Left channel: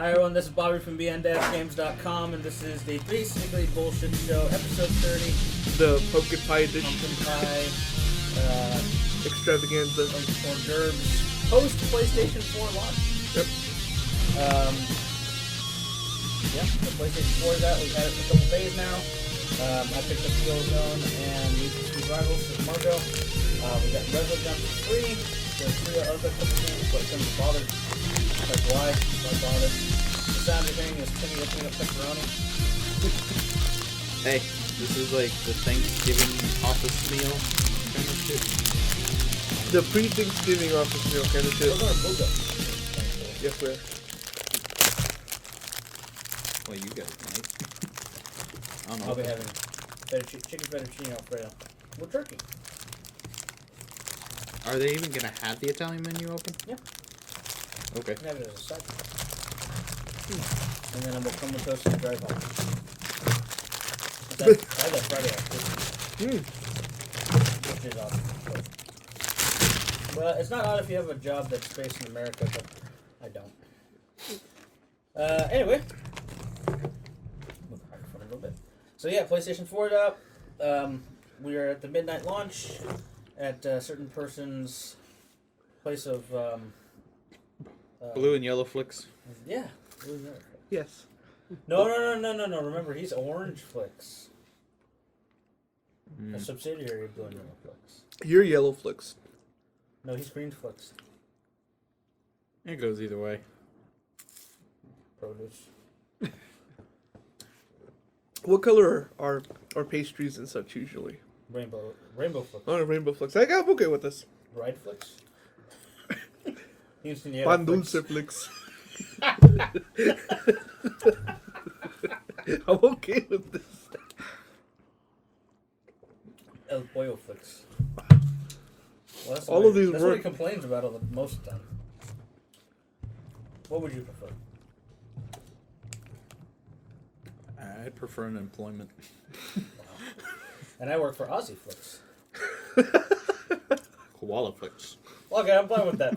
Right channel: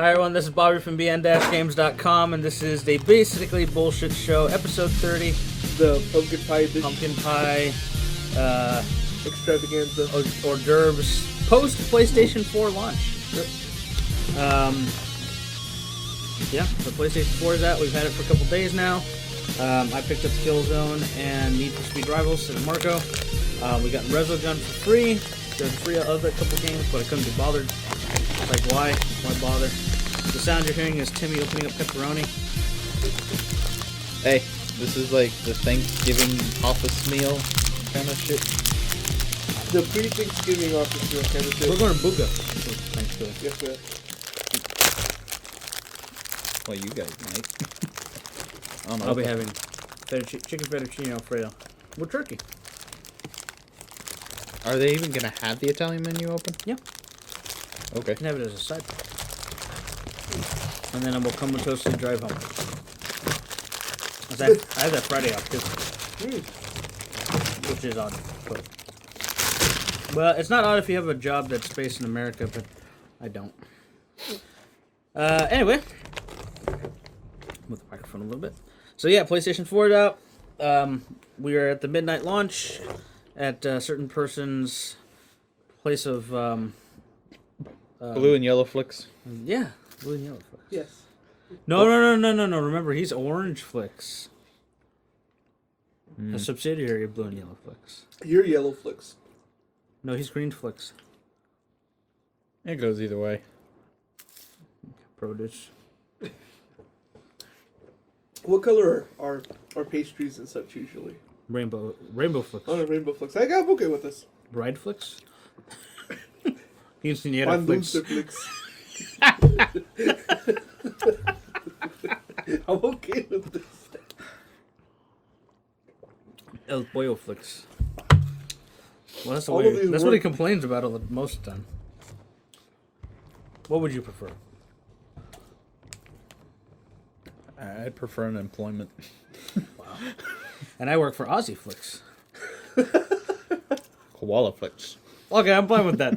Hi everyone, this is Bobby from bn-games.com, and this is the basically bullshit show, episode 30. The pumpkin pie edition. Pumpkin pie, extravaganza. hors d'oeuvres, post PlayStation 4 launch. Yep. Yeah, the PlayStation 4 is out. We've had it for a couple days now. I picked up Killzone and Need for Speed Rivals and Marco. We got Resogun for free. There's free other couple games, but I couldn't be bothered. Like, why bother? The sound you're hearing is Timmy opening up pepperoni. Hey, this is like the Thanksgiving office meal kind of shit. The pre-Thanksgiving office meal kind of shit. We're going to Buga. Yes, sir. Well, you guys might. I don't know. I'll be having chicken fettuccine Alfredo with turkey. Are they even gonna have the Italian menu open? Yeah. Okay. You can have it as a side. And then I will come with us and drive home. I have that Friday off too. Which is odd. Well, it's not odd if you have a job that's based in America, but I don't. Anyway. Move the microphone a little bit. So yeah, PlayStation 4 is out. We are at the midnight launch at a certain person's place of blue and yellow flicks. yeah, blue and yellow flicks. Yes. No. Remember, he's Orange Flicks, a subsidiary of Blue and Yellow Flicks. You're Yellow Flicks. No, he's Green Flicks. It goes either way. Produce. What color are pastries and such usually? Rainbow Flicks. Oh, Rainbow Flicks. I got okay with this. Bride Flicks. Quinceañera On Flicks. Loser Flicks. I'm okay with this. El Pollo Flicks. Well, that's All of these that's what he work. complains about most of the time. What would you prefer? I'd prefer an employment. And I work for Aussie Flicks. Koala flicks. Okay, I'm fine with that.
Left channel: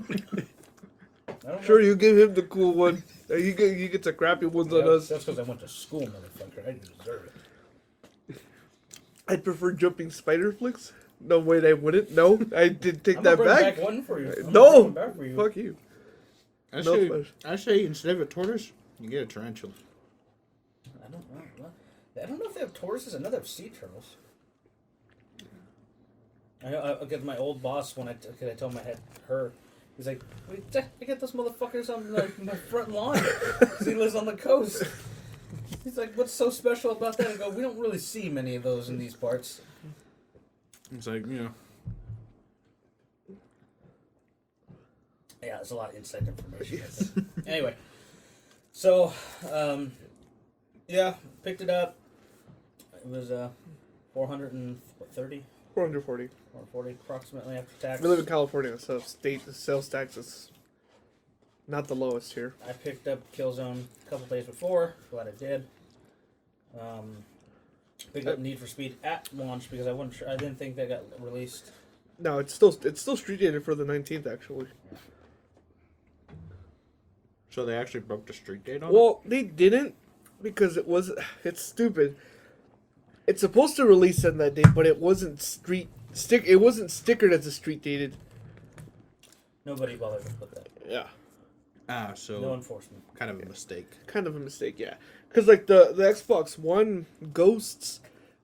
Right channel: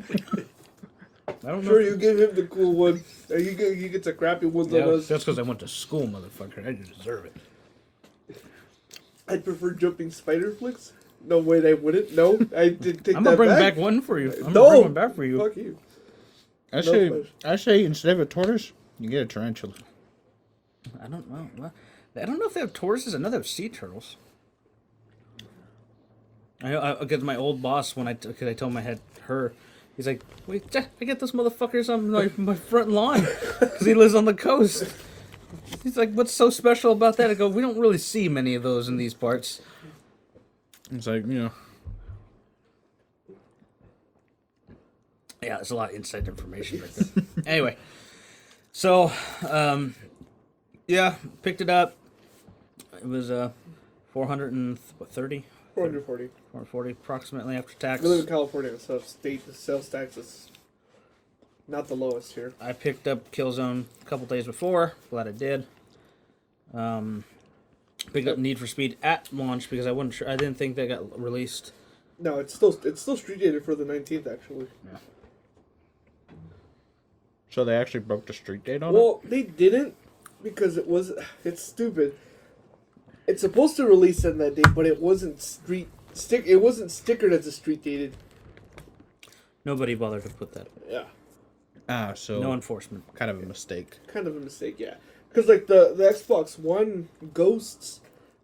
I don't know. Sure, you give him the cool one. He gets a crappy one Yeah, than us. that's because I went to school, motherfucker. I deserve it. I'd prefer Jumping Spider Flicks. No, wait, I wouldn't. No, I did take I'm that gonna bring back. back one for you. I'm No, gonna bring one back for you. Fuck you. I say instead of a tortoise, you get a tarantula. I don't know. I don't know if they have tortoises. I know they have sea turtles. I get my old boss when I told him I had her. He's like, "Wait, Jack, I get those motherfuckers on my front lawn because he lives on the coast." He's like, "What's so special about that?" I go, "We don't really see many of those in these parts." It's like, you know. Yeah, there's a lot of inside information right there. Anyway, so yeah, picked it up. It was 430. 440. 440 approximately after tax. I live in California, so state sales tax is not the lowest here. I picked up Killzone a couple days before. Glad I did. Picked up Need for Speed at launch because I didn't think they got released. No, it's still street dated for the 19th actually. So they actually broke the street date on Well, they didn't because it's stupid. It's supposed to release on that date, but it wasn't it wasn't stickered as a street dated. Nobody bothered to put that. Yeah. it? So No enforcement. kind of a mistake. Kind of a mistake, yeah. Because like the Xbox One Ghosts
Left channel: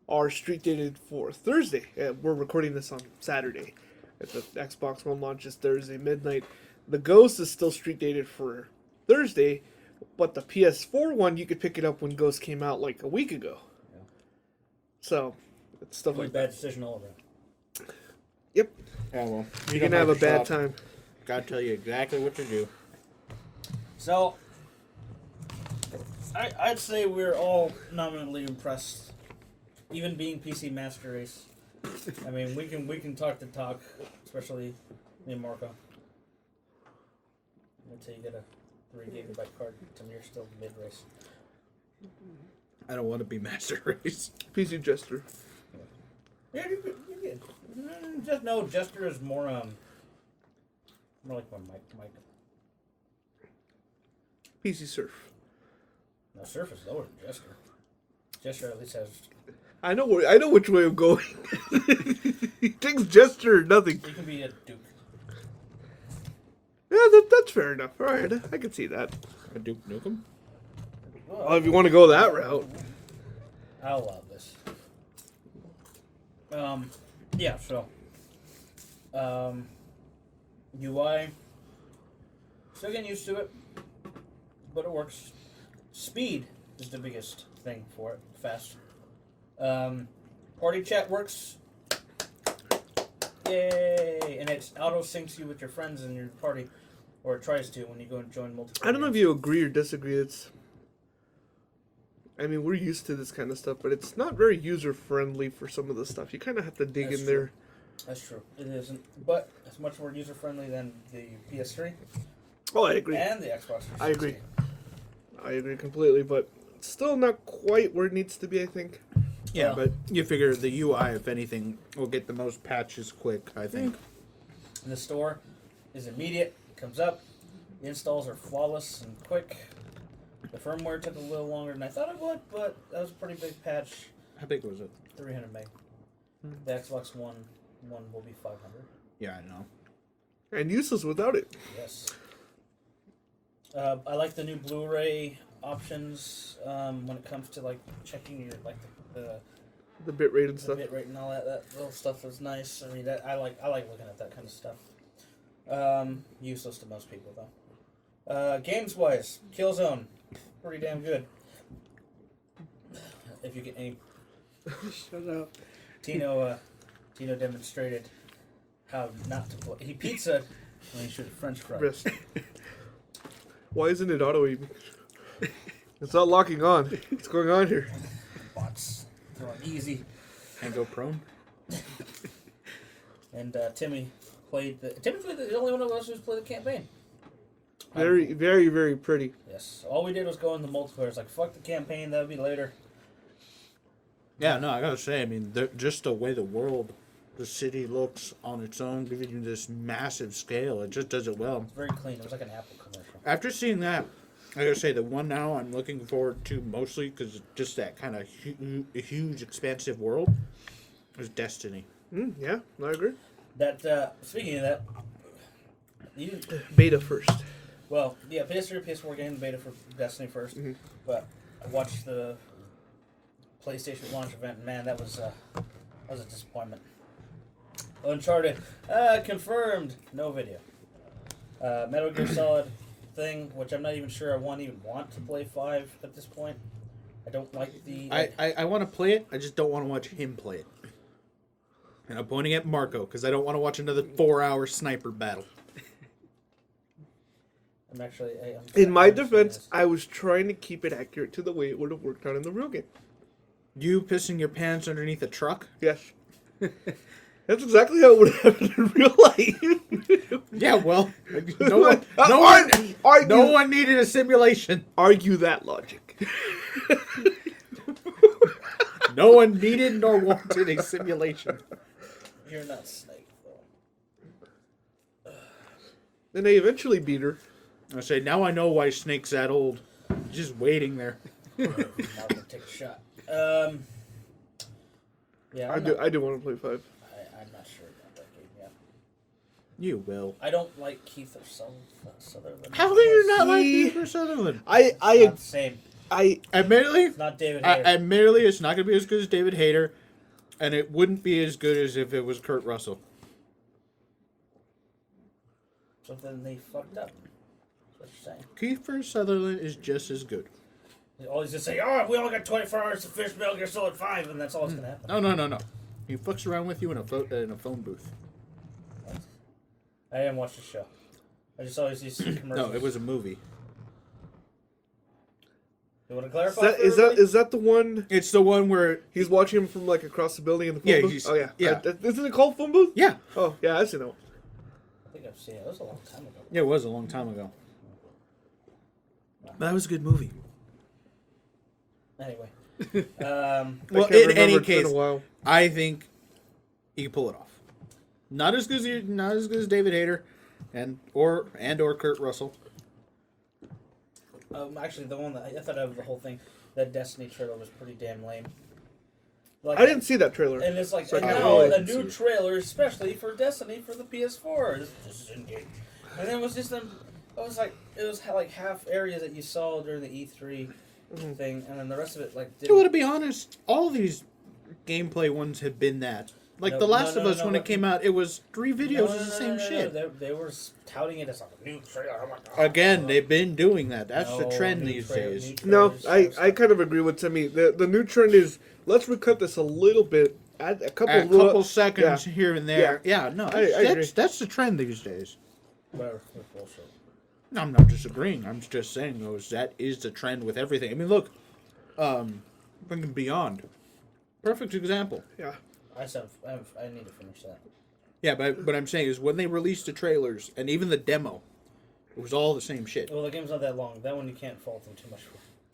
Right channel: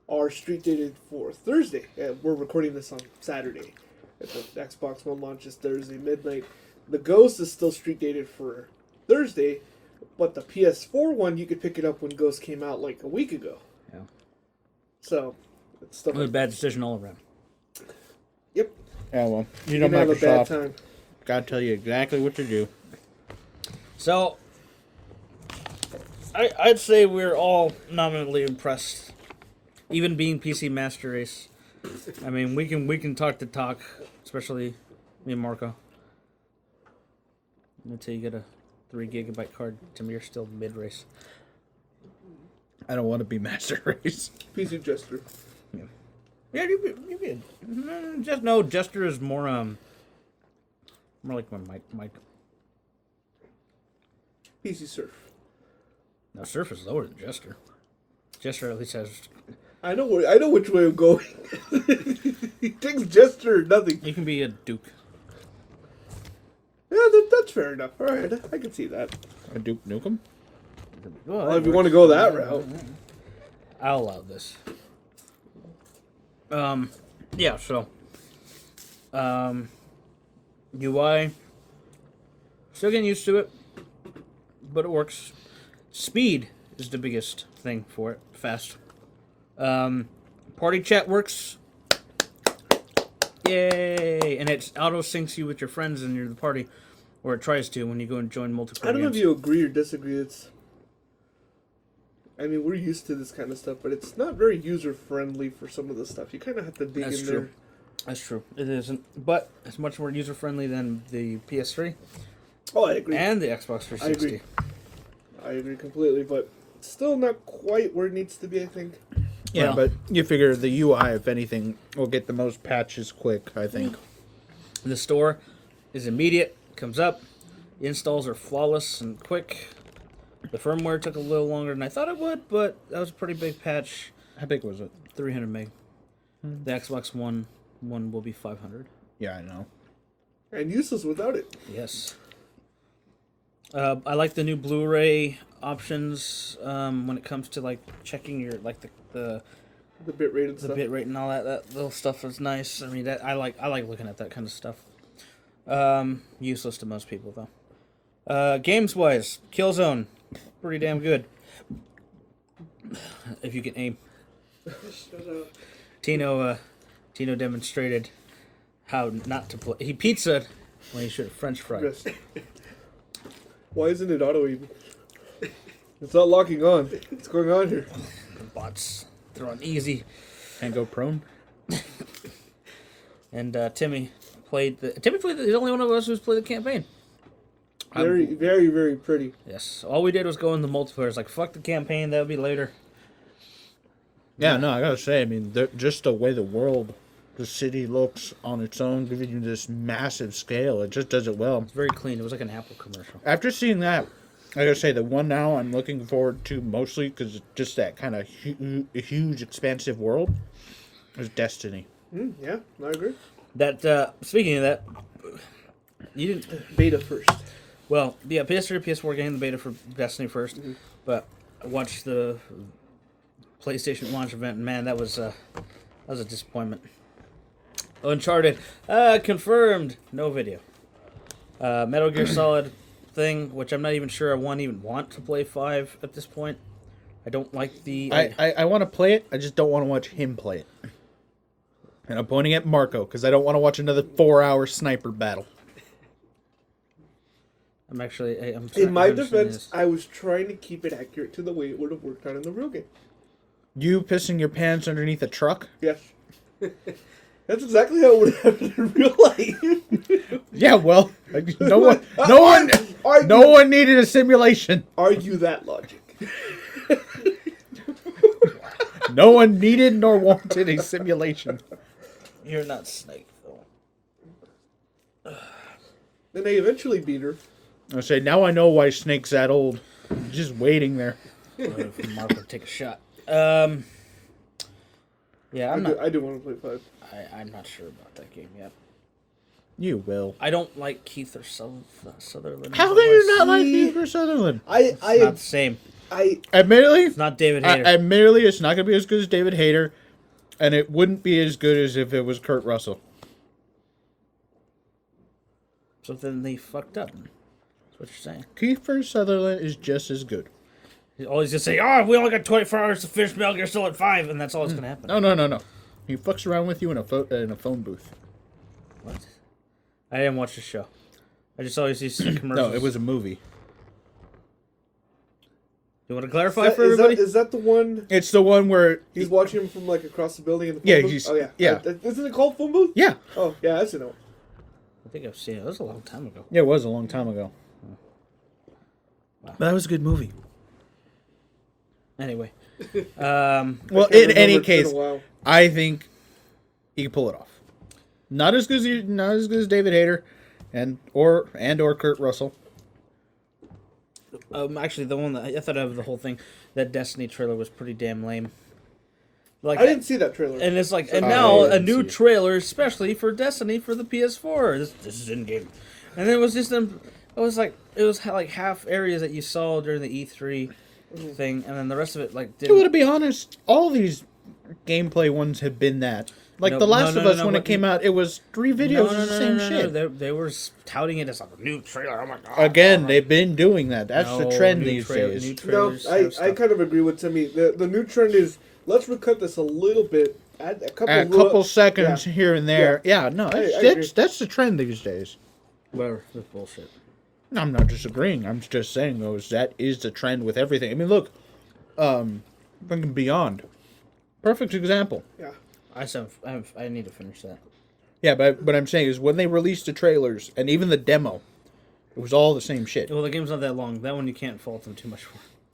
are street dated for Thursday. We're recording this on Saturday. If the Xbox One launches Thursday midnight, the Ghost is still street dated for Thursday, but the PS4 one you could pick it up when Ghost came out like a week ago. Yeah. So it's still It was a bad decision all around. Yep. Yeah, well, you You know have a bad Microsoft. time. Gotta tell you exactly what to do. So, I'd say we're all nominally impressed. Even being PC Master Race. I mean, we can talk the talk, especially me and Marco. Until you get a 3 gigabyte card, Tamir's still mid race. I don't want to be Master Race. PC Jester. Yeah, you did. Just no, Jester is more like my mic. PC Surf. Now, Surf is lower than Jester. Jester at least has... I know which way I'm going. He takes Jester or nothing. You can be a Duke. Yeah, that's fair enough. All right, I can see that. A Duke Nukem? Well, if you want to go that route. I'll allow this. Yeah, so... UI... Still getting used to it, but it works. Speed is the biggest thing for it. Fast. Party chat works. Yay! And it auto syncs you with your friends in your party, or it tries to when you go and join multiple. I don't know if you agree or disagree. I mean, we're used to this kind of stuff, but it's not very user friendly for some of the stuff. You kind of have to dig in there. That's true. It isn't, but it's much more user friendly than the PS3. Oh, I agree. And the Xbox 360. I agree completely, but still not quite where it needs to be, I think. Yeah, but you figure the UI, if anything, will get the most patches quick, I think. The store is immediate, comes up, the installs are flawless and quick. The firmware took a little longer than I thought it would, but that was a pretty big patch. How big was it? 300 meg. The Xbox One will be 500. Yeah, I know. And useless without it. Yes. I like the new Blu-ray options when it comes to like checking your like the bitrate and the stuff. bitrate and all that. That little stuff is nice. I mean, I like looking at that kind of stuff. Useless to most people though. Games wise, Killzone, pretty damn good. If you can aim. Shut up. Tino demonstrated how not to play. He pizza when he should have French fried. Yes. Why isn't it auto aim? It's not locking on. What's going on here? Bots throwing easy. And go prone? And Timmy played the only one of us who's played the campaign. Very, very, very pretty. Yes. All we did was go in the multiplayer. It's like, fuck the campaign, that'll be later. Yeah, no, I gotta say, I mean, just the way the city looks on its own, giving you this massive scale, it just does it well. It's very clean. It was like an Apple commercial. After seeing that, I gotta say, the one now I'm looking forward to mostly, because it's just that kind of huge, expansive world, is Destiny. Yeah, I agree. That, speaking of that, you didn't... Beta first. Well, yeah, PS3, PS4 game, the beta for Destiny first. Mm-hmm. But I watched the PlayStation launch event, and man, that was a disappointment. Uncharted, confirmed, no video. Metal Gear Solid thing, which I'm not even sure I even want to play 5 at this point. I don't like the... I want to play it, I just don't want to watch him play it. And I'm pointing at Marco, because I don't want to watch another 4-hour sniper battle. I'm actually... In my defense, I was trying to keep it accurate to the way it would have worked out in the real game. You pissing your pants underneath a truck? Yes. That's exactly how it would happen in real life. Yeah, well, no one needed a simulation. Argue that logic. No one needed nor wanted a simulation. You're not Snake. And they eventually beat her. I say, now I know why Snake's that old. Just waiting there. Marco, take a shot. Yeah, I do want to play 5. I'm not sure about that game yet. You will. I don't like Keith or Sutherland. How can you not like Kiefer Sutherland? It's not the same. Admittedly, It's not David Hayter. Admittedly, it's not going to be as good as David Hayter, and it wouldn't be as good as if it was Kurt Russell. So then they fucked up. That's what you're saying. Kiefer Sutherland is just as good. He's always just say, "Oh, we only got 24 hours to finish Metal Gear Solid 5," and that's all that's gonna happen. No. He fucks around with you in a phone booth. What? I didn't watch the show. I just always used to see commercials. No, it was a movie. You want to clarify for everybody? Is that the one? It's the one where He's watching him from like across the building in the phone booth? Oh yeah. yeah. Isn't it called phone booth? Yeah. Oh yeah, I've seen that one. I think I've seen it. It was a long time ago. Yeah, it was a long time ago. But that was a good movie. Anyway. Well, in any case, I think he can pull it off. Not as good as David Hayter, or Kurt Russell. Actually, the one that I thought of the whole thing, that Destiny trailer was pretty damn lame. Like I didn't see that trailer. And it's like, and I now a didn't see new it. trailer, especially for Destiny for the PS4. This is in game, and then it was just them. It was like half areas that you saw during the E3 thing, and then the rest of it like. Well, to be honest, all these gameplay ones have been that. Like The Last of Us, when it came out, it was 3 videos of the same shit. They were touting it as a new trailer. I'm like, Again, they've been doing that. That's the trend these days. No, I kind of agree with Timmy. The new trend is, let's recut this a little bit. Add a couple seconds here and there. Yeah, no, that's the trend these days. Whatever, that's bullshit. I'm not disagreeing. I'm just saying, that is the trend with everything. I mean, look, thinking Beyond. Perfect example. Yeah. I need to finish that. Yeah, but what I'm saying is when they released the trailers and even the demo, it was all the same shit. Well, the game's not that long. That one you can't fault them too much for.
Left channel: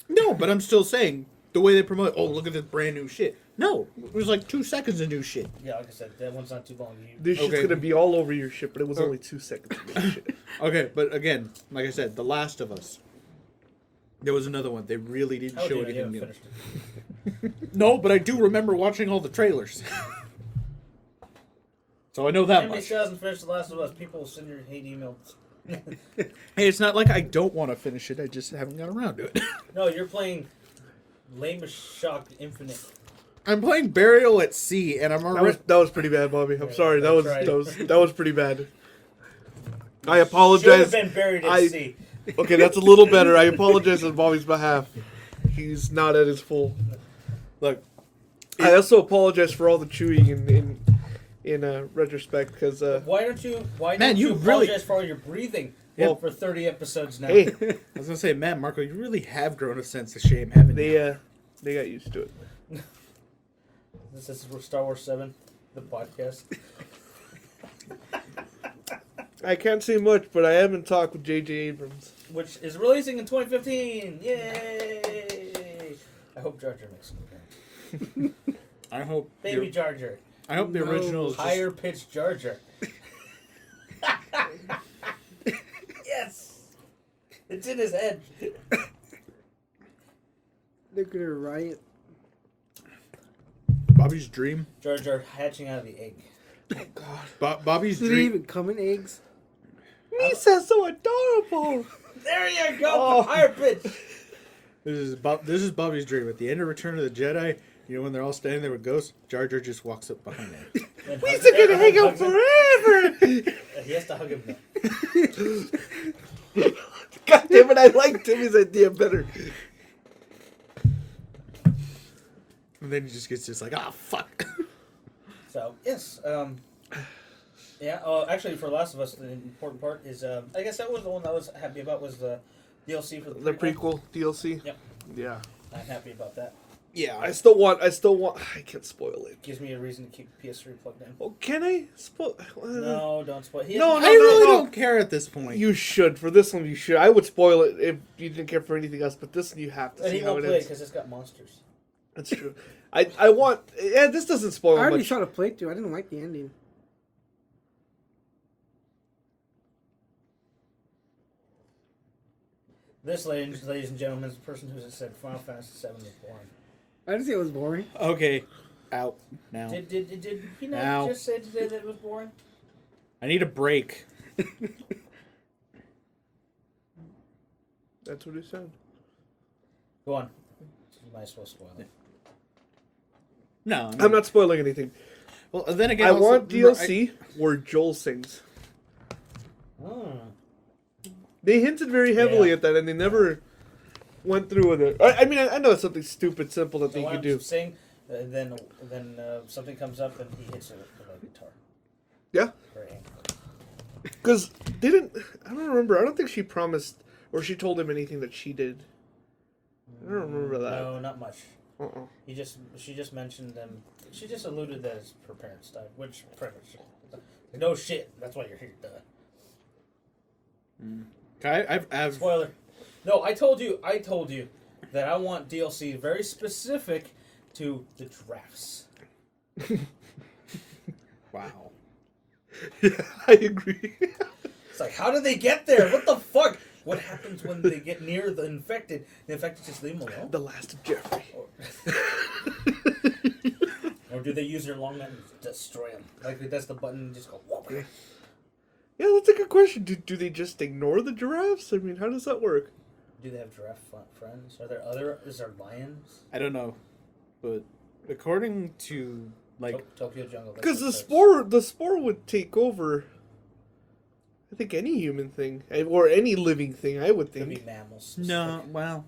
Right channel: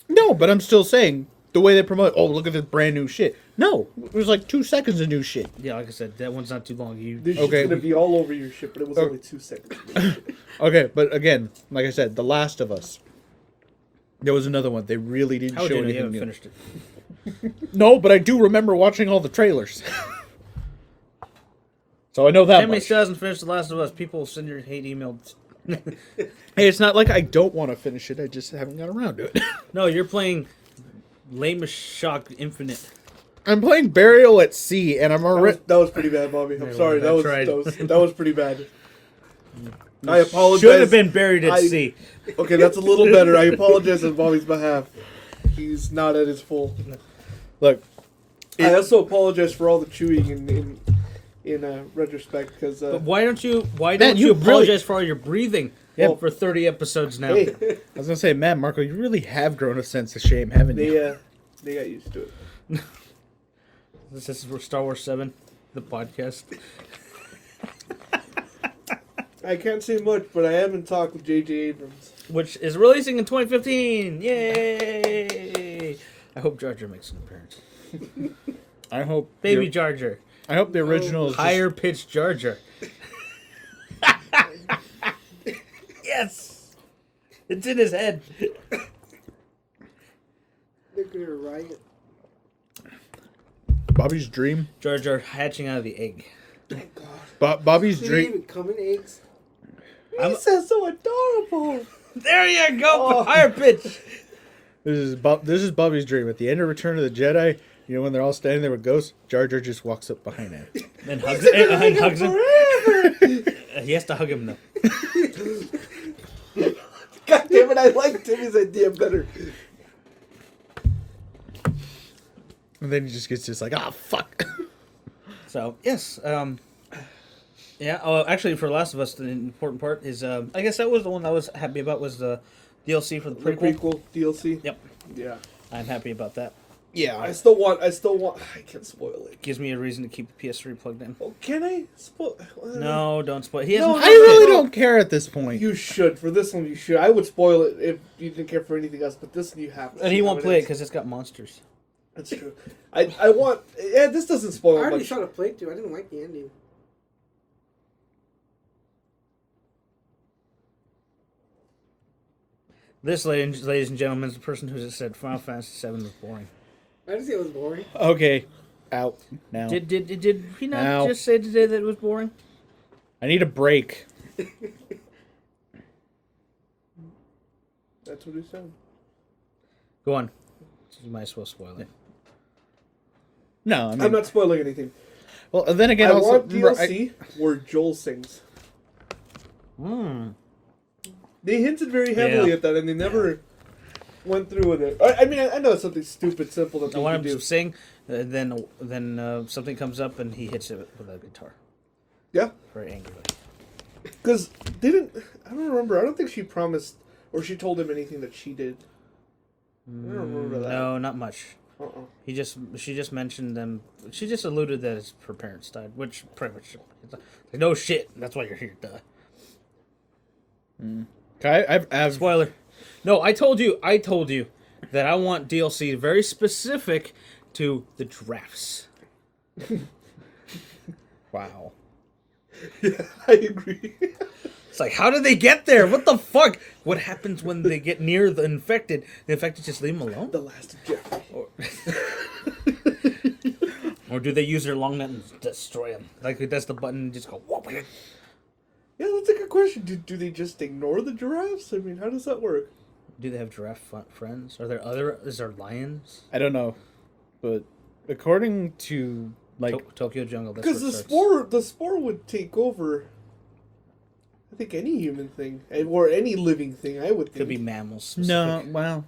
No, but I'm still saying the way they promote, oh, look at this brand new shit. No, it was like 2 seconds of new shit. Yeah, like I said, that one's not too long. This shit's gonna be all over your shit, but it was only 2 seconds. Okay, but again, like I said, The Last of Us. There was another one. They really didn't show anything new. Finished it. No, but I do remember watching all the trailers. So I know that Family much. still hasn't finished The Last of Us. People send your hate emails. Hey, it's not like I don't want to finish it. I just haven't got around to it. No, you're playing Lame Shock Infinite. I'm playing Burial at Sea, and I'm already... That was pretty bad, Bobby. I'm sorry. That was pretty bad. I Should apologize. have been buried at sea. Okay, that's a little better. I apologize on Bobby's behalf. He's not at his full. Look, I also apologize for all the chewing in retrospect, because But why don't you? Why Man, don't you you really- apologize for all your breathing? Yeah. Well, for 30 episodes now. hey, I was going to say, man, Marco, you really have grown a sense of shame, haven't you? they got used to it. This is for Star Wars 7, the podcast. I can't say much, but I haven't talked with J.J. Abrams. Which is releasing in 2015. Yay! I hope Jar Jar makes an appearance. I hope... Baby Jar Jar. I hope the original is just... Higher pitched Jar Jar. Yes! It's in his head. They're gonna riot. Bobby's dream. Jar Jar hatching out of the egg. Bobby's Did it dream. even come in eggs? Lisa's so adorable! There you go! Higher pitch! This is Bobby's dream. At the end of Return of the Jedi, you know when they're all standing there with ghosts, Jar Jar just walks up behind him. And hugs, They're gonna hang out hugs him. forever! He has to hug him though. God damn it, I like Timmy's idea better. And then he just gets just like, ah, fuck. So yes, yeah. Oh, actually, for Last of Us, the important part is, I guess that was the one I was happy about was the DLC for the The prequel. prequel DLC? Yep, Yeah. I'm happy about that. Yeah. I still want, I can't spoil it. Gives me a reason to keep the PS3 plugged in. Oh, can I spoil? No, don't spoil. He hasn't. No, I really don't care at this point. You should. For this one, you should. I would spoil it if you didn't care for anything else, but this one you have to. And see he how won't play it is. because it's got monsters. That's true. I want. Yeah, this doesn't spoil I already much. saw the playthrough. I didn't like the ending. This, ladies and gentlemen, is the person who just said Final Fantasy VII was boring. I didn't say it was boring. Okay. Out now. Did he not Ow. just say today that it was boring? I need a break. That's what he said. Go on. You might as well spoil it. No, I I'm mean, not spoiling anything. well, then again, I also, want DLC where Joel sings. Hmm. They hinted very heavily Yeah. at that, and they never went through with it. I mean, I know it's something stupid, simple that I they want can him do. to sing, then something comes up and he hits it with a guitar. Yeah, Very angry. because I don't remember. I don't think she promised or she told him anything that she did. I don't remember that. No, not much. Uh-uh. She just mentioned them. She just alluded that her parents died, which pretty much like, no shit. That's why you're here, duh. I've Spoiler. No, I told you that I want DLC very specific to the drafts. wow. I agree. It's like, how did they get there? What the fuck? What happens when they get near the infected? The infected just leave them alone? The last of Jeffrey. Or do they use their long net and destroy them? Like, it does the button and just go, whoop. Yeah, that's a good question. Do they just ignore the giraffes? I mean, how does that work? Do they have giraffe friends? Is there lions? I don't know, but according to like Tokyo Jungle. Because the spore would take over. I think any human thing or any living thing. I would think. Could be mammals. no, well,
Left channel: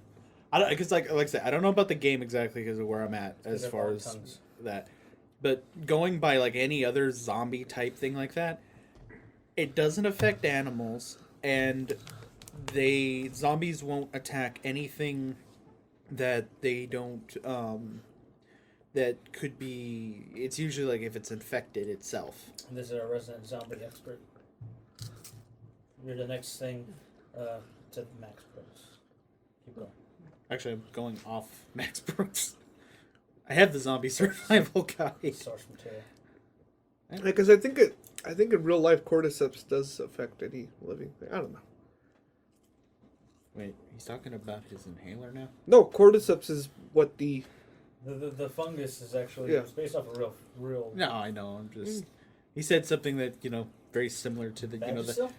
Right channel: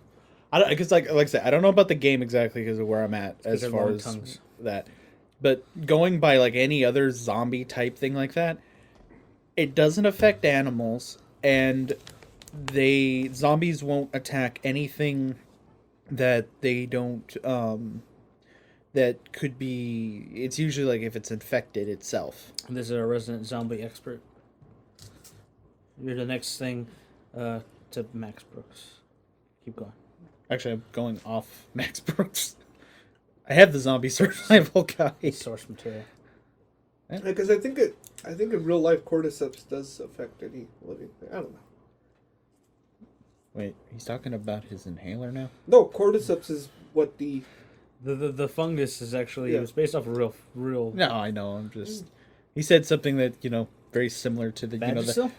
I don't because like I said, I don't know about the game exactly because of where I'm at as They're far long as tongues. that, but going by like any other zombie type thing like that, it doesn't affect animals, and zombies won't attack anything that they don't that could be. It's usually like if it's infected itself. This is a resident zombie expert. You're the next thing to Max Brooks. Keep going. Actually, I'm going off Max Brooks. I have the zombie survival guide. Source material. Because I think in real life cordyceps does affect any living thing. I don't know. Wait, he's talking about his inhaler now? No, cordyceps is what the The fungus is actually Yeah. it was based off a real. No, I know. I'm just. He said something that very similar to the Vagisil?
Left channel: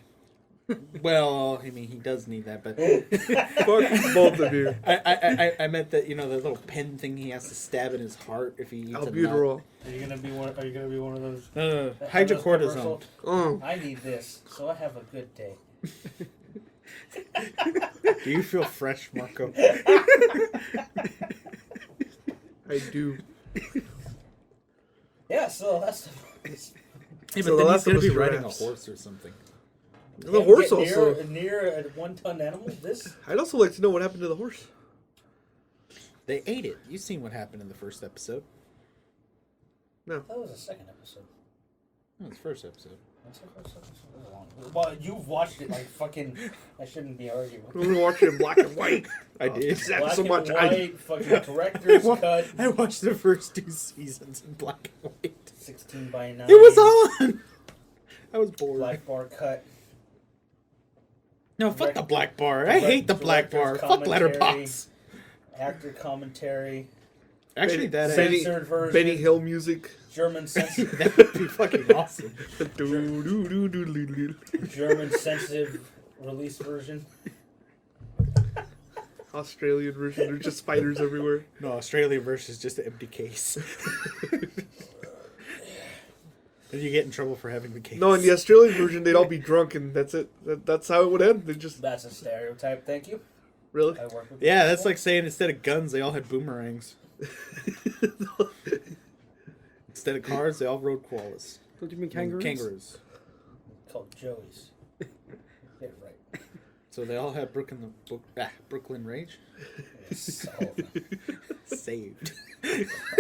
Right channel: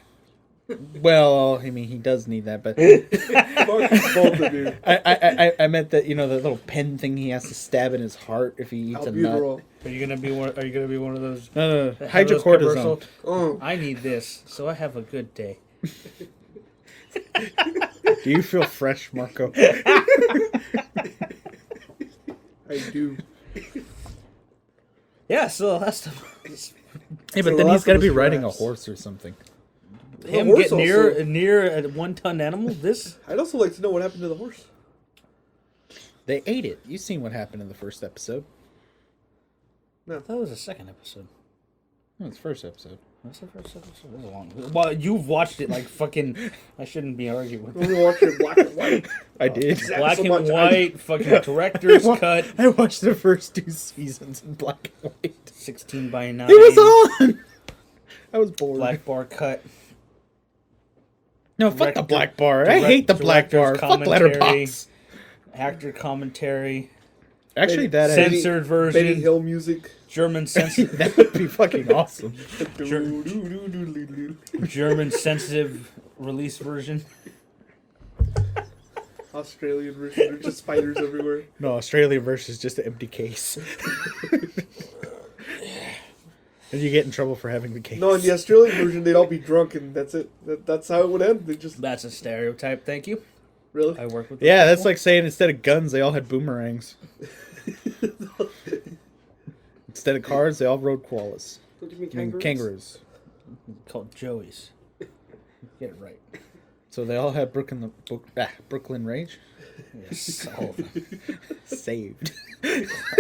Well, I mean, he does need that, but both of you. I meant that the little pen thing he has to stab in his heart if he eats a nut. Albuterol. Are you gonna be one of those? No, one of those hydrocortisone. commercials? Oh, I need this, so I have a good day. Do you feel fresh, Marco? I do. Yeah, so that's the Hey, So but then the he's last got to one be was riding a giraffes. horse or something. The him horse get also- near a 1-ton animal. This I'd also like to know what happened to the horse. They ate it. You've seen what happened in the first episode. that was the second episode. No, it's the first episode. What's the first episode? That was long. Well, you've watched it like fucking. I shouldn't be arguing. We were watching black and white. I did. Exactly. Black so and much. white, fucking director's cut, I watched the first 2 seasons in black and white. 16:9. It was on. I was bored. Black bar cut. No, fuck the Director- black bar. I hate the black bar. director's Fuck commentary. Letterbox. Actor commentary, Actually, that Benny- is, censored Benny version, Hill music. German censored, that would be fucking awesome. German sensitive release version. Australian version. There's just spiders everywhere. No, Australia versus just an empty case. And you get in trouble for having the case. No, in the Australian version, they'd all be drunk, and that's it. That's how it would end. They just That's a stereotype. Thank you. really. I work with. Yeah, that's like saying instead of guns, they all had boomerangs. Instead of cars, they all rode koalas. Don't you mean I mean, kangaroos? kangaroos. Called Joey's. Get it right. So they all had Brooklyn Rage. Yes, Saved.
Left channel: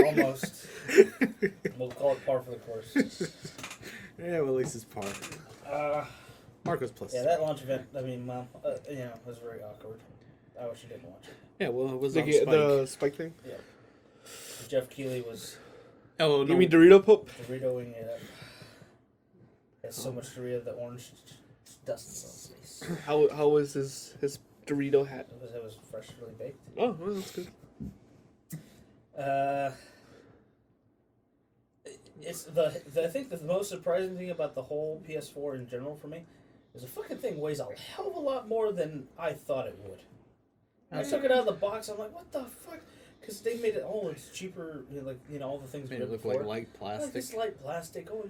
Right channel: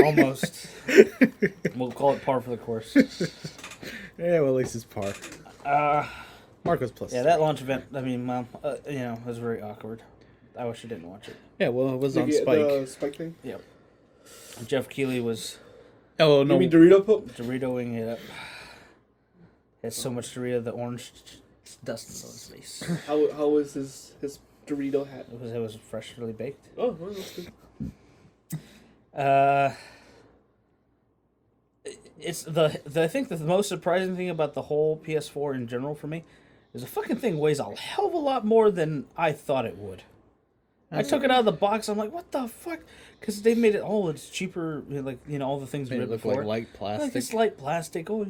almost. We'll call it par for the course. Yeah, well, at least it's par. Marco's plus. Yeah, that launch event. I mean, well, was very awkward. I wish you didn't watch it. Yeah, well, it was on The Spike. Spike thing. Jeff Keighley was Oh, You no. mean Dorito Pop? Doritoing it up. Had so much Dorito the orange dust on his face. How was his Dorito hat? It was freshly baked. Oh, well, that's good. It's I think the most surprising thing about the whole PS4 in general for me is the fucking thing weighs a hell of a lot more than I thought it would. I took it out of the box. I'm like, what the fuck? Because they made it. Oh, it's cheaper. Like all the things Made we it did look before. like light Like plastic. it's light plastic. Oh,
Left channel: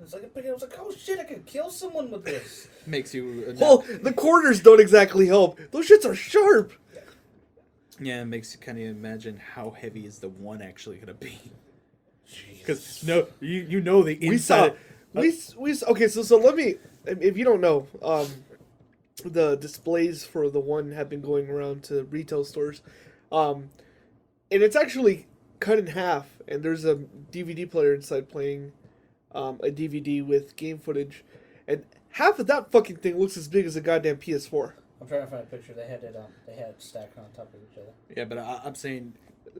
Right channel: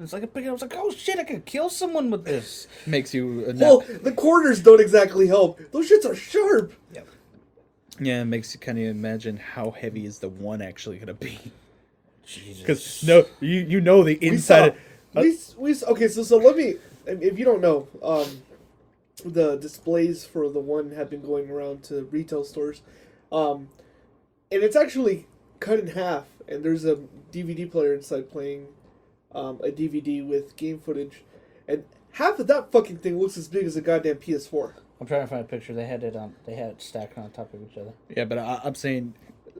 it's like a big. I was like, oh shit, I could kill someone with this. Makes you Well, the corners don't exactly help. Those shits are sharp. yeah, it makes you kind of imagine how heavy is the one actually gonna be. Jesus. Because no, you know the inside. Okay, so let me. If you don't know, the displays for the one have been going around to retail stores, and it's actually cut in half. And there's a DVD player inside playing a DVD with game footage, and half of that fucking thing looks as big as a goddamn PS4. I'm trying to find a picture. They had it stacked on top of each other. Yeah, but I'm saying.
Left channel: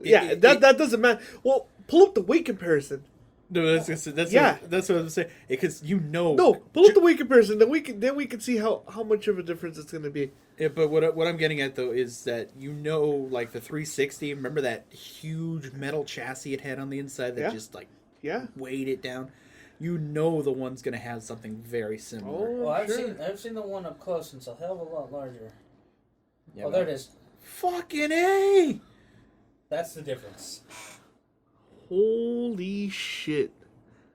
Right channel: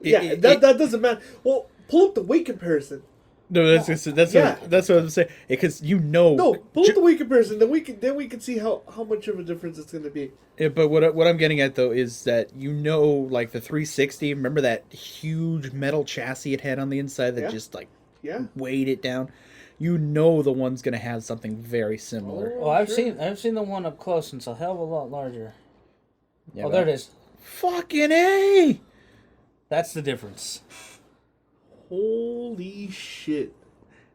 That doesn't matter. Well, pull up the weight comparison. No, that's Yeah. what I'm saying. Because you know. No, both the weight comparison. Then we can see how much of a difference it's going to be. Yeah, but what I'm getting at though is that you know, like the 360. Remember that huge metal chassis it had on the inside that Yeah. just like Yeah. weighed it down. You know the one's gonna have something very similar. Well, I've Sure. seen the one up close, and it's a hell of a lot larger. Yeah, Oh, there it is. Fucking A! That's the difference. Holy shit!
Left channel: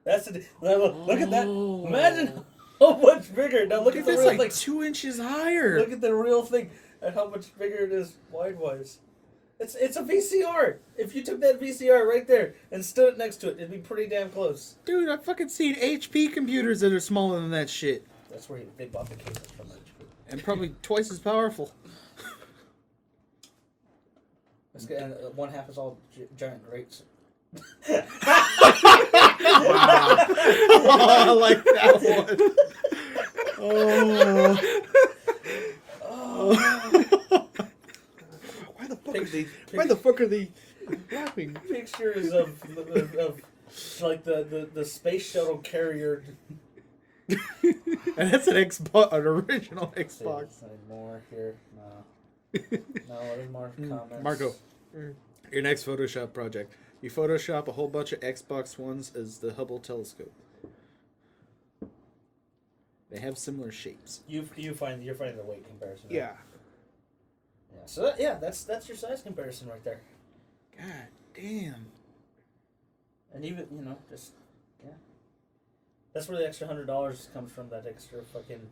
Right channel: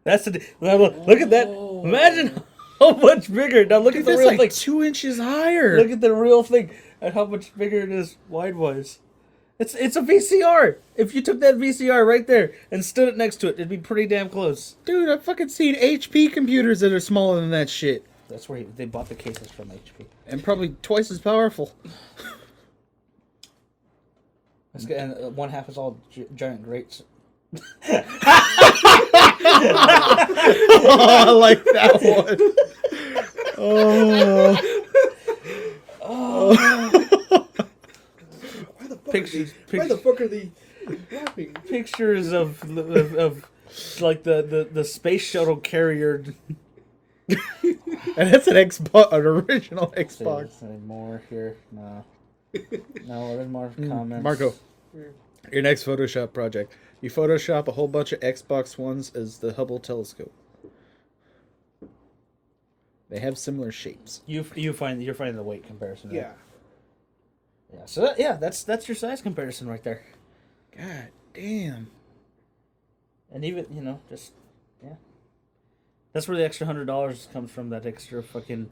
That's the. Look at that. Oh. Imagine how much bigger. Now look Dude, at the that's real like thing. 2 inches higher. Look at the real thing and how much bigger it is wide-wise. It's a VCR. If you took that VCR right there and stood it next to it, it'd be pretty damn close. Dude, I've fucking seen HP computers that are smaller than that shit. That's where they bought the cases from HP. And probably twice as powerful. And one half is all giant grates. Oh, I like that one. Oh. Oh. Why the fuck are they laughing? Pictures of like the space shuttle carrier. And that's an Xbox, an original Xbox. Any more here? No. No, there's more comments. Marco, your next Photoshop project. You Photoshop a whole bunch of Xbox Ones as the Hubble telescope. They have similar shapes. You're finding the weight comparison. Right? Yeah. Yeah. So that's your size comparison right there. God damn. And even just that's where the extra $100 comes from. That extra fucking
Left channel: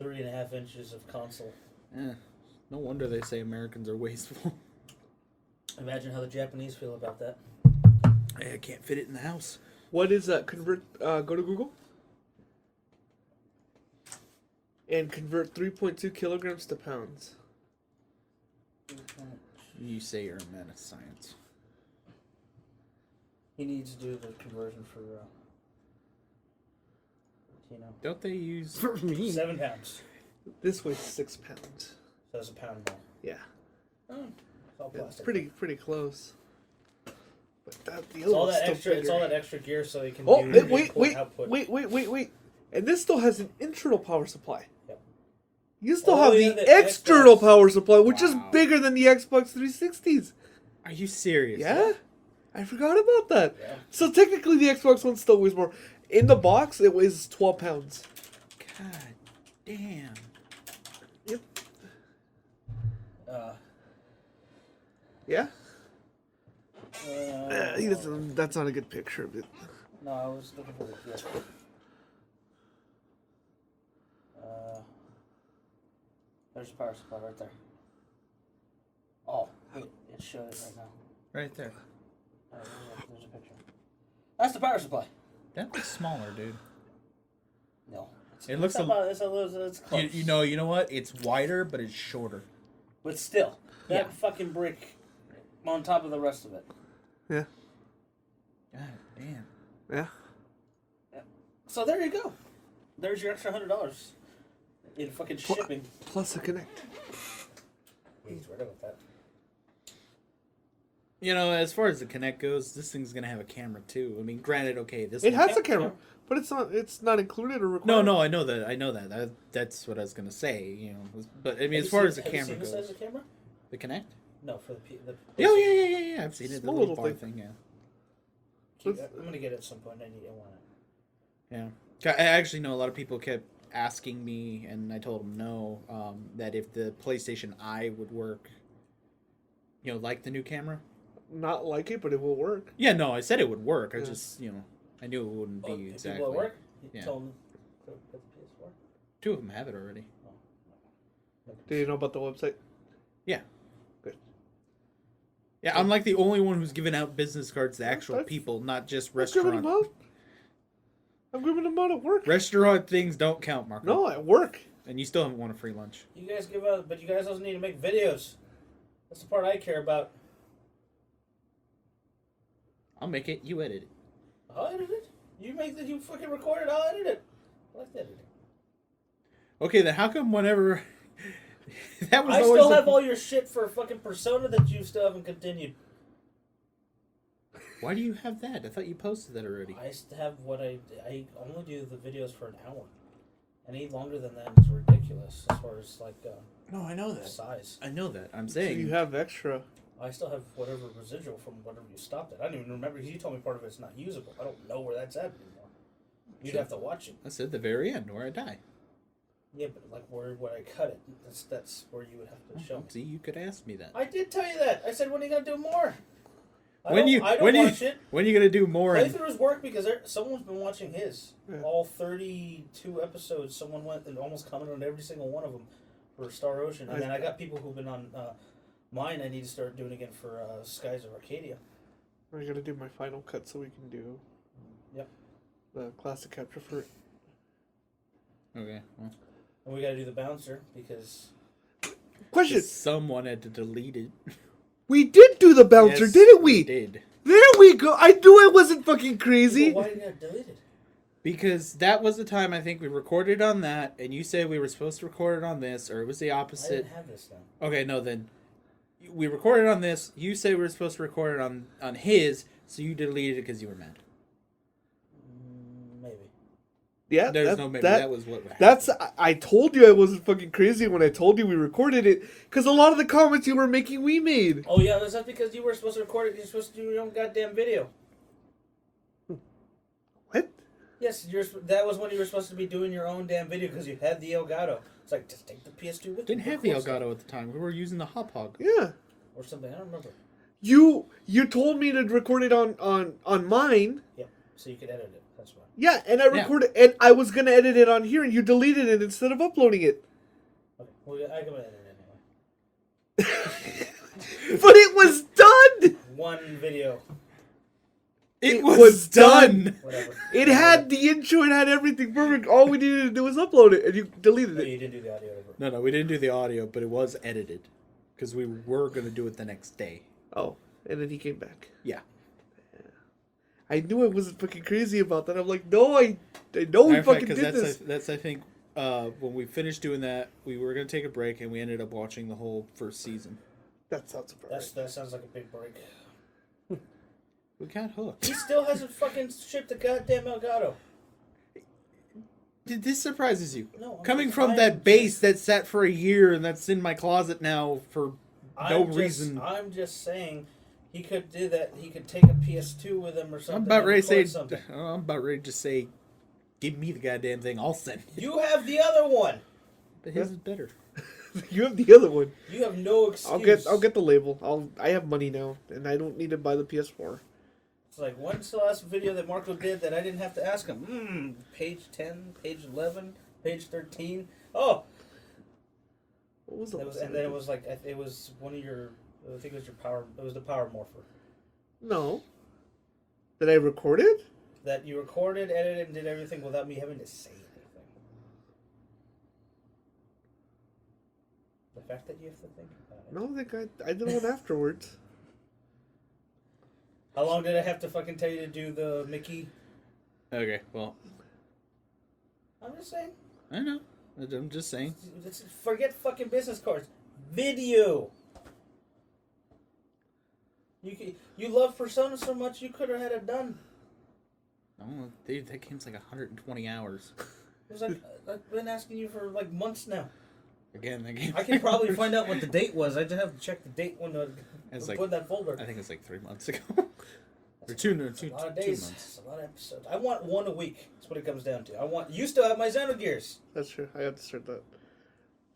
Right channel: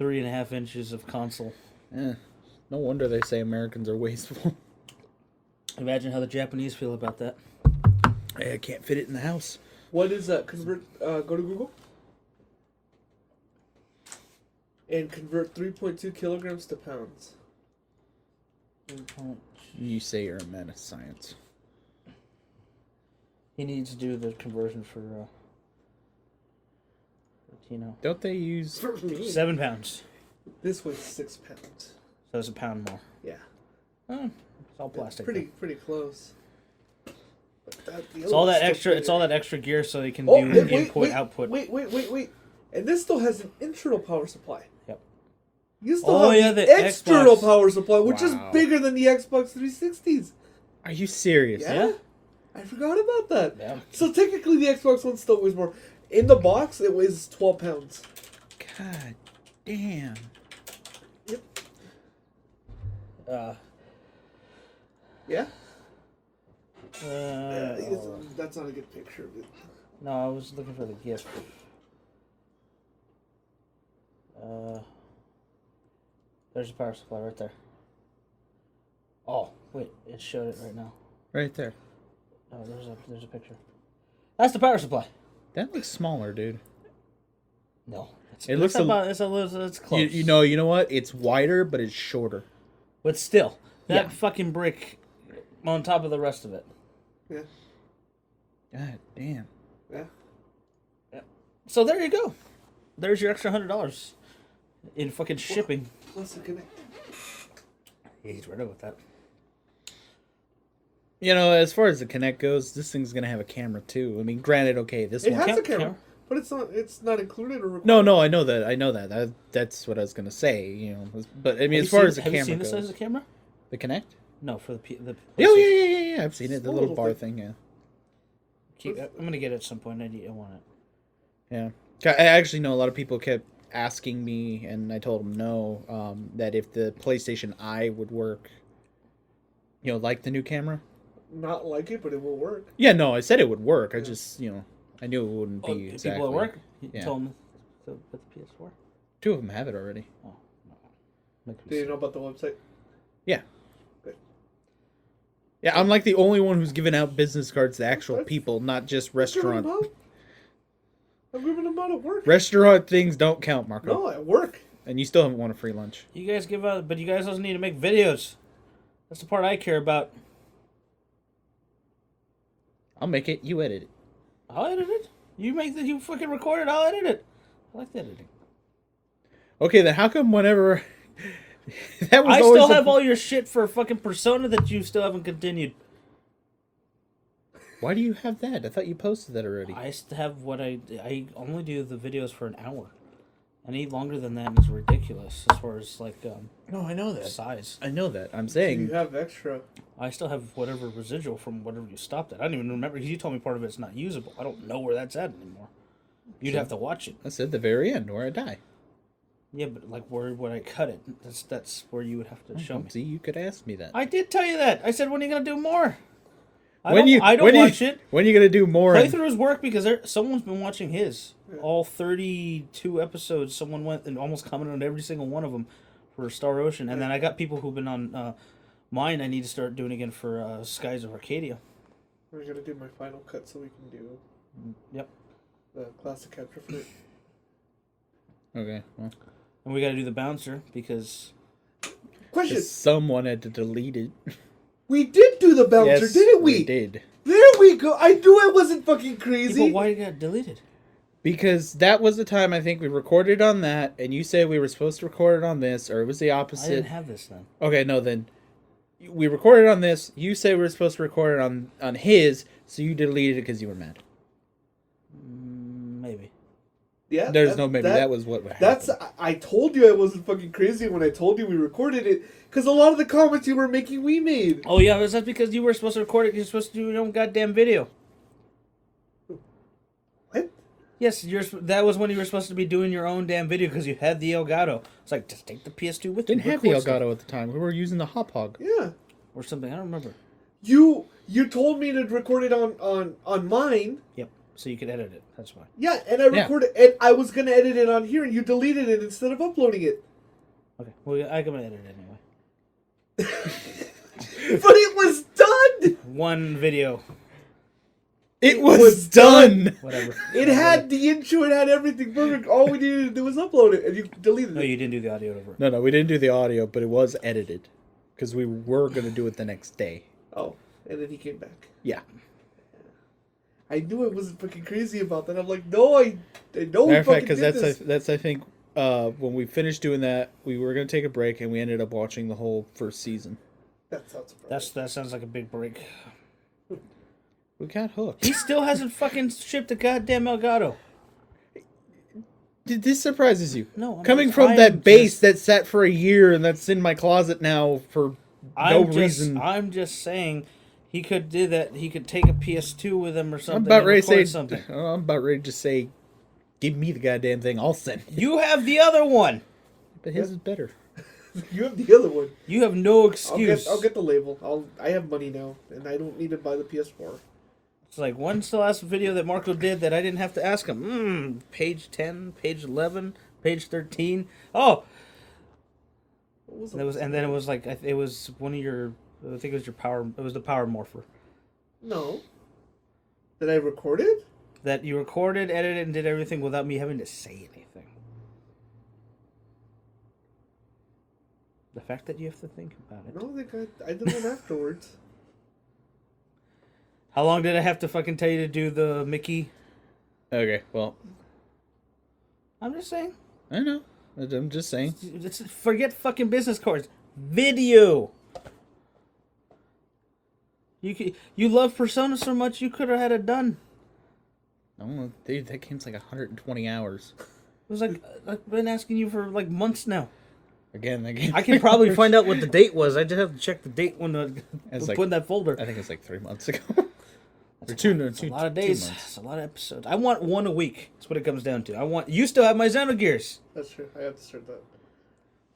3.5 inches of console. Eh, no wonder they say Americans are wasteful. Imagine how the Japanese feel about that. Hey, I can't fit it in the house. What is that? Convert. Go to Google. And convert 3.2 kilograms to pounds. You say you're a man of science. He needs to do the conversion for Don't they use... For me. 7 pounds. This weighs 6 pounds. So it's a pound more. Yeah. Oh, it's all It's plastic. pretty close. It's all that extra. It's all that extra gear so they can Oh, do wait, input output. Wait. And this still has an internal power supply. Yep. You still Oh, have the the external Xbox. power supply, which Wow. is bigger than the Xbox 360s. Are you serious? Yeah? I forgot about that. Yeah. So technically the Xbox One still weighs more. In the box, it weighs 12 pounds. God damn. Yeah? That's not a good picture of it. No, I was looking for the PS4. There's a power supply right there. Oh, wait, it showed it right now. Right there. There's a picture. That's the power supply. That looks smaller, dude. No, It looks about it's close. You know what? It's wider, but it's shorter. But still, that Yeah. fucking brick on top of the rest of it. Yeah. God damn. Yeah. So there you go. There's your extra $100 in fucking shipping. Plus a Connect. He's right with that. You know, as far as the Kinect goes, this thing's gonna have a camera too. I mean, granted, okay, this It one. has a camera, but it's not included or recorded. No, I know that. That's what I was gonna say. You know, but I mean, as far as the Have you camera seen the size goes, of the camera? the Kinect. No, for the. Oh yeah. I've seen it. The little little bar thing. thing. Yeah. I'm gonna get it at some point. I want it. Yeah. I actually know a lot of people kept asking me, and I told them no. That if the PlayStation Eye would work, you know, like the new camera. Not like it, but it will work. Yeah, no, I said it would work. I just, you know, I knew it wouldn't be People exactly. at work. You Yeah. told them to put the PS4. 2 of them have it already. Do you know about the website? Yeah. Yeah, I'm like the only one who's giving out business cards to actual people, not just restaurant. I'm giving them out at work. Restaurant things don't count, Marco. No, at work. And you still haven't won a free lunch. You guys give out, but you guys also need to make videos. That's the part I care about. I'll make it. You edit it. I'll edit it. You make you fucking record it. I'll edit it. I like editing. Okay, then how come whenever that was I always still the have all your shit for fucking Persona that you still haven't continued. Why do you have that? I thought you posted that already. I have what I only do the videos for an hour. Any longer than that is ridiculous as far as like No, I know that. size. I know that. I'm You saying have extra. I still have whatever residual from whatever you stopped at. I don't even remember. You told me part of it's not usable. I don't know where that's at anymore. You'd Sure. have to watch it. that's at the very end where I die. Yeah, but like where would I cut it? That's where you would have to show me. See, you could ask me that. I did tell you that. I said, when are you gonna do more? I When don't watch it. when are you gonna do more? Playthroughs work because someone's been watching his. All 32 episodes, someone went and almost commented on every single one of them for Star Ocean. And then I got people who've been on mine. I need to start doing again for Skies of Arcadia. We're gonna do my final cut so we can do Yep. the classic capture for it. Okay. Well, And we got to do the bouncer because Question: 'cause someone had to delete it. We did do the bouncer, Yes, didn't we? We did. There we go. I knew I wasn't fucking crazy. But why did it get deleted? Because that was the time I think we recorded on that, and you said we were supposed to record it on this, or it was the I opposite. didn't have this then. Okay, no, then we recorded on this. You said we were supposed to record it on his, so you deleted it because you were mad. Maybe. Yeah, There's no maybe. That was what happened. That's. I told you I wasn't fucking crazy when I told you we recorded it, because a lot of the comments you were making we made. Oh yeah, was that because you were supposed to record it? You're supposed to do your own goddamn video. What? Yes, that was when you were supposed to be doing your own damn video because you had the Elgato. It's like, just take the PS2 with Didn't you. have the record stuff. Elgato at the time. We were using the Hop Hog. Yeah. Or something. I don't remember. You told me to record it on mine. Yep. So you could edit it. That's fine. Yeah, and I Yeah. recorded, and I was gonna edit it on here, and you deleted it instead of uploading it. Okay. Well, I can edit it anyway. But it was done. One video. It was done. Whatever. It had the intro. It had everything perfect. All we needed to do was upload it, and you deleted No, it. you didn't do the audio over. No, we didn't do the audio, but it was edited because we were gonna do it the next day. Oh, and then he came back. Yeah. I knew I wasn't fucking crazy about that. I'm like, no, I know. Matter of fact, because because that's I think when we finished doing that, we were gonna take a break and we ended up watching the whole first season. that sounds surprising. That sounds like a big break. We got hooked. He still hasn't fucking shipped a goddamn Elgato. This surprises you. No. Coming from that base that sat for a year and that's in my closet now for no reason. I'm just saying, he could do that. He could take a PS2 with him or something. I'm about and ready to say. record something. I'm about ready to say, give me the goddamn thing. I'll send it. You have the other one. But his is better. You have the other one. You have no excuse. I'll get the label. I have money now, and I don't need to buy the PS4. It's like, when's the last video that Marco did that I didn't have to ask him? Page 10, page 11, page 13. Oh, and then it was like, it was one of your, I think it was your power, it was the Power Morpher. No. That I recorded? That you recorded, edited, and did everything without me having to say anything. The fact that you have to think about it. No, I did one afterwards. How long did I have to fucking tell you to do the Mickey? Okay, well, I'm just saying. I know. I'm just saying. Forget fucking business cards. Video. You love Persona so much you could have had it done. Oh, dude, that game's like 120 hours. It was like, I've been asking you for like months now. Again, that game. I can probably find out what the date was. I just have to check the date when the It's put like- in that folder. I think it's like 3 months ago. Or That's two a lot of 2 days. months. It's a lot of episodes. I want one a week. That's what it comes down to. You still have my Xenogears. That's true. I have to start that.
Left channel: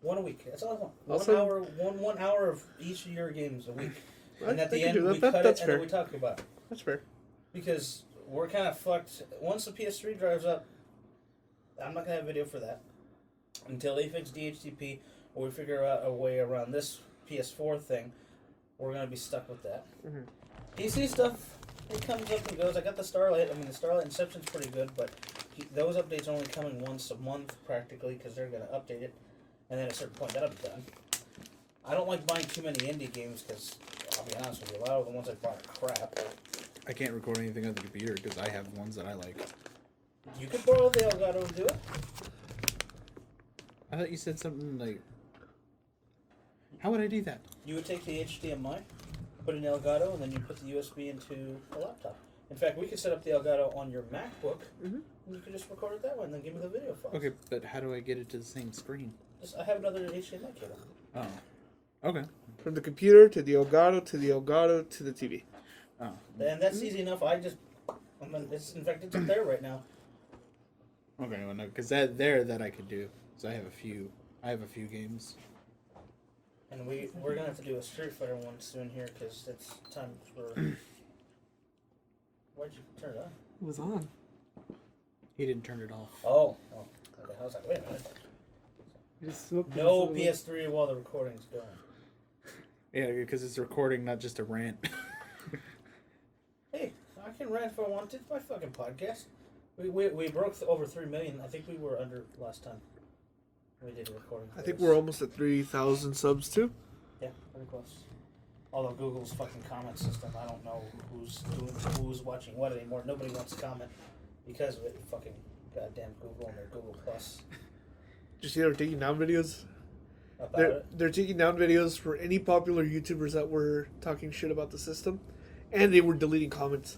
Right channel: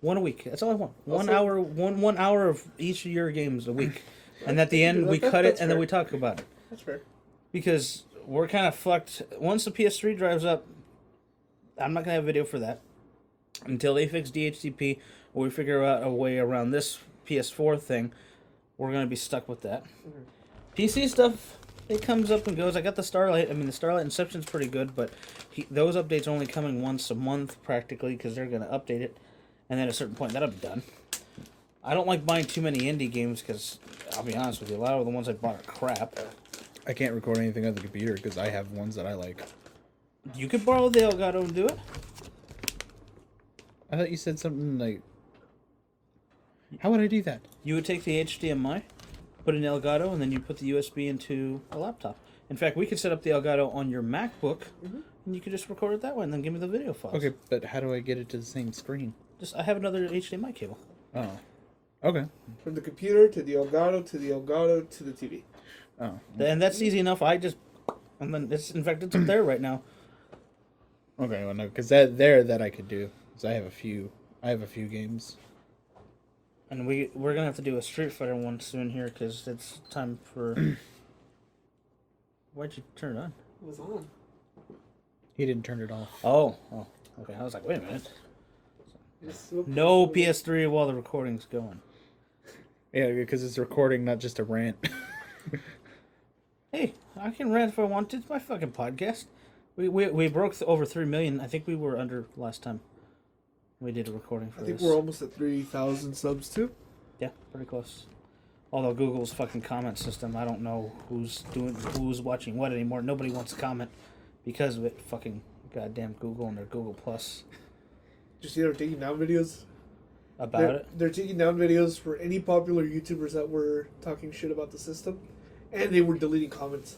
One a week. That's all I want. Also- 1 hour of each of your games a week. And at the I can end, do we that. cut it That's and then fair. we talk about it. That's fair. Because we're kind of fucked. Once the PS3 drives up, I'm not going to have video for that. Until they fix DHCP or we figure out a way around this PS4 thing, we're going to be stuck with that. PC stuff, it comes up and goes. I got the Starlight. I mean, the Starlight Inception's pretty good, but those updates are only coming once a month practically because they're going to update it. And then at a certain point, that'll be done. I don't like buying too many indie games because, I'll be honest with you, a lot of the ones I bought are crap. I can't record anything on the computer because I have ones that I like. You could borrow the Elgato and do it. I thought you said something like... How would I do that? You would take the HDMI, put put in Elgato, and then you put the USB into a laptop. In fact, we could set up the Elgato on your MacBook, and you could just record it that way, and then give me the video files. Okay, but how do I get it to the same screen? I have another HDMI cable. Oh. Okay. From the computer to the Elgato to the Elgato to the TV. Oh. And that's easy enough. And then it's up there right now. Okay, well no, because that I could do. Because I have a few games. And we're gonna have to do a Street Fighter one soon here because it's time for. Why'd you turn it on? It was on. He didn't turn it off. Oh, okay. I was like, wait a minute. I just swooped No it. PS3 while the recording's going. Yeah, because it's recording, not just a rant. Hey, I can rant if I want to. It's my fucking podcast. We broke over 3 million. I think we were under last time we did a recording for I think this. we're almost at 3,000 subs too. Yeah, pretty close. Although Google's fucking comment system, I don't know who's watching what anymore. Nobody wants to comment because of it. Fucking goddamn Google and their Google Plus Did you see they're taking down videos? about They're, it. they're taking down videos for any popular YouTubers that were talking shit about the system, and they were deleting comments.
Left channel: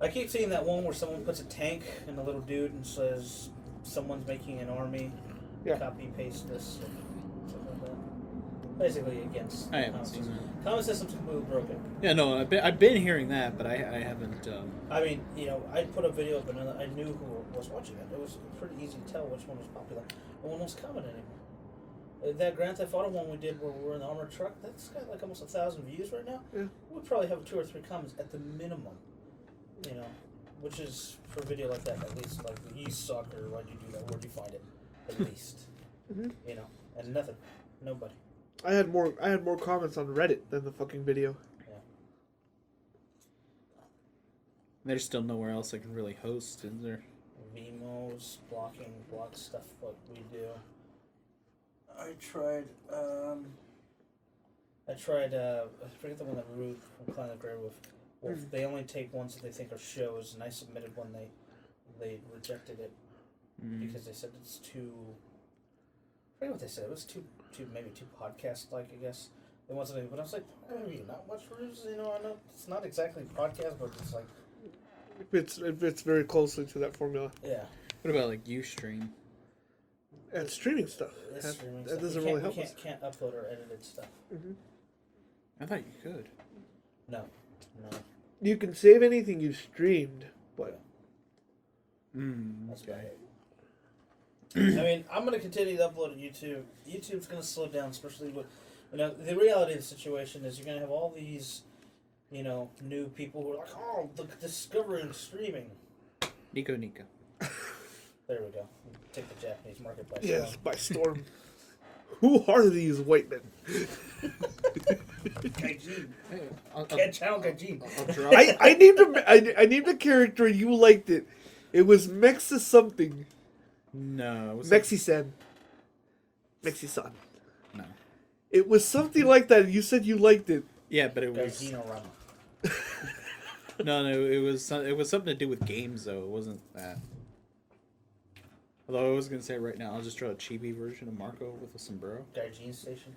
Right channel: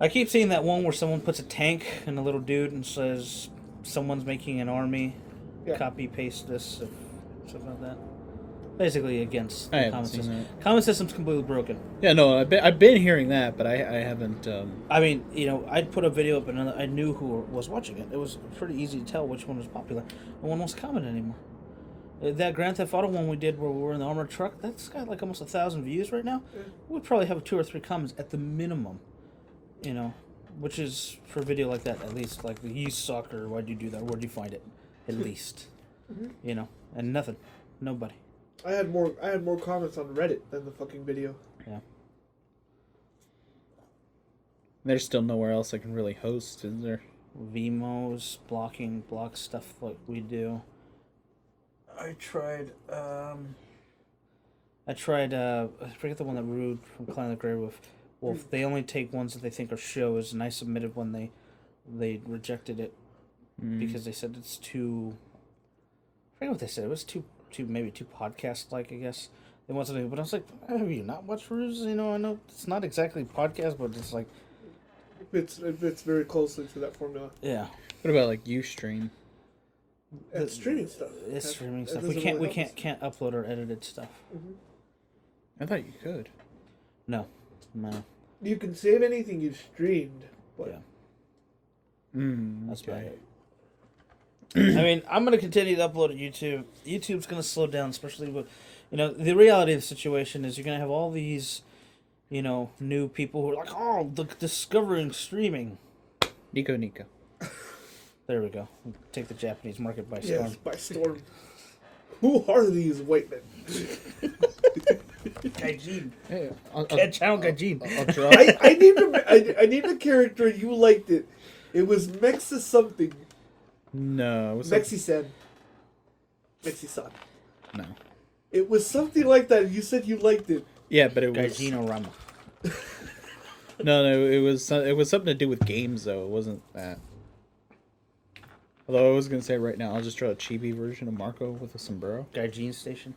I keep seeing that one where someone puts a tank and a little dude and says someone's making an army. Yeah. Copy paste this or something like that. Basically against I haven't comment seen system. that. Comment system's completely broken. Yeah, no, I've been hearing that, but I haven't. I mean, I'd put a video up and I knew who was watching it. It was pretty easy to tell which one was popular. No one wants to comment anymore. That Grand Theft Auto one we did where we were in the armored truck, that's got like almost 1,000 views right now. Yeah. We'd probably have 2 or 3 comments at the minimum. Which is for a video like that at least. Like, you suck, or why'd you do that? Where'd you find it? At least. And nothing. Nobody. I had more comments on Reddit than the fucking video. Yeah. There's still nowhere else I can really host, is there? Vimos, block stuff like we do. I forget the one that Rude from Clan of the Grey Wolf. They only take ones that they think are shows, and I submitted one. They rejected it because they said it's too. I forget what they said. It was too podcast like, I guess. They want something, but I was like, have you not watched Rude's? I know it's not exactly podcast, but it's like. It fits very closely to that formula. Yeah. What about like Ustream? Yeah, it's streaming stuff. It's streaming That stuff. We doesn't can't really help us. can't upload our edited stuff. I thought you could. No. You can save anything you streamed. But That's Okay. about it. I mean, I'm going to continue to upload to YouTube. YouTube's going to slow down, especially with, the reality of the situation is you're going to have all these, new people who are like, oh, discovering streaming. Nico. There we go. Take the Japanese market by storm. yes, by storm. Who are these white men? Gaijin. Hey, Channel Gaijin. I'll draw. I named a character. You liked it. It was Mexa something. No, it was Mexi-san. Mexi-san. no. It was something like that. You said you liked it. Yeah, but it was Gaijin Rama. no. It was something to do with games though. It wasn't that. Although I was gonna say right now, I'll just draw a chibi version of Marco with a sombrero. Gaijin Station.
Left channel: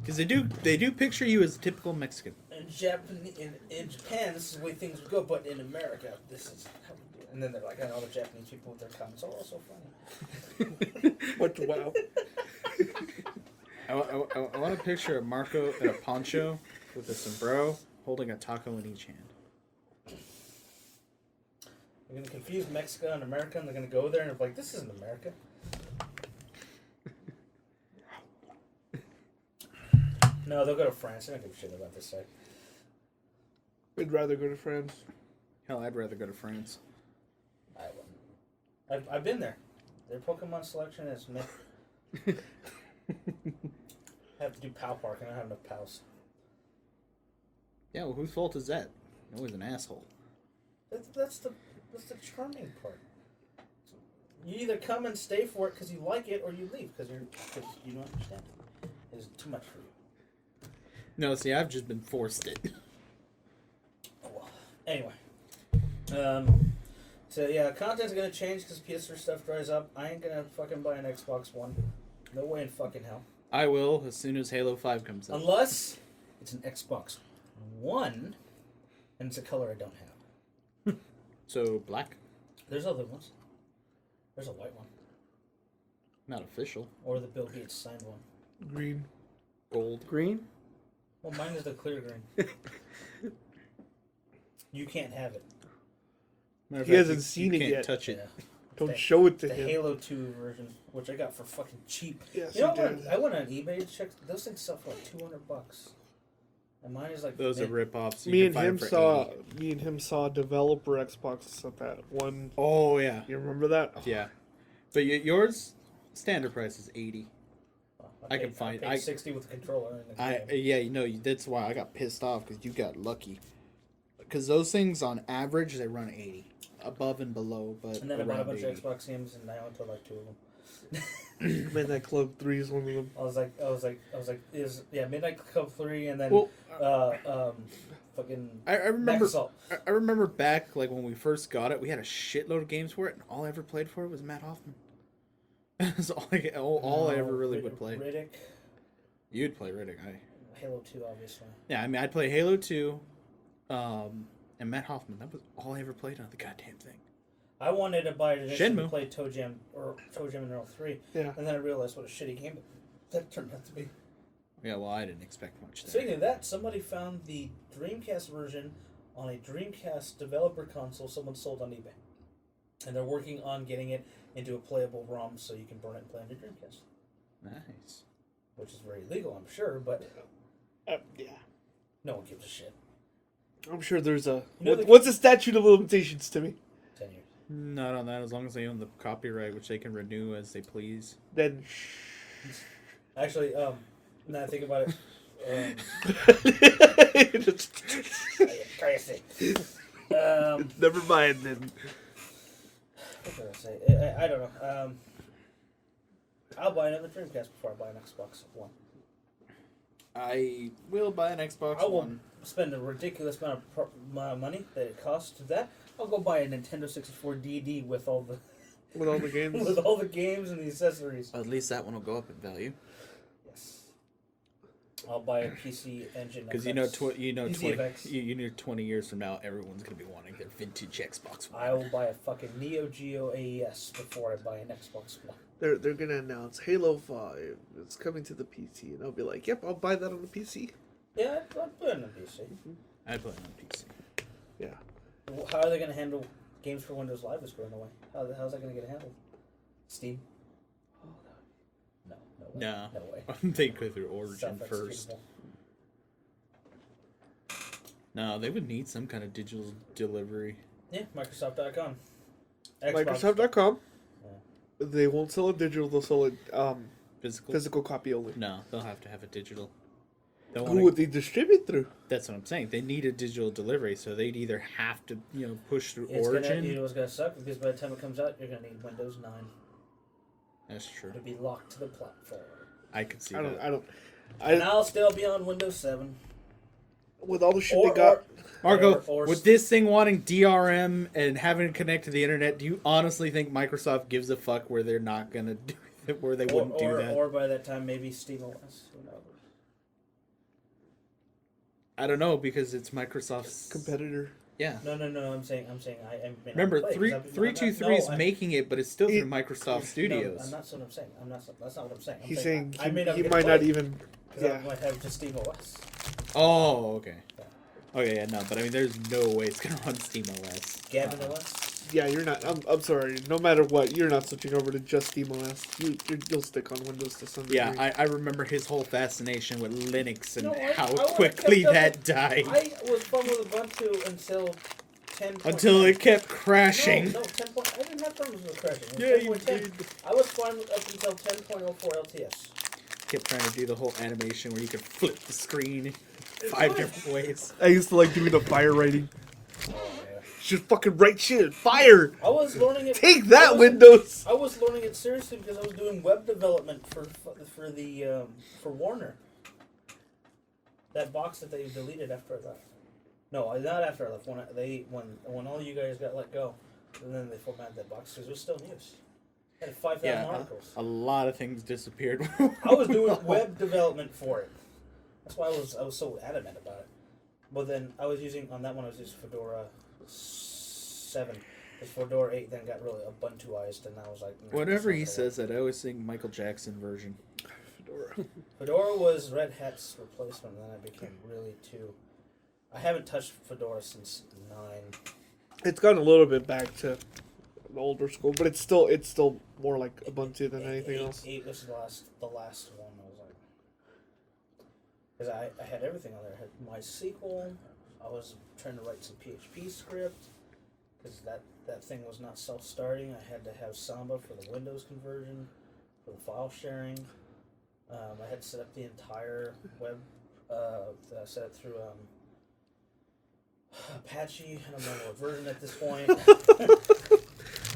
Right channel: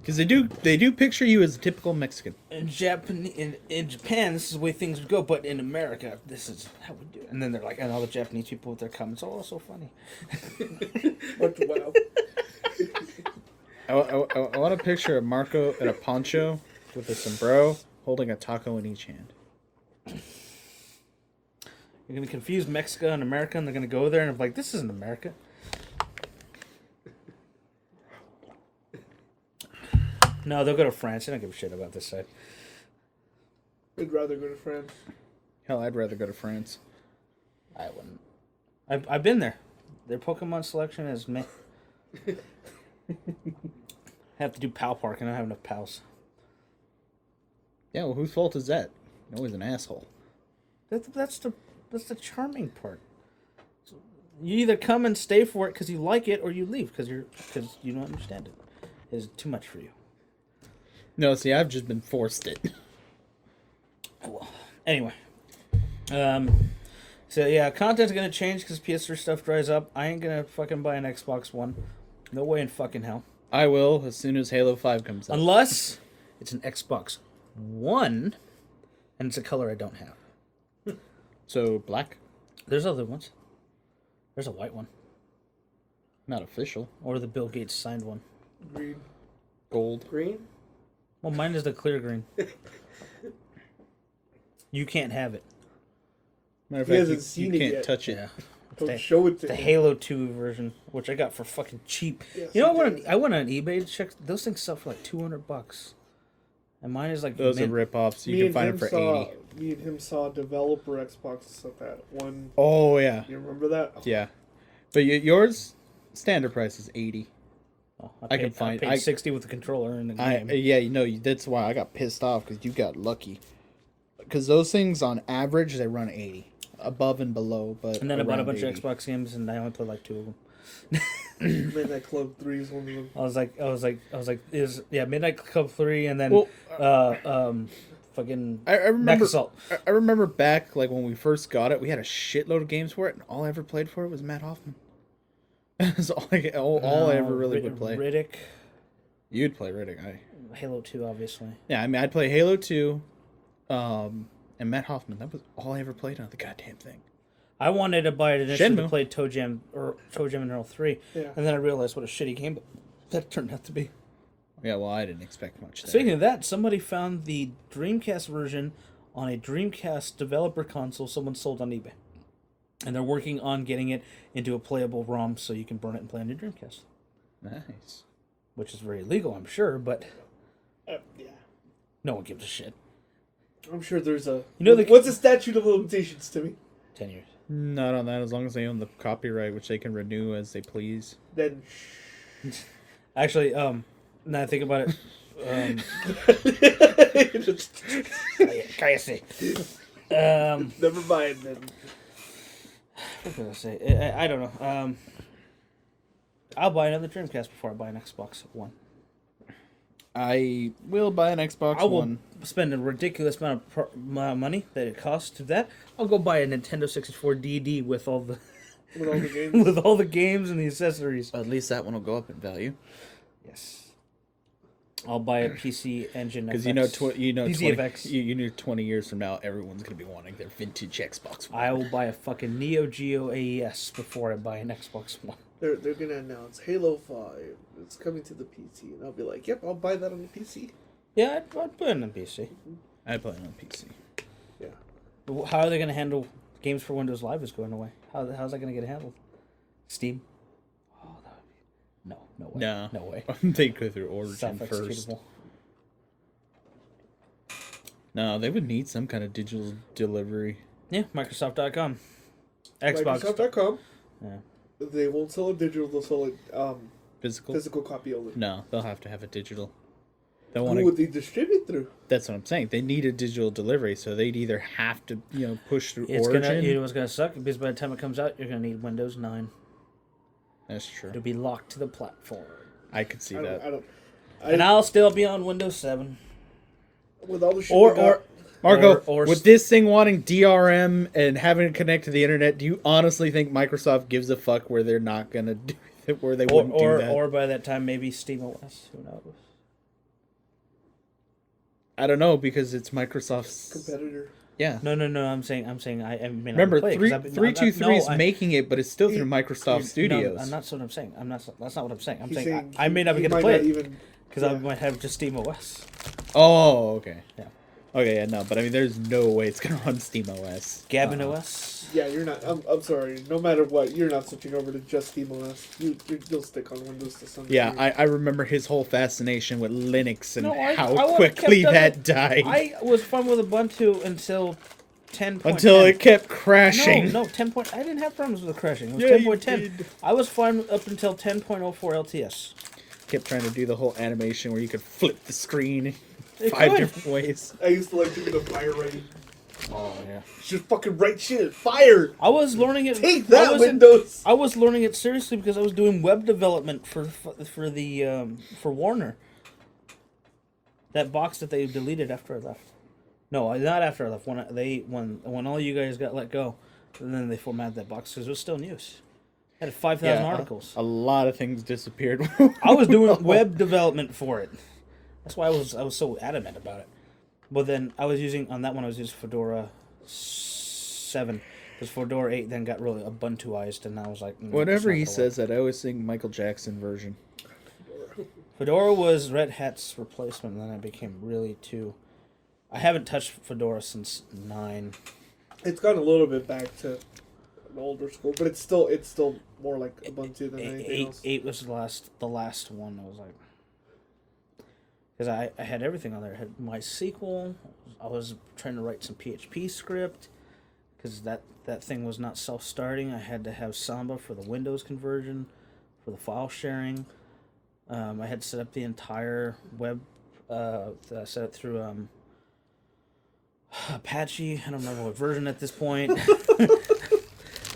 Because they do picture you as a typical Mexican. In Japan, this is the way things would go, but in America, this is how we do it. And then they're like, and all the Japanese people with their comments are all so funny. Wow. I want a picture of Marco in a poncho with a sombrero holding a taco in each hand. You're going to confuse Mexico and America, and they're going to go there and be like, this isn't America. No, they'll go to France. They don't give a shit about this side. We'd rather go to France. Hell, I'd rather go to France. I wouldn't. I've been there. Their Pokemon selection is meh. I have to do PAL Park, and I don't have enough pals. Yeah, well, whose fault is that? You're always an asshole. That's the charming part. So you either come and stay for it because you like it, or you leave because you don't understand it. It's too much for you. No, see, I've just been forced it. Cool. Anyway, so yeah, content's gonna change because PS3 stuff dries up. I ain't gonna fucking buy an Xbox One. No way in fucking hell. I will as soon as Halo 5 comes out. Unless it's an Xbox One, and it's a color I don't have. So, black? There's other ones. There's a white one. Not official. Or the Bill Gates signed one. Green. Gold. Green? Well, mine is the clear green. You can't have it. Matter of He fact, hasn't seen you it can't yet. touch it. Yeah. Don't The- show it to The him. Halo 2 version, which I got for fucking cheap. Yes, You know he what? did. I went on eBay to check. Those things sell for like $200, and mine is like Those are rip-offs. You can find them for 80. Me and him saw a developer Xbox stuff at one. Oh, yeah. You remember that? Yeah. But yours, standard price is 80. Oh, I can find- paid 60 with the controller and the game. Yeah, you know, that's why I got pissed off, because you got lucky. Because those things, on average, they run 80. Above and below, but And then I bought a around bunch 80. of Xbox games, and I only played like 2 of them. Midnight Club 3 is one of them. I was like, Midnight Club 3, and then Well, fucking I remember. Mech Assault. I remember back, like, when we first got it, we had a shitload of games for it, and all I ever played for it was Matt Hoffman. That's all I ever really would play. Riddick, You'd play Riddick. Halo 2, obviously. Yeah, I mean, I'd play Halo 2, and Matt Hoffman. That was all I ever played on the goddamn thing. I wanted to buy it initially to Shenmue. play Toe Jam and Earl 3, Yeah. and then I realized what a shitty game that turned out to be. Yeah, well, I didn't expect much there. Speaking of that, somebody found the Dreamcast version on a Dreamcast developer console someone sold on eBay. And they're working on getting it into a playable ROM so you can burn it and play on your Dreamcast. Nice. Which is very illegal, I'm sure, but Yeah. no one gives a shit. I'm sure there's a. You know the- what's the statute of limitations, Timmy? 10 years. Not on that, as long as they own the copyright, which they can renew as they please. Then. Actually, now I think about it, cállate. Never mind then. What was I say? I don't know. I'll buy another Dreamcast before I buy an Xbox One. I will buy an Xbox I will One. spend a ridiculous amount of money that it costs to that. I'll go buy a Nintendo 64 DD with all the With all the games. with all the games and the accessories. At least that one will go up in value. Yes. I'll buy a PC Engine Because FX. you know, PC 20, FX. you know, 20 years from now, everyone's gonna be wanting their vintage Xbox One. I will buy a fucking Neo Geo AES before I buy an Xbox One. They're gonna announce Halo 5. It's coming to the PC, and I'll be like, "Yep, I'll buy that on the PC." Yeah, I'd put it on the PC. I play it on PC. Yeah. How are they going to handle games for Windows Live is going away? How's that going to get handled? Steam? Oh, that would be... No way. No. No way. They go through Origin first. Self-executable. No, they would need some kind of digital delivery. Yeah, Microsoft.com. Xbox. Microsoft.com. Yeah. They won't sell it digital. They'll sell it Physical? physical copy only. No, they'll have to have a digital. They'll Who want would to. they distribute through? That's what I'm saying. They need a digital delivery, so they'd either have to, push through It's Origin. Gonna, it's going to suck because by the time it comes out, you're going to need Windows 9 That's true. to be locked to the platform. I could see that. And I'll still be on Windows 7. With all the shit Or, they got, or Marco, or- with this thing wanting DRM and having to connect to the internet, do you honestly think Microsoft gives a fuck where they're not gonna do it, where they wouldn't do that? Or by that time, maybe SteamOS. Who knows? I don't know because it's Microsoft's. competitor. Yeah. No. I'm saying. I may not Remember, play it 'cause I've been- 323 is no, I- making it, but it's still through Microsoft No, Studios. that's what I'm saying. That's not what I'm saying. I'm He's saying saying I may not he be able to might play not it even. because I might have just SteamOS. Oh, okay. Yeah. Okay, yeah, no, but I mean, there's no way it's gonna run SteamOS. Gavin Uh-uh. OS. Yeah, you're not. I'm sorry. No matter what, you're not switching over to just SteamOS. You'll stick on Windows to some Yeah, degree. I remember his whole fascination with Linux and No, I how would've quickly kept that died. I was fun with Ubuntu until 10. Until it kept crashing. No, 10. I didn't have problems with the crashing. It was Yeah, you 10.10. did. I was fine up until 10.04 LTS. Kept trying to do the whole animation where you could flip the screen It 5 could. different ways. I used to like doing the fire writing. Oh yeah. Just fucking write shit. Fire. I was learning it. Take I that, was- Windows. I was learning it seriously because I was doing web development for Warner. That box that they deleted after I left. No, not after I left. When all you guys got let go, and then they formatted that box because it was still in use. Had 5,000 articles. A lot of things disappeared. I was doing web development for it. That's why I was so adamant about it. But then I was using Fedora 7. Because Fedora 8 then got really Ubuntuized, and I was like... Whatever he says that, I always think Michael Jackson version. Fedora was Red Hat's replacement, and then I became really too... I haven't touched Fedora since 9. It's gotten a little bit back to the older school, but it's still more like Ubuntu than anything else. 8 was the last one. I was like... Because I had everything on there. I had MySQL. I was trying to write some PHP script. Because that thing was not self-starting. I had to have Samba for the Windows conversion, for the file sharing. I had to set up the entire web. I set it through Apache. I don't remember what version at this point.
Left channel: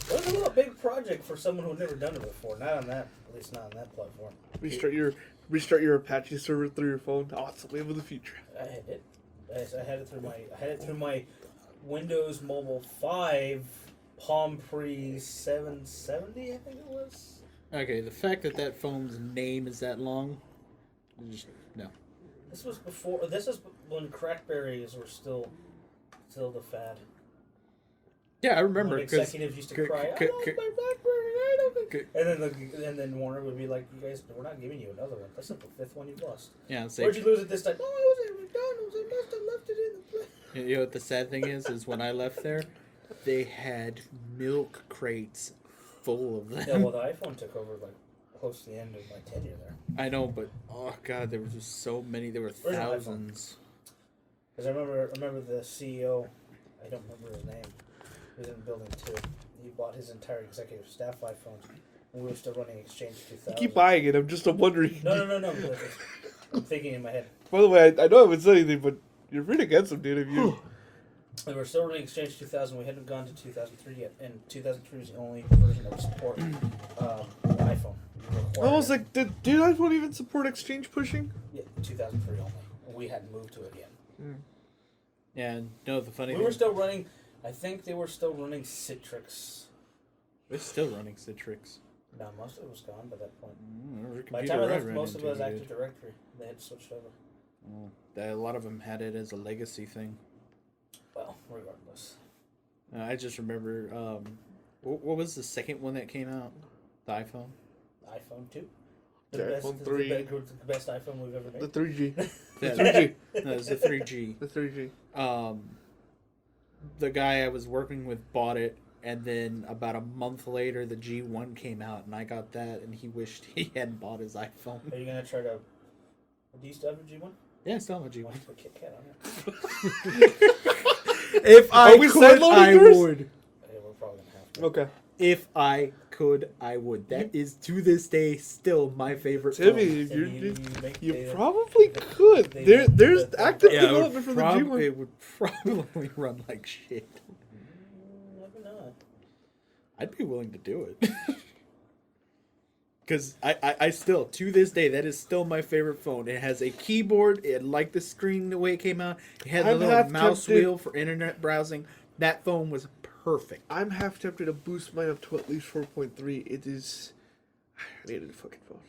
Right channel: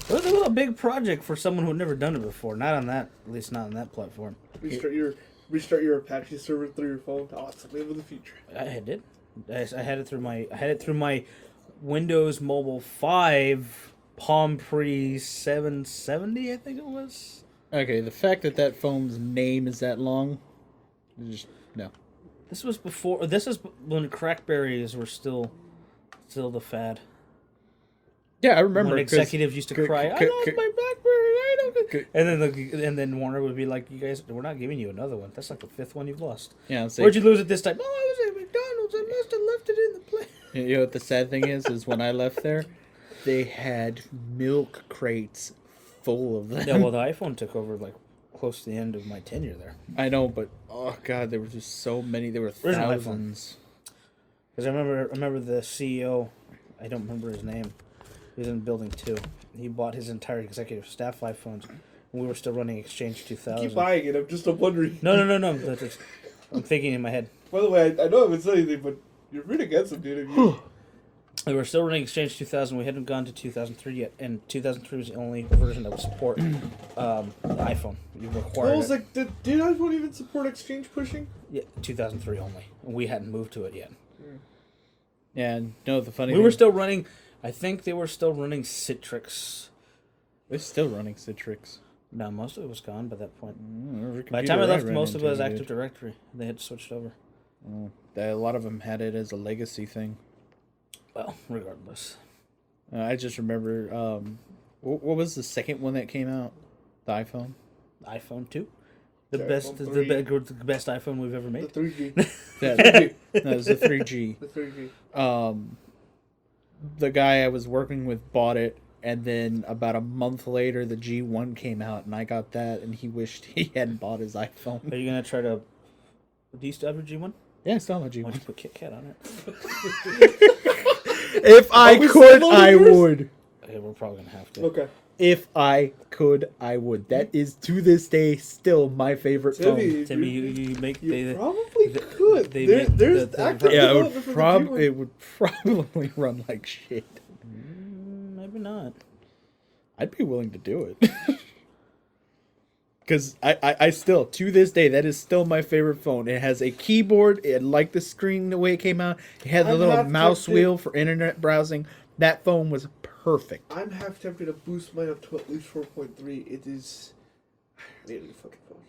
It was a little big project for someone who had never done it before. Not on that, at least not on that platform. Restart your Apache server through your phone. Oh, it's a wave of the future. I did. I had it through my Windows Mobile 5 Palm Pre 770, I think it was. Okay, the fact that phone's name is that long, just no. This was before. This is when crackberries were still the fad. Yeah, I remember. When executives used to cry, "I lost my BlackBerry, I don't." And then Warner would be like, "You guys, we're not giving you another one. That's like the 5th one you've lost. Yeah, Where'd you lose it this time? Oh, I was at McDonald's. I must have left it in the plane." You know what the sad thing is when I left there, they had milk crates full of them. Yeah, well, the iPhone took over like close to the end of my tenure there. I know, but oh god, there were just so many. There were thousands. Because I remember the CEO. I don't remember his name. He was in building 2. He bought his entire executive staff iPhones. And we were still running Exchange 2000. Keep buying it. I'm just wondering. No. I'm thinking in my head. By the way, I know I would say anything, but you're pretty against him, dude. We were still running Exchange 2000. We hadn't gone to 2003 yet, and 2003 was the only version that would support iPhone. You required I was like, did iPhone even support Exchange pushing? Yeah, 2003 only. We hadn't moved to it yet. Yeah, no, the funny We thing... were still running... I think they were still running Citrix. They're still running Citrix. No, most of it was gone by that point. By By the time I left, most of it was Active Directory. They had switched over. A lot of them had it as a legacy thing. Well, regardless. I just remember... what was the second one that came out? The iPhone? iPhone 2. The best iPhone we've ever made. The 3G. No, it was the 3G. The 3G. The guy I was working with bought it, and then about a month later, the G1 came out, and I got that, and he wished he hadn't bought his iPhone. Are you going to try to... Do you still have a G1? Yeah, I still have a G1. Why don't you put Kit Kat on it? If I could, I would. Okay, we're probably going to have to. Okay. If I could, I would. That is, to this day, still my favorite phone. Timmy, you make... You probably could. There's active Yeah, development it would probably run like shit. Maybe not. I'd be willing to do it. Because I still, to this day, that is still my favorite phone. It has a keyboard. It liked the screen the way it came out. It had the little mouse wheel for internet browsing. That phone was perfect. I'm half tempted to boost mine up to at least 4.3. It is... I need a fucking phone.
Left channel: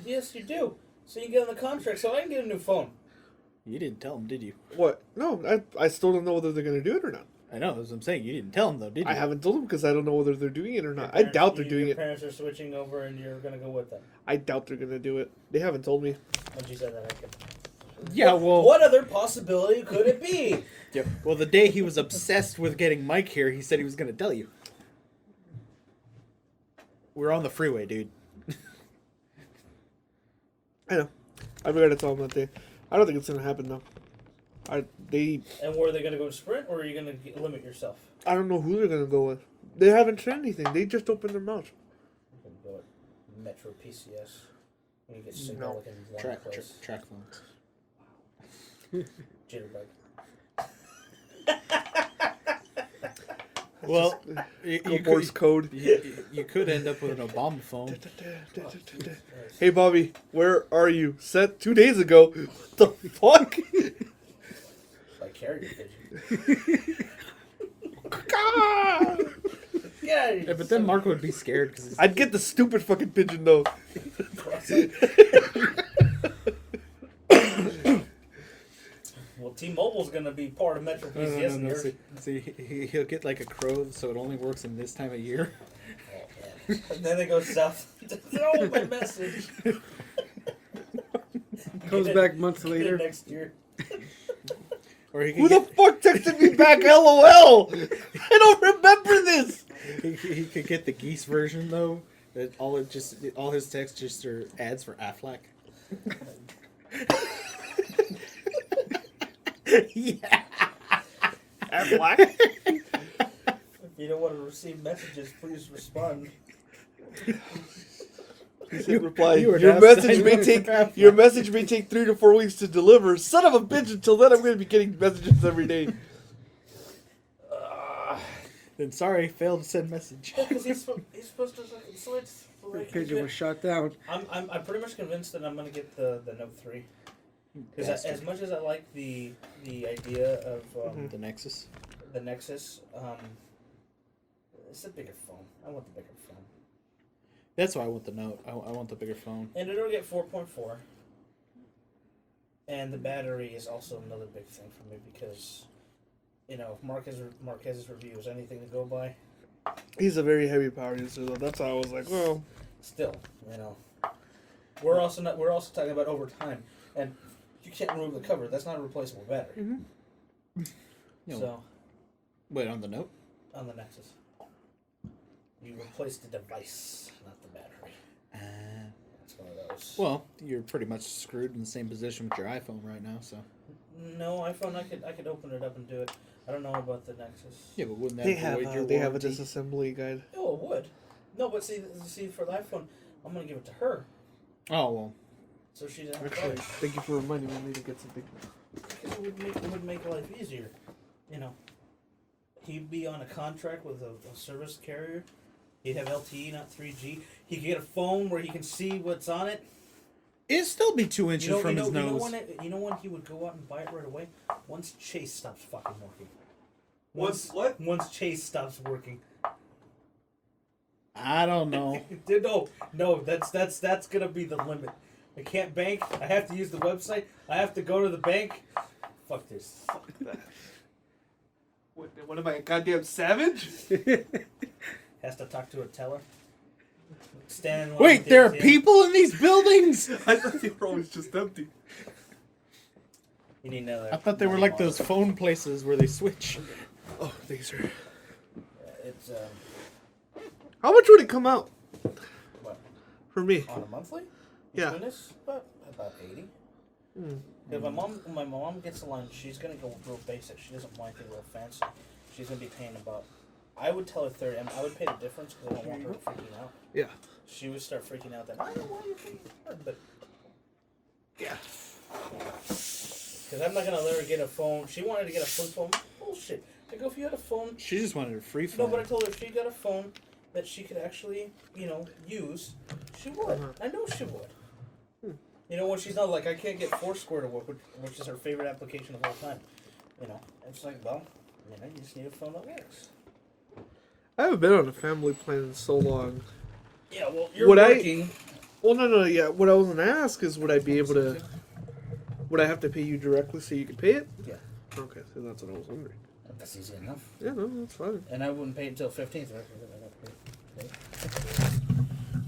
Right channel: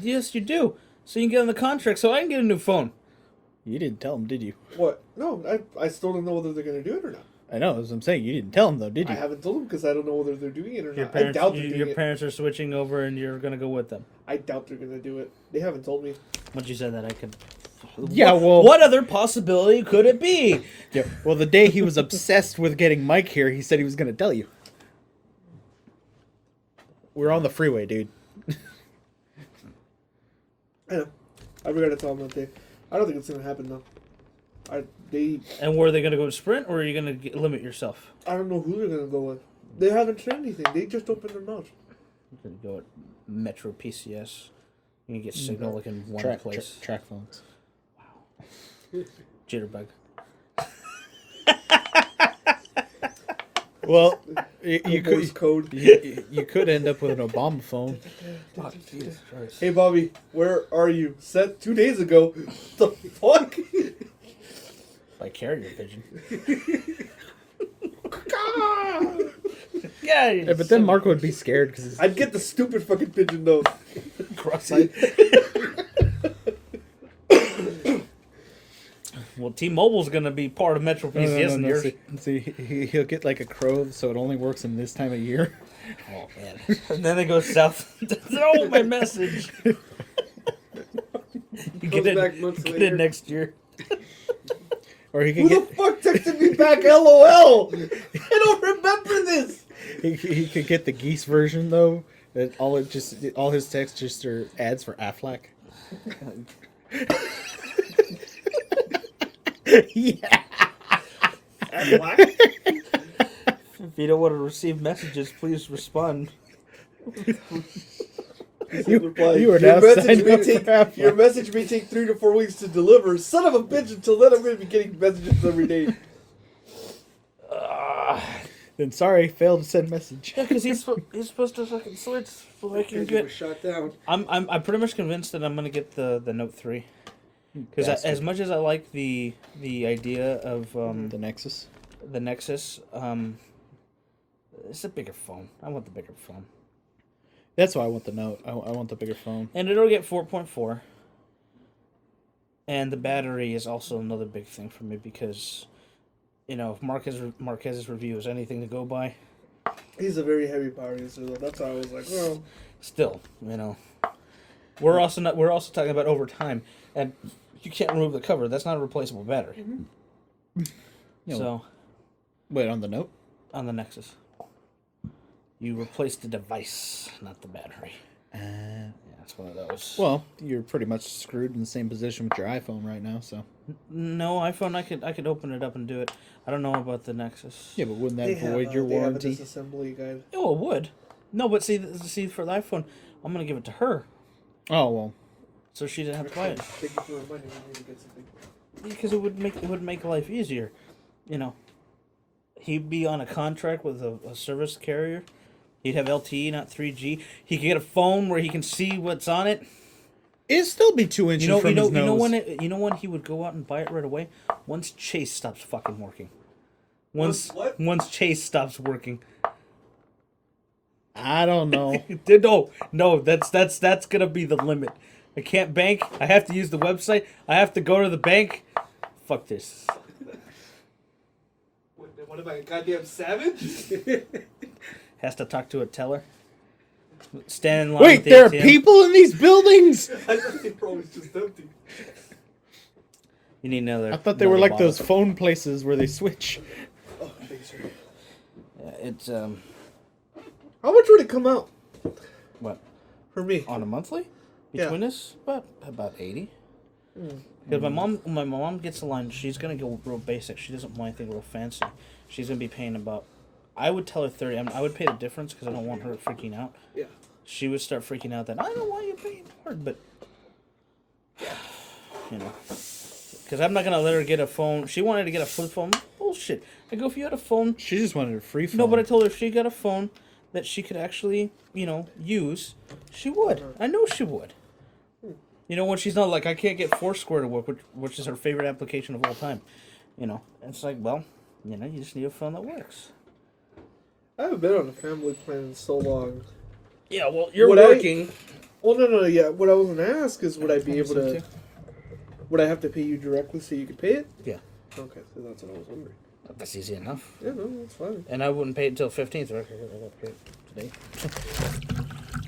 Yes, you do. So you can get on the contract so I can get a new phone. You didn't tell them, did you? What? No, I still don't know whether they're going to do it or not. I know, as I'm saying. You didn't tell them, though, did you? I haven't told them because I don't know whether they're doing it or not. I doubt they're doing it. Your parents are switching over and you're going to go with them. I doubt they're going to do it. They haven't told me. Once you said that, I could... Yeah, well... What other possibility could it be? Yeah, well, the day he was obsessed with getting Mike here, he said he was going to tell you. We're on the freeway, dude. I know. I forgot to tell them that day. I don't think it's going to happen, though. And were they going to go to Sprint, or are you going to limit yourself? I don't know who they're going to go with. They haven't said anything. They just opened their mouth. You could go at Metro PCS. You can get signal like in one place. Track phones. Wow. Jitterbug. Well, you could end up with an Obama phone. Hey, Bobby, where are you? Said 2 days ago. What the fuck? By carrier pigeon. Yeah, Yeah, but then Marco would be scared because I'd get the stupid fucking pigeon though. cross-eyed. Well, T-Mobile's gonna be part of Metro PCS in yours. See, he'll get like a crow, so it only works in this time of year. Oh man! And then it goes south. Oh, my message. Comes back months get later. it next year. Or he Who could the fuck texted me back? LOL. I don't remember this. he could get the geese version though. That all his texts just are ads for Aflac. Yeah. Aflac? If you don't want to receive messages, please respond. You were Your now message signed may up for take- Aflac. Your message may take 3 to 4 weeks to deliver. Son of a bitch! Until then, I'm going to be getting messages every day. Then sorry, failed to send message. Yeah, because he's supposed to fucking switch. So The I can pigeon get... was shot down. I'm pretty much convinced that I'm gonna get the Note 3. Because Bastard. as much as I like the idea of The Nexus. the Nexus, it's a bigger phone. I want the bigger phone, That's why I want the Note. I want the bigger phone. and it'll get 4.4. And the battery is also another big thing for me because, you know, if Marquez's review is anything to go by, He's a very heavy power user, though. That's why I was like, well, still, you know, we're also talking about over time, and you can't remove the cover. That's not a replaceable battery. You know, So wait, on the Note? on the Nexus, you replace the device, not the battery. Yeah, that's one of those. Well, you're pretty much screwed in the same position with your iPhone right now, so. No, iPhone, I could open it up and do it. I don't know about the Nexus. Yeah, but wouldn't they that have void a- your they have a warranty? disassembly guide. Oh, it would. No, but see for the iPhone, I'm gonna give it to her, Oh, well. so she didn't have to buy it. Thank you for reminding me to get something. Because it would make life easier, you know. He'd be on a contract with a service carrier. He'd have LTE, not 3G. He could get a phone where he can see what's on it. It'd still be 2 inches from his nose. You know when he would go out and buy it right away? Once Chase stops fucking working. Once what? Once Chase stops working. I don't know. No, that's gonna be the limit. I can't bank. I have to use the website. I have to go to the bank. Fuck this. What am I, a goddamn savage? Has to talk to a teller. Stand in line. Wait, at the there are ATM. people in these buildings? I thought they probably was just empty. You need another. I thought they were like bottle. those phone places where they switch. Oh, thanks, sir. It's How much would it come out what for me? on a monthly Yeah. between us about 80. Mm. Because my mom gets a line. She's gonna go real basic. She doesn't want anything real fancy. She's gonna be paying about. I would tell her 30. I would pay the difference because I don't want her freaking out. Yeah. She would start freaking out that I don't want you paying hard, but you know, because I'm not gonna let her get a phone. She wanted to get a flip phone. Bullshit. I go, if you had a phone. She just wanted a free phone. No, but I told her if she got a phone that she could actually, you know, use, she would. I know she would. You know, when she's not like, I can't get Foursquare to work, which is her favorite application of all time. You know, it's like, well, you know, you just need a phone that works. I haven't been on a family plan in so long. Yeah, well, you're Would working. Well, no, yeah. What I was gonna ask is, would I be able Some to? too. Would I have to pay you directly so you could pay it? Yeah. Okay, so that's what I was wondering. That's easy enough. Yeah, no, that's fine. And I wouldn't pay it till 15th, right?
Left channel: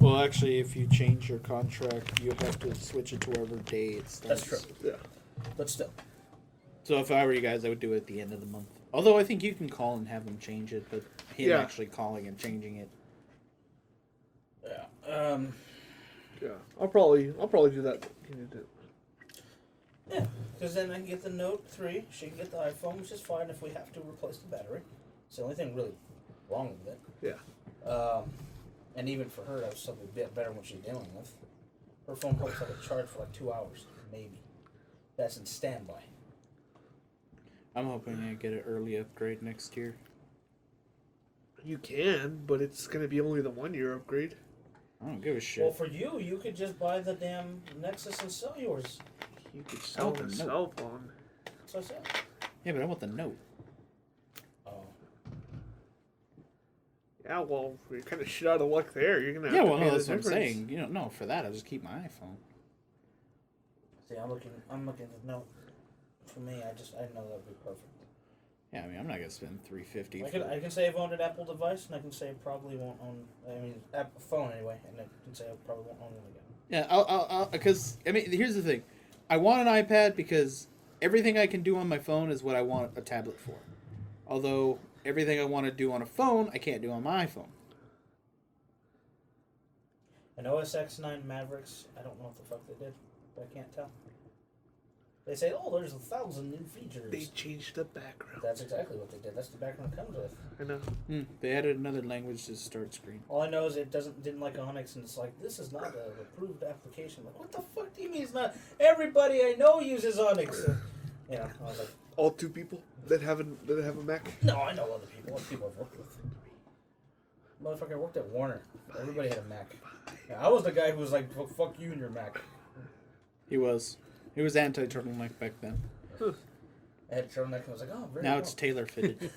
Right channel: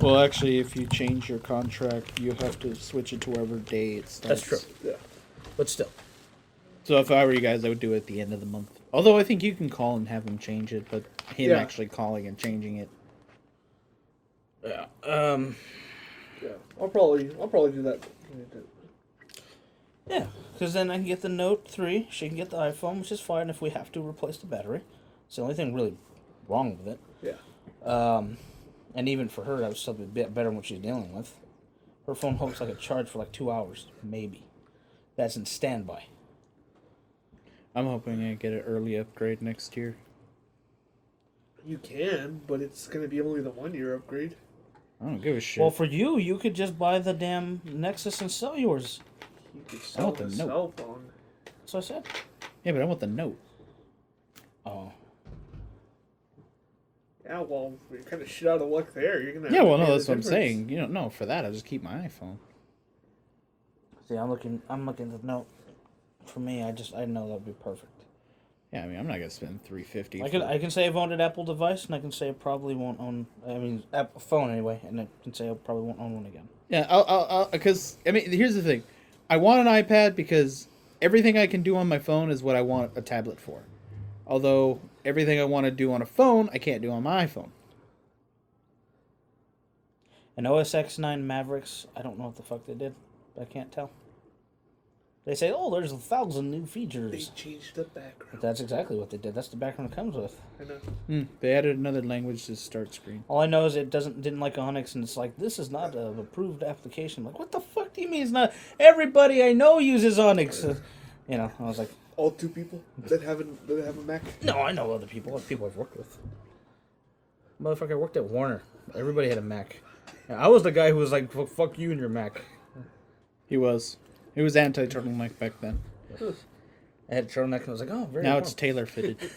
Well, actually, if you change your contract, you have to switch it to whatever day it starts. That's true. Yeah. But still. So if I were you guys, I would do it at the end of the month. Although I think you can call and have him change it, but him Yeah. actually calling and changing it. Yeah. Yeah. I'll probably do that. Yeah, because then I can get the Note 3. She can get the iPhone, which is fine if we have to replace the battery. It's the only thing really wrong with it. Yeah. And even for her, that would still be a bit better than what she's dealing with. Her phone holds like a charge for like 2 hours, maybe. That's in standby. I'm hoping I get an early upgrade next year. You can, but it's gonna be only the 1-year upgrade. I don't give a shit. Well, for you could just buy the damn Nexus and sell yours. You could I want sell the a Note. cell phone. That's what I said. Yeah, but I want the Note. Oh. Yeah, well, well, you're kind of shit out of luck there. You're gonna Yeah, well, have no, a that's what I'm difference. saying. You know, no, for that, I'll just keep my iPhone. See, I'm looking at no. For me, I know that'd be perfect. Yeah, I mean, I'm not gonna spend $350. I can say I've owned an Apple device, and I can say I probably won't own. I mean, Apple phone anyway, and I can say I probably won't own one again. Yeah, I'll, because I mean, here's the thing, I want an iPad because everything I can do on my phone is what I want a tablet for. Although everything I want to do on a phone, I can't do on my iPhone. And OS X9 Mavericks, I don't know what the fuck they did, but I can't tell. They say, oh, there's 1,000 new They features. changed the background. That's exactly what they did. That's the background it comes with. You know? They added another language to start screen. All I know is it didn't like Onyx, and it's like, this is not an approved application. I'm like, what the fuck do you mean it's not? Everybody I know uses Onyx. You know, I was like, All 2 people that have a Mac. no, I know other people. Other people I've worked with. Motherfucker, I worked at Warner. Everybody had a Mac. And I was the guy who was like, fuck you and your Mac. He was anti-turtleneck back then. I had a turtleneck, and I was like, oh, very Now well. it's tailor fitted.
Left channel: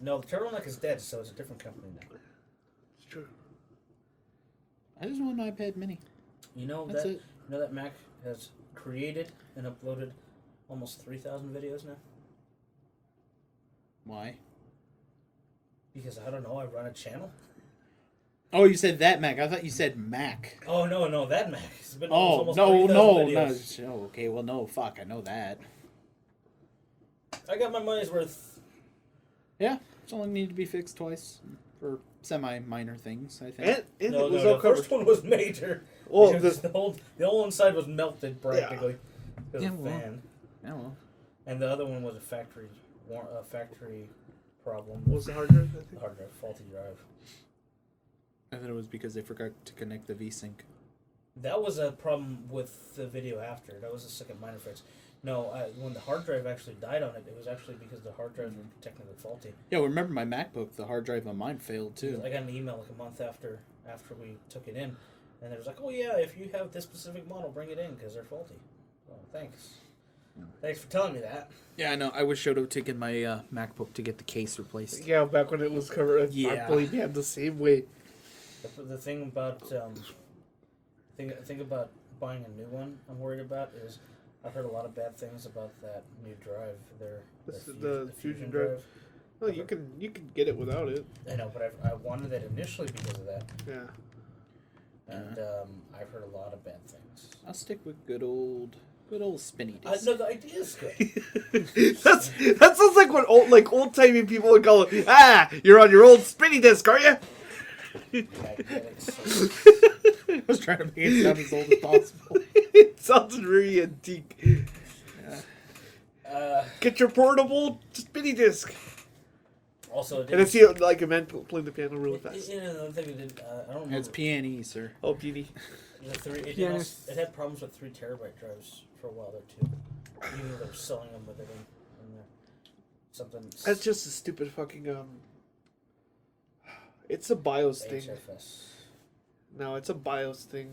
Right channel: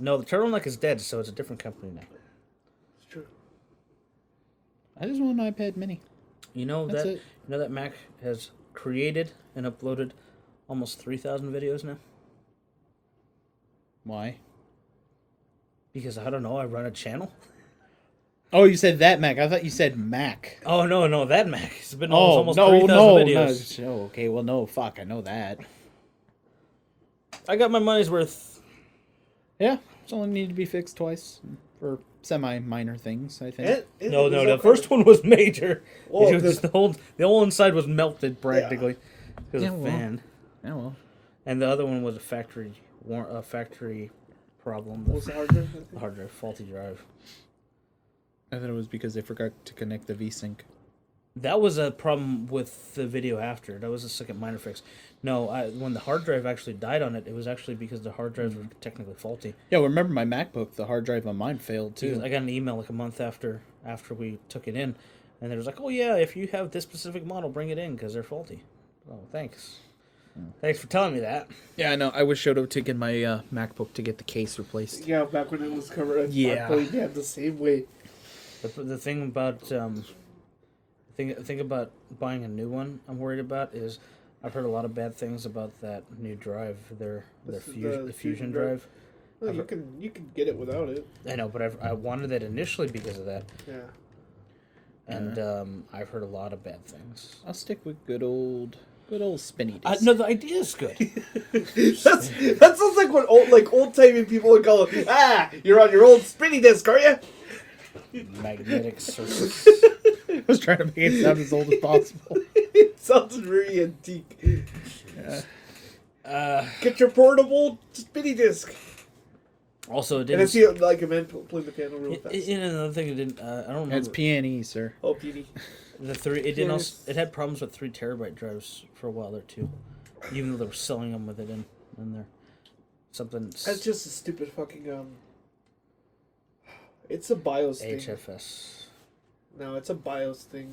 No, the turtleneck is dead, so it's a different company now. It's true. I just want an iPad Mini. You know That's that it. you know that Mac has created and uploaded almost 3,000 videos now? Why? Because I don't know, I run a channel. Oh, you said that Mac. I thought you said Mac. Oh no, that Mac. It's been Oh, almost no, 3,000 no. videos. Oh, okay, well, no, fuck. I know that. I got my money's worth. Yeah, it's only needed to be fixed twice for semi-minor things, I think. No, the first one was major. Well, It was the whole inside was melted practically. It was Yeah, a well. fan. Yeah, well. And the other one was a factory problem. What's the hard drive? The hard drive, faulty drive. I thought it was because they forgot to connect the VSync. That was a problem with the video after. That was a second minor fix. No, when the hard drive actually died on it, it was actually because the hard drives were technically faulty. Yeah, well, remember my MacBook, the hard drive on mine failed too. I got an email like a month after we took it in, and they was like, "Oh yeah, if you have this specific model, bring it in because they're faulty." Oh, thanks. Thanks for telling me that. Yeah, I know. I wish Shoto taken my MacBook to get the case replaced. Yeah, back when it was covered. Yeah. The same way. The thing about thing about buying a new one, I'm worried about is I've heard a lot of bad things about that new drive, their The Fusion Fusion drive. Well, you can get it without it. I know, but I wanted it initially because of that, Yeah. and I've heard a lot of bad things. I'll stick with good old spinny disc. No, the idea is good. that sounds like what old timey people would call it. Ah, you're on your old spinny disc, are you? Magnetic circuits. I was trying to make it sound as old as possible. It sounds very antique. Yeah. Get your portable spinny disc. Also, it And I didn't. see like a man playing the piano real fast. Another thing it didn't. I don't know. It's PNE, sir. Oh, PD. The three. It didn't. Also, it had problems with 3 terabyte drives for a while there too. Even though they were selling them with it in there. Something. That's just a stupid fucking It's a BIOS thing. HFS. No, it's a BIOS thing.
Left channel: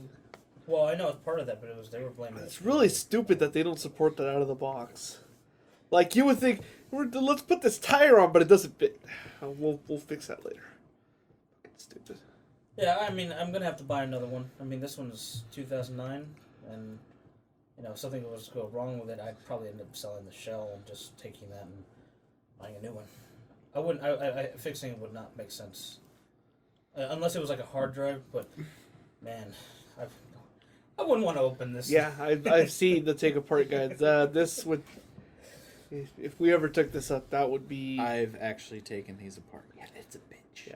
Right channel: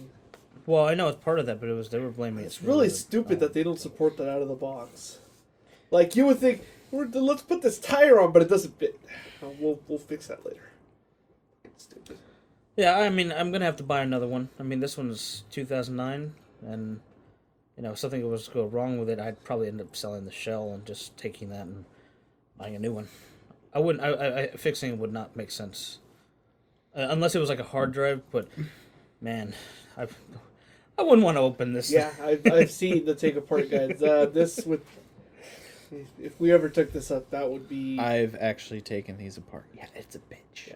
Well, I know it's part of that, but they were blaming it. It's really stupid that they don't support that out of the box. Like you would think, let's put this tire on, but it doesn't fit. We'll fix that later. Stupid. Yeah, I mean, I'm gonna have to buy another one. I mean, this one's 2009, and if something was to go wrong with it, I'd probably end up selling the shell and just taking that and buying a new one. I wouldn't. Fixing it would not make sense, unless it was like a hard drive. But man, I wouldn't want to open this. Yeah, I've seen the take apart guides. This would, if we ever took this up, that would be. I've actually taken these apart. Yeah, it's a bitch. Yeah.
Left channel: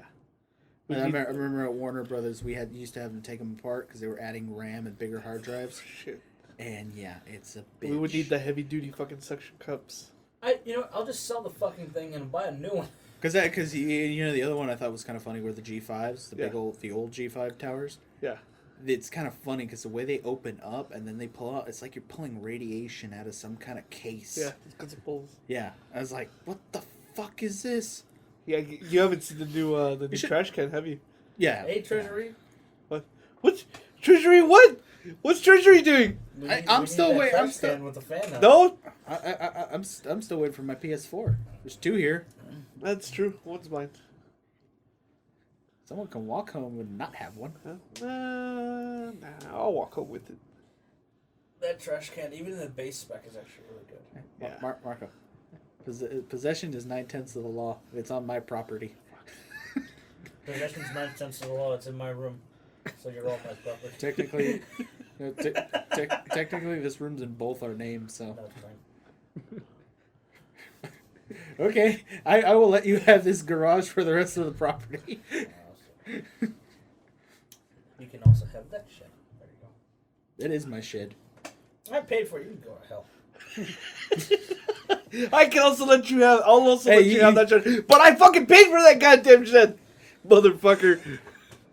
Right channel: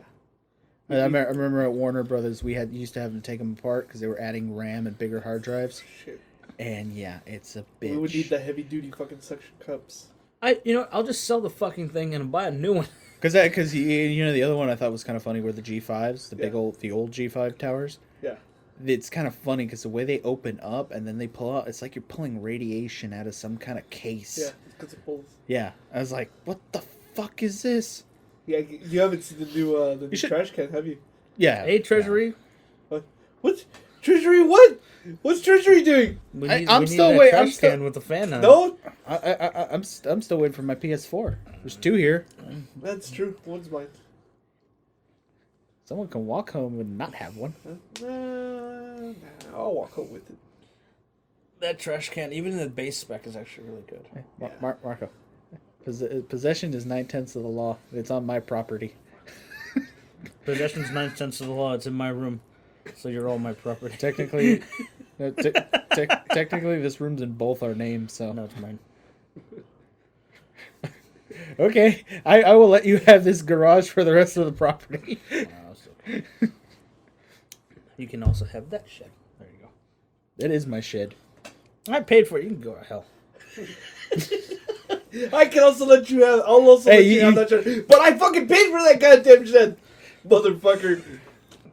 I remember at Warner Brothers, we used to have to take them apart because they were adding RAM and bigger hard drives. Shit. And yeah, it's a bitch. We would need the heavy duty fucking suction cups. I'll just sell the fucking thing and buy a new one. Because the other one I thought was kind of funny were the G5s, the old G5 towers. Yeah. It's kind of funny because the way they open up and then they pull out, it's like you're pulling radiation out of some kind of case. Yeah, because it pulls. Yeah, I was like, what the fuck is this? Yeah, you haven't seen the new should- trash can, have you? Yeah. Hey, Treasury. What? Treasury? What? What's Treasury doing? I'm still waiting. I'm still with the fan on. No, I'm still waiting for my PS4. There's 2 here. that's true. One's mine. Someone can walk home and not have one. Nah, I'll walk home with it. That trash can, even in the base spec, is actually really good. Hey, Marco, possession is 9/10 of the law. It's on my property. Possession's 9/10 of the law. It's in my room, so you're all my property. Technically, no, technically, this room's in both our names. So No, it's mine. okay, I will let you have this garage for the rest of the property. You can also have that shed. There you go. That is my shed. I paid for it. You can go to hell. I can also let you have. I'll also Hey, let you have that shed. But I fucking paid for that goddamn shed, motherfucker.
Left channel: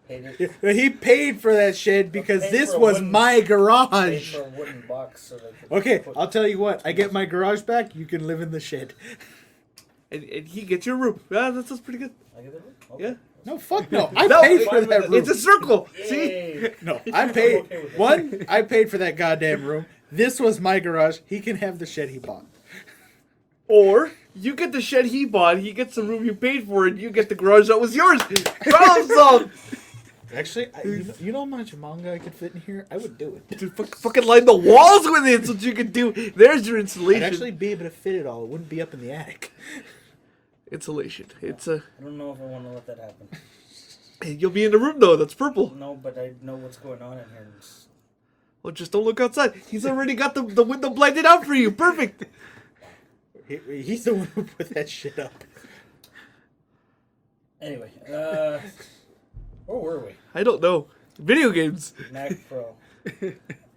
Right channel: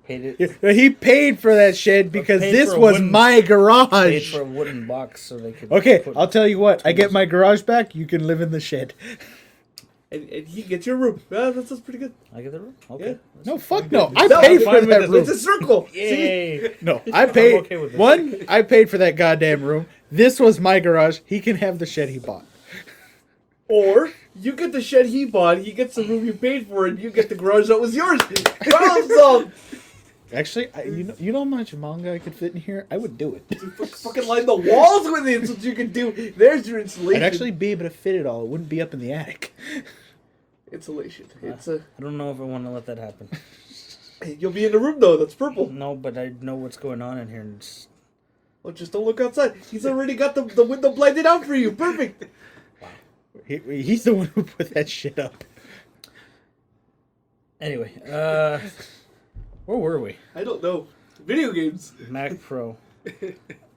Paid it. He paid for that shed because Paid this for a was wooden- my Paid garage. for a wooden box so they could. Okay, put- I'll tell you what. I get my garage back. You can live in the shed. And he gets your room. Yeah, that sounds pretty good. I get the room. Okay. Yeah. No, fuck no. I No, paid I'm for fine that with it. room. It's a circle. See? Yay! No, He's I okay paid. with it. One, I paid for that goddamn room. This was my garage. He can have the shed he bought. Or you get the shed he bought, he gets the room you paid for, and you get the garage that was yours. Problem solved. Actually, you know how much manga I could fit in here? I would do it. Dude, fucking line the walls with it so you can do. There's your insulation. I'd actually be able to fit it all. It wouldn't be up in the attic. Insulation. It's I don't know if I want to let that happen. You'll be in the room though. That's purple. No, but I know what's going on in here. And it's- Well, just don't look outside. He's already got the window blinded out for you. Perfect. He's the one who put that shit up. Anyway, where were we? I don't know. Video games. Mac Pro.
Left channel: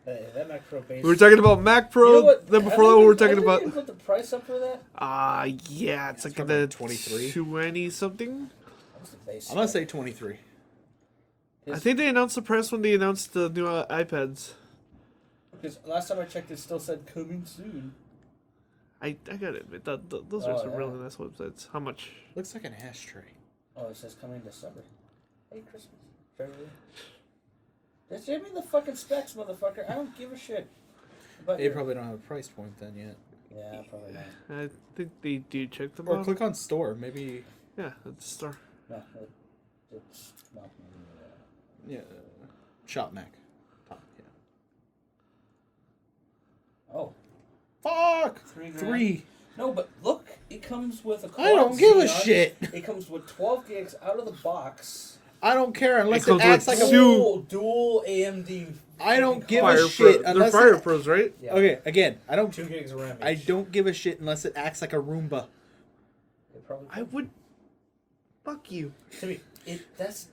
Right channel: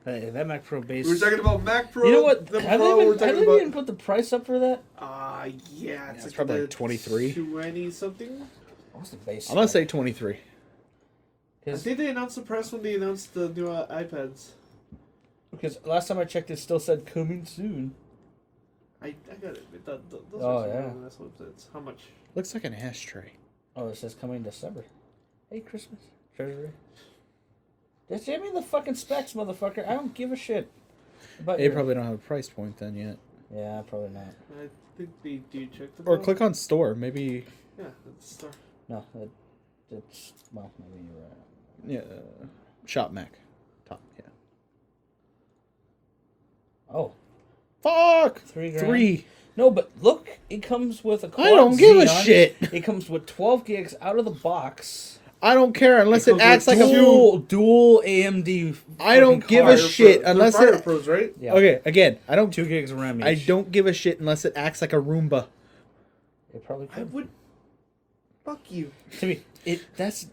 Hey, that Mac Pro base. We were talking about Mac Pro. You know what? Then Have before they that, we were been- talking have they about. even put the price up for that? Yeah, it's like probably the like 23. 20 something. What's the base? I'm gonna say 23. I think they announced the price when they announced the new iPads. Because last time I checked, it still said coming soon. I gotta admit that those Oh, are some yeah. really nice websites. How much? Looks like an ashtray. Oh, it says coming December. Hey, Christmas. Treasury. Just give me the fucking specs, motherfucker. I don't give a shit. But They probably don't have a price point then yet. Yeah, probably not. I think they do check the. Or click on store. Maybe. Yeah, it's store. No, it's well, maybe, Yeah. Shop Mac. Top. Yeah. oh, Fuck. $3,000. 3. No, but look, it comes with a. I don't give a shit. It comes with 12 gigs out of the box. I don't care unless it comes acts with like a. Dual AMD. I don't give a card. shit unless Fire it. Pros, right? Yeah. Okay, again, I don't. 2 gigs of RAM. I each. don't give a shit unless it acts like a Roomba. It probably I could. would. Fuck you. To me, that's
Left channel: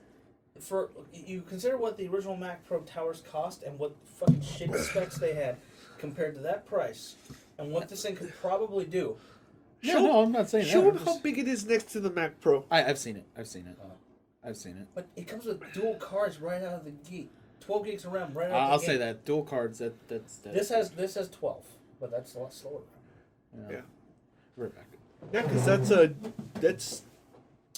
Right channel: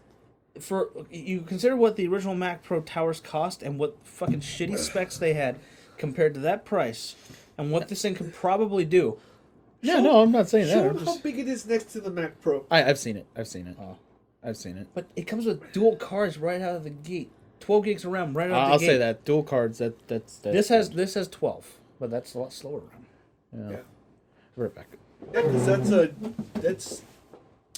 for you consider what the original Mac Pro towers cost and what fucking shitty specs they had compared to that price and what this thing could probably do. Yeah, no, I'm not saying Show that. them I'm how just. big it is next to the Mac Pro. I've seen it. I've seen it. Oh. I've seen it. But it comes with dual cards right out of the gate. 12 gigs of RAM right out of the I'll gate. say that dual cards. That's. This has 12, but that's a lot slower. Yeah. Right back. Yeah, 'cause that's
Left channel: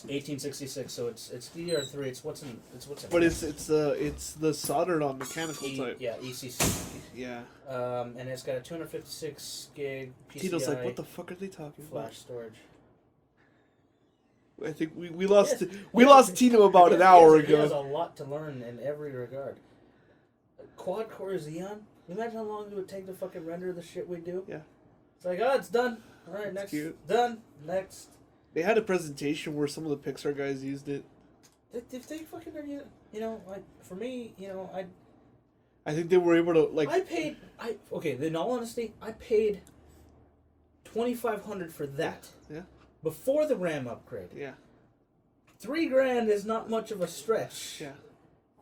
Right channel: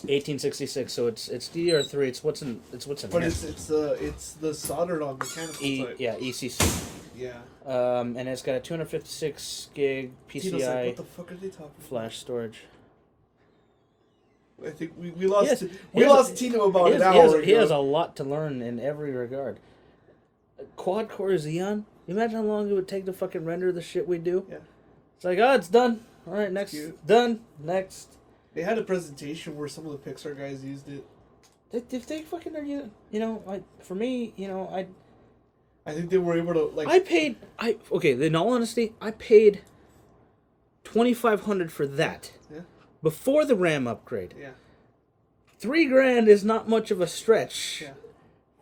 1866, so it's DDR3. It's what's in what there. it's the soldered on mechanical side. Yeah, ECC. Yeah. And it's got a 256 gig Tito's like, PCI what the fuck are they talking about? flash storage. I think we lost Yes. we lost Tino about an hour He has ago. a lot to learn in every regard. Quad core Xeon. You imagine how long it would take to fucking render the shit we do? Yeah. It's like, oh, it's done. All right, next. Cute. Done. Next. They had a presentation where some of the Pixar guys used it. If they fucking are, you know, like for me, you know, I think they were able to like. okay. In all honesty, I paid $2,500 for that. Yeah. Before the RAM upgrade. Yeah. $3,000 is not much of a stretch. Yeah.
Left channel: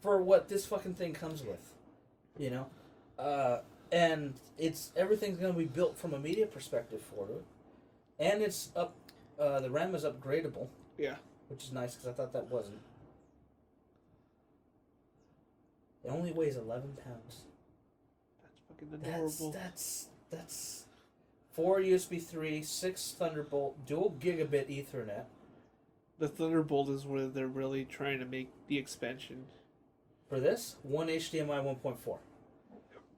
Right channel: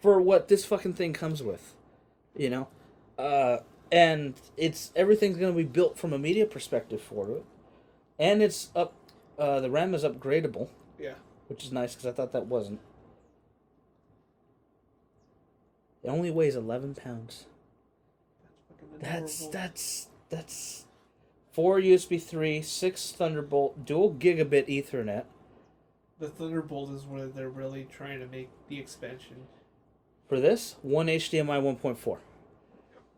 For what this fucking thing comes with, you know, and everything's gonna be built from a media perspective for it, and it's up. The RAM is upgradable. Yeah. Which is nice because I thought that wasn't. It only weighs 11 pounds. That's 4 USB 3, 6 Thunderbolt, dual gigabit Ethernet. The Thunderbolt is where they're really trying to make the expansion. For this, one HDMI 1.4.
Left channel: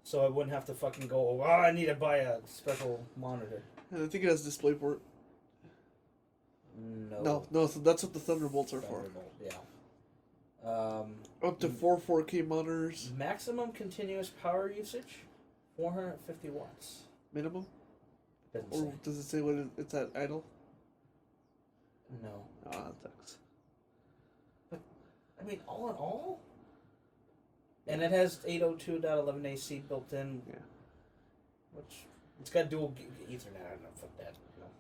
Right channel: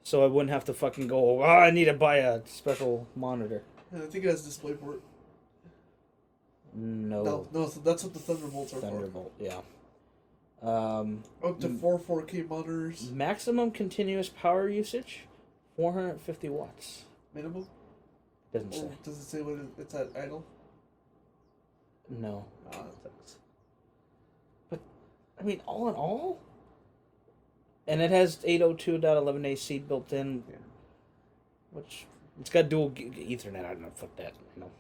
So I wouldn't have to fucking go, oh, I need to buy a special monitor. And I think it has DisplayPort. No. No, so that's what the Thunderbolts are Thunderbolt, yeah. Up to 4K monitors. Maximum continuous power usage, 450 watts. Minimum? Doesn't say. Or does it say when it's at idle? No. Thanks. I mean, all in all? And it has 802.11a seed built in, which it's got dual Ethernet. I don't know, fuck that. You know.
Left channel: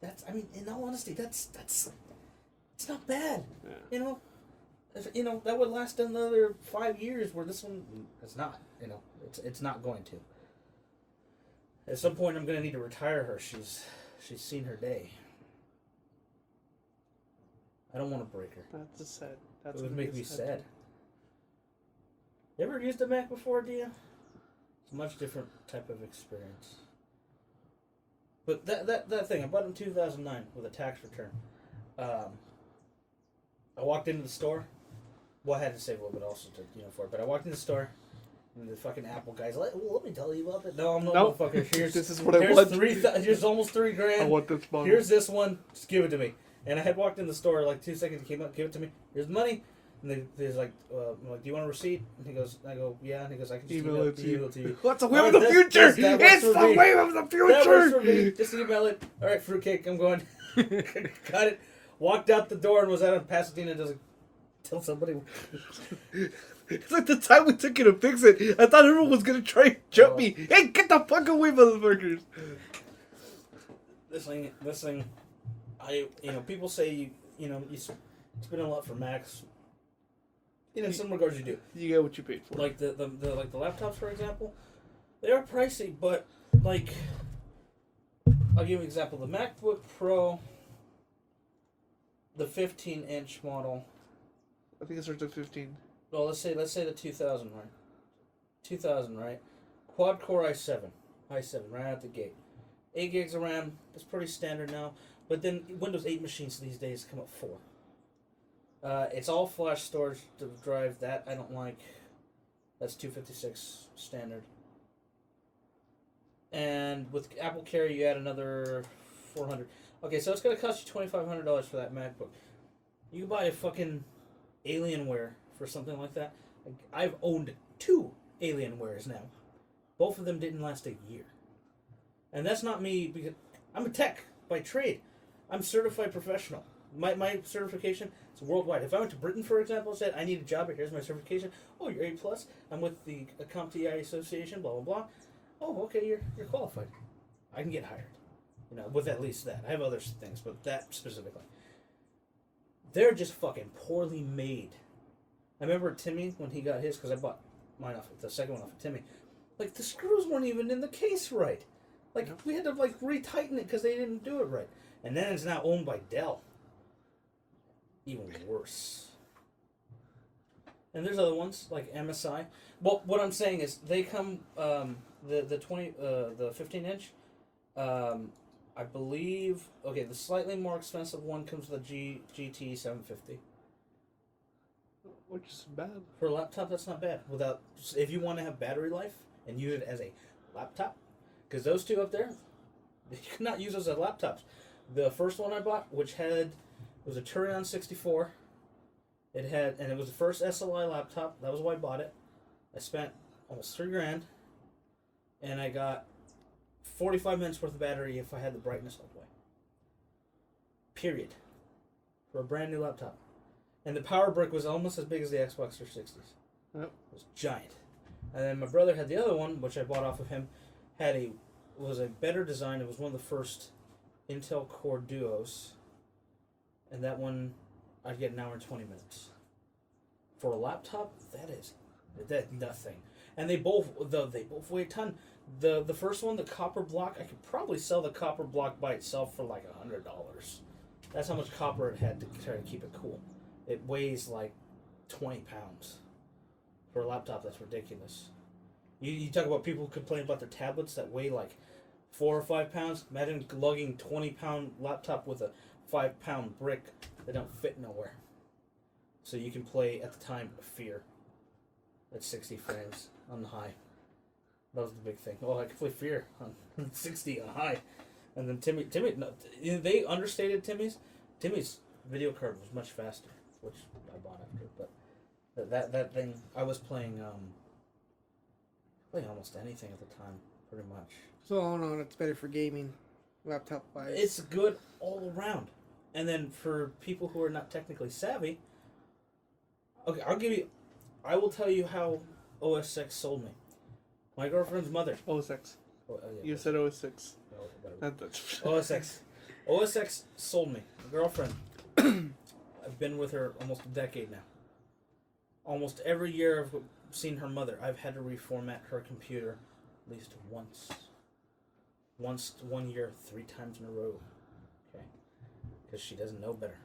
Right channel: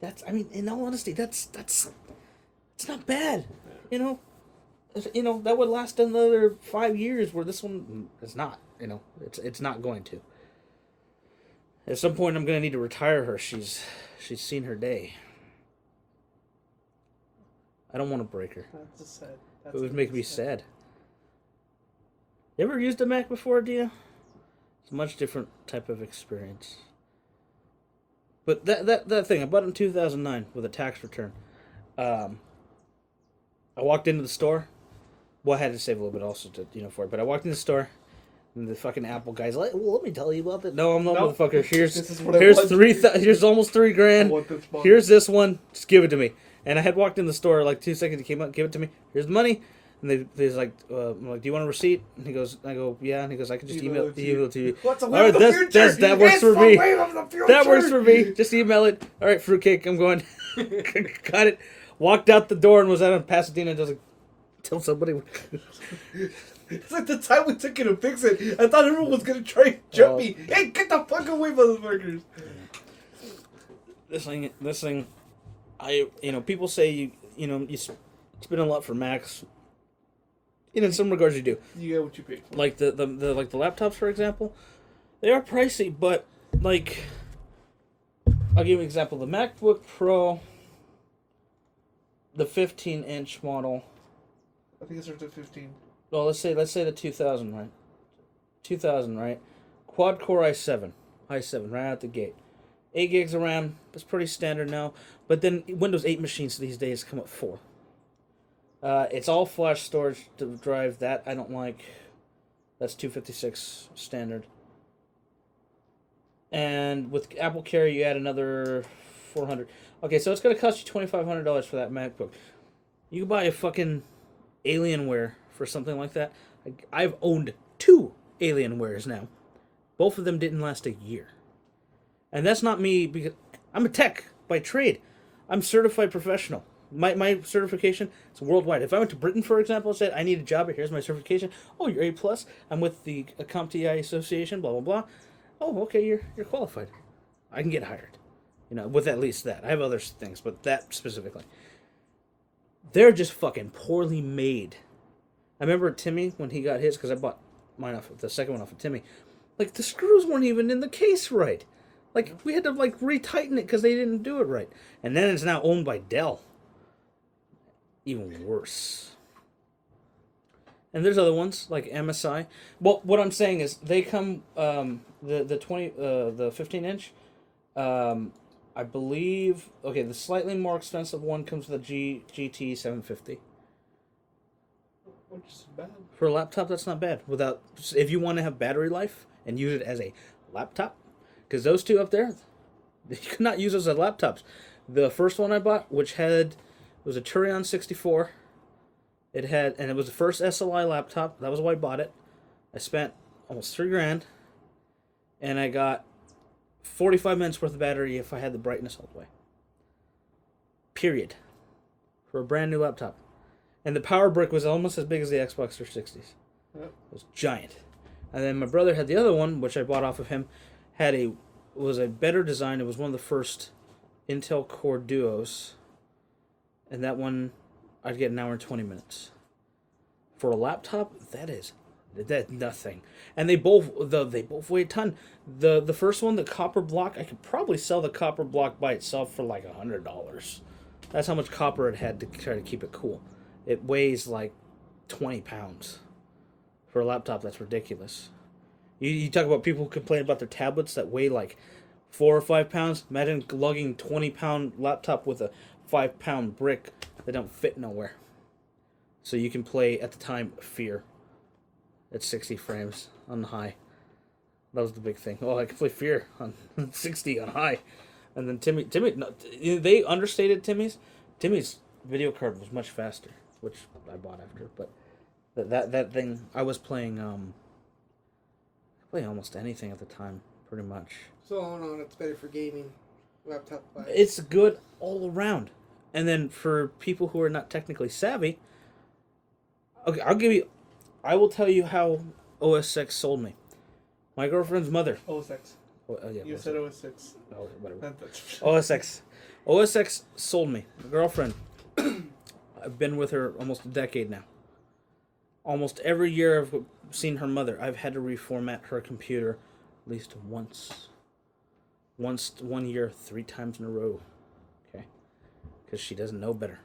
That's. I mean, in all honesty, that's. It's not bad. You know. That would last another 5 years. Where this one is not. You know, it's not going to. At some point, I'm gonna need to retire her. She's seen her day. I don't want to break her. That's sad. It would make me sad. You ever used a Mac before, Dia? It's a much different type of experience. But that thing, I bought it in 2009 with a tax return. I walked into the store. Well, I had to save a little bit also to, for it. But I walked in the store, and the fucking Apple guy's like, "Well, let me tell you about that." No, I'm no motherfucker. Here's almost $3,000. Here's this one. Just give it to me. And I had walked in the store like 2 seconds. He came up, give it to me. Here's the money. And they's like, I'm like, "Do you want a receipt?" And I go, "Yeah." And he goes, "I can just email it to you." What's a All right, that works for me. That works for me. me. Just email it. All right, fruitcake. I'm going. Got it. Walked out the door and was out in Pasadena. Just like, tell somebody. It's like the time we took you to fix it. I thought everyone was gonna try and jump me. Hey, get the fuck away, motherfuckers! This thing. People say you spend a lot for Macs. In some regards, you do. You get what you paid for. Like the laptops, for example, they are pricey, but like, I'll give you an example. The MacBook Pro, the 15-inch model. I think it starts at 15. Well, let's say the 2000, right? 2000, right? Quad core i7 right out the gate. 8 gigs of RAM. That's pretty standard now. But then Windows 8 machines these days come with 4. It's all flash storage to drive. That I don't like. That's 256 standard. And with Apple Carry, you add another 400. Okay, so it's going to cost you $2,500 for that MacBook. You can buy a fucking Alienware for something like that. I've owned 2 Alienwares now. Both of them didn't last a year. And that's not me because I'm a tech by trade. I'm certified professional. My certification is worldwide. If I went to Britain, for example, and said, "I need a job, here's my certification." "Oh, you're A+. I'm with the CompTIA Association, blah, blah, blah." "Oh, okay, you're qualified." I can get hired. With at least that. I have other things, but that specifically. They're just fucking poorly made. I remember Timmy, when he got his, because I bought mine the second one off of Timmy, like, the screws weren't even in the case right. Like, we had to, retighten it because they didn't do it right. And then it's now owned by Dell. Even worse. And there's other ones, like MSI. Well, what I'm saying is, they come, the 15-inch, I believe, okay, the slightly more expensive one comes with a GT 750. Which is bad. For a laptop, that's not bad. If you want to have battery life and use it as a laptop, because those two up there, you could not use those as laptops. The first one I bought, which was a Turion 64. And it was the first SLI laptop. That was why I bought it. I spent almost $3,000, and I got 45 minutes worth of battery if I had the brightness all the way. Period. For a brand new laptop. And the power brick was almost as big as the Xbox 360s. Yep. It was giant. And then my brother had the other one, which I bought off of him. Was a better design. It was one of the first Intel Core Duos. And that one, I'd get an hour and 20 minutes. For a laptop, that's nothing. And they both weigh a ton. The first one, the copper block, I could probably sell the copper block by itself for like $100. That's how much copper it had to try to keep it cool. It weighs like 20 pounds. For a laptop, that's ridiculous. You talk about people who complain about their tablets that weigh like 4 or 5 pounds. Imagine lugging 20-pound laptop with a 5-pound brick that don't fit nowhere. So you can play, at the time, Fear at 60 frames on high. That was the big thing. Oh, I could play Fear on 60 on high. And then Timmy, no, they understated Timmy's. Timmy's video card was much faster, which I bought after. But that thing, I was playing almost anything at the time, pretty much. So all in all, it's better for gaming, laptop wise. It's good all around. And then for people who are not technically savvy, okay, I will tell you how OS 6 sold me. My girlfriend's mother. OS X. Yeah, You OS said OS 6. Oh, whatever. That's- OS X. OS X sold me. Girlfriend. I've been with her almost a decade now. Almost every year I've seen her mother, I've had to reformat her computer at least once. Once 1 year, 3 times in a row. Okay. Because she doesn't know better.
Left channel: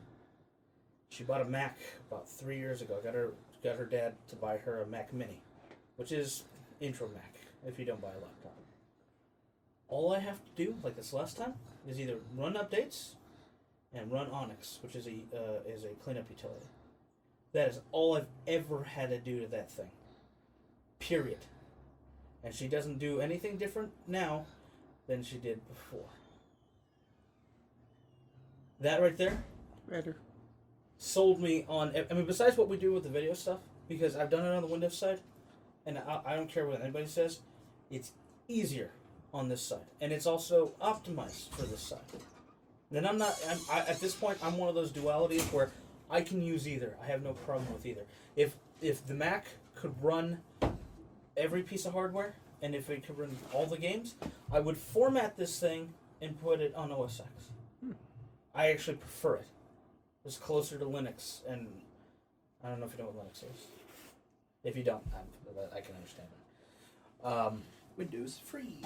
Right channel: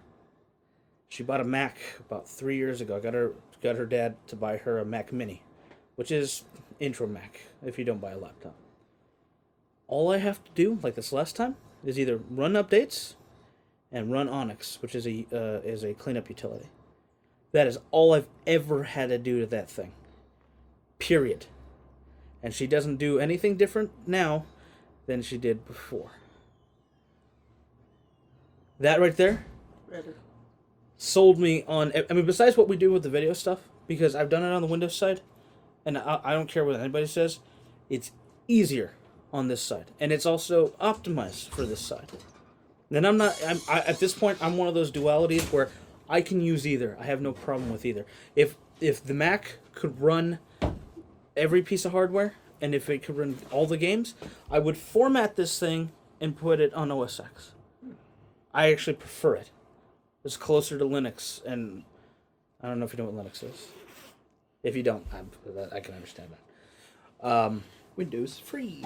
She bought a Mac about 3 years ago. I got her dad to buy her a Mac Mini, which is intro Mac if you don't buy a laptop. All I have to do, like this last time, is either run updates and run Onyx, which is a cleanup utility. That is all I've ever had to do to that thing. Period. And she doesn't do anything different now than she did before. That right there better. sold me on... I mean, besides what we do with the video stuff, because I've done it on the Windows side, and I don't care what anybody says, it's easier on this side. And it's also optimized for this side. Then at this point, I'm one of those dualities where I can use either. I have no problem with either. If the Mac could run every piece of hardware, and if it could run all the games, I would format this thing and put it on OS X. I actually prefer it. It's closer to Linux, and I don't know if you know what Linux is. If you don't, I can understand that. Windows free.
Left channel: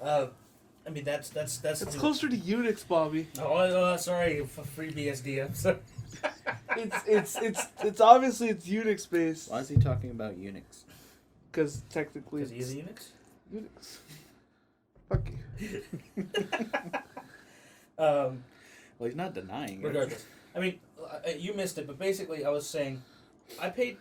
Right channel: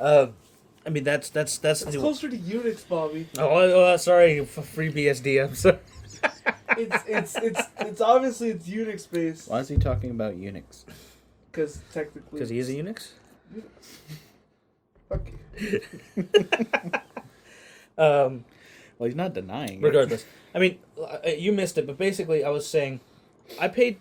Wow. I mean, that's It's the... closer to Unix, Bobby. Oh, sorry, free BSD. I'm sorry. It's obviously it's Unix based Why is he talking about Unix? because technically. Because he is a Unix. Okay. Well, he's not denying it. Regardless, I mean, you missed it, but basically, I was saying, I paid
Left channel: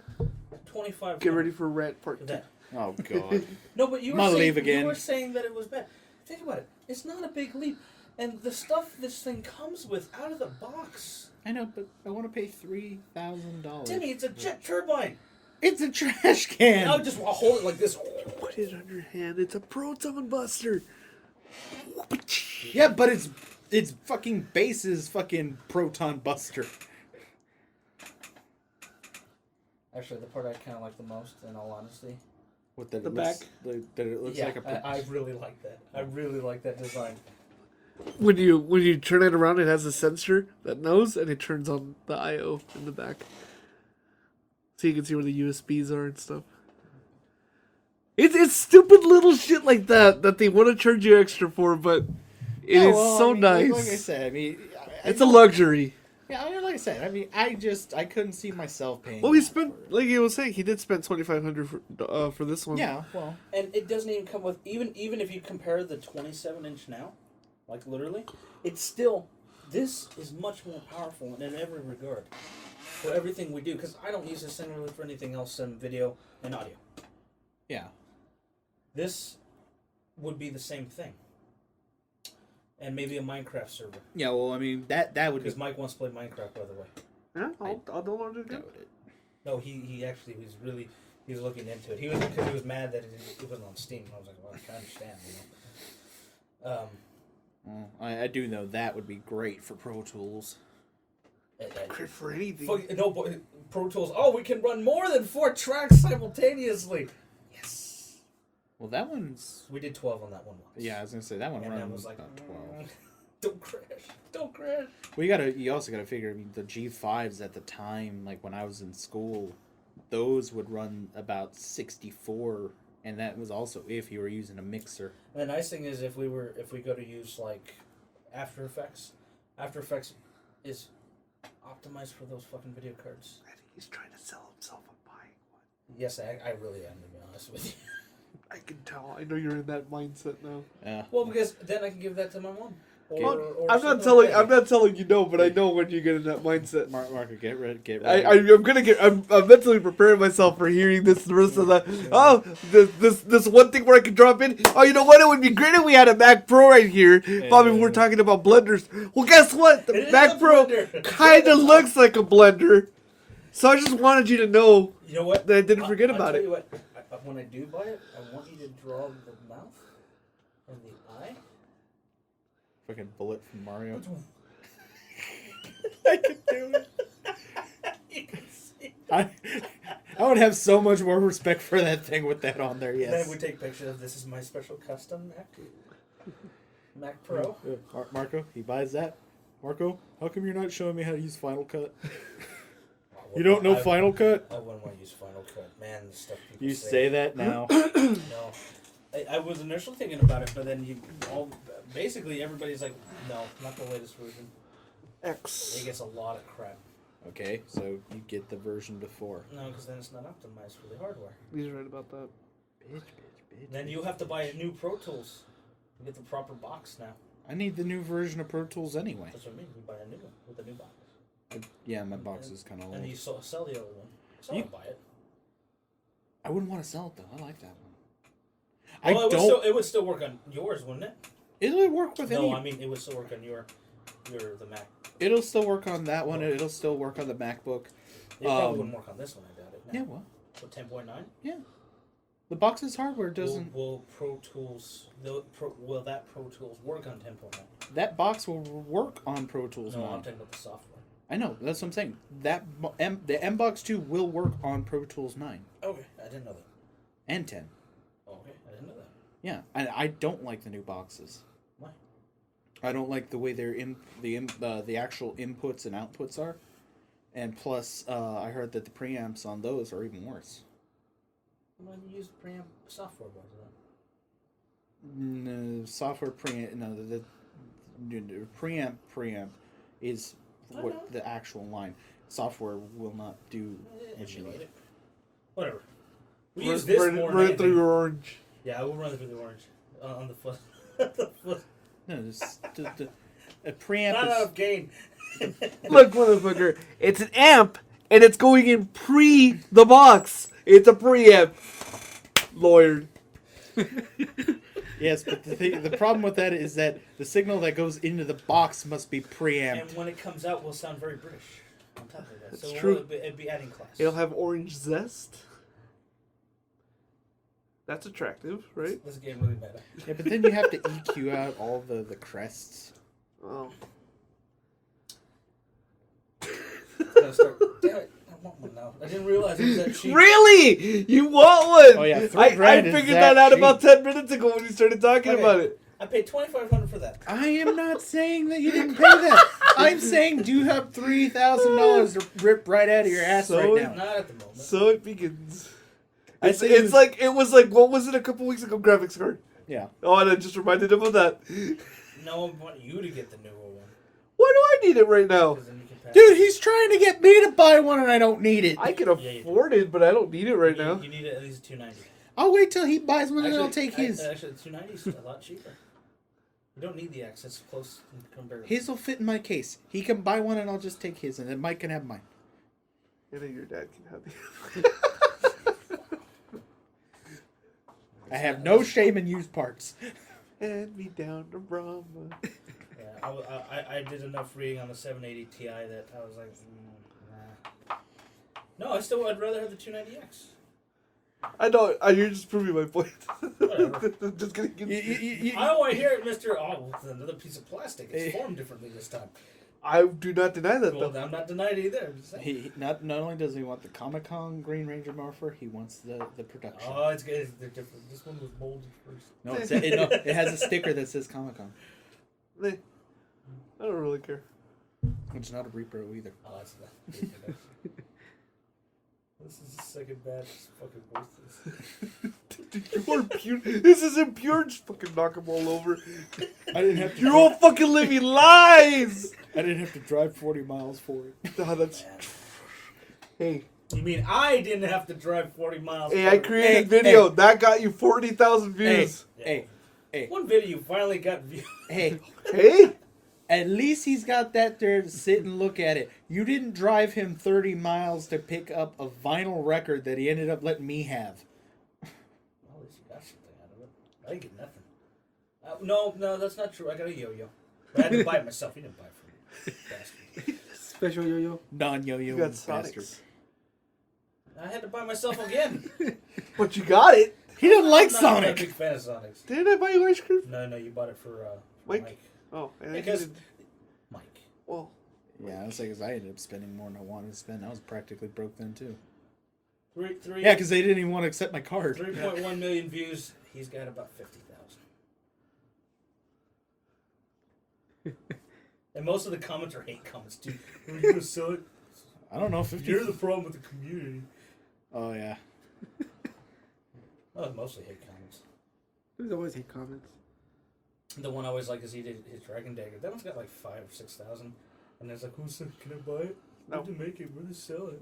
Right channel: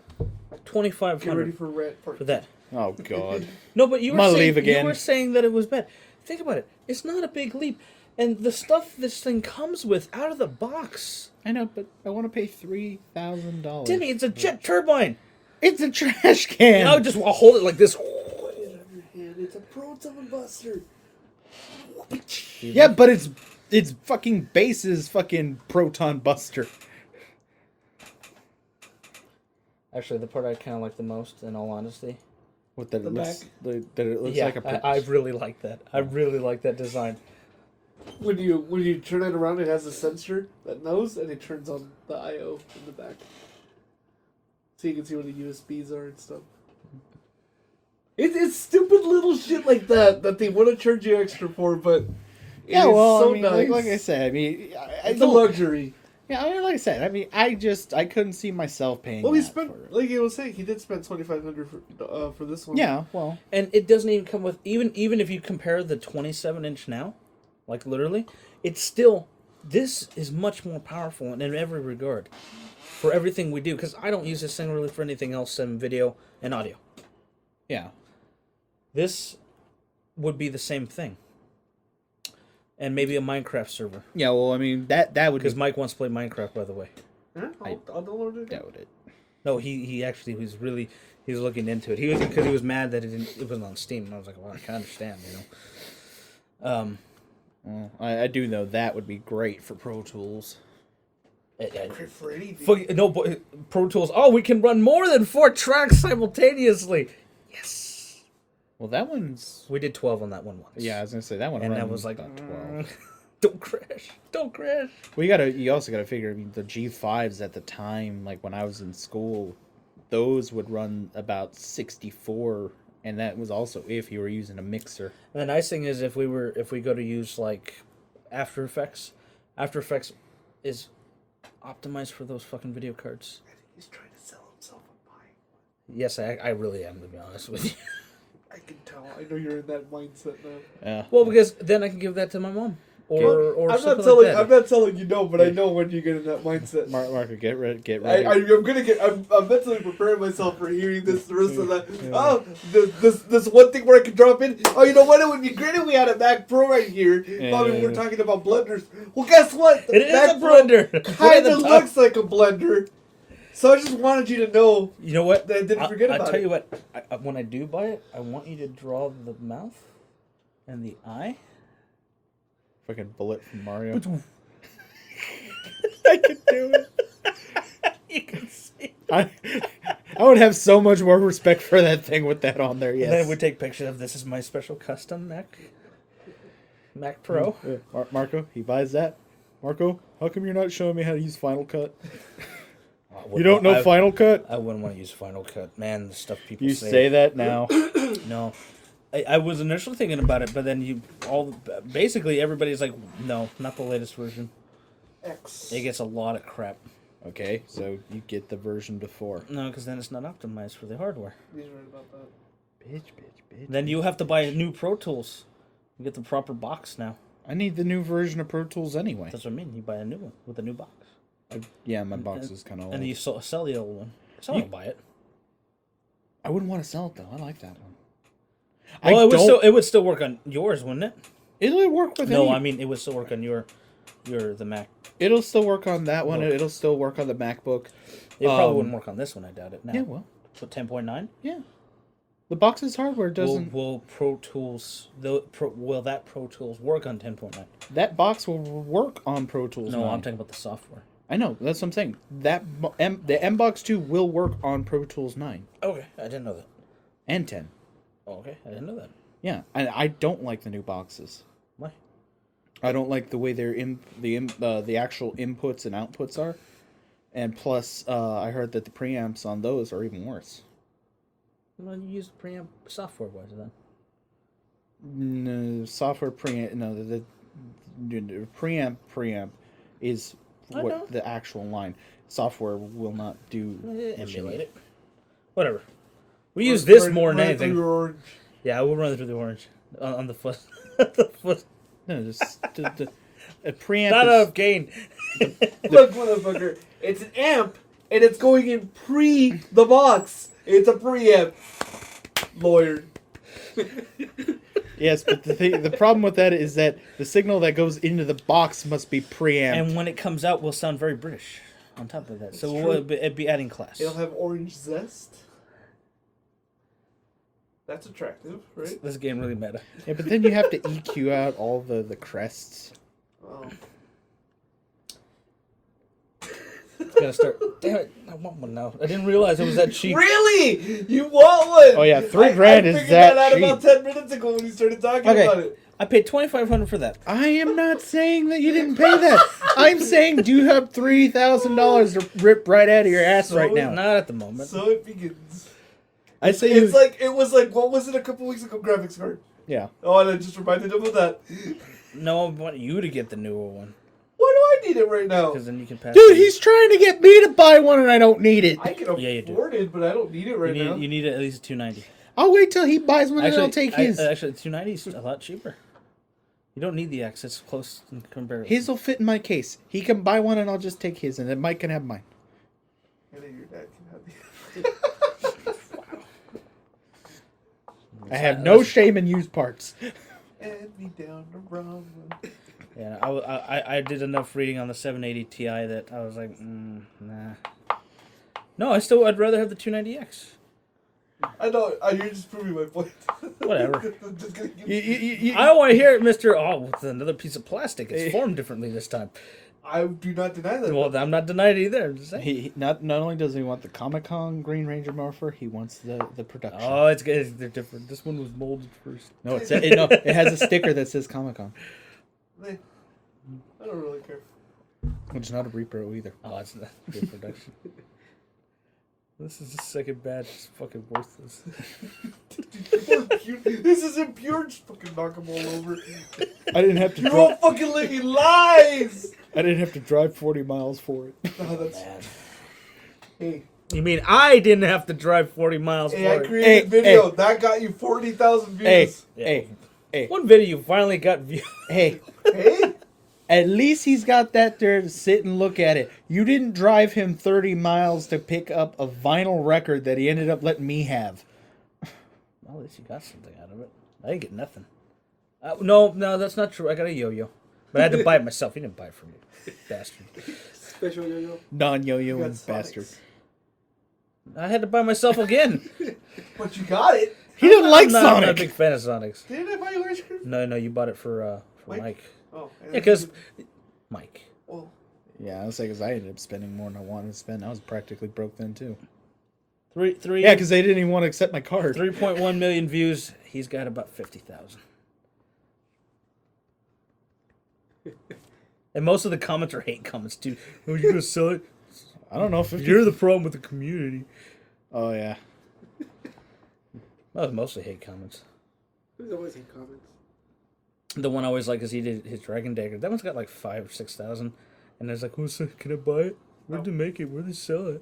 $2,500 Get ready for rent for that. Oh God. No, but you I'm were gonna saying, leave again. You were saying that it was bad. Think about it. It's not a big leap, and the stuff this thing comes with out of the box. I know, but I want to pay $3,000. Timmy, it's a jet turbine. It's a trash can. I'll hold it like this. Put it on your hand. It's a proton buster. Yeah, but it's fucking base's fucking proton buster. Actually, the part I kind of like the most, in all honesty. What that The it looks Yeah, like a. I really like that. I really like that design. When you turn it around, it has a sensor that knows, and it turns on the I/O in the back, so you can see where the USBs are and stuff. It's stupid little shit like that they want to charge you extra for, but it is so I mean, nice. like I said, I mean, It's a luxury. Yeah, I mean, like I said, I mean, I couldn't see myself paying. Well, he that spent, for it. like he was saying, he did spend $2,500 for this one. Yeah, well, And it doesn't even come with, even if you compare the 27-inch now, like literally, it's still, this is much more powerful in every regard for everything we do, because I don't use this thing really for anything else than video and audio. yeah. This would be the same thing. And maybe a Minecraft server. Yeah, well, I mean, that would be... Because Mike wants to play Minecraft, by the way. Yeah, I'll download it. doubt it. No, he actually was really, he was looking into it. Because he was mad that it wasn't on Steam. And I was like, well, I can understand, you know. Well, I do know that would be great for Pro Tools. Great for anything. No, Pro Tools. Oh, we can run more than 4 tracks simultaneously. Yes. Well, that one's... We did 12 on that one once. Yeah, I was gonna say that one And runs that was like, about 12. Don't crash. Don't crash. Well, you also gotta figure. I mean, the G5s at the time, like when I was in school, those would run about 64, and that was also if you were using a mixer. And the nice thing is, if we go to use like After Effects is optimized for those fucking video cards. I think he's trying to sell himself a buying one. Yes, I really am, to be honest with you. I can tell. I know you're in that mindset now. Yeah. Well, because then I can give that to my mom. or I'm something not telling. like that. I'm not telling you no, but I know when you get in that mindset. Marco, get ready. I'm gonna get. I'm mentally preparing myself for hearing this the rest of that. Oh, this one thing where I can drop in. Oh, you know what? It would be great if we had a Mac Pro right here. Bobby, we're talking about blenders. Well, guess what? The It is Mac a Pro blender. kind of looks like a blender. So I just wanted you to know You know what? that I didn't forget I'll about tell it. you what. When I do buy it, I want you to draw the mouth and the eye. Fucking bullet from Mario. I could do it. You can see. I would have so much more respect for that thing with that on there. And then Yes. we take pictures of this is my special custom Mac Pro. Marco, he buys that. Marco, how come you're not showing me how to use Final Cut? You don't know Final Cut? I wouldn't want to use Final Cut, man. The stuff people You say that now. No, I was initially thinking about it, but then basically everybody's like, no, not the latest version. X. It gets a lot of crap. Okay, so you get the version before. No, because then it's not optimized for the hardware. He's right about that. Bitch. Then you have to buy new Pro Tools. You get the proper box now. I need the new version of Pro Tools anyway. That's what I mean. You buy a new one with a new box. Yeah, my box is kind of old. And you sell the old one. Someone will buy it. I wouldn't want to sell it though. I like that one. It would still work on yours, wouldn't it? It'll work with any. No, I mean it would still work on the Mac. It'll still work on that one. It'll still work on the MacBook. It probably wouldn't work on this one. I doubt it. Now. Yeah, well. So 10.9. Yeah. The box's hardware doesn't. Will Pro Tools that Pro Tools work on 10.9? That box will work on Pro Tools. No, 9. I'm talking about the software. I know. That's what I'm saying. The M-Box 2 will work on Pro Tools 9 Okay, I didn't know that. and 10. Oh, okay, I didn't know that. Yeah, and I don't like the new boxes. Why? I don't like the way the actual inputs and outputs are, and plus, I heard that the preamps on those are even worse. Well, you use preamp software wise then. No, software preamp. No, the preamp is what the actual line. Software will not do what you need. Whatever. We use this more than anything. Orange. Yeah, we'll run it through the orange on the foot. The foot. No, just a preamp. Not enough gain. Look, motherfucker. It's an amp, and it's going in the box. It's a preamp. Lawyer. Yes, but the problem with that is that the signal that goes into the box must be preamped. And when it comes out, we'll sound very British on top of that. That's So true. it'd be adding class. It'll have orange zest. That's attractive, right? This game really meta. Yeah, but then you have to EQ out all the crests. Oh. Gotta start. Damn it! I want one now. I didn't realize it was that cheap. Really? You want one? Oh yeah, $3,000 I is figured that out cheap. about 10 minutes ago when you started talking Okay. about it. I paid $2,500 for that. I am not saying that you didn't pay that. I'm saying do you have $3,000 to rip right out of your ass So right now? Not at the moment. So it begins. I say It's like it was like what was it a couple weeks ago? Graphics card. yeah. Oh, and I just reminded him of that. No, I want you to get the newer one Why do I need it right now? because then you can pass. Dude, he's trying to get me to buy one and I don't need it. I can Yeah, you do. afford it, but I don't need it right now. You need at least a 290. I'll wait till he buys one and then I'll take his. Actually, 290 is a lot cheaper. You don't need the X. It's close in comparison. His will fit in my case. He can buy one and I'll just take his, and then Mike can have mine. I think your dad can have the. I have no shame in used parts. And me down the road. Yeah, I did enough reading on the 780 Ti that I was like, nah. No, I'd rather have the 290X. I know. You're just proving my point. Whatever. Just gonna give I don't want to hear it, Mr. Oh, it's another piece of plastic. It's formed differently this time. I do not deny that. Well, I'm not denying it either. I'm just saying. He not only does he want the Comic-Con Green Ranger morpher, he wants the production. Oh, it's good. They're different. This one was molded first. No, it has a sticker that says Comic-Con. I don't really care. Which is not a repro either. Oh, it's not good production. This is the second batch. It's fucking worthless. This isn't pure. Just fucking knock them all over. I didn't have to. You're all fucking living lies. I didn't have to drive 40 miles for it. No, that's. Hey. You mean I didn't have to drive 40 miles? Hey, I for it? created a video that got you 40,000 views. Hey. One video you finally got views. Hey. Hey. At least he's got that there to sit and look at it. You didn't drive him 30 miles to pick up a vinyl record that he ended up letting me have. Well, at least you got something out of it. I didn't get nothing. No, that's not true. I got a yo-yo. But I had to buy it myself. He didn't buy it for me. Bastard. Special yo-yo. Non-yo-yo You got bastard. Sonics. I had to buy myself again. But you got it. He didn't like I'm not a Sonic. big fan of Sonics. Didn't I buy you ice cream? No, you bought it for Mike? Mike. Oh, Yeah, because Mike. Oh, Yeah, I was like, 'cause I ended up spending more than I wanted to spend. I was practically broke then too. Three. Yeah, because they didn't even want to accept my card. 3.1 million views. He's got about 50,000. And most of the comments are hate comments too. Are you gonna sell it? I don't know, 50. You're the problem with the community. Oh yeah. That was mostly hate comments. There's always hate comments. The one I always like is he did his Dragon Dagger. That one's got like 5,000 or 6,000. And there's like, who's can I buy it? Where'd they make it? Where'd they sell it?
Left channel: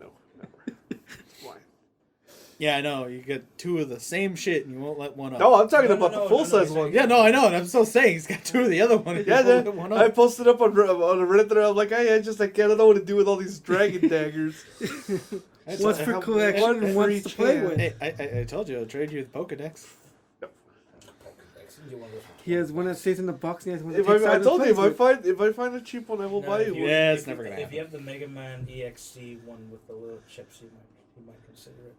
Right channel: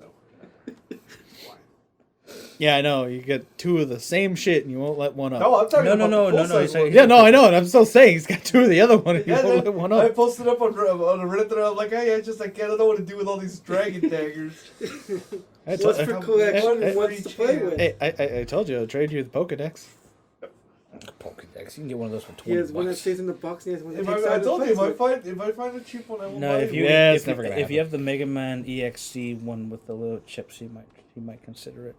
Yeah, I know. You get two of the same shit and you won't let one up. no, I'm talking No, about no, the no, full no, size no, one. Yeah, no, I know, and I'm still saying he's got two of the other one and you Yeah, won't let one I up. posted up on a Reddit thread. I'm like, I don't know what to do with all these dragon daggers. I What's told- for collection and what's to play with? Hey, I told you I'll trade you the Pokedex. Pokedex. You can get one of those for 20 He has one that bucks. stays in the box and he has one that If takes I out and told you, plays if I with. find a cheap one, I will No, buy if it. you, Yeah, if it's never you, gonna If you happen. have the Mega Man EXC one with the little chips, you might consider it.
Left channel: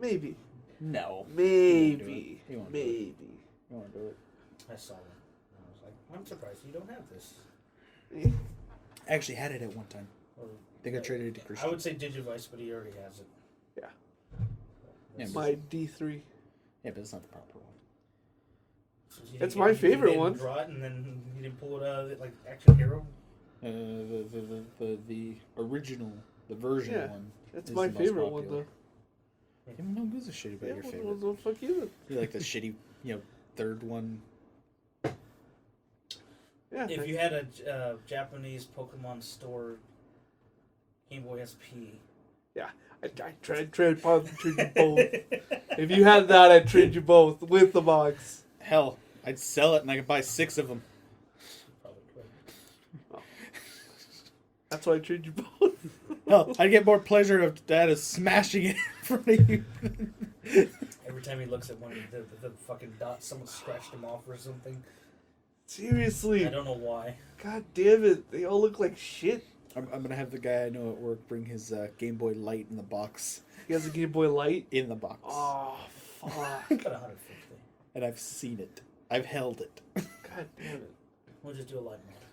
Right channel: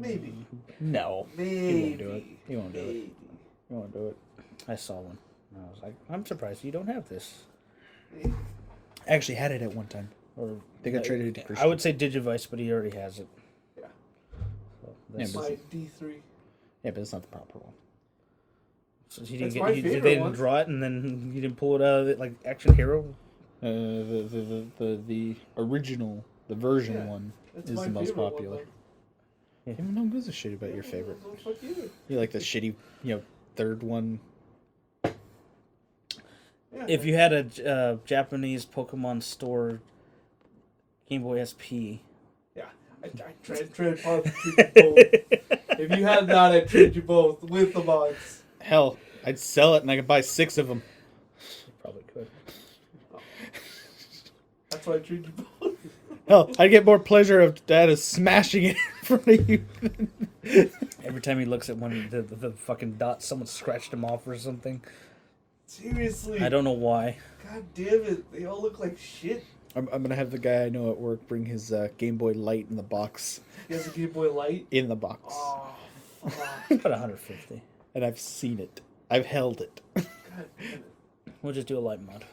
Maybe. No. Maybe. do it. He won't do it. Maybe. You won't do it. I saw one. And I was like, I'm surprised you don't have this. I actually had it at one time. Or They got traded to Christian. I would say Digivice, but he already has it. Yeah. So Yeah, that's- My D3. Yeah, but it's not the proper one. so he That's didn't my you favorite didn't one. draw it, and then you didn't pull it out of it like Action Hero. The original, the version Yeah, one It's is my the most favorite one, popular. though. Even no one gives a shit about your favorite. Well, fuck you. You like the shitty, third one. Yeah, If you had a Japanese Pokemon store Game Boy SP, I trade you both. If you had that, I'd trade you both with the box. Hell, I'd sell it and I could buy 6 of them. probably could. That's why I trade you both. Hell, I'd get more pleasure of smashing it in front of you. Every time he looks at one, the fucking dots, someone scratched him off or something. Seriously. I don't know why. God damn it. They all look like shit. I'm gonna have the guy I know at work bring his Game Boy Light in the box. He has a Game Boy Light. In the box. Oh, fuck. About 150. And I've seen it. I've held it. God damn it. We'll just do a light mod.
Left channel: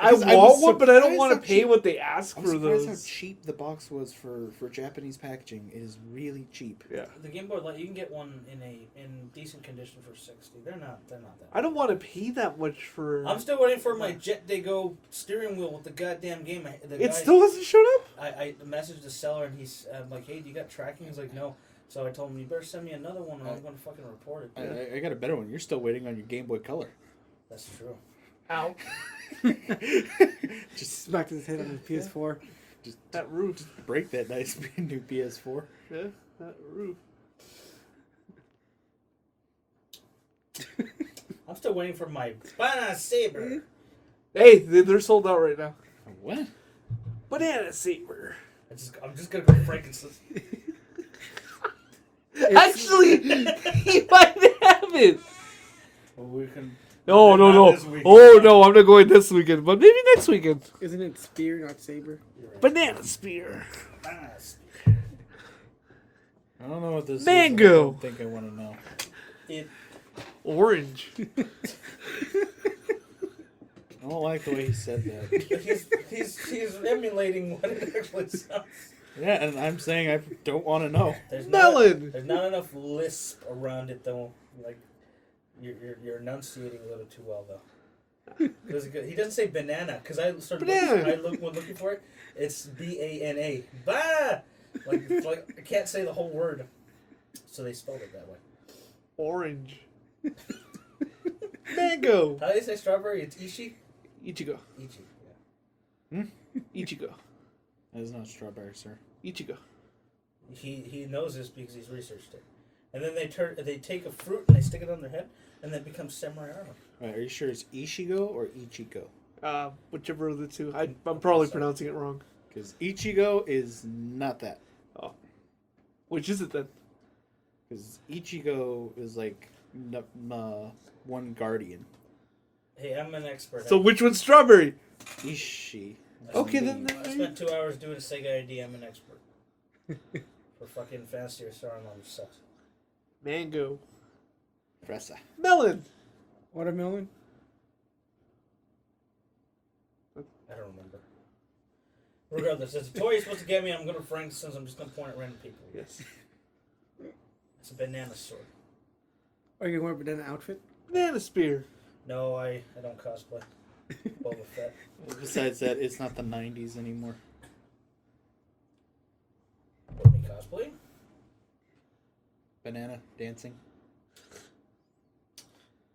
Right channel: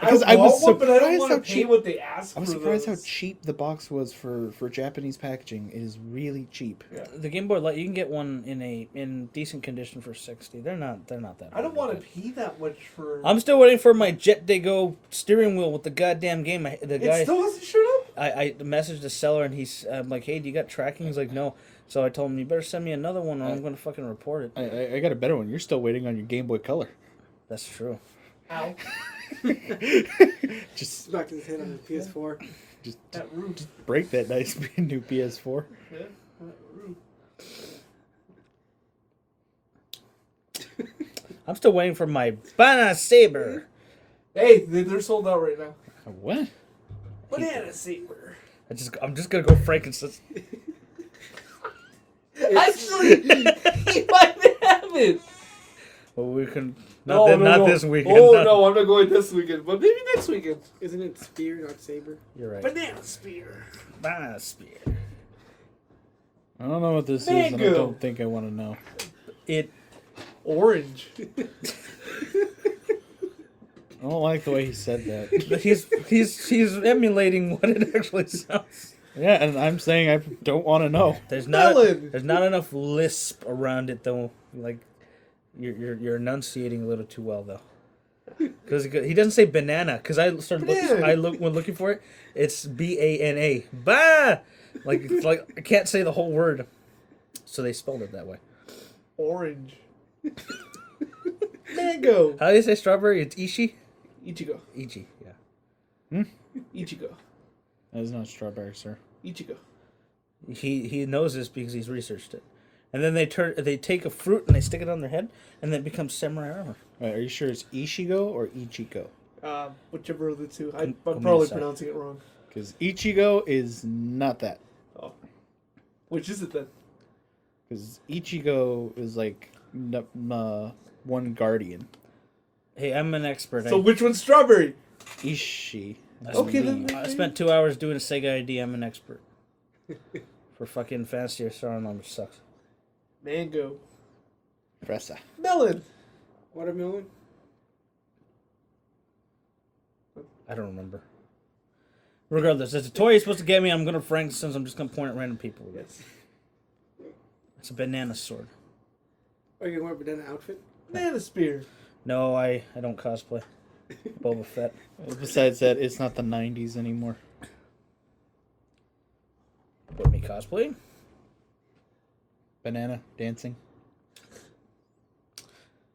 Because I was want one, but I don't surprised want how to pay cheap- what they ask I'm for surprised those. how cheap the box was for Japanese packaging. It is really cheap. Yeah. The Game Boy Light, you can get one in decent condition for 60. They're not that. I don't want to pay that much for. I'm still waiting for my Jet Dago steering wheel with the goddamn game. The It guy, still hasn't showed up. I messaged the seller and I'm like, hey, do you got tracking? He's like, no. So I told him, you better send me another one or I'm going to fucking report it. I got a better one. You're still waiting on your Game Boy Color. That's true. Ow. Just Smacked his head on his PS4. That roof. break that nice new PS4. Yeah, that roof. I'm still waiting for my Banana Saber. Hey, they're sold out right now. What? Banana Saber. I'm just gonna go Frankenstein. Actually, he might have it. Well, we can. No, not no. This weekend, Oh but- no, I'm not going this weekend, but maybe next weekend. Isn't it Spear, not Saber? You're right. Banana Spear. Banana Spear. I don't know what this is. And I Mango. don't think I want to know. It. Orange. I don't like the way he said that. He's emulating what it actually sounds. Yeah, and I'm saying I don't want to know. There's Melon. not enough lisp around it though. Like you're enunciating a little too well though. Because he doesn't say banana. Because I started when looking for it. It's BANA. Ba. Like I can't say the whole word. So they spelled it that way. Orange. Mango. How do you say strawberry? It's Ichi. Ichigo. Ichi. Yeah. Ichigo. That is not strawberry, sir. Ichigo. He knows this because he's researched it. and then they take a fruit and they stick it on their head, and then it becomes samurai armor. Wait, are you sure it's Ichigo or Ichiko? Whichever of the two. I'm Come probably on, pronouncing it wrong. Because Ichigo is not that. Oh. Which is it then? Because Ichigo is like one guardian. Hey, I'm an expert. So which one's strawberry? Ishi. I Okay, believe. then. I spent 2 hours doing a Sega ID. I'm an expert. For fucking Fancier Star number sucks. Mango. Fresa. Melon. Watermelon. I don't remember. Regardless, it's a toy you're supposed to get me. I'm gonna Frank since I'm just gonna point at random people with it. It's a banana sword. Are you going to wear a banana outfit? Banana spear. No, I don't cosplay. Boba Fett. Besides that, it's not the 90s anymore. What, me cosplay? Banana dancing.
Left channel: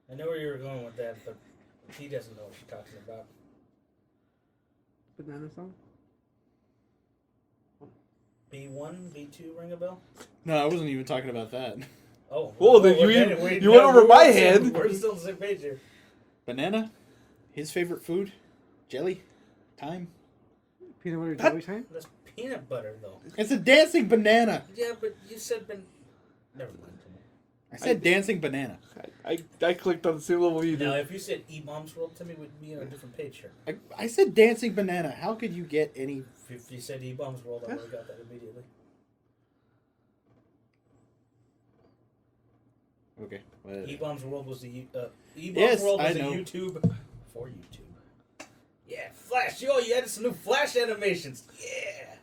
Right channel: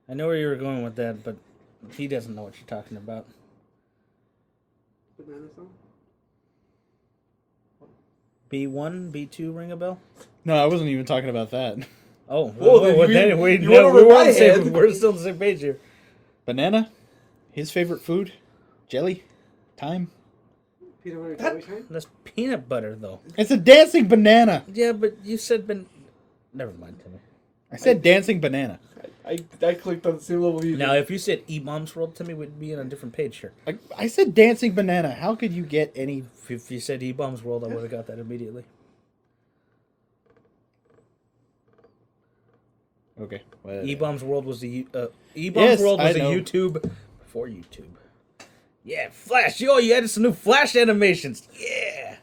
I know where you were going with that, but he doesn't know what you're talking about. Banana song? B1, B2 ring a bell? No, I wasn't even talking about that. Oh, Whoa, then you went over my head. We're still on the same page here. Banana, his favorite food, jelly, time. Peanut butter jelly time? That's peanut butter, though. It's a dancing banana. Yeah, but you said Never mind. I said dancing banana. I clicked on the same little video. Now, if you said E-Bombs World, Timmy would be on a different page here. I said dancing banana. How could you get any? If you said E-Bombs World, I would have got that immediately. Okay. Whatever. E-Bombs World was the Yes, World I was a know. YouTube for YouTube. Yeah, Flash. Yo, you added some new Flash animations. Yeah.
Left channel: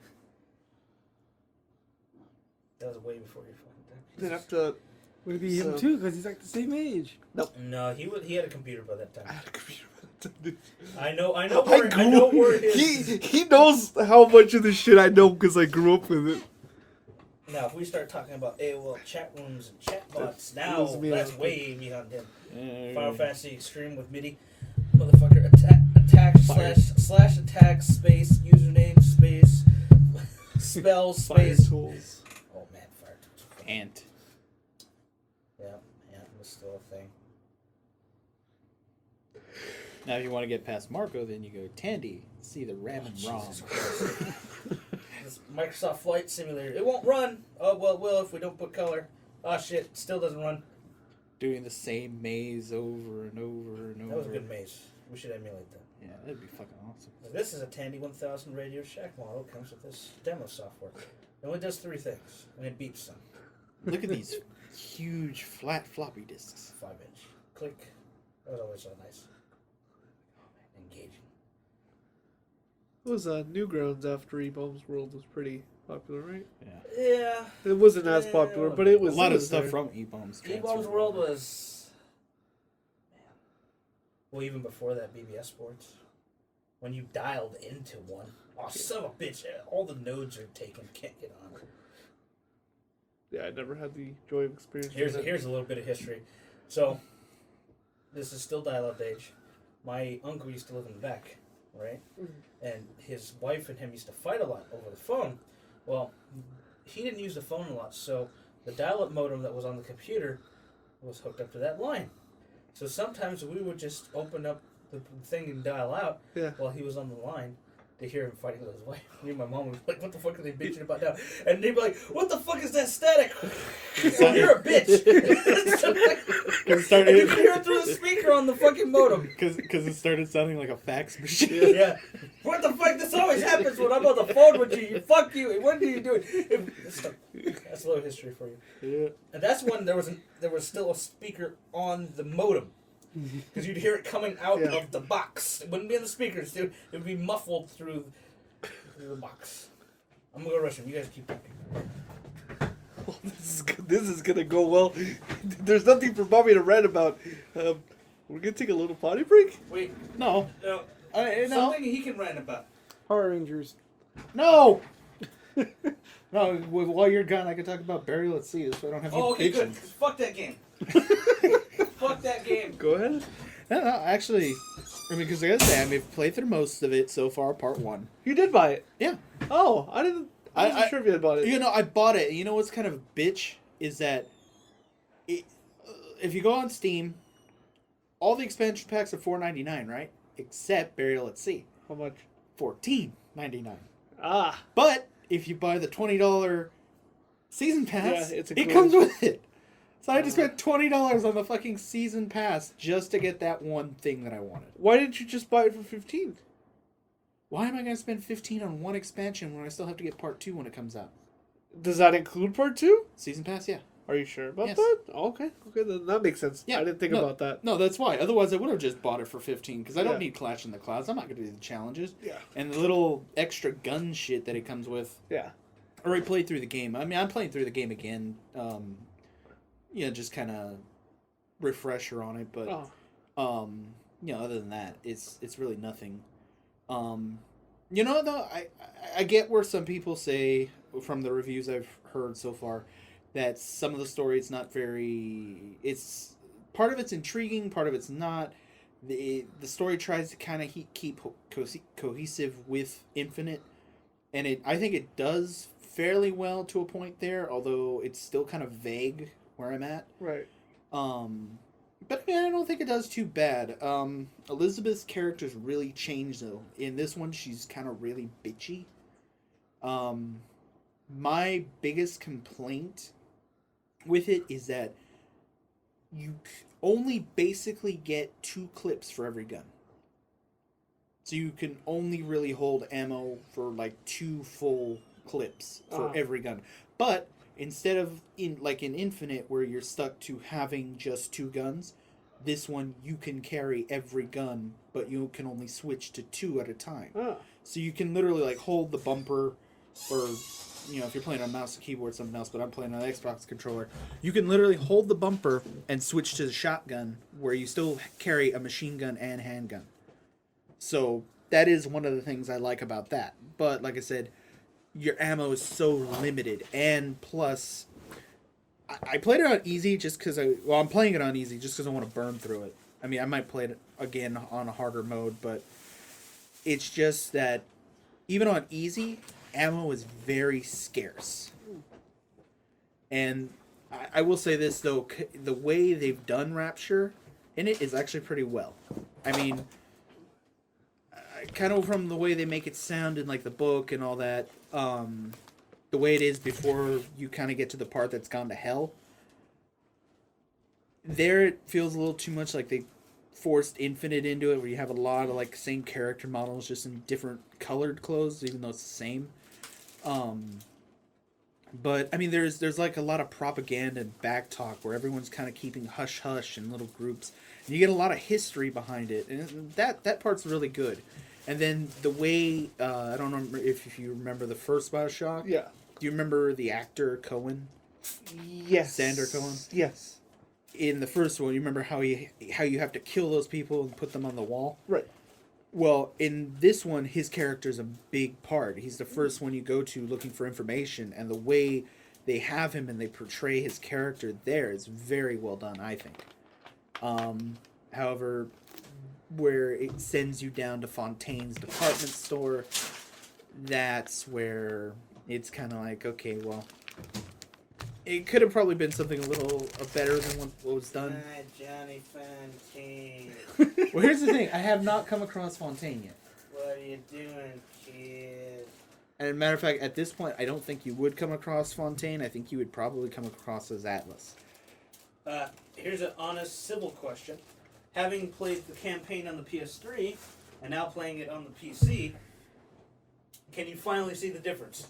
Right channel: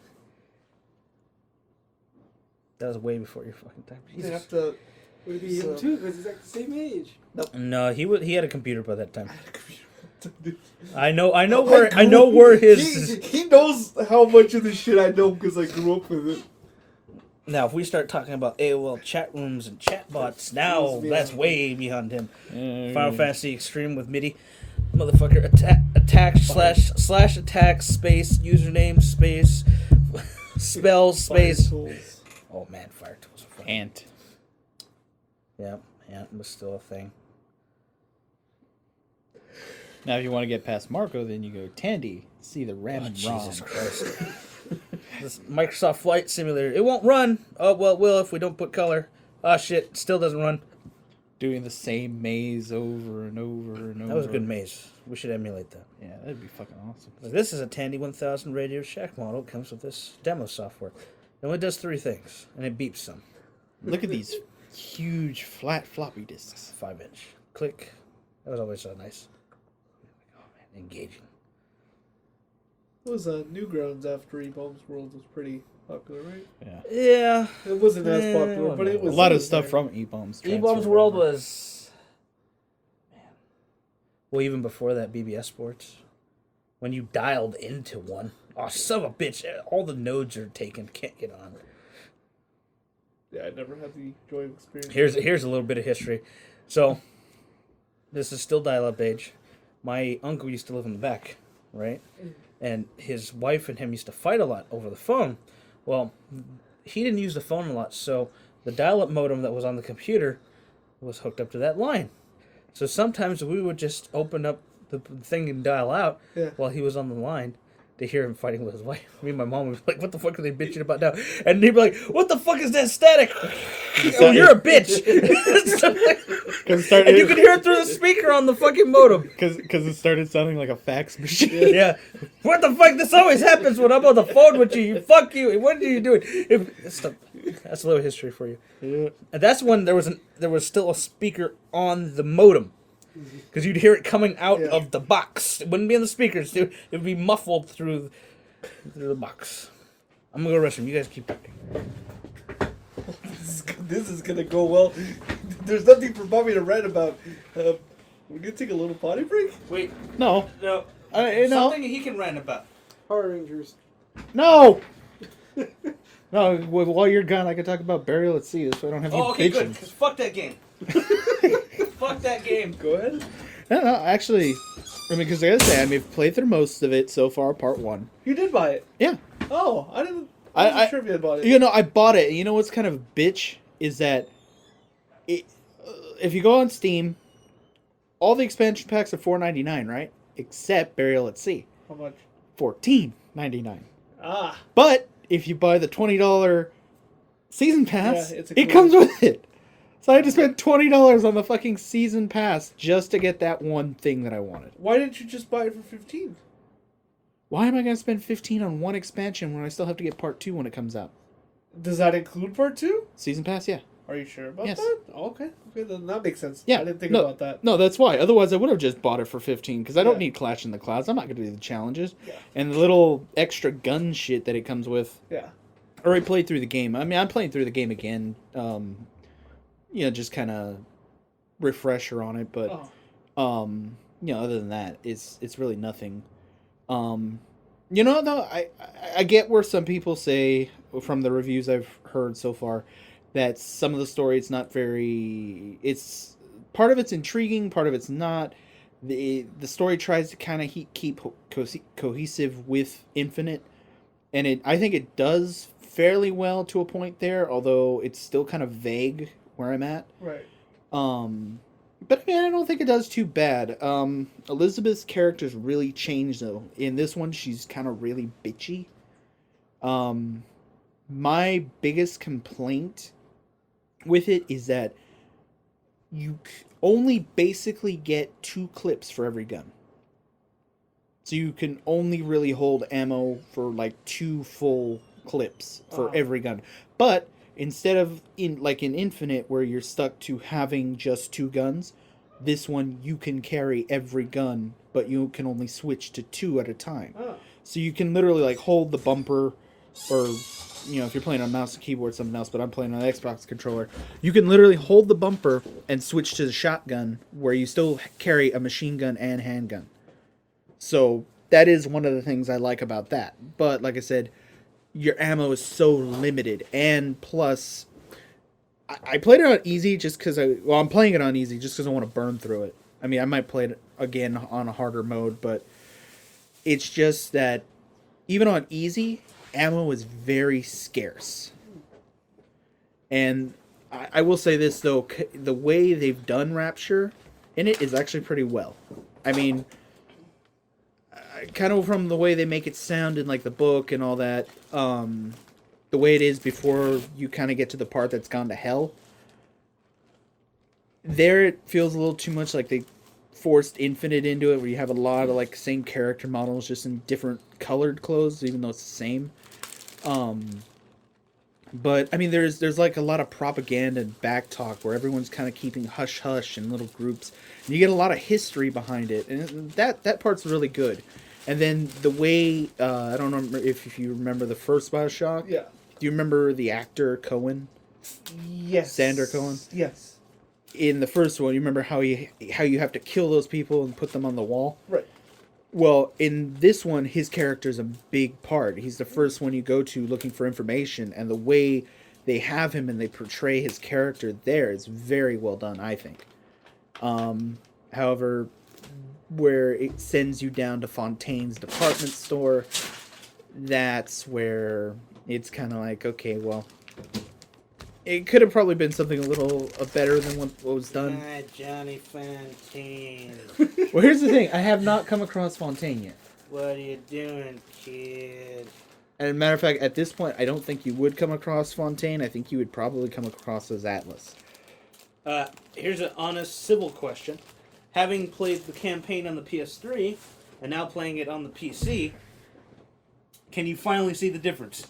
That was way before your fucking time. You have to. Would it be him So- too? Because he's like the same age. No, he had a computer by that time. I had a computer. I know where his. He knows how much of this shit I know because I grew up with it. Now, if we start talking about AOL chat rooms and chatbots, now that's way beyond him. Final Fantasy Extreme with MIDI, motherfucker. Attack slash attack space username space spell space. Fire tools. Oh man, Fire Tools. Were fun. Ant. Yeah, Ant was still a thing. Now, if you want to get past Marco, then you go Tandy. See the RAM and ROM. Jesus Christ. This Microsoft Flight Simulator. It won't run. Oh, well, it will if we don't put color. Oh, shit. Still doesn't run. Doing the same maze over and over and over. That was a good maze. We should emulate that. Yeah, that'd be fucking awesome. This is a Tandy 1000 Radio Shack model. It comes with this demo software. It only does 3 things, and it beeps some. Look at these huge flat floppy disks. 5-inch. Click. That was always so nice. Oh, man. Engaging. It was Newgrounds after E-Bombs World was pretty popular, right? Yeah. Yeah. It wasn't as Yeah, popular, but it A was. lot of stuff from E-Bombs. E-Bombs transferred World over. was... Man. Well, even before that, BBS Sports. When you dialed into one. Oh, son of a bitch. All the nodes are taken. Can't get on. Yeah, I never had the joy of experience. Here's a little bit of history. So, this is still dial-up age. My uncle used to live in the back, right? And his wife and him used to fight a lot over the phone. Well, he didn't use the phone a lot, so the dial-up modem that was on the computer was hooked up to that line. So sometimes we would just open up the thing and dial out while he was on the line to hear him fighting with his wife. Me and my mom would be like, what the fuck are they bitching about now? And they'd be like, what the fuck is that static? Oh, you're a bitch. And you could hear it through the speaker on the fucking modem. Because it started sounding like a fax machine. Yeah. What the fuck? This always happens when I'm on the phone with you. Fuck you. What are you doing? That's a little history for you. Yeah. And that's when there was still a speaker on the modem. Because you'd hear it coming out of the box. It wouldn't be in the speakers. It would be muffled through the box. I'm going to go to the restroom. You guys keep talking. This is gonna go well. There's nothing for Bobby to rant about. We're gonna take a little potty break. Wait. No. No. No. Something he can rant about. Power Rangers. No. No. While you're gone, I can talk about Burial at Sea. So I don't have you Okay, bitching. good. 'Cause fuck that game. Fuck that game. Go ahead. No, actually, I mean, because I gotta say, I've played through most of it so far. Part 1. You did buy it. Yeah. Oh, I didn't. I I'm sure if you had bought it. You know, I bought it. And you know what's kind of bitch is that if you go on Steam, all the expansion packs are $4.99, right? Except Burial at Sea, How much? $14.99. Ah. But if you buy the $20 season pass, Yeah, it's a it comes with it. So I had to spend $20 on the fucking season pass just to get that one thing that I wanted. Why didn't you just buy it for 15? Why am I going to spend 15 on one expansion when I still have to get part 2 when it comes out? Does that include part 2? Season pass, yeah. Are you sure about Yes. that? Oh, okay. Okay, then that makes sense. Yeah. I didn't think no, about that. No, that's why. Otherwise, I would have just bought it for 15 because I don't Yeah. need Clash in the Clouds. I'm not going to do the challenges. Yeah. And the little extra gun shit that it comes with. Yeah. I already played through the game. I mean, I'm playing through the game again. Just kind of refresher on it. But, other than that, it's really nothing. Though, I get where some people say, from the reviews I've heard so far, that some of the story it's not very. It's part of it's intriguing, part of it's not. The story tries to kind of keep cohesive with Infinite, and I think it does fairly well to a point there. Although it's still kind of vague where I'm at. Right. But I don't think it does too bad. Elizabeth's character's really changed though. In this one, she's kind of really bitchy. My biggest complaint with it is that you only basically get 2 clips for every gun. So you can only really hold ammo for like 2 full clips for every gun. But instead of in Infinite where you're stuck to having just 2 guns, this one you can carry every gun, but you can only switch to 2 at a time. Oh. So you can literally like hold the bumper, or if you're playing on mouse and keyboard, something else, but I'm playing on an Xbox controller, you can literally hold the bumper and switch to the shotgun where you still carry a machine gun and handgun. So that is one of the things I like about that. But like I said, your ammo is so limited, and plus I played it on easy just because I'm playing it on easy just because I want to burn through it. I mean, I might play it again on a harder mode, but it's just that even on easy, ammo is very scarce. And I will say this, though, the way they've done Rapture in it is actually pretty well. I mean, kind of from the way they make it sound in like the book and all that, the way it is before you kind of get to the part that's gone to hell. There it feels a little too much like they forced Infinite into it, where you have a lot of like same character models just in different colored clothes, even though it's the same. But I mean, there's like a lot of propaganda and back talk where everyone's kind of keeping hush hush in little groups, and you get a lot of history behind it, and that part's really good. And then the way I don't know if you remember the first BioShock. Yeah. Do you remember the actor Cohen? Yes. Sander Cohen? Yes. In the first one, you remember how you have to kill those people and put them on the wall? Right. Well, in this one, his character's a big part. He's the first one you go to looking for information, and the way they have him and they portray his character there is very well done, I think. However, where it sends you down to Fontaine's department store, that's where it's kind of like, okay, well, it could have probably been something a little better than what was done. Hi, Johnny Fontaine. Well, here's the thing. I have not come across Fontaine yet. What are you doing, kid? And as a matter of fact, at this point, I don't think you would come across Fontaine. I think you would probably come across as Atlas. Here's an honest civil question. Having played the campaign on the PS3 and now playing it on the PC, can you finally see the difference?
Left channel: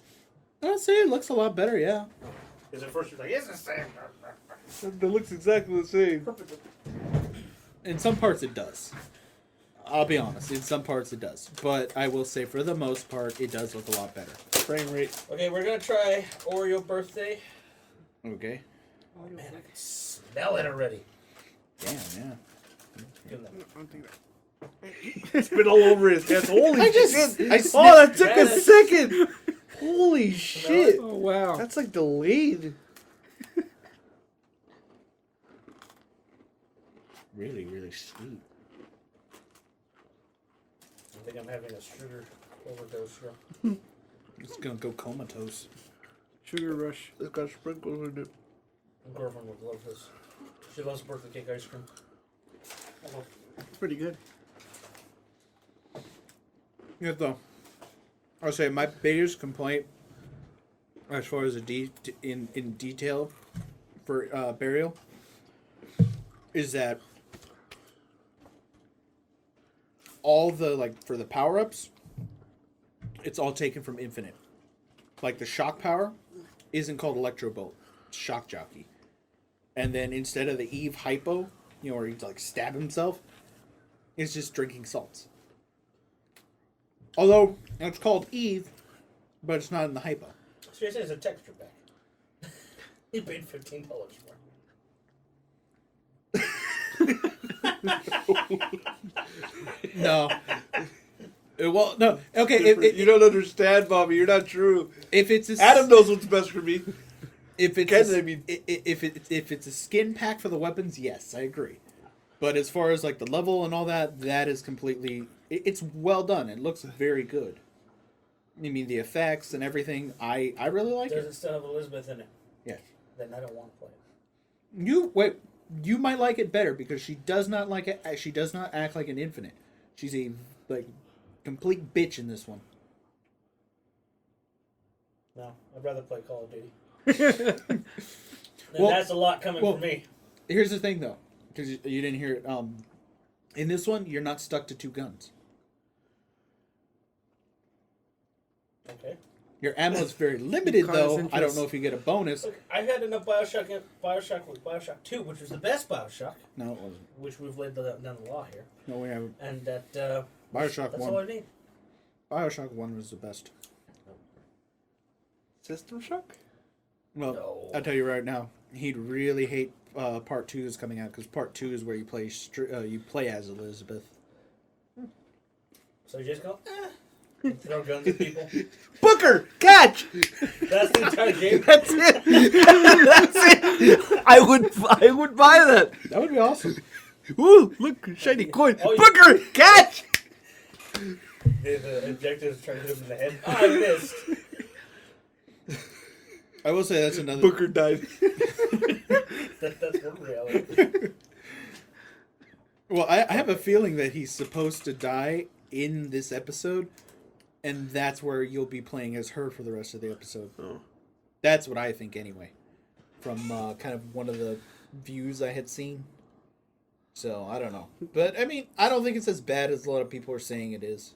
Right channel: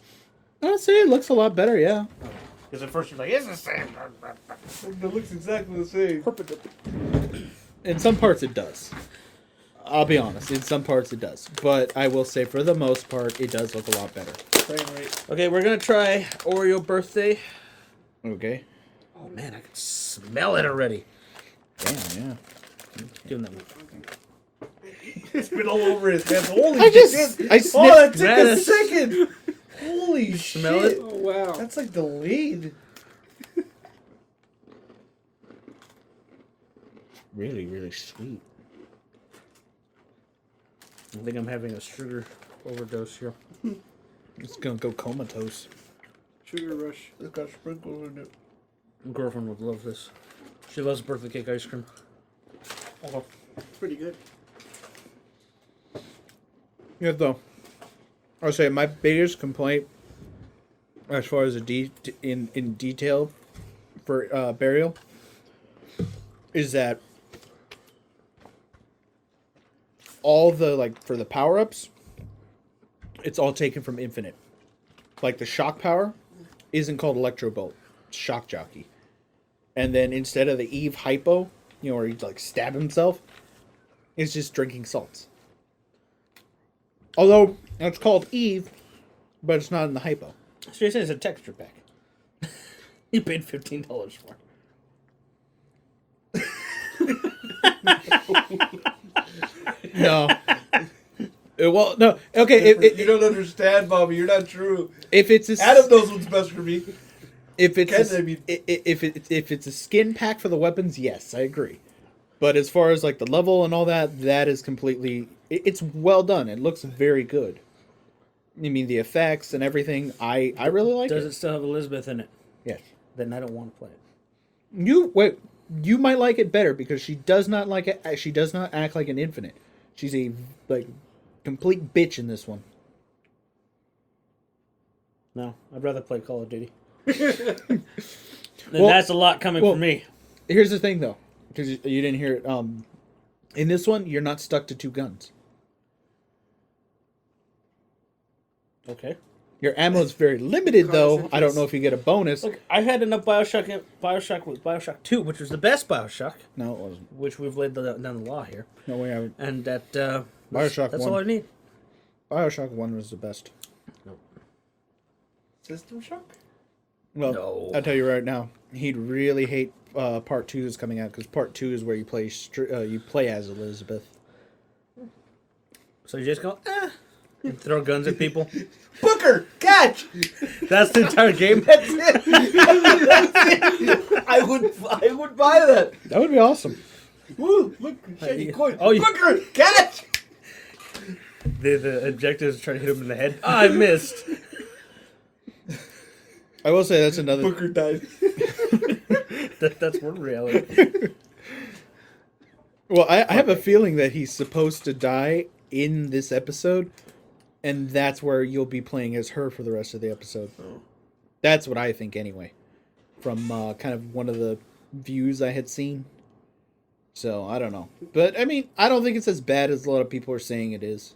I'd say it looks a lot better, yeah. Because at first you're like, it's the same. It looks exactly the same. In some parts it does. I'll be honest. In some parts it does. But I will say for the most part, it does look a lot better. Frame rate. Okay, we're going to try Oreo Birthday. Okay. Oh, man, I can smell it already. Damn, yeah. Doing that. It's been all over his hands. Holy I shit. sniffed. Oh, that took Man, a second. Holy Smell shit. it? Oh, wow. That's like delayed. Really, really sweet. I think I'm having a sugar overdose here. It's gonna go comatose. Sugar rush. It's got sprinkles in it. My girlfriend would love this. She loves birthday cake ice cream. Okay. It's pretty good. Yeah, though. I'll say my biggest complaint, as far as in detail for Burial, is that all the, like, for the power-ups, it's all taken from Infinite. Like, the shock power isn't called Electro Bolt. It's Shock Jockey. And then instead of the Eve Hypo, you know, where he'd, like, stab himself, it's just drinking salts. Although, it's called Eve, but it's not in the Hypo. So you're saying it's a texture pack. You paid $15 for it. No. Well, no. Okay, You don't understand, Bobby. You're not true. if it's a Adam knows what's best for me. if it's Can't a, they be- if it's a skin pack for the weapons, yes, I agree. But as far as like the level and all that, that is completely. It's well done. It looks very good. I mean, the effects and everything. I really like Does it. it still have Elizabeth in it? Yes. Then I don't want to play it. You might like it better because she does not like it. She does not act like an Infinite. She's a like complete bitch in this one. No, I'd rather play Call of Duty. Then Well- that's a lot coming well- from me. Here's the thing, though, because you didn't hear it. In this one, you're not stuck to two guns. Okay. Your ammo is very limited, Cause though. interest. I don't know if you get a bonus. Look, I had enough Bioshock. Bioshock was Bioshock 2, which was the best Bioshock, No, it wasn't. which we've laid down the law here. No, we haven't. And that Bioshock that's 1. all I need. Bioshock 1 was the best. System Shock? Well, No. I'll tell you right now, he'd really hate Part 2 is coming out, because Part 2 is where you play as Elizabeth. So you just go, and throw guns at people. Booker! Catch! That's the entire game. That's it! That's it! I would buy that! That would be awesome. Ooh, look, shiny coin. Oh, you- Booker! Catch! The objective is trying to hit him in the head. Oh, I missed. I will say that's another... Booker died. That's one reality. Well, I have a feeling that he's supposed to die in this episode, and that's where you'll be playing as her for the rest of the episode. That's what I think, anyway, from kind of one of the views I had seen. So, I don't know. But, I mean, I don't think it's as bad as a lot of people are saying it is.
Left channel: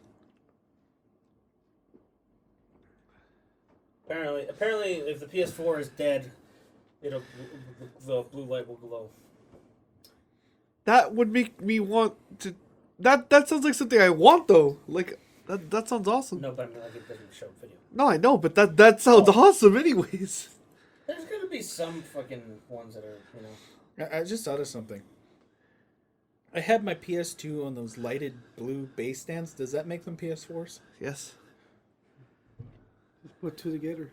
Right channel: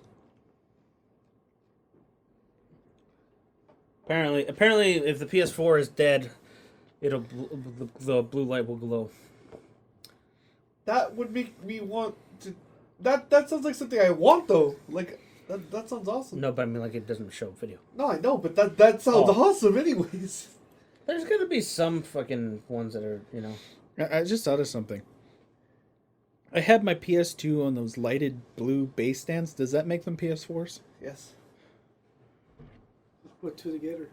Apparently, if the PS4 is dead, the blue light will glow. That would make me want to... That sounds like something I want, though. Like, that sounds awesome. No, but I mean, like, it doesn't show video. No, I know, but that sounds awesome anyways. There's gonna be some fucking ones that are, you know. I just thought of something. I had my PS2 on those lighted blue base stands. Does that make them PS4s? Yes. Let's put two together.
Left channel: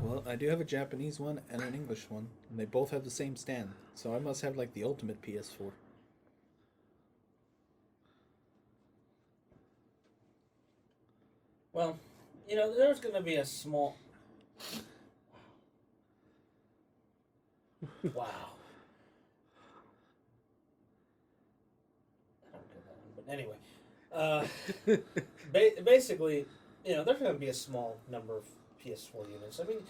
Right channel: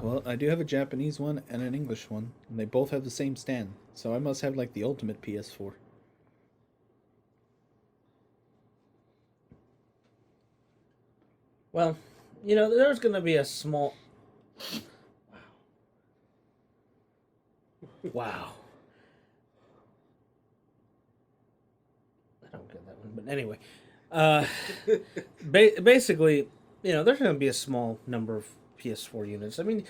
Well, I do have a Japanese one and an English one, and they both have the same stand. So I must have, like, the ultimate PS4. Well, you know, there's gonna be a small. Wow. I don't get that one, but anyway, basically, you know, there's gonna be a small number of PS4 units. I mean,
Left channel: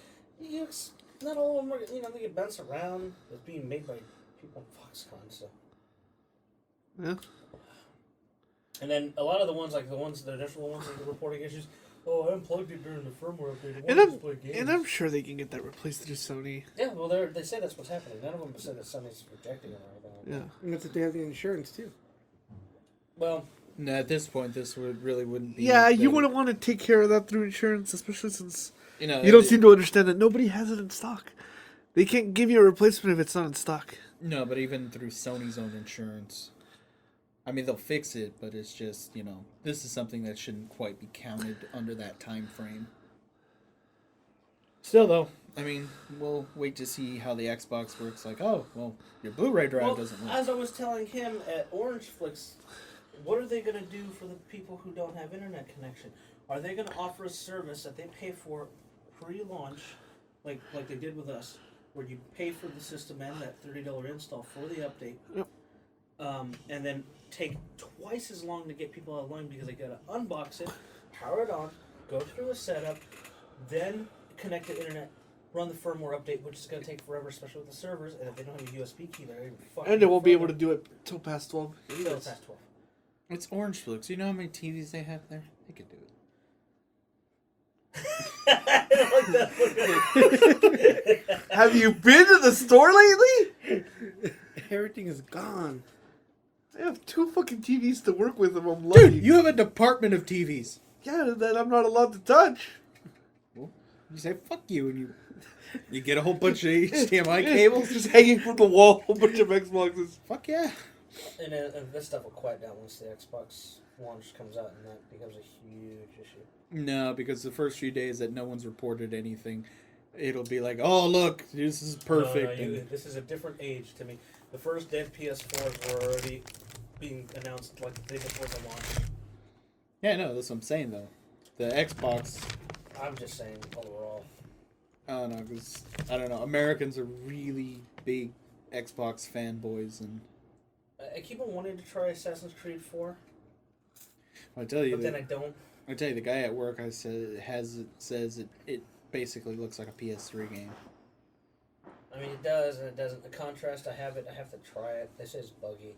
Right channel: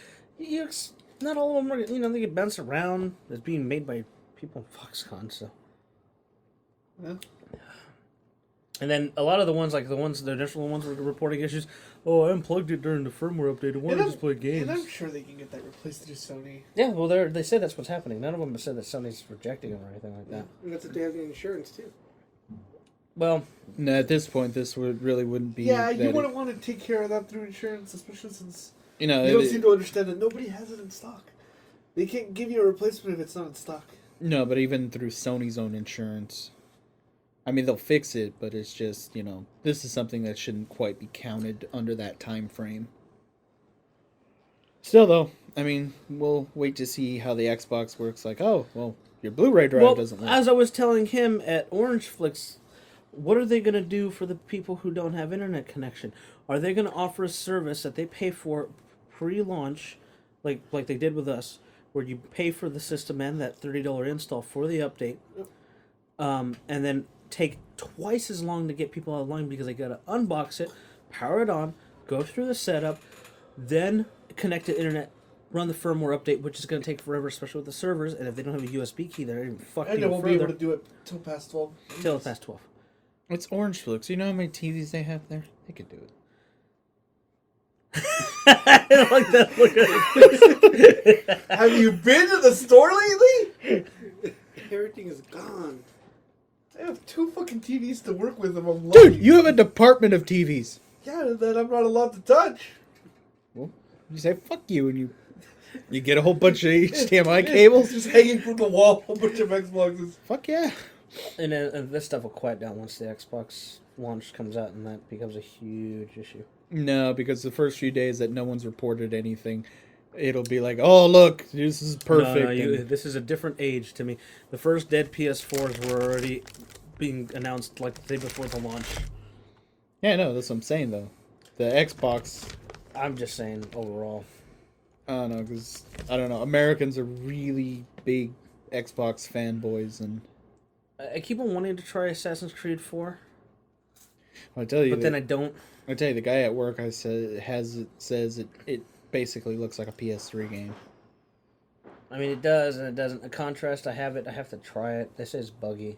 not all of them are, you know, they get bounced around. It's being made by people in Foxconn, so. Yeah. And then a lot of the ones, like the initial ones that are reporting issues. Oh, I unplugged it during the firmware update. I wanted to play games. And I'm sure they can get that replaced through Sony. Yeah, well, they said that's what's happening. None of them have said that Sony's rejecting them or anything like that. And that's if they have the insurance, too. Well, No, at this point, this wouldn't be. Yeah, that you wouldn't want to take care of that through insurance, especially since You know, you don't seem to understand that nobody has it in stock. They can't give you a replacement if it's not in stock. No, but even through Sony's own insurance. I mean, they'll fix it, but it's just, you know, this is something that shouldn't quite be counted under that time frame. Still, though, I mean, we'll wait to see how the Xbox works. Like, oh, well, your Blu-ray drive doesn't work. as I was telling him at Orange Flicks, what are they going to do for the people who don't have internet connection? Are they going to offer a service that they pay for pre-launch like they did with us, where you pay for the system and that $30 install for the update, Yep. And then take twice as long to get people online because they gotta unbox it, power it on, go through the setup, then connect to internet, run the firmware update, which is gonna take forever, especially with the servers. And if they don't have a USB key, they're gonna fuck And you they won't be further able to do it till past 12. till past 12. It's Orange Flukes. You know how many TVs they have there? They could do it. I don't like that look at it. Have you been to the store lately? Everything is gone. I have 2 fucking TVs to work with if I'm Dude, lucky. you have a department of TVs. Yeah, that I'm not allowed to touch. Well, you say fuck you and you get a whole bunch of HDMI cables. Just hanging from the wall, a whole bunch of Xboxes. Fuck yeah. And then this stuff will quiet down once the Xbox launch comes out, and that becomes a huge issue. No, because the first few days that no one's reported anything, it'll be like, oh look, this is perfect. No, and this is a different age to me. The first dead PS4s were already being announced like the day before the launch. yeah, no, that's what I'm saying though. The Xbox, I'm just saying overall. I don't know, because I don't know, Americans are really big Xbox fanboys, and I keep on wanting to try Assassin's Creed 4, I tell you, but then I don't. I tell you, the guy at work I said says it basically looks like a PS3 game. I mean, it does and it doesn't. In contrast, I have to try it. This is buggy.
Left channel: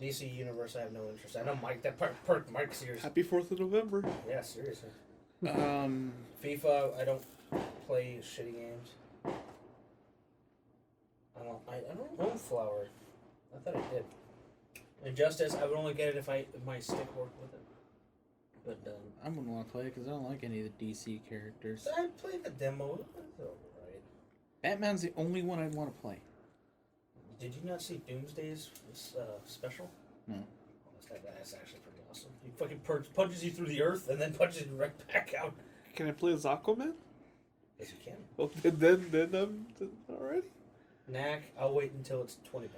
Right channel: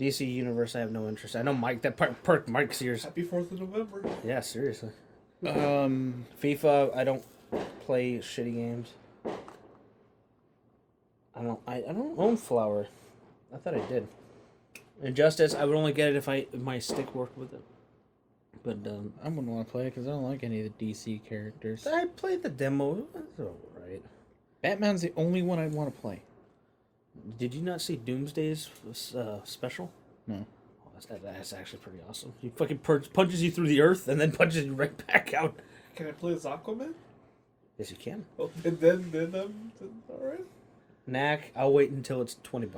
DC Universe, I have no interest. I know Mike, that perk Mike's ears. Happy 4th of November. Yeah, seriously. Um, FIFA, I don't play shitty games. I don't own Flower. I thought I did. Injustice, I would only get it if my stick worked with it. But I wouldn't want to play it because I don't like any of the DC characters. I played the demo. That's alright. Batman's the only one I'd want to play. Did you not see Doomsday's special? No. Oh, that's actually pretty awesome. He fucking punches you through the earth and then punches you right back out. Can I play as Aquaman? Yes, you can. Oh, and then alright. Knack, I'll wait until it's $20.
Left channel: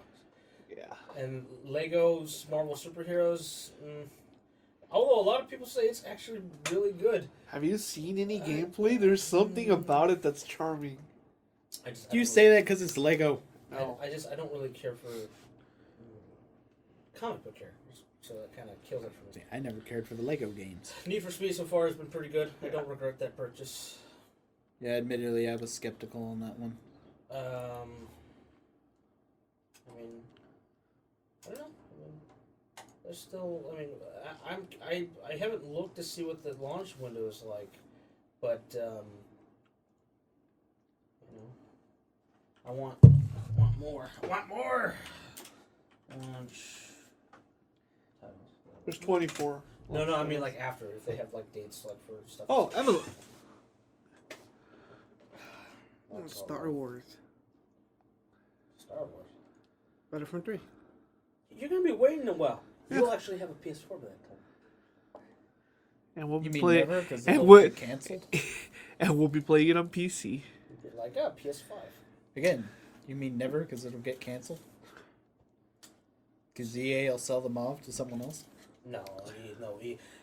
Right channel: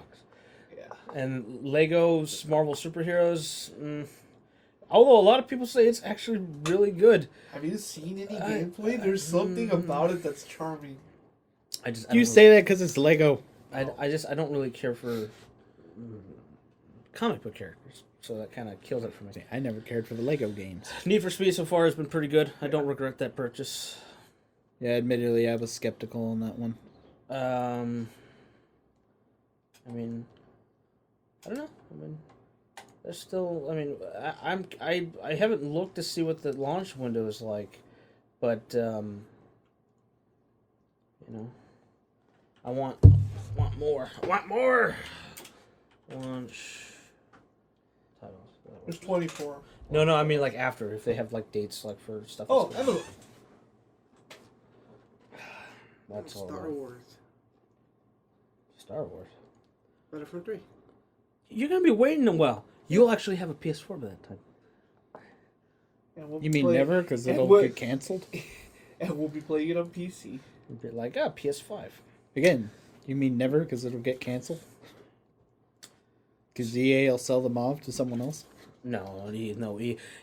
Yeah. And Lego's Marvel Superheroes, although a lot of people say it's actually really good. Have you seen any gameplay? There's something about it that's charming. You say that because it's Lego. I don't really care for comic book characters, so that kind of kills it for me. I never cared for the Lego games. Need for Speed so far has been pretty good. I don't regret that purchase. Yeah, admittedly, I was skeptical on that one. I mean, I don't know. I mean, there's still. I mean, I haven't looked to see what the launch window is like, but you know, I want more. I want more. Launch titles. There's 24. No, I mean like after, if they have like dates like for stuff. Oh, that's- Evelyn. that's Star horrible. Wars. Star Wars. Battlefront 3. You're gonna be waiting a while. You'll actually have a PS4 by that time. And we'll You mean play- never? Because and it'll what- get canceled? And we'll be playing it on PC. You'll be like, PS5. Again, you mean never because it'll get canceled? Because EA will sell them off to someone else? No,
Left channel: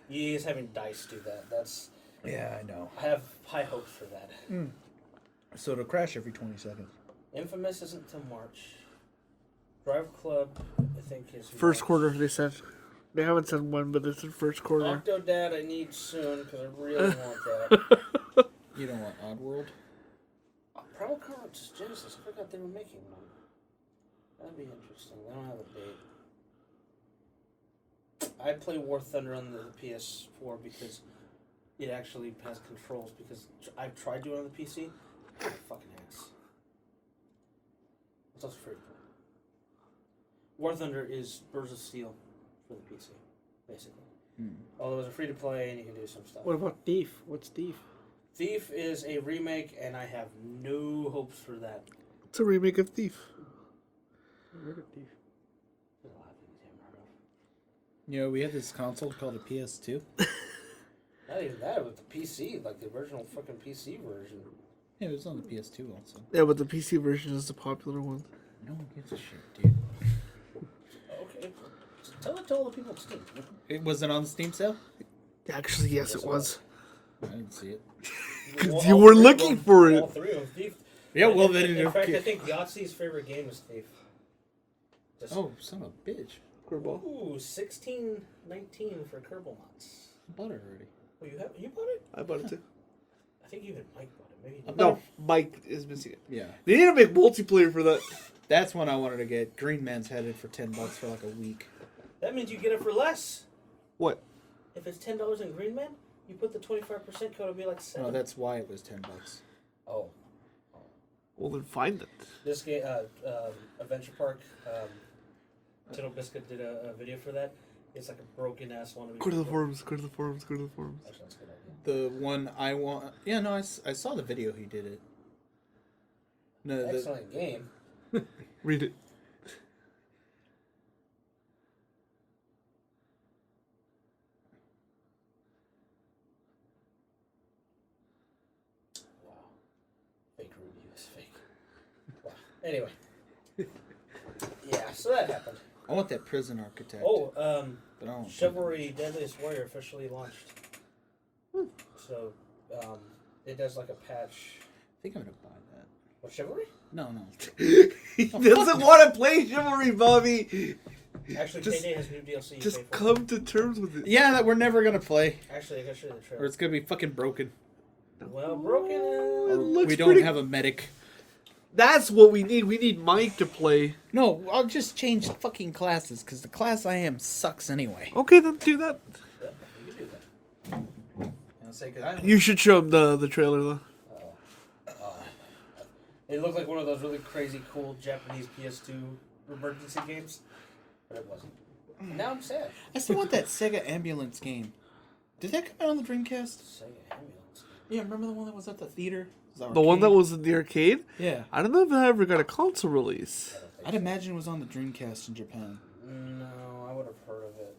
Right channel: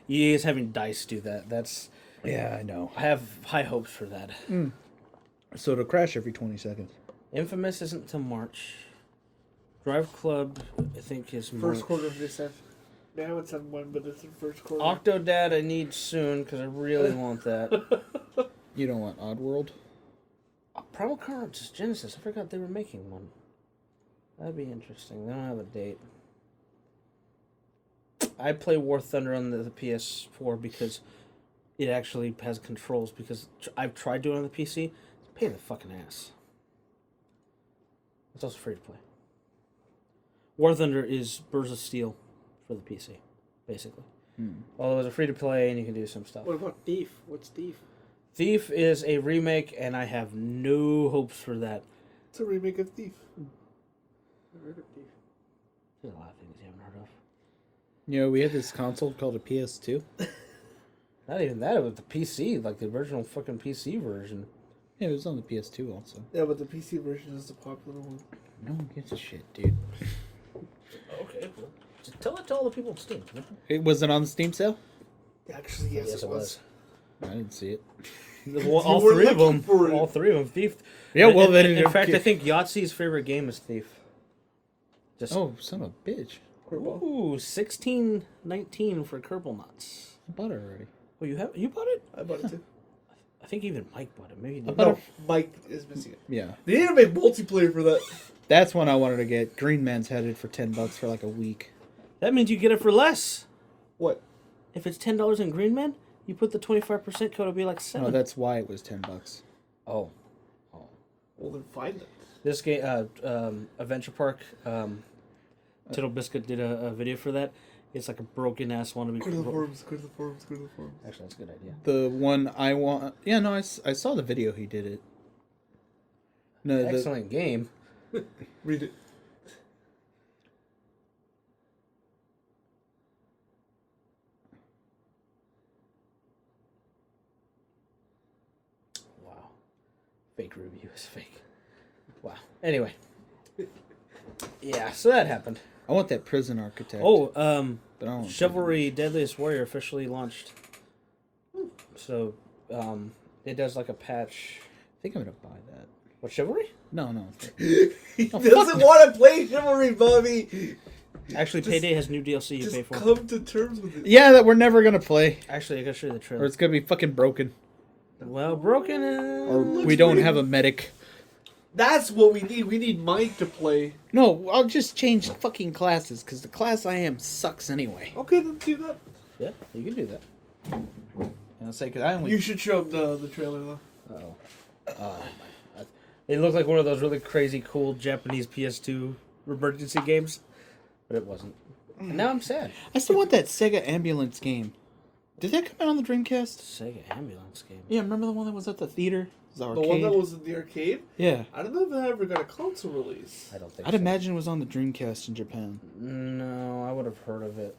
EA is having DICE do that. That's Yeah, I know. I have high hopes for that. So it'll crash every 20 seconds. Infamous isn't till March. Drive Club, I think, is First March. quarter, they said. They haven't said when, but it's the first quarter. Octodad, I need soon because I really want that. You don't want Oddworld? Primal Carnage Genesis. I forgot they were making one. That'd be interesting. They don't have a date. I play War Thunder on the PS4 because it actually has controls. Because I've tried doing it on the PC. It's a pain in the fucking ass. It's also free to play. War Thunder is Birds of Steel for the PC, basically. Although it's free to play and you can do some stuff. What about Thief? What's Thief? Thief is a remake, and I have no hopes for that. It's a remake of Thief. I heard of Thief. There's a lot of things you haven't heard of. You know, we had this console called a PS2. Not even that, it was the PC, like the original fucking PC version. Yeah, it was on the PS2 also. Yeah, but the PC version is the popular one. No one gives a shit, dude. Okay, well, just tell it to all the people on Steam. It wasn't on the Steam sale? Actually, yes, Yes, it it was. I didn't see it. Well, You all were three of looking them- for it. All three of them. Thief. Yeah, well then in fact, okay. I think Yahtzee's favorite game is Thief. Just Oh, son of a bitch! ooh, 16.19 for Kerbal Knots. I bought it already. Oh, you bought it? I bought it too. I think even Mike bought it. Maybe. I bought No, it. Mike is missing it. Yeah, They need to make multiplayer for that. that's one I wanted to get. Green Man's headed for $10 for like a week. That means you get it for less. What? If it's $10 in Green Man, you put the 25% code. It'll be like $7. No, that's why it was $10. Oh. Well, then find it. This game, Adventure Park, Tittle Biscuit did a video for that. It's like a broken ass one. Go to the forums. Go to the forums. Go to the forums. Actually, that's a good idea. The one I want. Yeah, no, I saw the video. He did it. No, the Excellent game. Read it. Wow. Fake review is fake. Wow. Anyway. Yeah, so that happened. I want that Prison Architect. Oh, but I don't want Chivalry Deadliest Warrior officially launched. So, it does like a patch. I think I'm gonna buy that. What, Chivalry? No. He doesn't want to play Chivalry, Bobby. Actually, Just- Payday has new DLC you Just pay for. come to terms with it. Yeah, that we're never gonna play, Actually, I gotta show you the or trailer. it's gonna be fucking broken, Well, broken. or looks we don't pretty- have a medic. That's what we need. We need Mike to play. No, I'll just change fucking classes because the class I am sucks anyway. Okay, then do that. Yeah, you can do that. I'll say because I only. You should show him the trailer though. It looked like one of those really crazy, cool Japanese PS2 emergency games, but it wasn't. Now I'm sad. I still want that Sega Ambulance game. Did that come out on the Dreamcast? Sega Ambulance game. Yeah, remember the one that was at the theater? The one that was in the arcade. Yeah. I don't know if that ever got a console release. I don't think I'd imagine it was on the Dreamcast in Japan. No, I would have heard of it.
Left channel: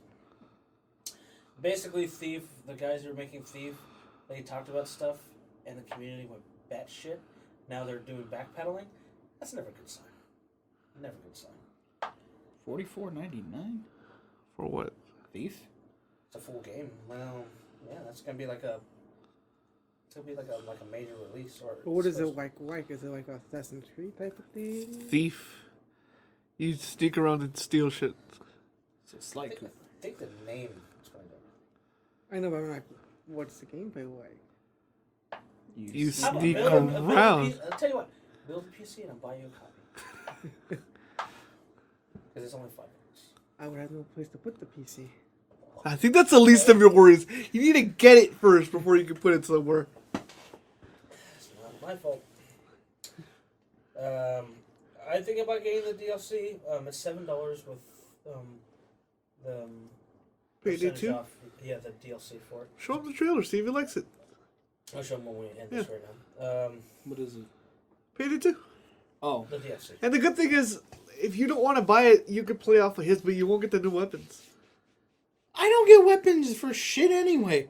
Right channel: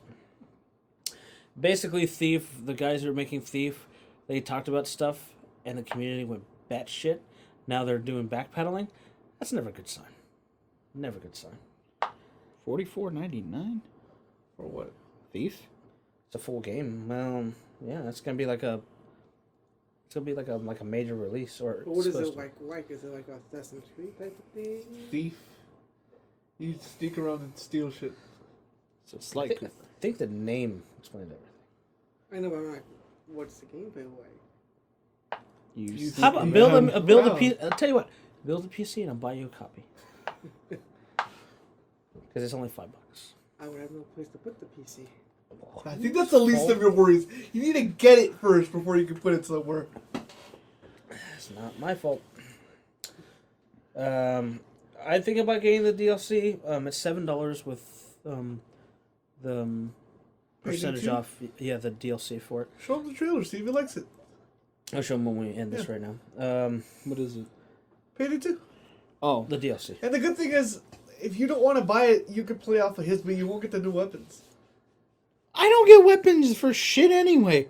Basically, Thief, the guys who were making Thief, they talked about stuff, and the community went batshit. Now they're doing backpedaling. That's never a good sign. Never a good sign. $44.99. For what? Thief. It's a full game. Well, yeah, it's gonna be like a. It's gonna be like a major release or. But what is supposed it like? Is it like a Assassin's Creed type of thing? Thief. You sneak around and steal shit. So it's I like think the name explained it. I know, but I'm like, what's the gameplay like? You How about sneak build a around. PC? I'll tell you what. Build a PC and I'll buy you a copy. Because it's only $5. I would have no place to put the PC. I think that's the least of your worries. You need to get it first before you can put it somewhere. It's not my fault. I think about getting the DLC. It's $7 with the percentage Payday off. Yeah, the DLC for it. Show him the trailer, see if he likes it. I'll show them when we end this right now. what is it? Payday 2. Oh, The DLC. And the good thing is, if you don't want to buy it, you can play off of his, but you won't get the new weapons. I don't get weapons for shit anyway.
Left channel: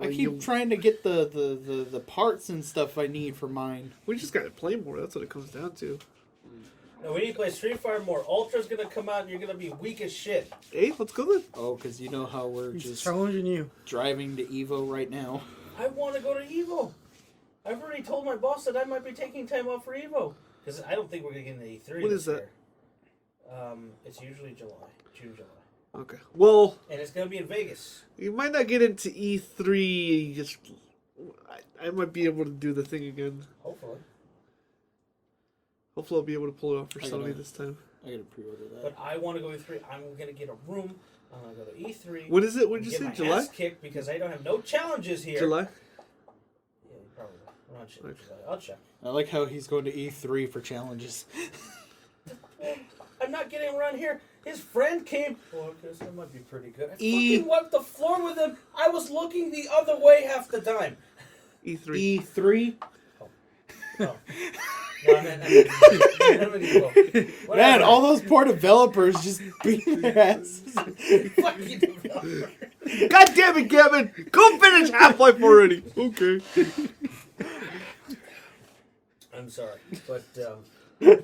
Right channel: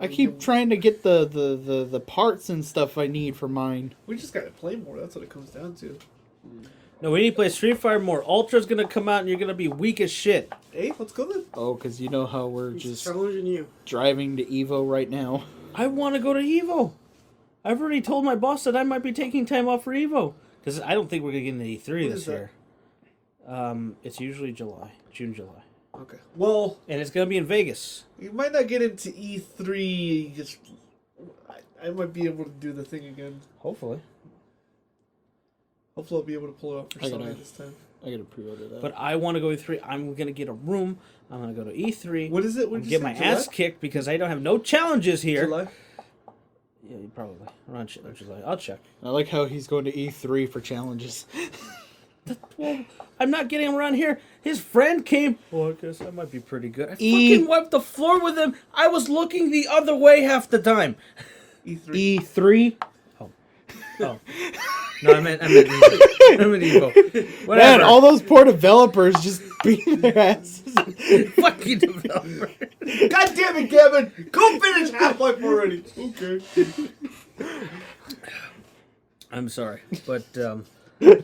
I Oh, keep you- trying to get the parts and stuff I need for mine. We just gotta play more, that's what it comes down to. No, we need to play Street Fighter more. Ultra's gonna come out and you're gonna be weak as shit. Hey, let's go then. Oh, because you know how we're He's just challenging you. driving to Evo right now. I want to go to Evo. I've already told my boss that I might be taking time off for Evo. Because I don't think we're gonna get into E3 When this is that? year. It's usually June, July. Okay. Well, And it's gonna be in Vegas. you might not get into E3. Just, I might be able to do the thing again. Hopefully. Hopefully, I'll be able to pull it off for I gotta- Sunday this time. I gotta pre-order that. But I want to go E3. I'm gonna get a room. I'm gonna go to E3. What is it? and What get my ass kicked because I don't have no challenges here. July? Yeah, probably. Around July. I'll check. I like how he's going to E3 for challenges. Well, I'm not getting him around here. His friend came. Well, I guess that might be pretty good. I E- fucking wiped the floor with him. I was looking the other way half the time. E3. E3. Oh. No, I meant Evo. Man, Whatever. all those poor developers just beating their asses. fucking developer. God damn it, Kevin! Go finish Half-Life already! Okay. I'm sorry, but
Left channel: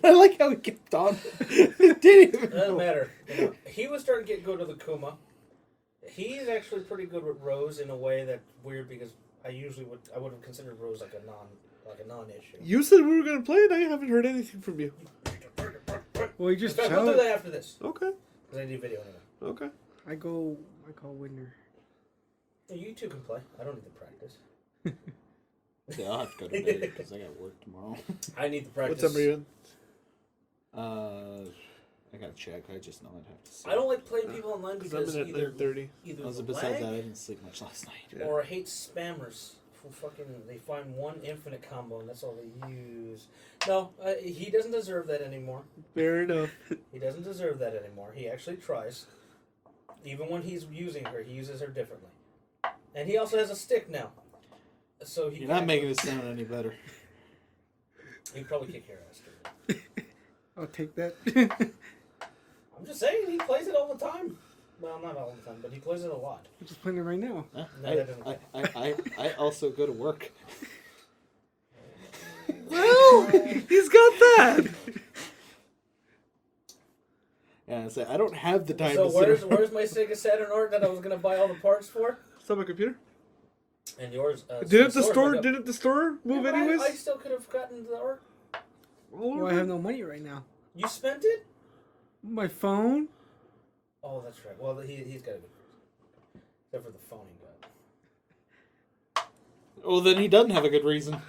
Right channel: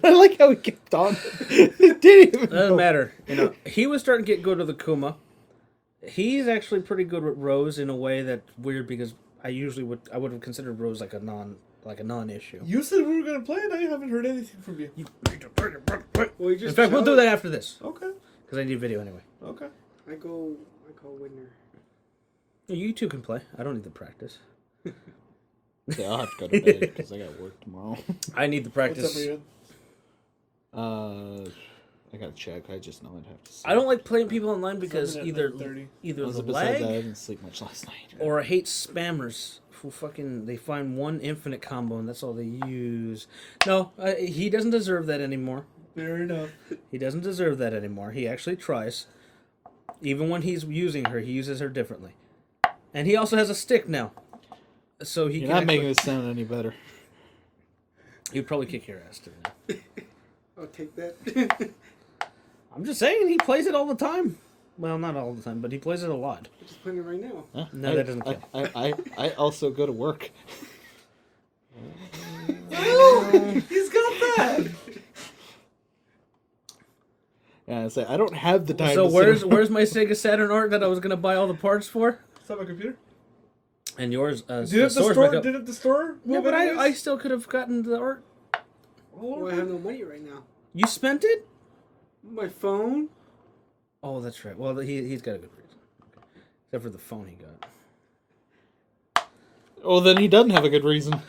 I like how he kept on. It didn't even doesn't know. matter. You know, he was starting to go to the Kuma. He's actually pretty good with Rose in a way that's weird because I would have considered Rose like a non-issue. You said we were gonna play it. I haven't heard anything from you. Well, you just In fact, we'll do that after this Okay. because I need video anyway. Okay. I call winner. You two can play. I don't need the practice. Yeah, I'll have to go to bed because I got work tomorrow. I need the What's up, practice. Marianne? I gotta check. I just know I'd have to. I don't like playing people online because 7 at either 9:30. Also, the besides lag that, I didn't sleep much last night. or I hate spammers who they find one infinite combo and that's all they use. No, he doesn't deserve that anymore. Fair enough. He doesn't deserve that anymore. He actually tries. Even when he's using her, he uses her differently. And he also has a stick now. So he You're not making this sound any better. He'd probably kick your ass too. I'll take that. I'm just saying, he plays it all the time. Well, not all the time, but he plays it a lot. I'm just playing it right now. Huh? No, that doesn't count. I also go to work. Oh, he's got that. Yeah, I say I don't have the time. So to sit where's my Sega Saturn art that I was gonna buy all the parts for? It's on my computer. And yours? Didn't the store? Yeah, move but anyways? I still could have gotten the art. Well, I have no money right now. You spent it? My phone? Oh, that's right. Well, he's got a good reason. Except for the phone he got. Oh, then he doesn't have a good reason.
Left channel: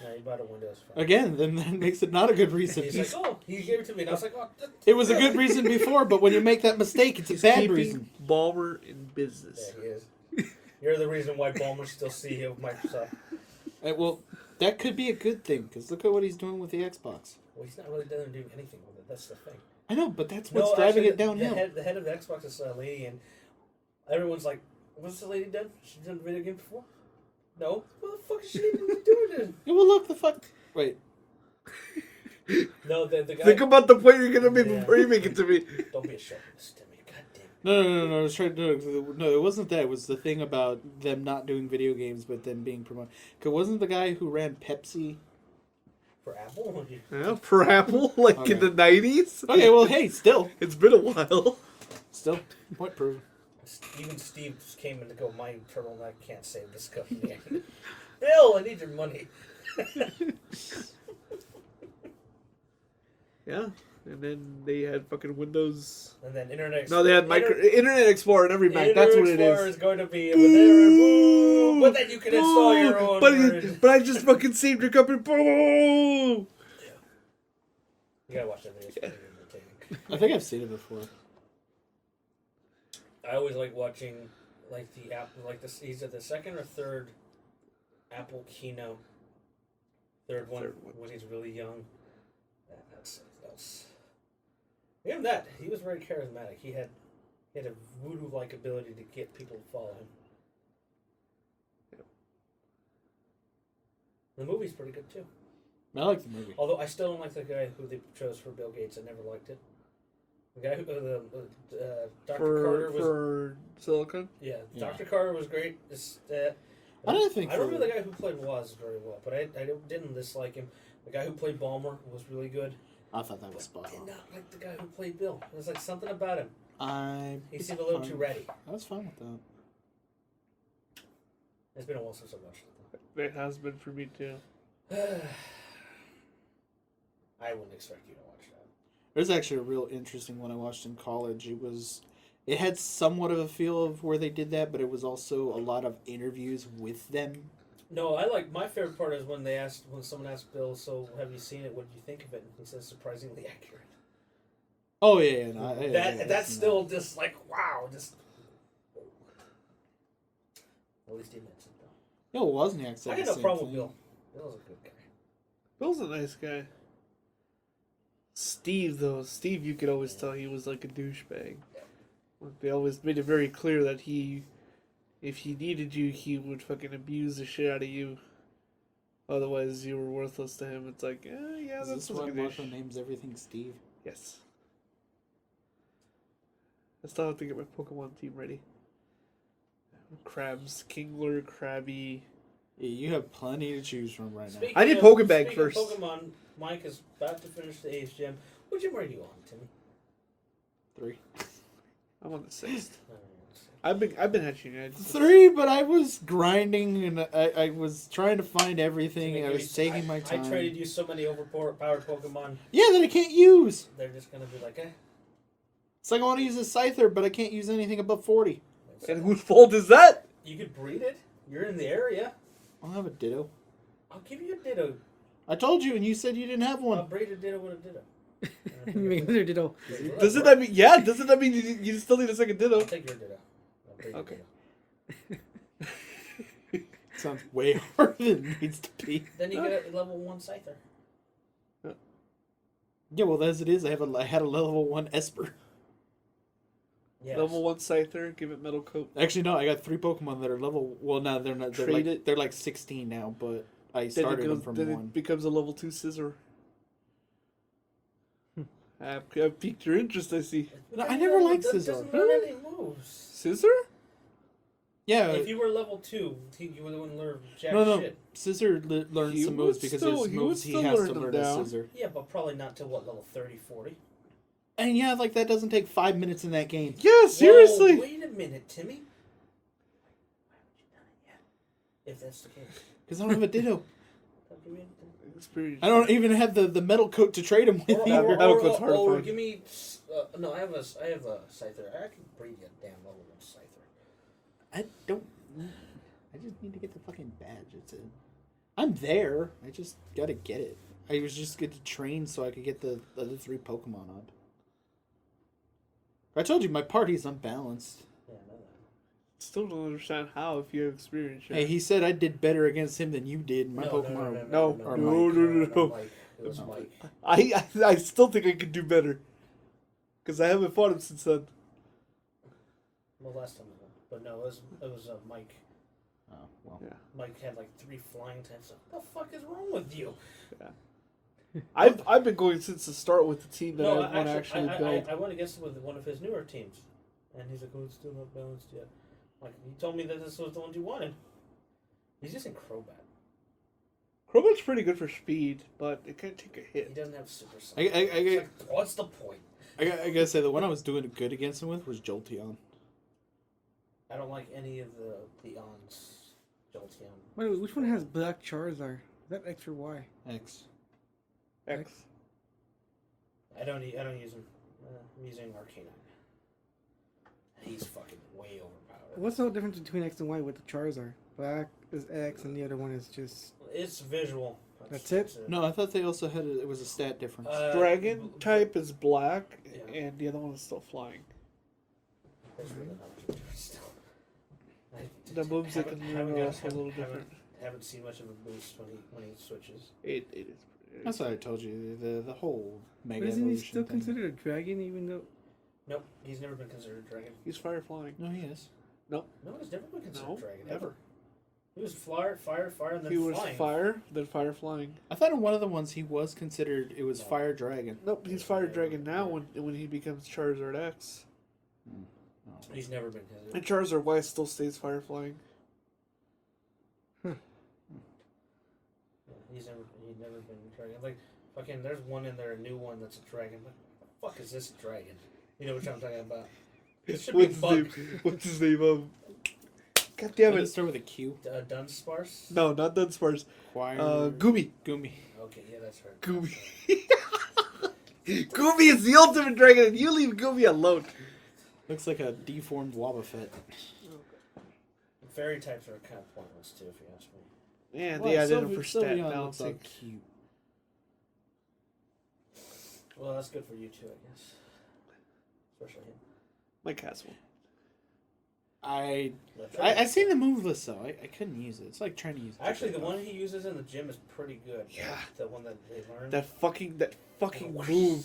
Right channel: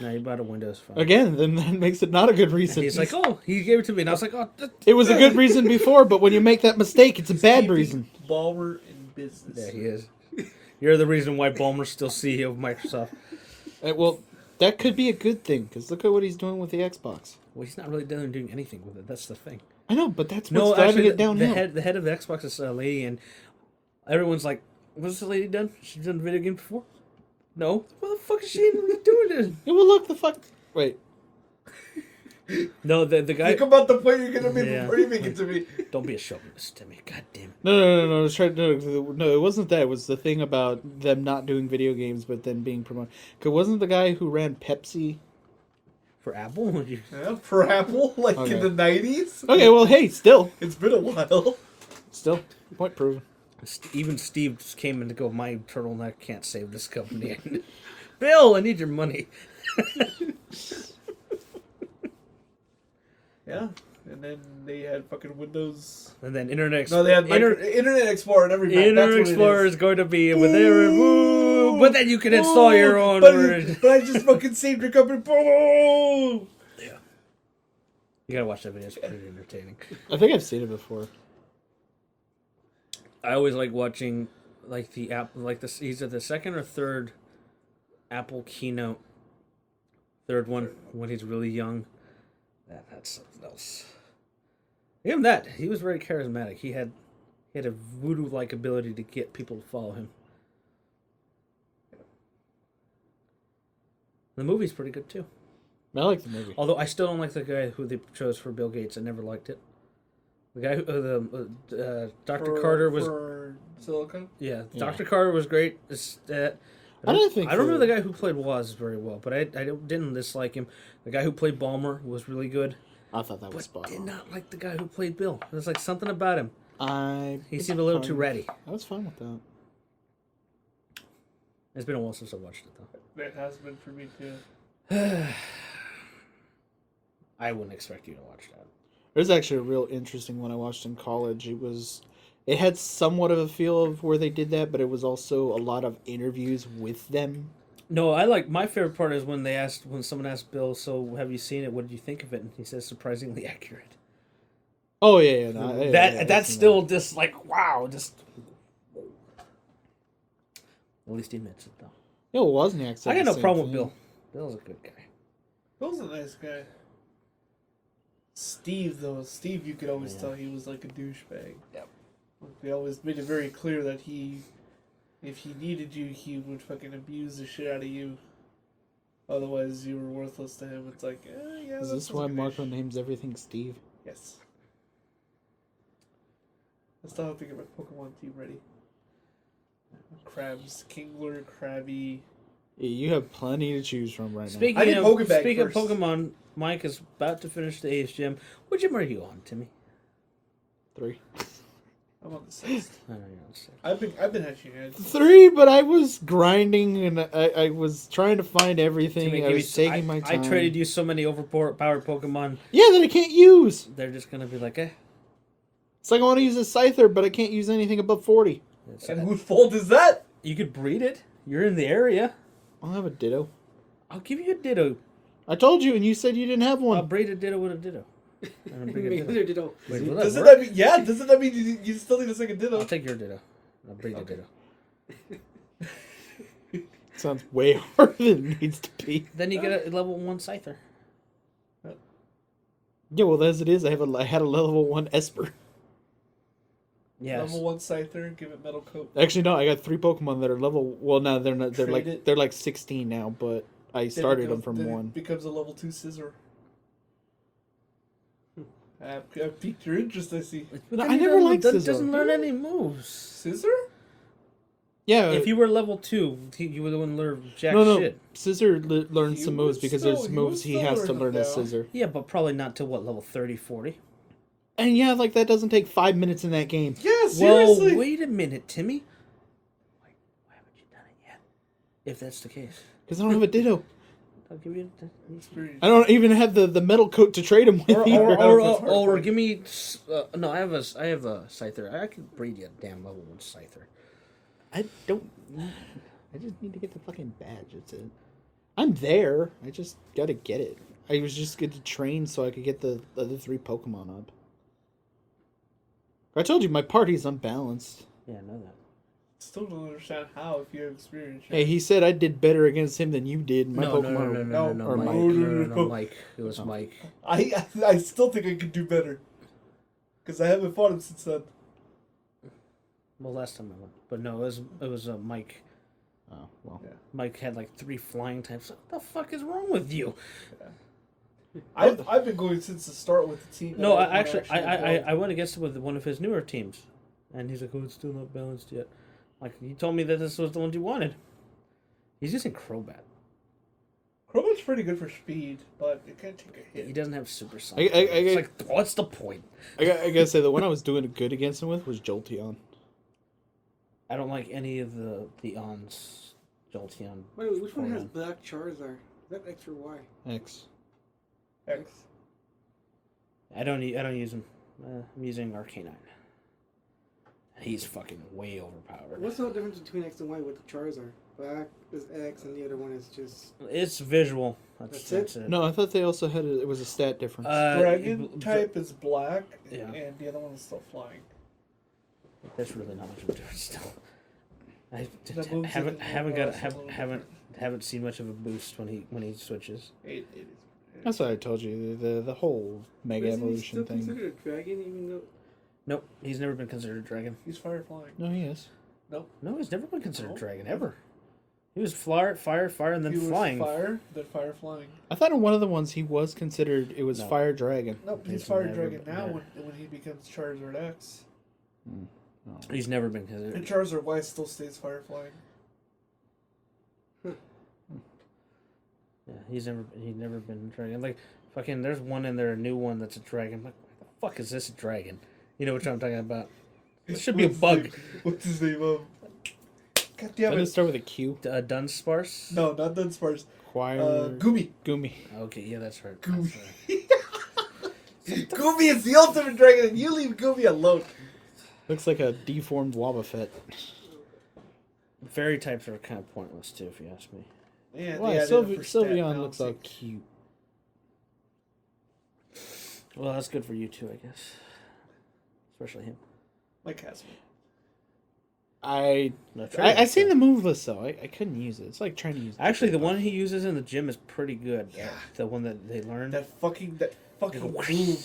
No, he bought a Windows phone. Again, then that makes it not a good reason. He's like, oh, he gave it to me, and I was like, oh. It was a good reason before, but when you make that mistake, it's a bad reason. Baller in business. Yeah, he is. You're the reason why Ballmer's still CEO of Microsoft. Well, that could be a good thing, because look at what he's doing with the Xbox. Well, he's not really doing anything with it. That's the thing. I know, but that's what's driving it downhill. The head of the Xbox is a lady, and everyone's like, what's the lady done? She's done a video game before? No. What the fuck is she doing then? Yeah, well, look, the fuck. Wait. No, the guy. Think about the point you're gonna make Yeah. before you make it to me. Don't be a chauvinist to me. God damn it. No. I was trying to. No, it wasn't that. It was the thing about them not doing video games, but then being promoted. Because wasn't the guy who ran Pepsi? For Apple? Yeah, for Apple, like Okay. in the 90s. Okay, well, hey, still. It's been a while. Still. Point proven. Even Steve just came in to go, my turtleneck can't save this company. Bill, I need your money. Yeah, and then they had fucking Windows. And then Internet No, they had Internet Explorer and every Mac. That's Internet what Explorer it is going to be with there. Ooh. But then you can install your own but, version. but I just fucking saved your company. Boom. Yeah. You gotta watch that video. It's pretty entertaining. I think I've seen it before. I always like watching like the app, like this. Either the second or third Apple keynote. Third one when he's really young. That's something else. Even that, he was very charismatic. He had a voodoo-like ability to get people to follow him. The movie's pretty good too. I like the movie. Although I still don't like the guy who they chose for Bill Gates. I never liked it. The guy who, Dr. Carter was. For Silicon? Yeah, Yeah. Dr. Carter was great. I don't think I don't remember the guy who played Woz very well, but I didn't dislike him. The guy who played Balmer was really good. I thought that was But spot did on. not like the guy who played Bill. There's like something about him. He was seemed a little fine. too ready. I was fine with that. It's been a while since I watched it It has been for me too. though. I wouldn't expect you to watch that. There's actually a real interesting one I watched in college. It had somewhat of a feel of where they did that, but it was also a lot of interviews with them. No, my favorite part is when someone asked Bill, "So have you seen it? What did you think of it?" And he says, "Surprisingly accurate." Oh yeah, no, yeah, That's still just like wow, just. At least he admits it though. Yeah, well, Wozniak said I got the no same problem thing. with Bill. Bill's a good guy. Bill's a nice guy. Steve, though. Steve, you could always tell he was like a douchebag. Yep. They always made it very clear that if he needed you, he would fucking abuse the shit out of you. Otherwise, you were worthless to him. It's like, yeah. Is this why Marco names everything Steve? Yes. I still have to get my Pokemon team ready. Krabs, Kingler, Krabby. Yeah, you have plenty to choose from right now. I need Speaking Pokebag of first. Pokemon, Mike is about to finish the Ace Gym. What gym are you on, Timmy? 3. I'm on the 6th. I don't know. I've been hatching it. 3, but I was grinding and I was trying to find everything. I was taking my time. I traded you so many overpowered Pokemon. Yeah, that I can't use. They're just gonna be like, eh. It's like I want to use a Scyther, but I can't use anything above 40. And whose fault is that? You could breed it. You're in the area. I'll have a Ditto. I'll give you a Ditto. I told you, and you said you didn't have I'll one. breed a Ditto with a Ditto. Make another Ditto. Doesn't that mean Doesn't that mean you still need a second Ditto? I'll take your Ditto. I'll breed a Ditto. Sounds way harder than it needs to be. Then you get a level 1 Scyther. Yeah, well, as it is, I had a level 1 Esper. Yes. Level 1 Scyther, give it Metal Coat. Actually, no, I got 3 Pokemon that are level. Well, no, they're not. Trade They're like 16 now, but I started them from then 1. It becomes a level 2 Scissor. I've piqued your interest, I see. No, I never liked That Scissor. doesn't learn any moves. Scissor? Yeah. If you were level 2, you would have learned jack No. shit. Scissor learns You some moves would because still- there's you moves would he still has to learn learn them as now. Scissor. Yeah, but probably not till what, level 30, 40? And yeah, like that doesn't take 5 minutes in that game. Yeah, seriously. Well, wait a minute, Timmy. Why haven't you done it yet? If that's the case. Because I don't have a Ditto. I'll give you I don't even have the metal coat to trade him with either. or give me... no, I have a Scyther. I can breed you a damn level 1 Scyther. I don't. I just need to get the fucking badge. That's it. I'm there. I just gotta get it. I was just good to train so I could get the other 3 Pokemon up. I told you my party's unbalanced. Yeah, I know that. Still don't understand how if you have experience. Hey, he said I did better against him than you did. My Pokemon no, or Mike. Mike. No, Mike. It was Mike. I still think I could do better. Because I haven't fought him since then. Well, last time I went. But no, it was Mike. Oh well. Yeah. Mike had like 3 flying types. What the fuck is wrong with you? I've been going since the start with the team. No, that I built. went against him with one of his newer teams, and he's like, "Oh, it's still not balanced yet." Like, he told me that this was the one you wanted. He's using Crobat. Crobat's pretty good for speed, but it can't take a He hit. doesn't have super I sonic. It's like, I what's the point? gotta say the one I was doing good against him with was Jolteon. I don't like any of the Ons. Jolteon. Wait, which one has black Charizard? Is that X or Y? X. X. I don't use him. I'm using Arcanine. He's fucking way overpowered. What's the difference between X and Y with the Charizard? Black is X and the other one is just... It's visual. That's it? No, I thought they also had it was a stat difference. Dragon type is black, Yeah. and the other one is still flying. That's really not much of a difference still. I That moves haven't seen much of a boost when he switches. It is. That's what I told you. The whole Mega Isn't he Evolution still thing. considered a dragon even though... Nope, he's never been considered a dragon. He's fire flying. No, he is. No. No, he's never been considered No. a dragon ever. He was fire, and then He was flying. fire, then fire flying. I thought in one of the ones he was considered. It was No. Fire Dragon. Nope, he's He's fire never- dragon now yeah. when he becomes Charizard X. Oh. He's never been And considered. Charizard Y still stays fire flying. Yeah, he's never been a dragon. Like fucking, there's one in there, a new one that's a dragon. Like, what the fuck is this a dragon? You know what I'm talking about? It should be a bug. What's his name? God damn Didn't it it. start with a Q? Dunsparce. No, not Dunsparce. Choir. Goomy. Goomy. Okay, yeah, that's right. Goomy. That's right. Goomy is the ultimate dragon, and you leave Goomy alone. Looks like a deformed Wobbuffet. Fairy types are kind of pointless too, if you ask me. Yeah, Why? they added it for stat Sylveon looks all balancing. cute. Well, that's good for you too, I guess. Especially him. Like Casper. I No, seen the move list though. I couldn't use it. It's like trying to use. Actually, the Jigglypuff. one he uses in the gym is pretty good. Yeah. The one that they learned. That fucking It'll- move.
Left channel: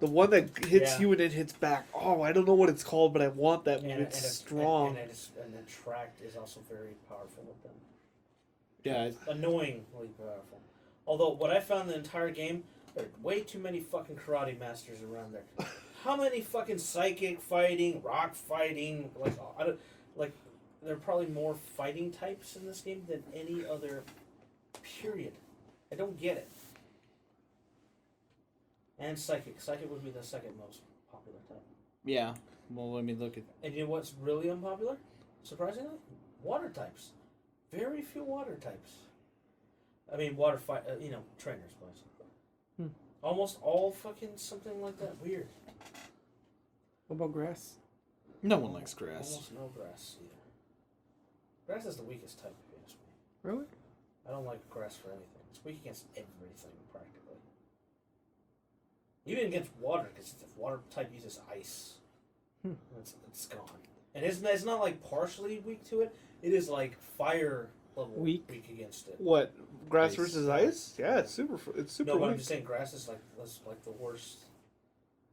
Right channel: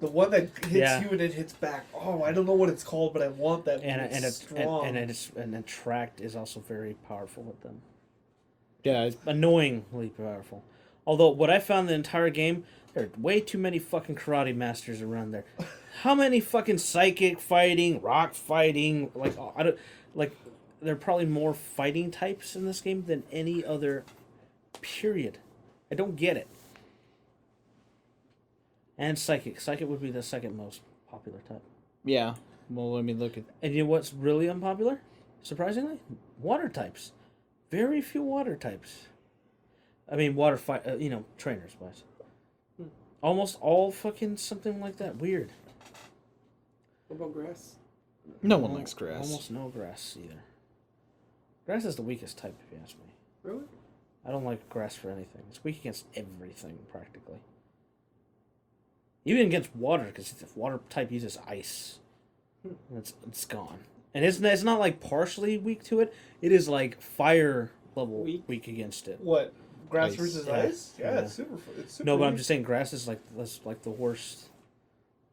The one that hits Yeah. you and it hits back. Oh, I don't know what it's called, but I want that move. It's strong. and attract is also very powerful with them. Yeah, Annoyingly powerful. Although what I found the entire game, there are way too many fucking karate masters around there. How many fucking psychic fighting, rock fighting, there are probably more fighting types in this game than any other period. I don't get it. And psychic. Psychic would be the second most popular type. yeah. Well, let me look at. And you know what's really unpopular? Surprisingly, water types. Very few water types. I mean, trainers wise. Almost all fucking something like that. Weird. What about grass? No one likes grass. Almost no grass either. Grass is the weakest type, if you ask me. Really? I don't like grass for anything. It's weak against everything, practically. Even against water, because the water type uses ice. It's gone. And it's not like partially weak to it. It is like fire level weak against it. What? Grass Ice. versus Yeah. ice? Yeah, Yeah. it's super. It's super. No, but I'm weak. just saying grass is like the worst.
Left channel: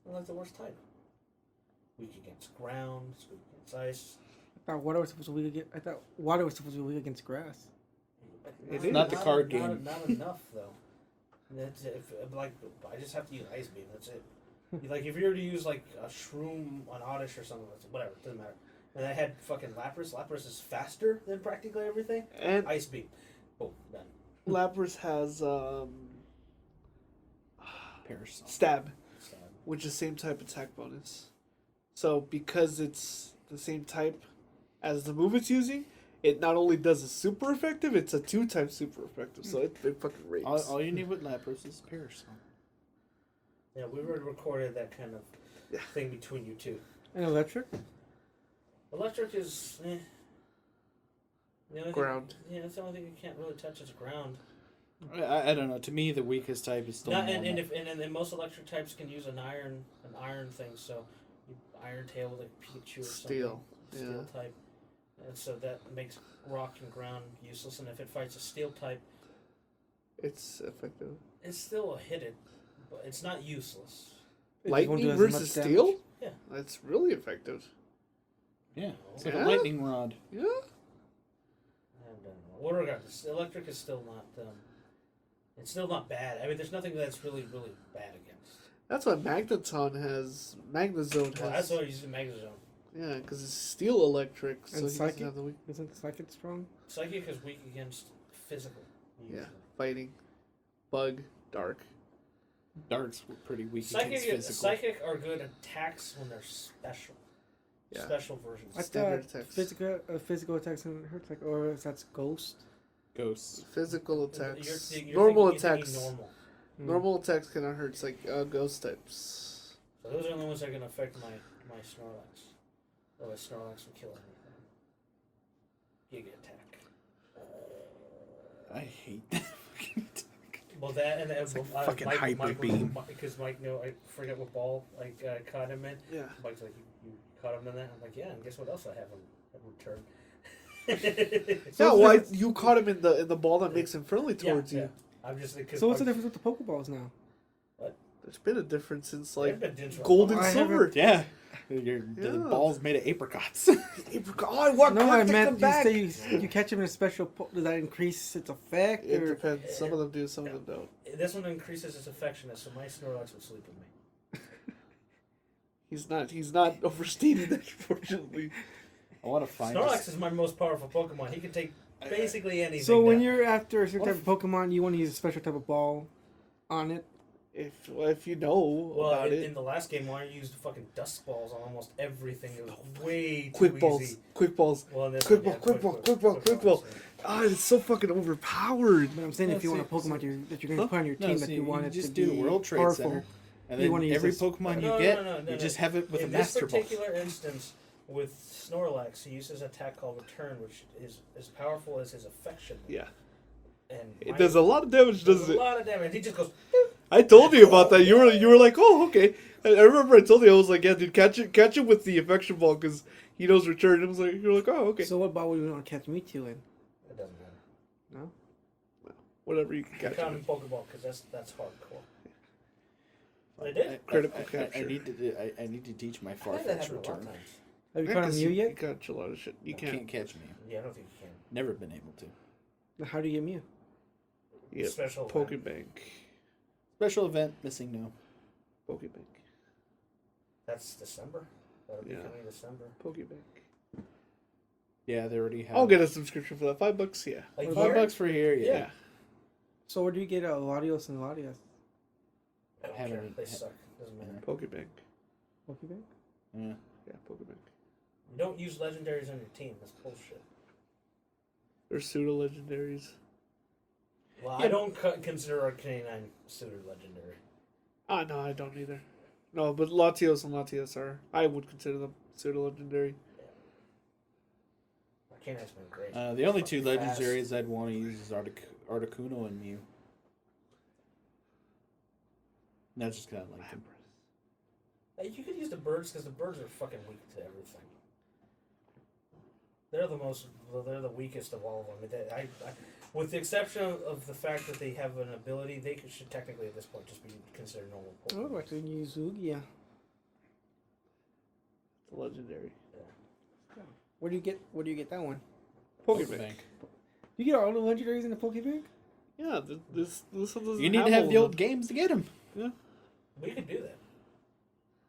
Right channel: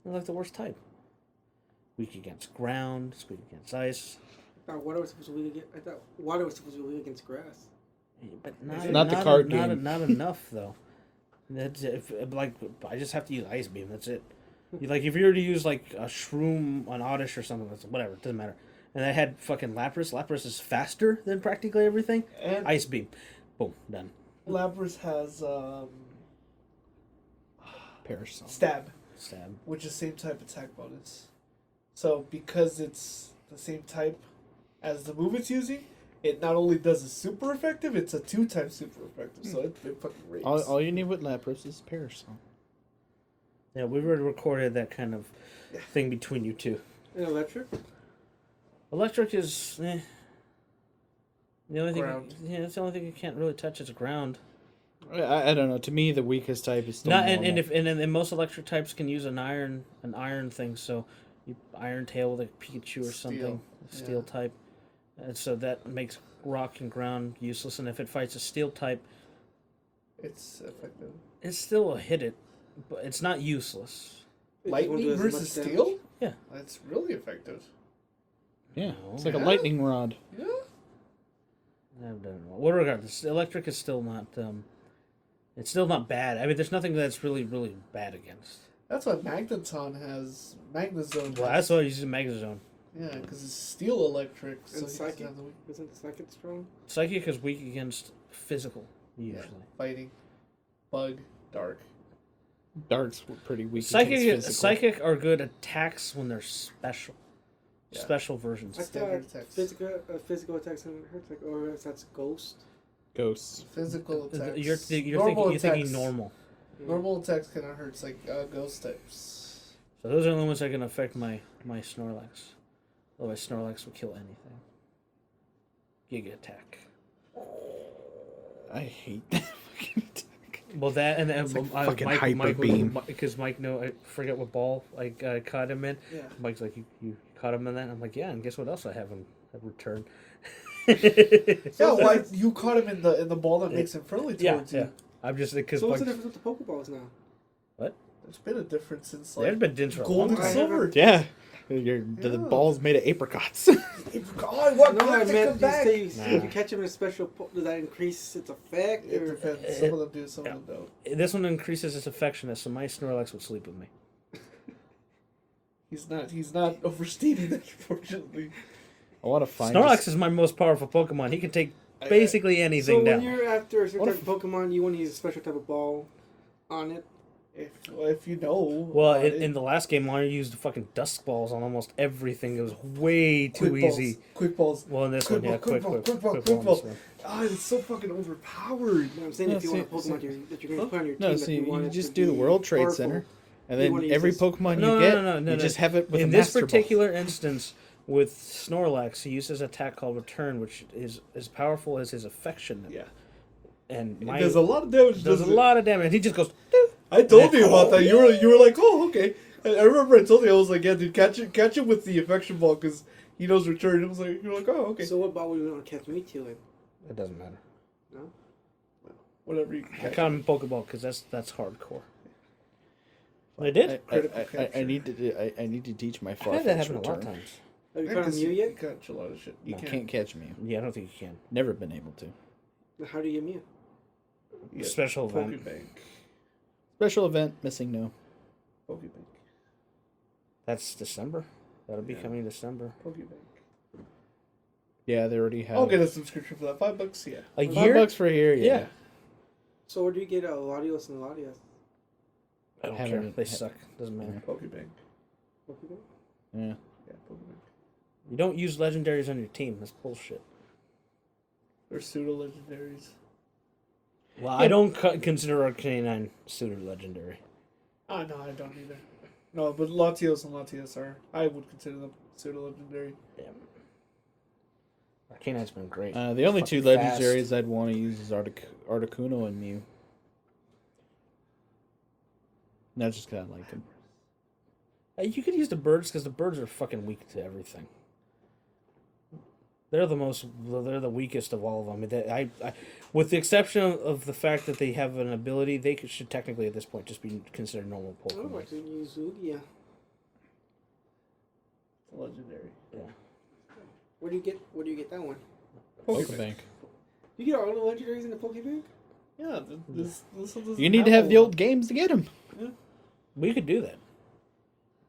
Like the worst type. Weak against ground. It's weak against ice. I thought water was supposed to be weak against. I thought water was supposed to be weak against grass. But Not the card game. Not enough though. That's I just have to use ice beam. That's it. Like if you were to use like a shroom on Oddish or something, whatever, doesn't matter. And I had fucking Lapras. Lapras is faster than practically everything. And Ice beam, boom, done. Lapras has Parasol. stab, Stab. which is same type attack bonus. So because it's the same type as the move it's using, it not only does it super effective, it's a 2-time super effective. So it fucking rates. All you need with Lapras is Parasol. Yeah, we already recorded that kind of thing between you two. And electric? Electric is the only thing. Ground. Yeah, it's the only thing you can't really touch is ground. I don't know. To me, the weakest type is still Not, normal. and most electric types can use an iron thing. So, you Iron Tail with a Pikachu or something, steel type, and so that makes rock and ground useless. And if it fights a steel type, It's effective. it's still a hit it, but it's not useless. It just won't Lightning do as versus much damage. steel? Yeah. That's really effective. Yeah, it's like a Yeah. lightning rod. Yeah. I don't know. What regardless, electric is still not. It's still not bad. I mean, there's nothing that's really bad against. That's what Magneton has. Magnezone. Well, that's why I use Magnezone. Yeah, because it's steel electric. And he psychic? doesn't have the weak- Isn't Psychic strong? Psychic is weak against physical usually. Fighting. Bug. Dark. Dark's pretty weak against physical. Psychic are good attacks when they're special. Yeah. Special versions. I thought Standard attacks. physical attacks and hurts like, or that's ghost. Ghosts. Physical attacks. You're Normal thinking attacks. normal. Normal attacks cannot hurt. It's like ghost types. So those are the ones that are gonna affect my Snorlax. Otherwise, Snorlax will kill anything. Giga attack. I hate that fucking attack. Well, that and It's like fucking hyper beam. Because Mike, I forget what ball I caught him in. Yeah. Mike's like, you caught him in that? I'm like, yeah. And guess what else I have in return? So well, you caught him in the ball that makes him friendly towards yeah. you. I'm just because. So what's the difference with the Pokeballs now? There's been a difference since There's like been dints for a gold long and I time. silver. Yeah. The Yeah. ball's made of apricots. Oh, I want No, to I take meant them you back. say you catch him in a special. Does that increase its effect It or? depends. Some of them do, some of them don't. This one increases its affectionate, so my Snorlax would sleep with me. He's not oversteaming, unfortunately. I want to find. Snorlax is my most powerful Pokemon. He can take basically anything So when down. you're after a certain What type of Pokemon, you want to use a special type of ball on it. If you know. Well, about in it. the last game, Mario used fucking Dusk Balls on almost everything. It was way too Quick balls, easy. Quick balls. Well, in this Quick one, yeah, ball, quick quick ball. ball. Ah, it's so fucking overpowered. But I'm saying No, if you want a see- Pokemon that you're going to put on your team No, that see, you want you it just to do the be World Trade powerful, Center, and you then wanna use every this- Pokemon No, you no, get, no, you just have it with in a this Master Ball. particular instance, with Snorlax, he uses an attack called Return, which is as powerful as his affection. Yeah. And It my, does a lot of damage. does a doesn't it? lot of damage. And he just goes, I told you about that. You were like, oh, okay. And I remember I told you, I was like, yeah, dude, catch it with the affection ball because he knows return. It was like, you're like, oh, okay. So what ball would you want to catch Mewtwo in? it doesn't matter. No. Whatever you I caught him in Pokeball because that's hardcore. But I did. I need to. I need to teach my I've had that Farfetch happen a lot of return. times. Have you Yeah, caught a 'cause Mew you yet? catch a lot of shit. You You can't catch me. Yeah, I don't think you can. Never been able to. How do you get Mew? Yeah, Special event. Pokebank. Special event missing no. Pokebank. That's December. That'll be coming December. Pokebank. Yeah, they already have. I'll get a subscription for that. $5, yeah. A $5 year? for a year. Yeah. Yeah. So where do you get Latios and Latias? I don't Haven't care. it- They suck. Doesn't matter. Pokebank. Pokeball? Yeah. Yeah, Pokemon. You don't use legendaries on your team. That's bullshit. They're pseudo legendaries. Well, Yeah. I don't consider Arcanine pseudo legendary. Ah, no, I don't either. No, but Latios and Latias are. I would consider them pseudo legendary. Yeah. Arcanine's been great. The only two Fucking legendaries I'd want to use is Articuno and Mew. And that's just because I like them. You could use the birds because the birds are fucking weak to everything. They're the weakest of all of them. I mean, with the exception of the fact that they have an ability, they should technically at this point just be considered normal I would Pokemon. like to use Lugia. Legendary. Yeah. Where do you get that one? Pokebank. You get all the legendaries in the Pokebank? Yeah, this one doesn't You need to have the one. old games to get them. Yeah. We could do that.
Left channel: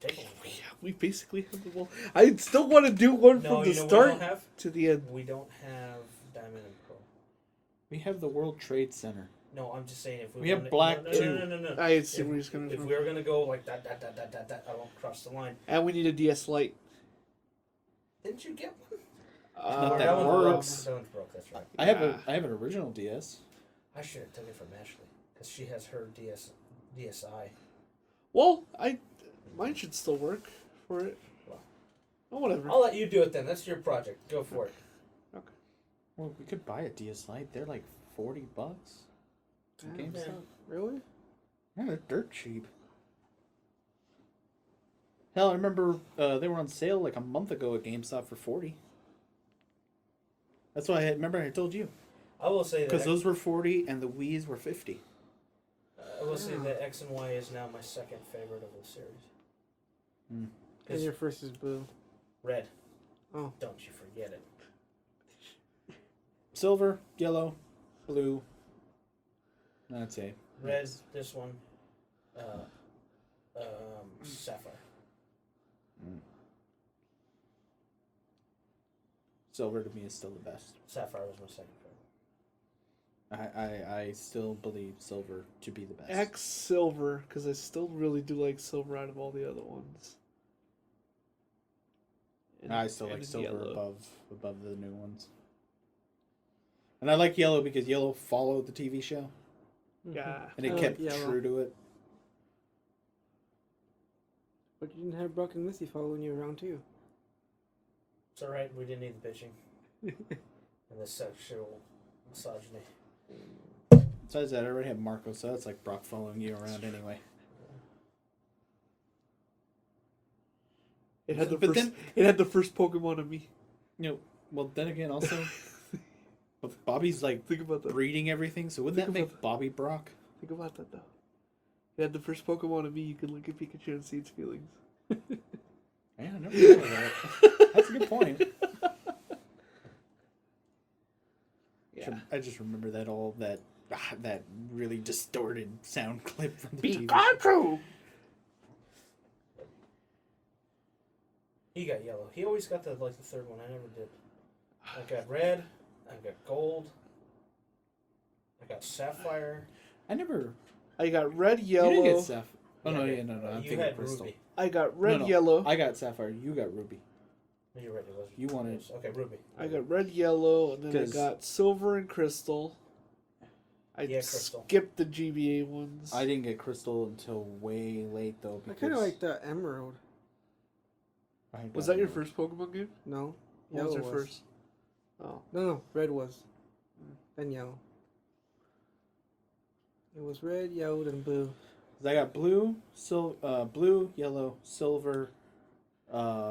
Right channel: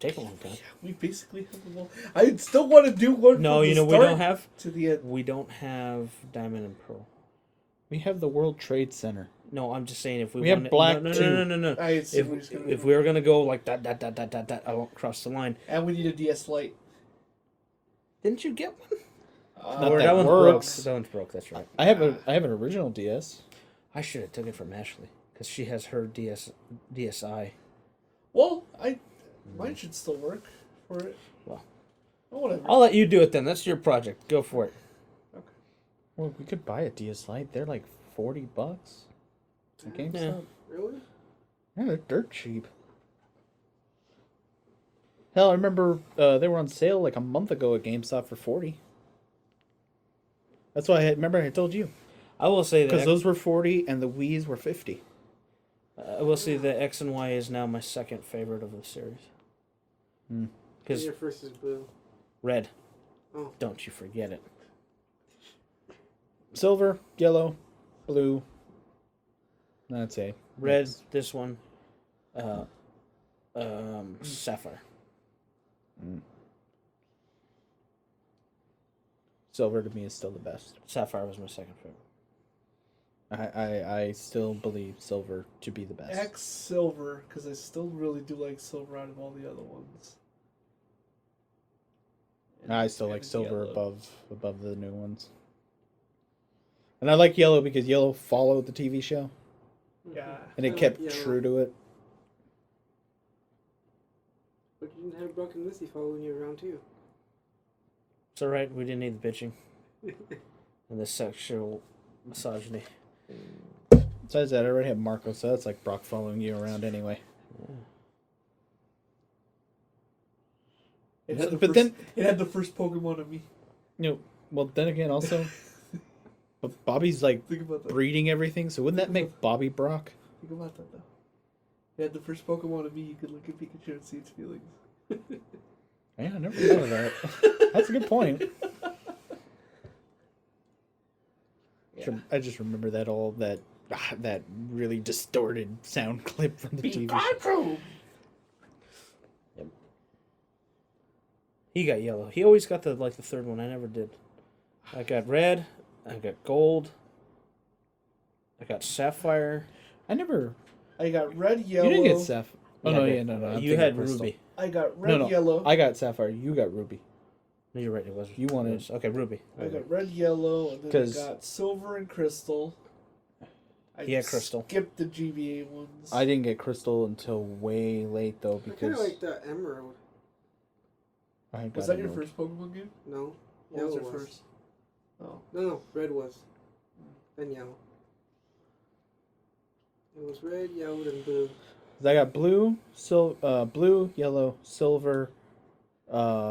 Take a long time. Yeah, we basically have them all. I still want to do one. No, from you the know we start don't have. to the end. We don't have Diamond and Pearl. We have the World Trade Center. No, I'm just saying if we. We have wanted- Black no, too. No. I see If what you're saying. if we were gonna go like that, I won't cross the line. And we need a DS Lite. Didn't you get one? Not Or that one's works. Broke. That one's broke. That's right. I have an original DS. I should have took it from Ashley because she has her DSi. Well, mine should still work for it. Well. Oh, whatever. I'll let you do it then. That's your project. Go for it. Well, we could buy a DS Lite. They're like $40 at Yeah. GameStop. Really? Yeah, they're dirt cheap. Hell, I remember they were on sale like a month ago at GameStop for $40. That's why I told you I will say because that those were $40 and the Wii's were $50. I will say that X and Y is now my second favorite of the series. Hmm. Because Your first is Blue. red. Oh. Don't you forget it. Silver, yellow, blue. That's a Red. This one. Sapphire. Silver to me is still the best. Sapphire was my second favorite. I still believe silver to be the best. X Silver, because I still really do like Silver out of all the other ones. I still like And silver yellow. above the new ones. And I like yellow because yellow followed the TV show Yeah. and I it like kept yellow. true to it. But you didn't have Brock and Missy following you around too. It's alright. We didn't need the bitching and the sexual misogyny. Besides that, I already have Marco, so that's like Brock following you around anyway. It had the But first- then- it had the first Pokemon of me. You know, well then again also, but Bobby's like Think about that. breeding everything, so wouldn't that make Bobby Brock? Think about that though. It had the first Pokemon of me. You could look at Pikachu and see its feelings. Yeah, I never thought of that. That's a good point. Yeah. I just remember that really distorted sound clip from the TV show. Pikachu! He got yellow. He always got the third one. I never did. I got red. I got gold. I got sapphire. I never. I got red, yellow. You didn't get Sapphire. Oh Yeah, no, but yeah, no. I'm you thinking had Crystal. ruby. I got red, No. yellow. I got Sapphire. You got Ruby. No, you're right. It was. You wanted- Okay, ruby. I got red, yellow, and then 'Cause- I got silver and crystal. I Yeah, crystal. skipped the GBA ones. I didn't get Crystal until way late though I kind because of like the Emerald. I had Was got that your Emerald. first Pokemon game? No, What yellow your was. first? Oh. No, red was. Then yellow. It was red, yellow, then blue. 'Cause I got blue, blue, yellow, silver,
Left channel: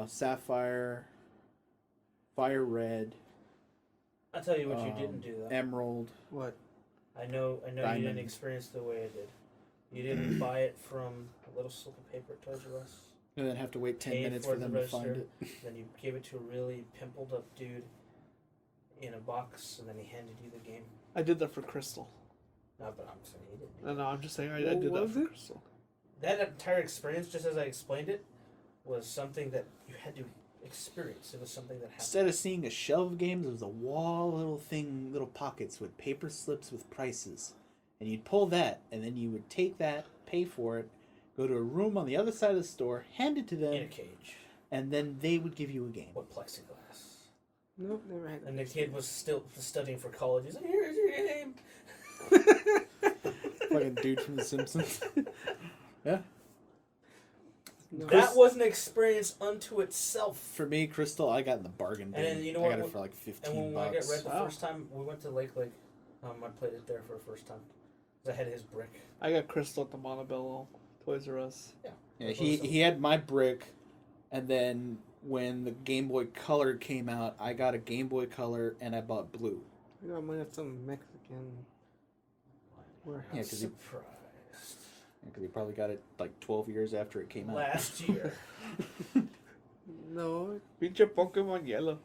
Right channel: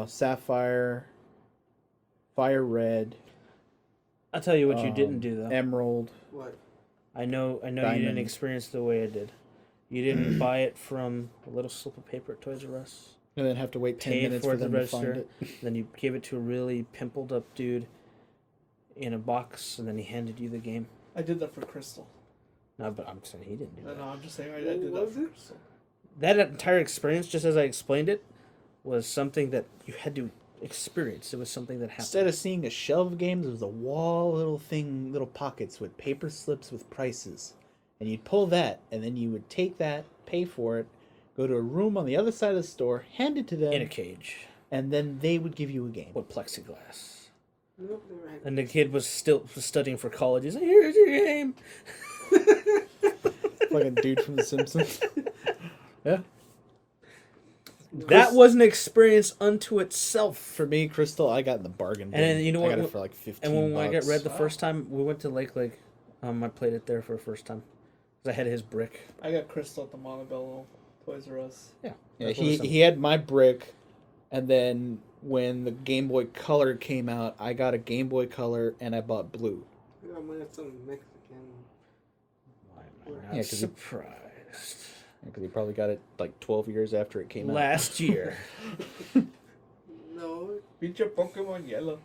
sapphire, fire red, I'll tell you what you didn't do though. emerald. What? I know you Diamond. didn't experience the way I did. You didn't buy it from a little slip of paper at Toys R Us. And then have to wait 10 Pay minutes for for the them to find register. it. Then you gave it to a really pimpled up dude in a box, and then he handed you the game. I did that for Crystal. No, but I'm saying he didn't do that. No, I'm just saying I What did was that for it? Crystal. That entire experience, just as I explained it, was something that you had to experience. It was something that happened. Instead of seeing a shelf of games, it was a wall little pockets with paper slips with prices. And you'd pull that, and then you would take that, pay for it, go to a room on the other side of the store, hand it to them, in a cage. and then they would give you a game. With plexiglass. Nope, never had. And the kid was still studying for college. He's like, here's your game. Fucking dude from The Simpsons. Yeah. That was an experience unto itself. For me, Crystal, I got in the bargain bin. And you know I what? got it for like 15 And when bucks. I got Red the first time, we went to Lake Lake. I played it there for the first time. Because I had his brick. I got Crystal at the Montebello Toys R Us. Yeah, he had my brick, and then when the Game Boy Color came out, I got a Game Boy Color and I bought blue. I got mine at some Mexican. Yeah, 'cause he- surprised. Because he probably got it like 12 years after it came out. Last year. No, Pinche Pokemon Yellow.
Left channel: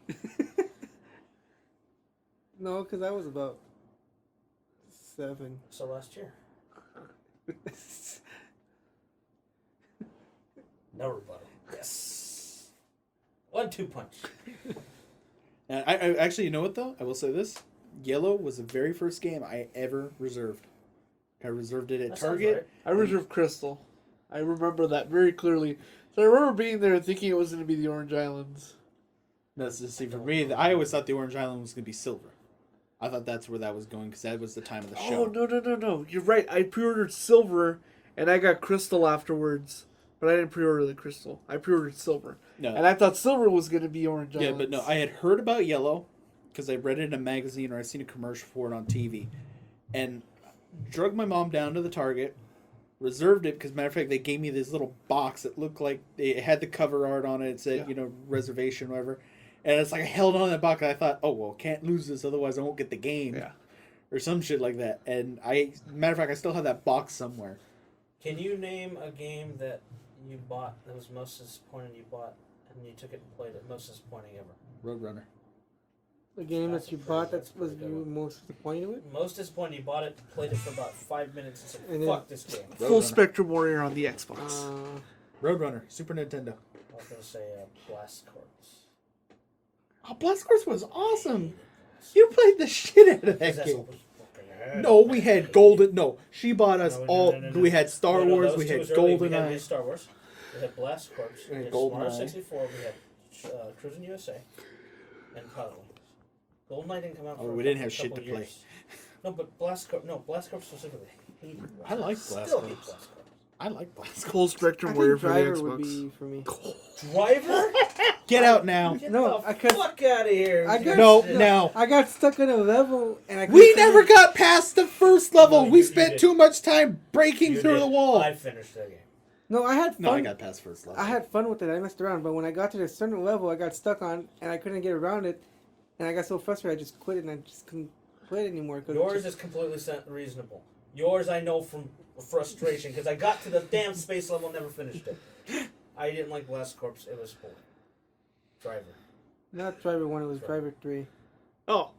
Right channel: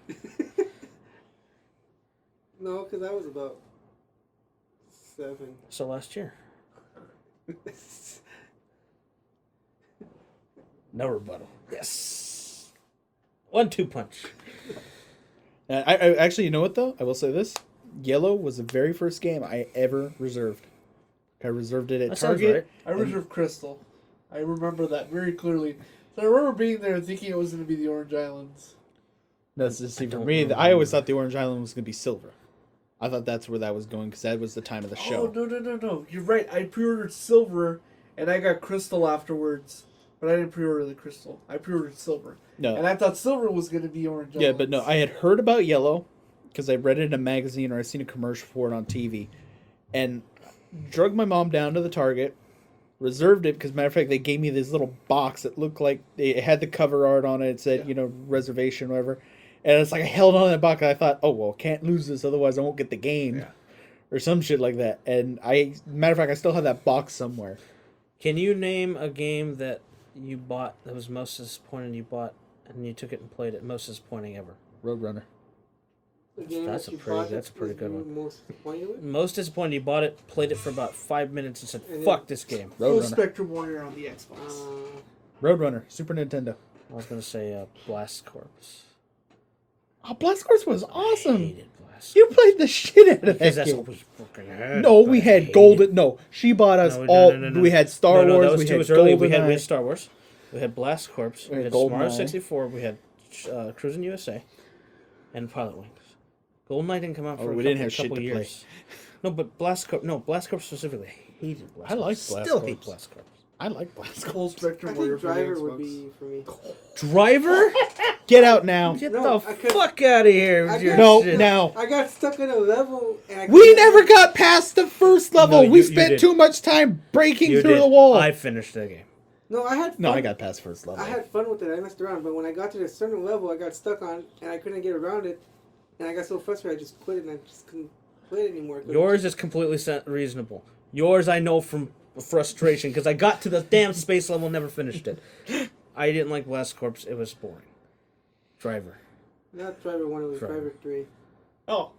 no, because I was about 7. So last year. No rebuttal. Yes. 1-2 punch. I actually, you know what though? I will say this: Yellow was the very first game I ever reserved. I reserved it at That sounds Target. I reserved Crystal. I remember that very clearly. So I remember being there and thinking it was going to be the Orange Islands. No, see, for me, I always thought the Orange Island was going to be silver. I thought that's where that was going because that was the time of the show. Oh, no. You're right. I pre-ordered Silver and I got Crystal afterwards. But I didn't pre-order the Crystal. I pre-ordered Silver. No, And I thought Silver was going to be Orange Islands. yeah, but no, I had heard about Yellow because I read it in a magazine or I seen a commercial for it on TV, and drug my mom down to the Target, reserved it because, matter of fact, they gave me this little box that looked like it had the cover art on it. It said, reservation, whatever. And it's like I held on to that box and I thought, oh, well, can't lose this, otherwise I won't get the game. Yeah. Or some shit like that. And matter of fact, I still have that box somewhere. Can you name a game that you bought that was most disappointing you bought and you took it and played it most disappointing ever? Roadrunner. The game That's that you a pretty- bought that's that a pretty was good you one. most disappointed with? Most disappointing you bought it, played it for about 5 minutes and said, And then- fuck this game. Full Roadrunner. Spectrum Warrior on the Xbox. Roadrunner. Super Nintendo. I was going to say Blast Corps. Oh, Blast Corps was awesome. Hated Blast You played the shit out of Because that that's game. what we fucking had. No, we I had hated golden. No, she bought us No, all. no. We had Star No, Wars. those We two had was early. We had GoldenEye. Star Wars. We had Blast Corps. We had had GoldenEye. Smart 64. We had Cruising USA. And Pilot Wings. GoldenEye didn't come out for Oh, a we didn't couple- have shit couple to play. years. No, but Blast Corps specifically. I hated Blast I like Corps. Blast Still Corps. hate Blast Corps. I like Blast Corps. Full Spectrum I Warrior think for the Driver would Xbox. be for me. Driver? Get out now. Get No, the I could- fuck out of here. I with your got- No, shit. now. I got stuck in a level and I We couldn't- never got past the first level. No, We you spent did. too much time breaking You through did. the wall. I finished that game. No, I had fun. No, I got past first level. I had fun with it. I messed around, but when I got to a certain level, I got stuck on and I couldn't get around it, and I got so frustrated I just quit it and I just couldn't play it anymore. Yours is completely reasonable. Yours I know from frustration because I got to the damn space level and never finished it. I didn't like Blast Corps. It was boring. Driver. Not Driver 1, it was Driver. Driver 3. Oh,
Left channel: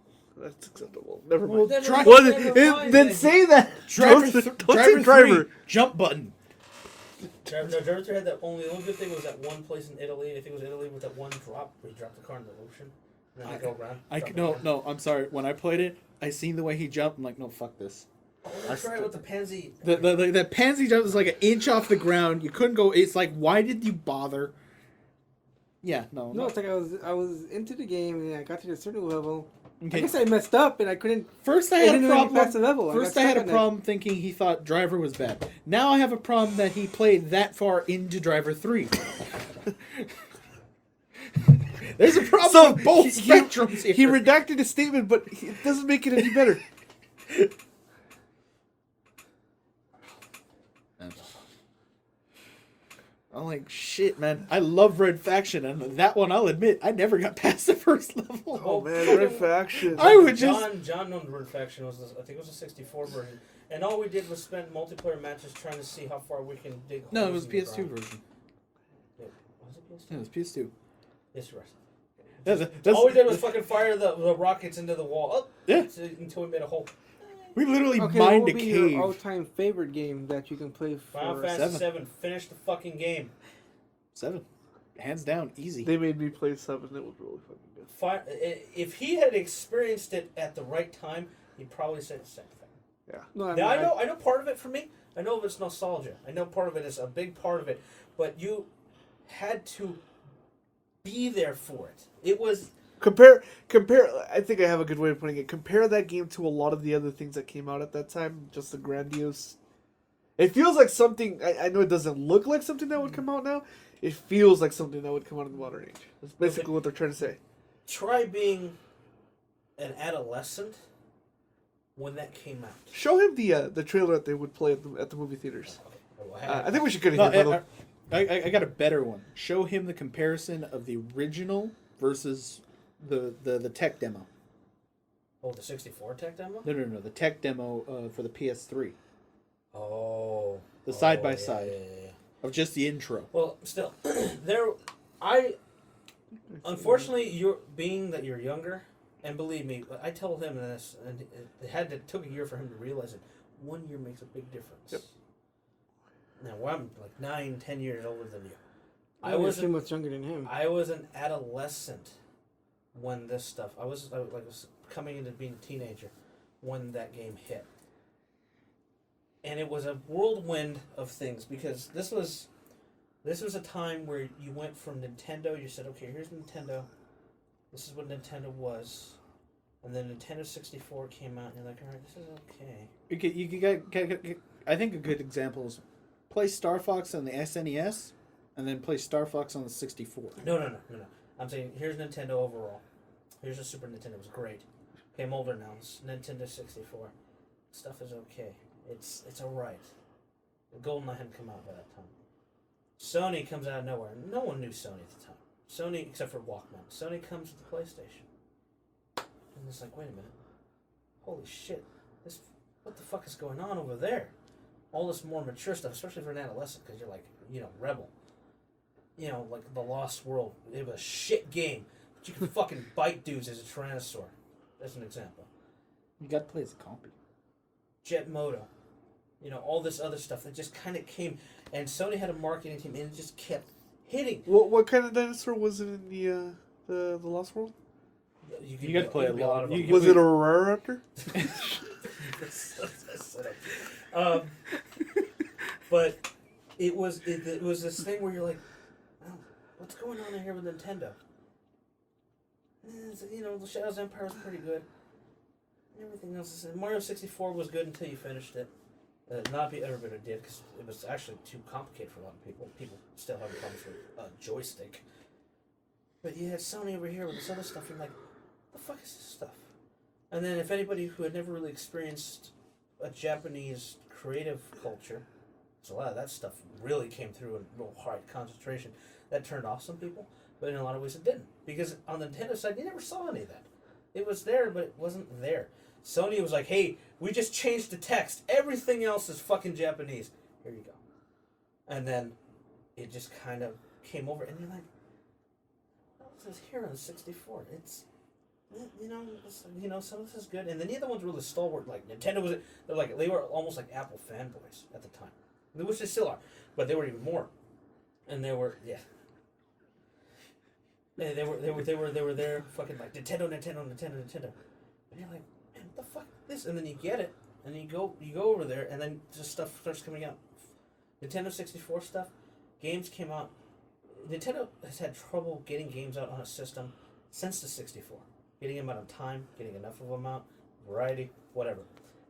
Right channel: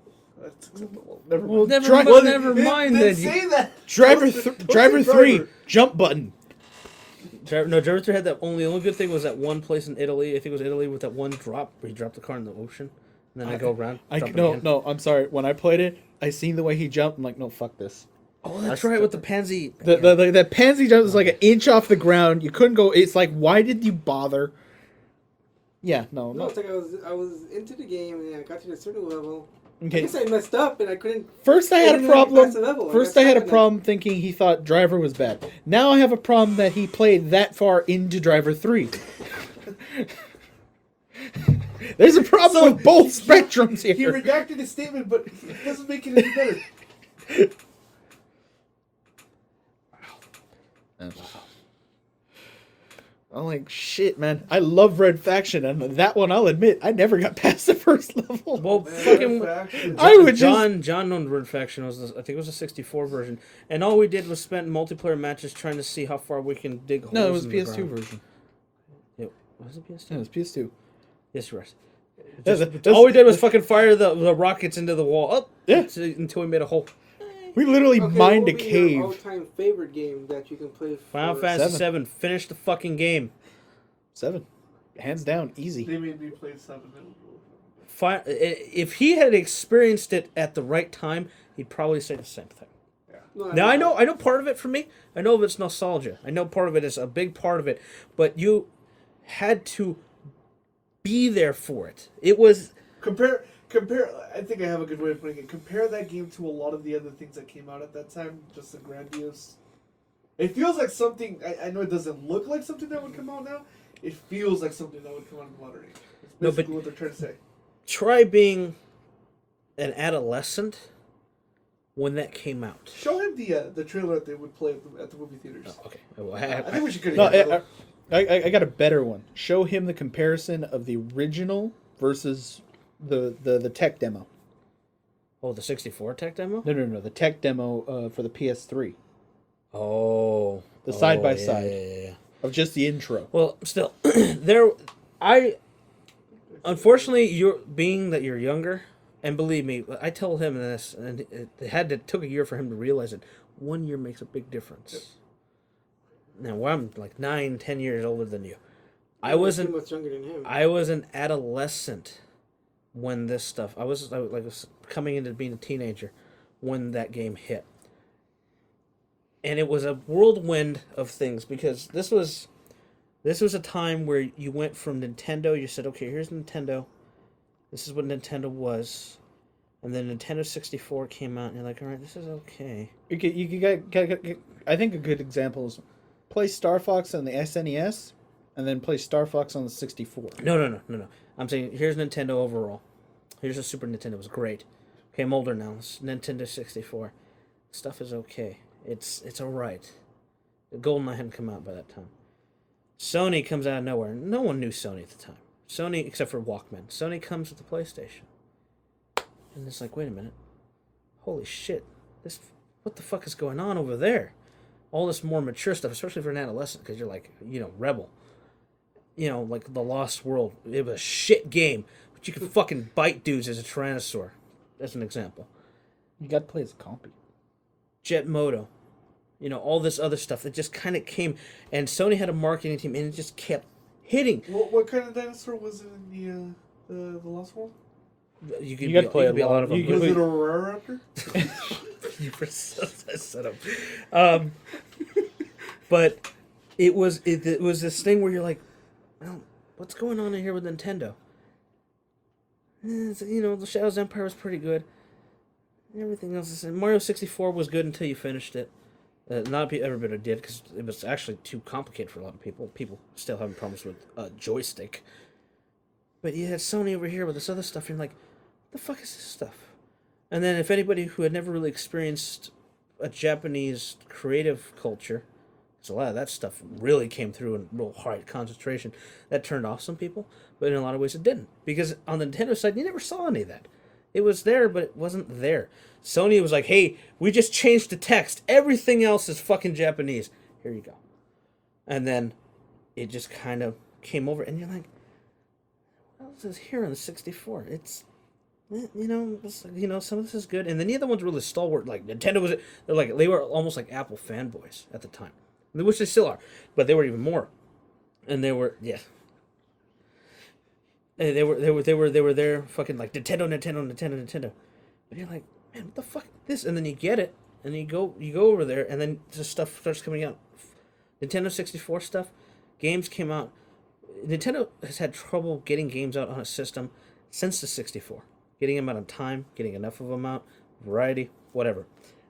that's acceptable. Never Well, mind. Dri- Well, never then- mind. Then then. say that. Driver, Don't say Driver 3, Driver. jump button. Driver 3 had that only. The only good thing was that one place in Italy. I think it was Italy with that one drop where you drop the car in the ocean and then I go around. dump it again. No, I'm sorry. When I played it, I seen the way he jumped. I'm like, no, fuck this. Oh, that's right with the pansy. The pansy jump was like an inch off the ground. You couldn't go. It's like, why did you bother? Yeah, no. No, it's like I was into the game and I got to a certain level. I Okay. guess I messed up and I couldn't. First, I I had a didn't really pass the problem. level. First, got I had a stuck on problem thinking he thought Driver was bad. Now I have a problem that he played that far into Driver 3. There's a problem with both spectrums here. He redacted his statement, but it doesn't make it any better. I'm like, shit, man. I love Red Faction, and that one, I'll admit, I never got past the first level. Well, Man, fucking faction. I would just... John owned Red Faction. I think it was a 64 version, and all we did was spend multiplayer matches trying to see how far we can dig holes. No, it was in the PS2 ground. version. Was it PS2? No, it was PS2. Yes, you were. Yeah, that's- All we did was fucking fire the rockets into the wall up until we made a hole. we literally Okay, mined what a would be your cave. all-time favorite game that you can play for? Final Fantasy 7. Finish the fucking game. 7. Hands down, easy. They made me play 7. It was really fucking good. If he had experienced it at the right time, he'd probably say the same thing. No, Now I know part of it for me. I know it's nostalgia. I know part of it is a big part of it, but you had to be there for it. It was Compare. I think I have a good way of putting it. Compare that game to a lot of the other things that came out at that time. Just the grandiose. It feels like something. I know it doesn't look like something that would come out now. It feels like something that would come out in the modern age. That's basically what they're trying to say. try being an adolescent when that came out. Show him the trailer that they would play at the movie theaters. Oh, okay. Well, I think we should No, go. I got a better one. Show him the comparison of the original versus the tech demo. oh, the 64 tech demo? No. The tech demo for the PS3 Oh. The side by yeah, side. yeah. of just the intro. Well, still, unfortunately, you're younger, and believe me, I told him this, and it took a year for him to realize it. 1 year makes a big difference. Yep. Now, I'm like 9-10 years older than you. I wasn't much younger than him. I was an adolescent when this stuff. I was coming into being a teenager when that game hit, and it was a whirlwind of things because this was a time where you went from Nintendo. You said, okay, here's Nintendo. This is what Nintendo was, and then Nintendo 64 came out, and you're like, all right, this is okay. I think a good example is play Star Fox on the SNES, and then play Star Fox on the 64. No. I'm saying here's Nintendo overall. Here's a Super Nintendo. It was great. Okay, I'm older now. It's Nintendo 64. Stuff is okay. It's all right. The GoldenEye hadn't come out by that time. Sony comes out of nowhere. No one knew Sony at the time. Sony, except for Walkman. Sony comes with the PlayStation. And it's like, wait a minute. Holy shit. What the fuck is going on over there? All this more mature stuff, especially for an adolescent, because you're like, Rebel. Like The Lost World. It was a shit game. But you can fucking bite dudes as a Tyrannosaur. As an example. You got to play as a compy. Jet Moto. All this other stuff that just kind of came. And Sony had a marketing team, and it just kept hitting. What kind of dinosaur was it in the Lost World? You got to play a lot of them. Was it a Raraptor? But it was this thing where you're like, well, what's going on in here with Nintendo? The Shadows Empire was pretty good. Everything else is Mario 64 was good until you finished it. Not everybody did because it was actually too complicated for a lot of people. People still having problems with joystick. But you had Sony over here with this other stuff. And you're like, what the fuck is this stuff? And then if anybody who had never really experienced a Japanese creative culture, so a lot of that stuff really came through in real hard concentration, that turned off some people. But in a lot of ways it didn't. Because on the Nintendo side, you never saw any of that. It was there, but it wasn't there. Sony was like, hey, we just changed the text. Everything else is fucking Japanese. Here you go. And then it just kind of came over, and you're like, what else is here on the 64? It's, some of this is good. And then the other ones were really stalwart. Like, Nintendo was, they were almost like Apple fanboys at the time. Which they still are. But they were even more. And they were, yeah. They were there fucking like Nintendo. And you're like, man, what the fuck is this? And then you get it, and you go over there, and then just stuff starts coming out. Nintendo 64 stuff, games came out. Nintendo has had trouble getting games out on a system since the 64. Getting them out on time, getting enough of them out, variety, whatever.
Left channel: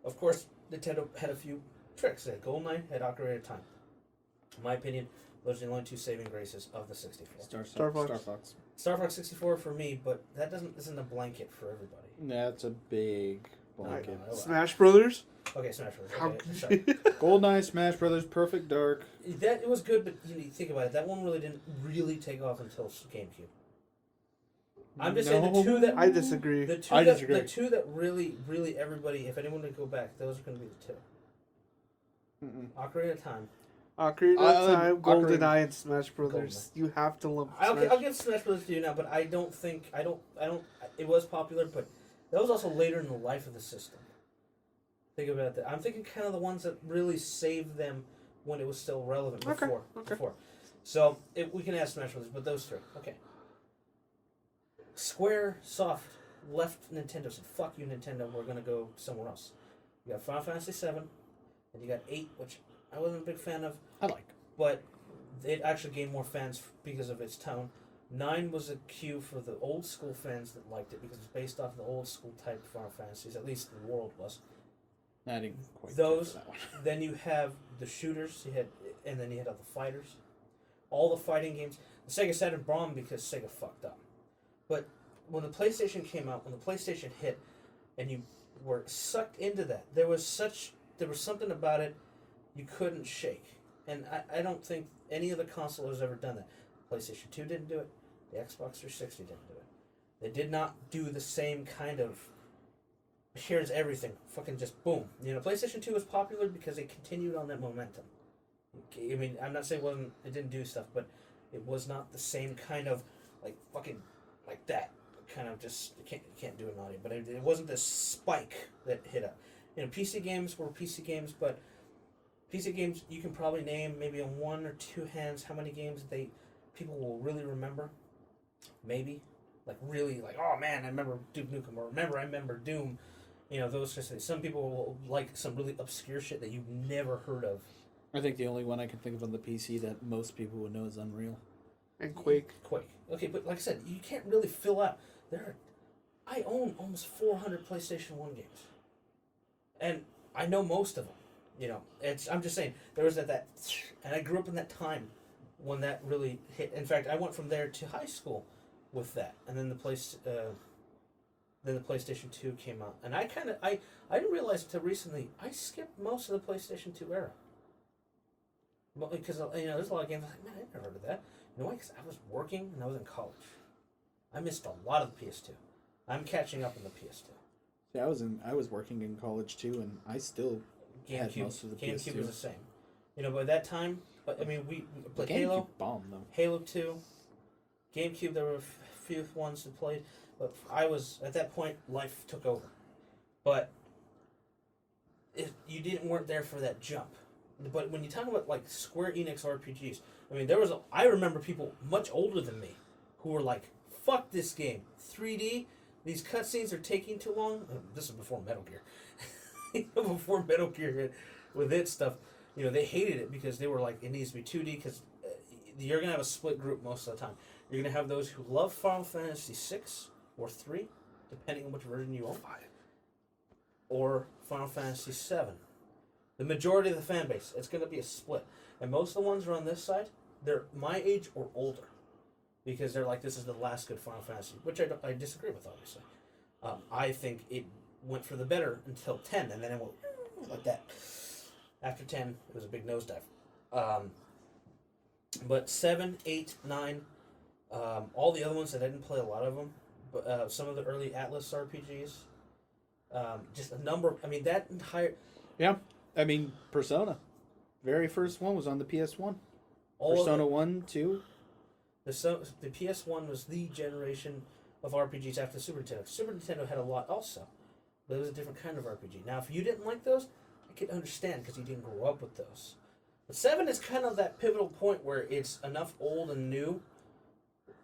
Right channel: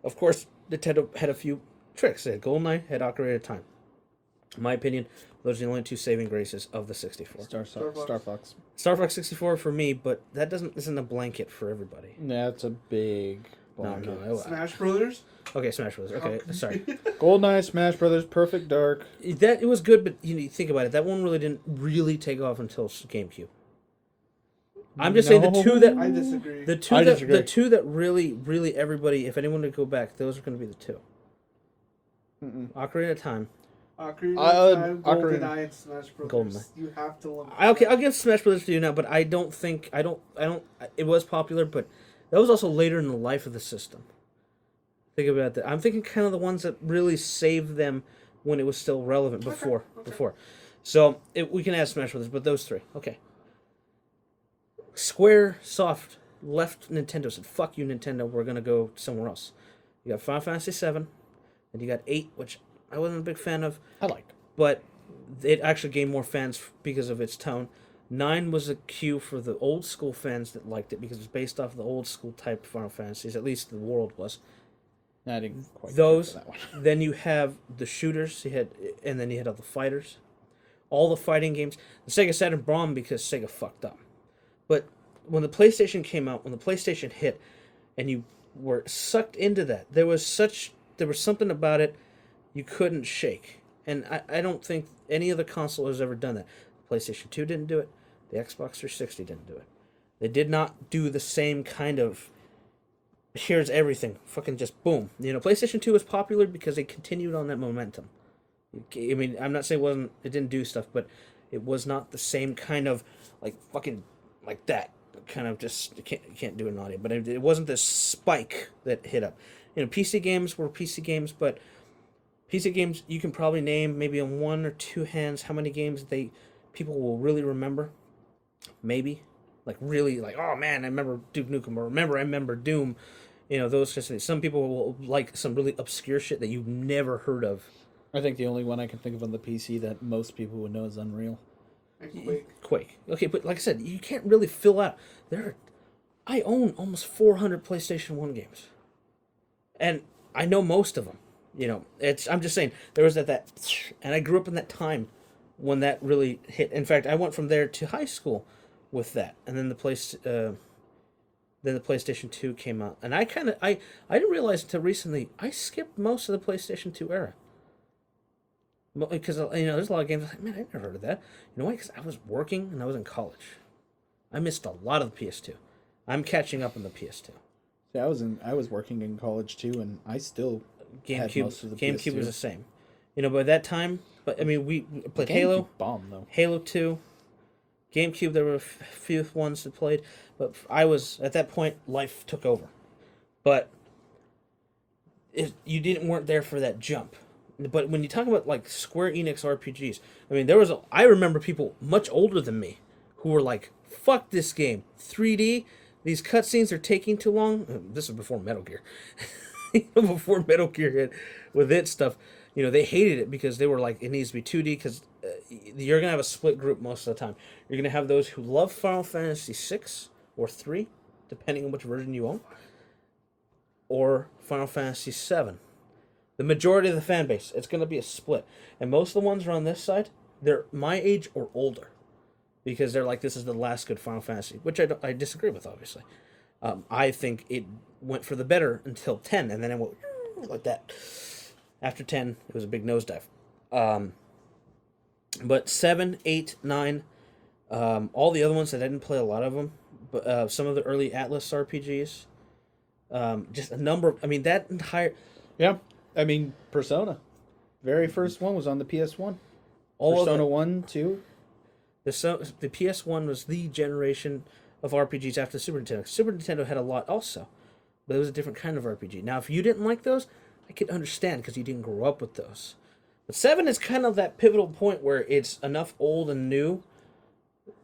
Of course, Nintendo had a few tricks. They had GoldenEye, had Ocarina of Time. In my opinion, those are the only two saving graces of the 64. Star Fox. Star Fox 64 for me, but that isn't a blanket for everybody. That's a big blanket. No, Smash Brothers? Okay, Smash Bros. Okay, sorry. GoldenEye, Smash Brothers, Perfect Dark. It was good, but you think about it. That one really didn't take off until GameCube. I'm just saying the two that I disagree. The two that really everybody, if anyone would go back, those are going to be the two. Ocarina of Time. Ocarina of Time, Ocarina. GoldenEye, and Smash Brothers. GoldenEye. You have to love. Okay, I'll give Smash Brothers to you now, but I don't. It was popular, but that was also later in the life of the system. Think about that. I'm thinking kind of the ones that really saved them when it was still relevant before. So we can add Smash Brothers, but those three. Okay. Squaresoft left Nintendo, said, fuck you, Nintendo, we're going to go somewhere else. You got Final Fantasy 7, and you got 8, which I wasn't a big fan of. I like. But it actually gained more fans because of its tone. 9 was a cue for the old school fans that liked it because it was based off the old school type Final Fantasies. At least the world was. I didn't quite Those. care for that one. Then you have the shooters. And then you had all the fighters, all the fighting games. The Sega Saturn bombed because Sega fucked up. But when the PlayStation came out, when the PlayStation hit, and you were sucked into that, there was something about it you couldn't shake. And I don't think any other console has ever done that. PlayStation 2 didn't do it. The Xbox 360 didn't do it. They did not do the same kind of, here's everything, fucking just boom. PlayStation 2 was popular because they continued on that momentum. I mean, I'm not saying it didn't do stuff, but it was not the same kind of, like, fucking, like that. Kind of just, you can't do it naughty. But it wasn't this spike that hit up. PC games were PC games, but PC games, you can probably name maybe on one or two hands how many games people will really remember. Maybe. Like, really, like, oh man, I remember Duke Nukem, or I remember Doom. Those kind of things. Some people will like some really obscure shit that you've never heard of. I think the only one I can think of on the PC that most people would know is Unreal. And Quake. Okay, but like I said, you can't really fill out. I own almost 400 PlayStation 1 games. And I know most of them. I'm just saying, there was that, and I grew up in that time when that really hit. In fact, I went from there to high school with that. And then the PlayStation 2 came out. And I didn't realize until recently, I skipped most of the PlayStation 2 era. Because, there's a lot of games, like, man, I never heard of that. You know why? Because I was working and I was in college. I missed a lot of the PS2. I'm catching up on the PS2. Yeah, I was working in college too, and I still had most of the PS2. GameCube was the same. By that time, we played Halo. Bomb though. Halo 2. GameCube, there were a few ones that played, but I was at that point. Life took over, but you weren't there for that jump. But when you talk about like Square Enix RPGs, I remember people much older than me who were like, "Fuck this game, 3D. These cutscenes are taking too long." This is before Metal Gear. Before Metal Gear hit with its stuff, they hated it because they were like, it needs to be 2D because you're gonna have a split group most of the time. You're gonna have those who love Final Fantasy 6 or 3, depending on which version you own, or Final Fantasy 7. The majority of the fan base, it's going to be a split. And most of the ones are on this side, they're my age or older. Because they're like, this is the last good Final Fantasy. Which I disagree with, obviously. I think it went for the better until 10. And then it went like that. After 10, it was a big nosedive. But 7, 8, 9, all the other ones, I didn't play a lot of them. But some of the early Atlas RPGs. Just a number of, that entire... Yeah. Persona. Very first one was on the PS1. Persona 1, 2. The PS1 was the generation of RPGs after the Super Nintendo. Super Nintendo had a lot also, but it was a different kind of RPG. Now, if you didn't like those, I could understand because you didn't grow up with those. But 7 is kind of that pivotal point where it's enough old and new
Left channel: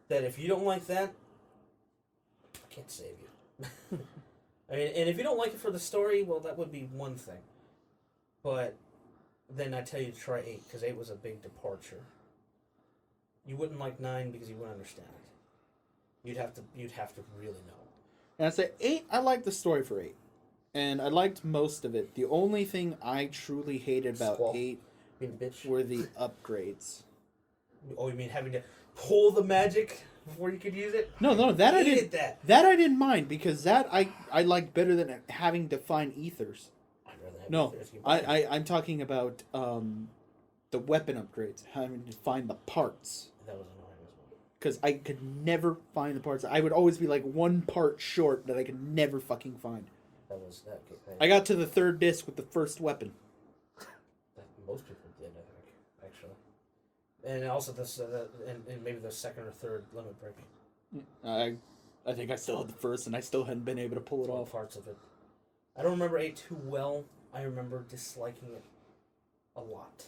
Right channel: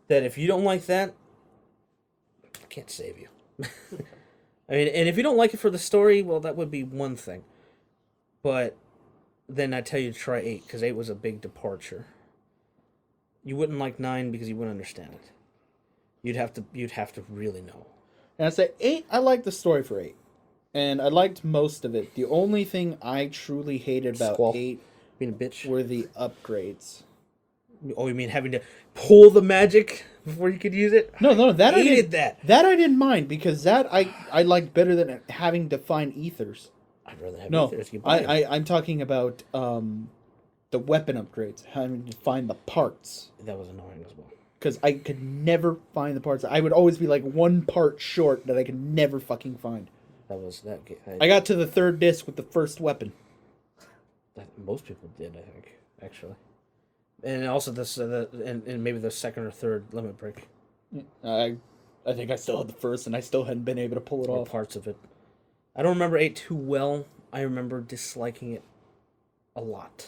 that if you don't like that, I can't save you. And if you don't like it for the story, well, that would be one thing. But then I tell you to try 8 because 8 was a big departure. You wouldn't like 9 because you wouldn't understand it. You'd have to really know. And I'd say 8, I liked the story for 8. And I liked most of it. The only thing I truly hated about 8 being a bitch were the upgrades. Oh, you mean having to pull the magic before you could use it? No, that I hated didn't. That I didn't mind because that I liked better than having to find ethers. I'm talking about the weapon upgrades, having to find the parts. That was annoying as well. Because I could never find the parts. I would always be like one part short that I could never fucking find. I got to the 3rd disc with the first weapon. Most people did, I think, actually. And also this, and maybe the 2nd or 3rd limit break. I think I still had the first, and I still hadn't been able to pull it off. Parts of it. I don't remember 8 too well. I remember disliking it a lot.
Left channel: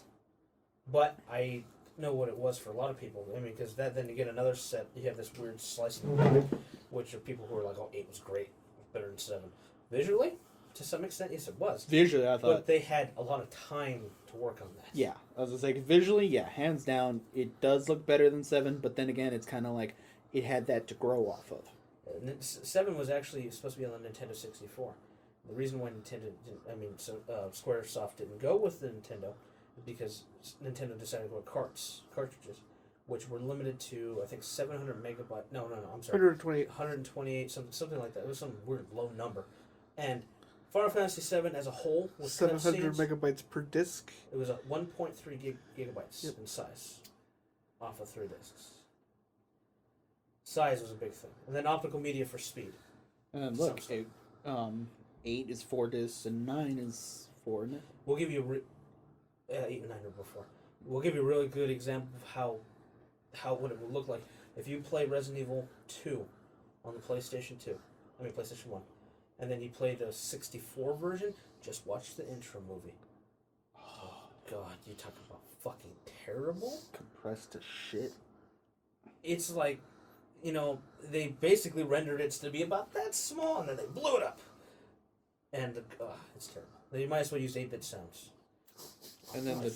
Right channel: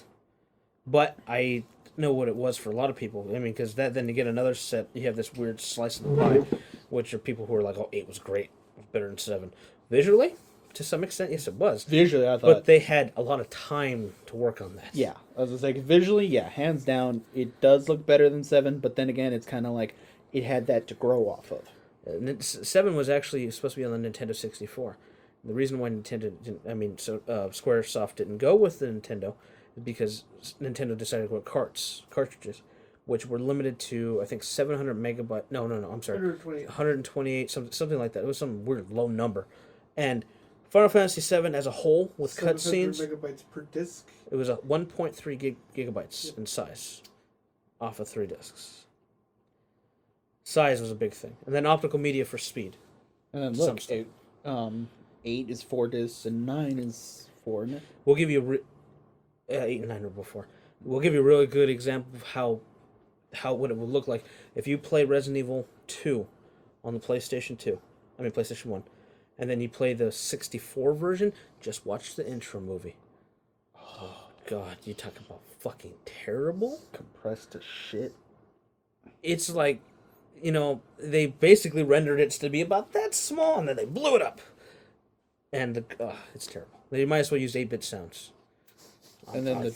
But I know what it was for a lot of people. Because then you get another set, you have this weird slice of the pie, which are people who are like, oh, 8 was great. It was better than 7. Visually, to some extent, yes, it was. Visually, I thought. But they had a lot of time to work on that. Yeah. I was like, visually, yeah, hands down, it does look better than 7. But then again, it's kind of like, it had that to grow off of. 7 was actually supposed to be on the Nintendo 64. The reason why Squaresoft didn't go with the Nintendo is because Nintendo decided to go with cartridges, which were limited to, I think, 700 megabyte. No, I'm sorry. 128, something like that. It was some weird low number. And Final Fantasy 7 as a whole, with 700 cutscenes, megabytes per disc. it was a 1.3 gigabytes in size off of 3 discs. Size was a big thing. And then optical media for speed. And then look, 8 is 4 discs and 9 is 4, isn't it? We'll give you 8 and 9 were before. We'll give you a really good example of how what it would look like if you play Resident Evil 2 on the PlayStation 1, and then you play the 64 version. Just watch the intro movie. Oh God, you talk about fucking terrible. Compressed to shit. It's like, they basically rendered it to be about that small, and then they blew it up. And it's terrible. They might as well use 8-bit sounds. And then the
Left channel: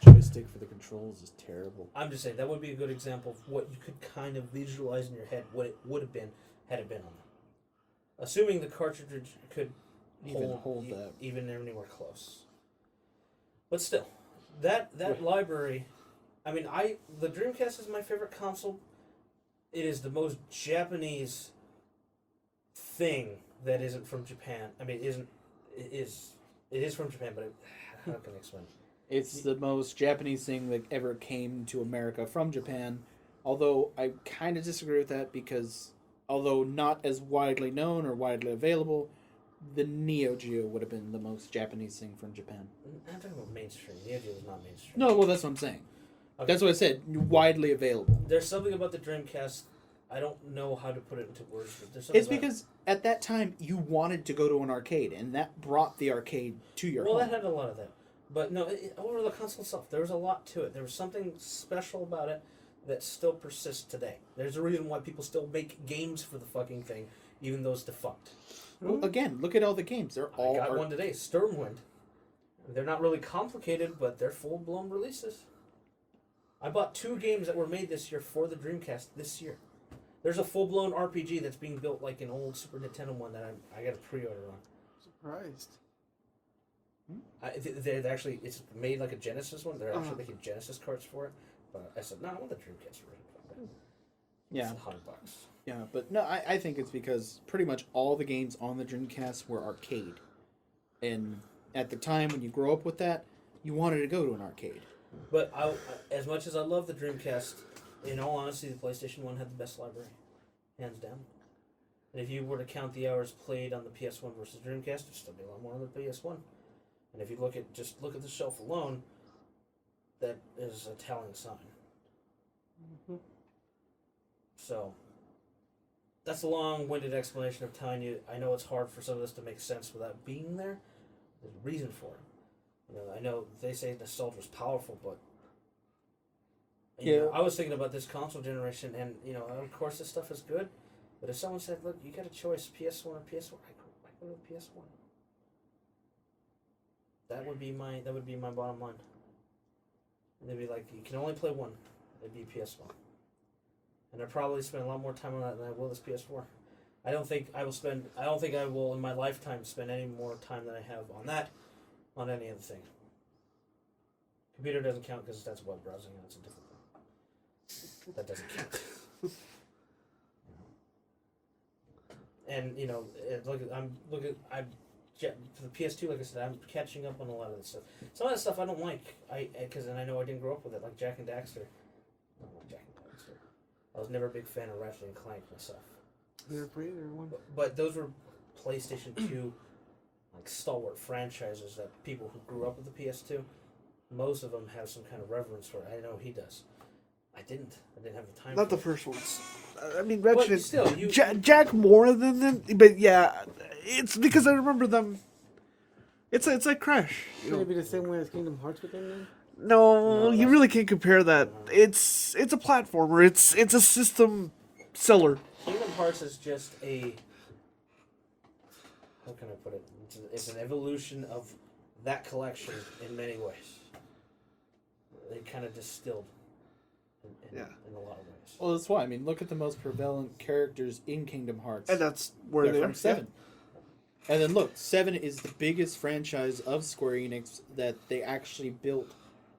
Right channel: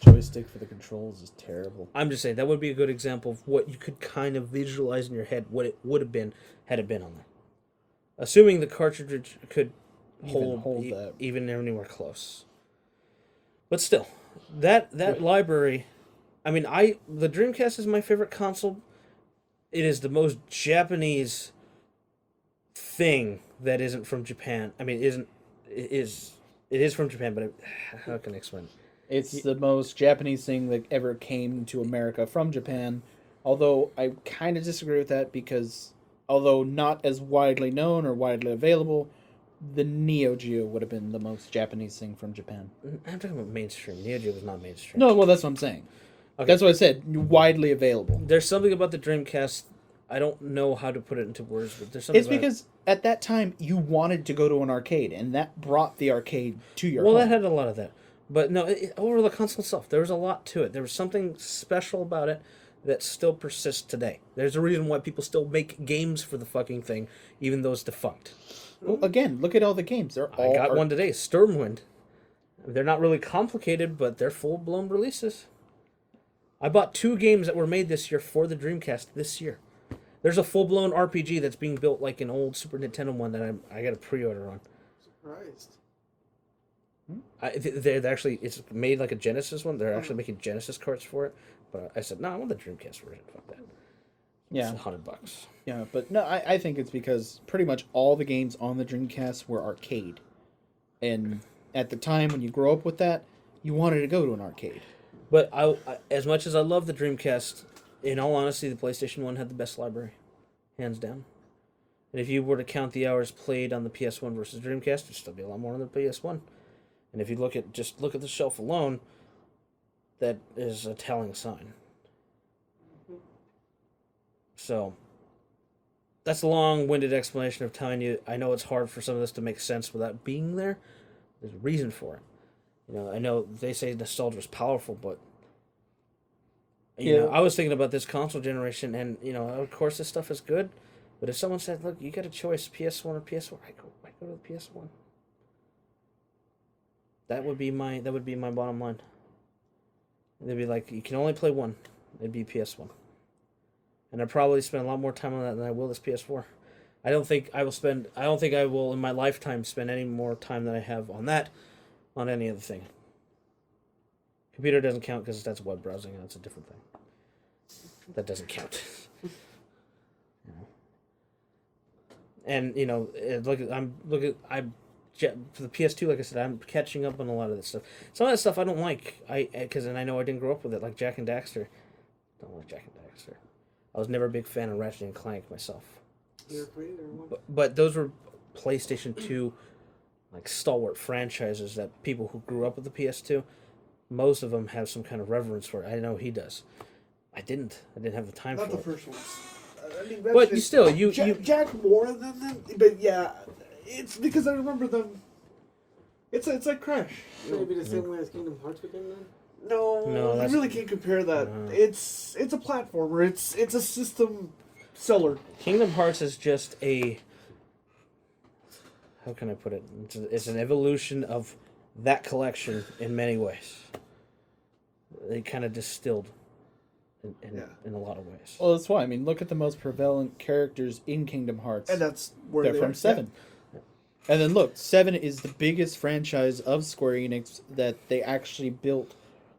joystick for the controls is terrible. I'm just saying, that would be a good example of what you could kind of visualize in your head what it would have been had it been on there. Assuming the cartridge could hold that. Even anywhere close. But still, that library, the Dreamcast is my favorite console. It is the most Japanese thing that isn't from Japan. It is from Japan, but how can I explain it? It's the most Japanese thing that ever came to America from Japan. Although I kind of disagree with that because, although not as widely known or widely available, the Neo Geo would have been the most Japanese thing from Japan. I'm talking about mainstream. Neo Geo was not mainstream. No, well, that's what I'm saying. Okay. That's what I said. Widely available. There's something about the Dreamcast. I don't know how to put it into words, but there's something. It's because at that time you wanted to go to an arcade, and that brought the arcade to your home. Well, that had a lot of that. But no, over the console itself, there was a lot to it. There was something special about it that still persists today. There's a reason why people still make games for the fucking thing, even though it's defunct. Well, again, look at all the games. I got one today, Stormwind. They're not really complicated, but they're full-blown releases. I bought 2 games that were made this year for the Dreamcast this year. There's a full-blown RPG that's being built like an old Super Nintendo one that I got a pre-order on. Surprised. It's made like a Genesis one. They're actually making Genesis cards for it. But I said, no, I want the Dreamcast version. Fuck that. Yeah. It's $100. Yeah, but no, I think it's because pretty much all the games on the Dreamcast were arcade. And at the time when you grow up with that, you wanted to go to an arcade. But I as much as I love the Dreamcast, in all honesty, the PlayStation 1 had the best library. Hands down. And if you were to count the hours played on the PS1 versus Dreamcast, there'd still be a lot more on the PS1. And if you look at the shelf alone, that is a telling sign. Mm-hmm. So, that's a long-winded explanation of telling you. I know it's hard for some of this to make sense without being there. There's a reason for it. I know they say nostalgia is powerful, but I was thinking about this console generation, and of course this stuff is good. But if someone said, "Look, you got a choice, PS1 or PS4," I go to the PS1. That would be my bottom line. They'd be like, you can only play one. It'd be PS1. And I'd probably spend a lot more time on that than I will this PS4. I don't think I will in my lifetime spend any more time than I have on that, on any other thing. Computer doesn't count because that's web browsing and that's a different thing. That doesn't count. And for the PS2, like I said, I'm catching up on a lot of this stuff. Some of that stuff I don't like, because I know I didn't grow up with it, like Jak and Daxter. I don't like Jak and Daxter. I was never a big fan of Ratchet and Clank myself. They're great, everyone. But those were PlayStation 2, like stalwart franchises that people who grew up with the PS2, most of them have some kind of reverence for it. I know he does. I didn't have the time. Not for the it. first ones. Ratchet, but you still Jak more than them. But yeah, it's because I remember them. It's like Crash. Maybe the same way as Kingdom Hearts with them then? No, you really can't compare that. It's a platformer. It's a system seller. Kingdom Hearts is just how can I put it? It's an evolution of that collection in many ways. They kind of distilled in a lot of ways. Well, that's why. I mean, look at the most prevalent characters in Kingdom Hearts. And that's where They're from 7. And then look, 7 is the biggest franchise of Square Enix that they actually built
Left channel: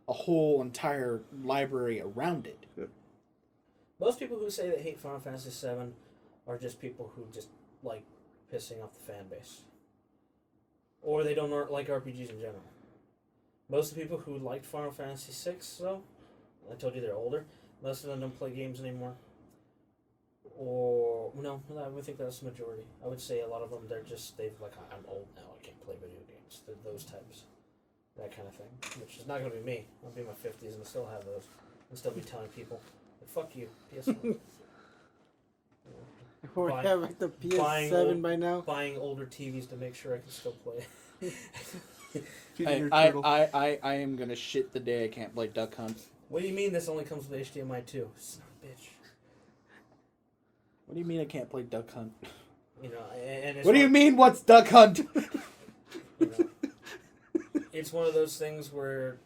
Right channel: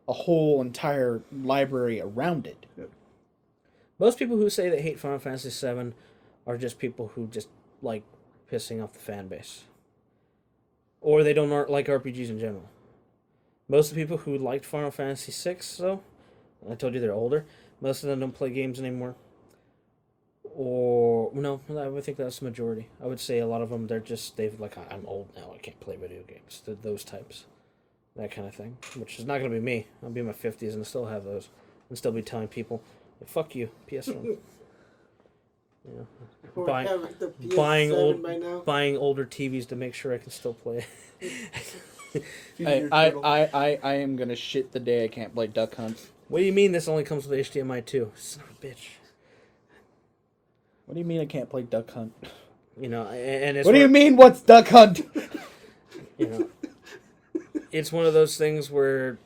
a whole entire library around it. Most people who say they hate Final Fantasy VII are just people who just like pissing off the fan base. Or they don't like RPGs in general. Most of the people who liked Final Fantasy VI, though, I told you they're older, most of them don't play games anymore. Or, no, I would think that's the majority. I would say a lot of them, they've like, I'm old now, I can't play video games. Those types. That kind of thing. Which is not going to be me. I'll be in my 50s and still have those. And still be telling people, fuck you, PS4. Or have like the PS7 by now. Buying older TVs to make sure I can still play. I am gonna shit the day I can't play Duck Hunt. What do you mean this only comes with HDMI 2? Son of a bitch. What do you mean I can't play Duck Hunt? You know, and it's what do you mean? What's Duck Hunt? You know, it's one of those things where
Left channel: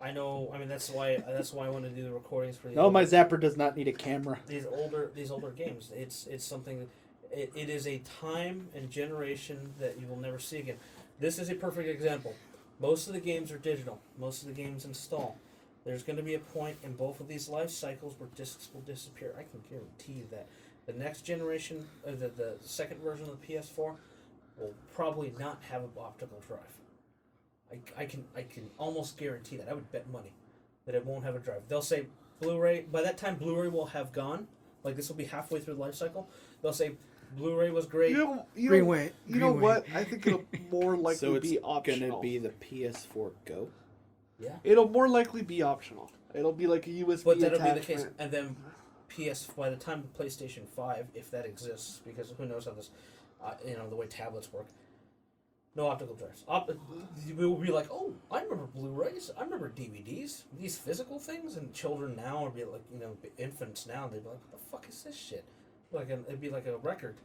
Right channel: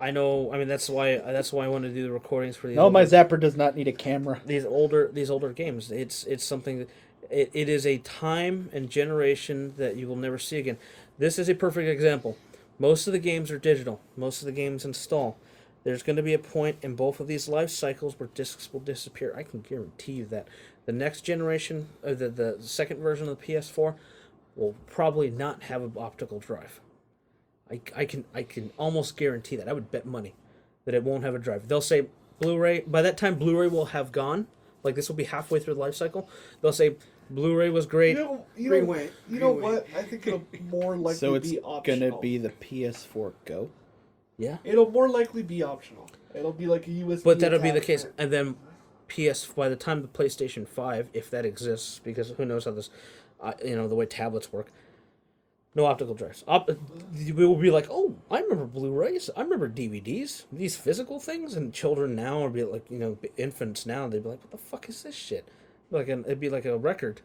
I know. I mean, that's why I want to do the recordings for these. No, my Zapper does not need a camera. These older games. It's something that it is a time and generation that you will never see again. This is a perfect example. Most of the games are digital. Most of the games install. There's going to be a point in both of these life cycles where discs will disappear. I can guarantee you that. The next generation, the second version of the PS4, will probably not have an optical drive. I can almost guarantee that. I would bet money that it won't have a drive. They'll say Blu-ray. By that time, Blu-ray will have gone. Like, this will be halfway through the life cycle. They'll say Blu-ray was great. You know what? I think it'll more likely So it's be optional. gonna be the PS4 Go? Yeah. It'll more likely be optional. It'll be like a USB. But that'll be the case. attachment. And then by the time the PlayStation 5, if that exists, because who knows how this, the way tablets work, no optical drives. We will be like, oh, I remember Blu-rays. I remember DVDs. These physical things. And children now would be like, infants now, they'd be like, what the fuck is this shit? It'd be like a record.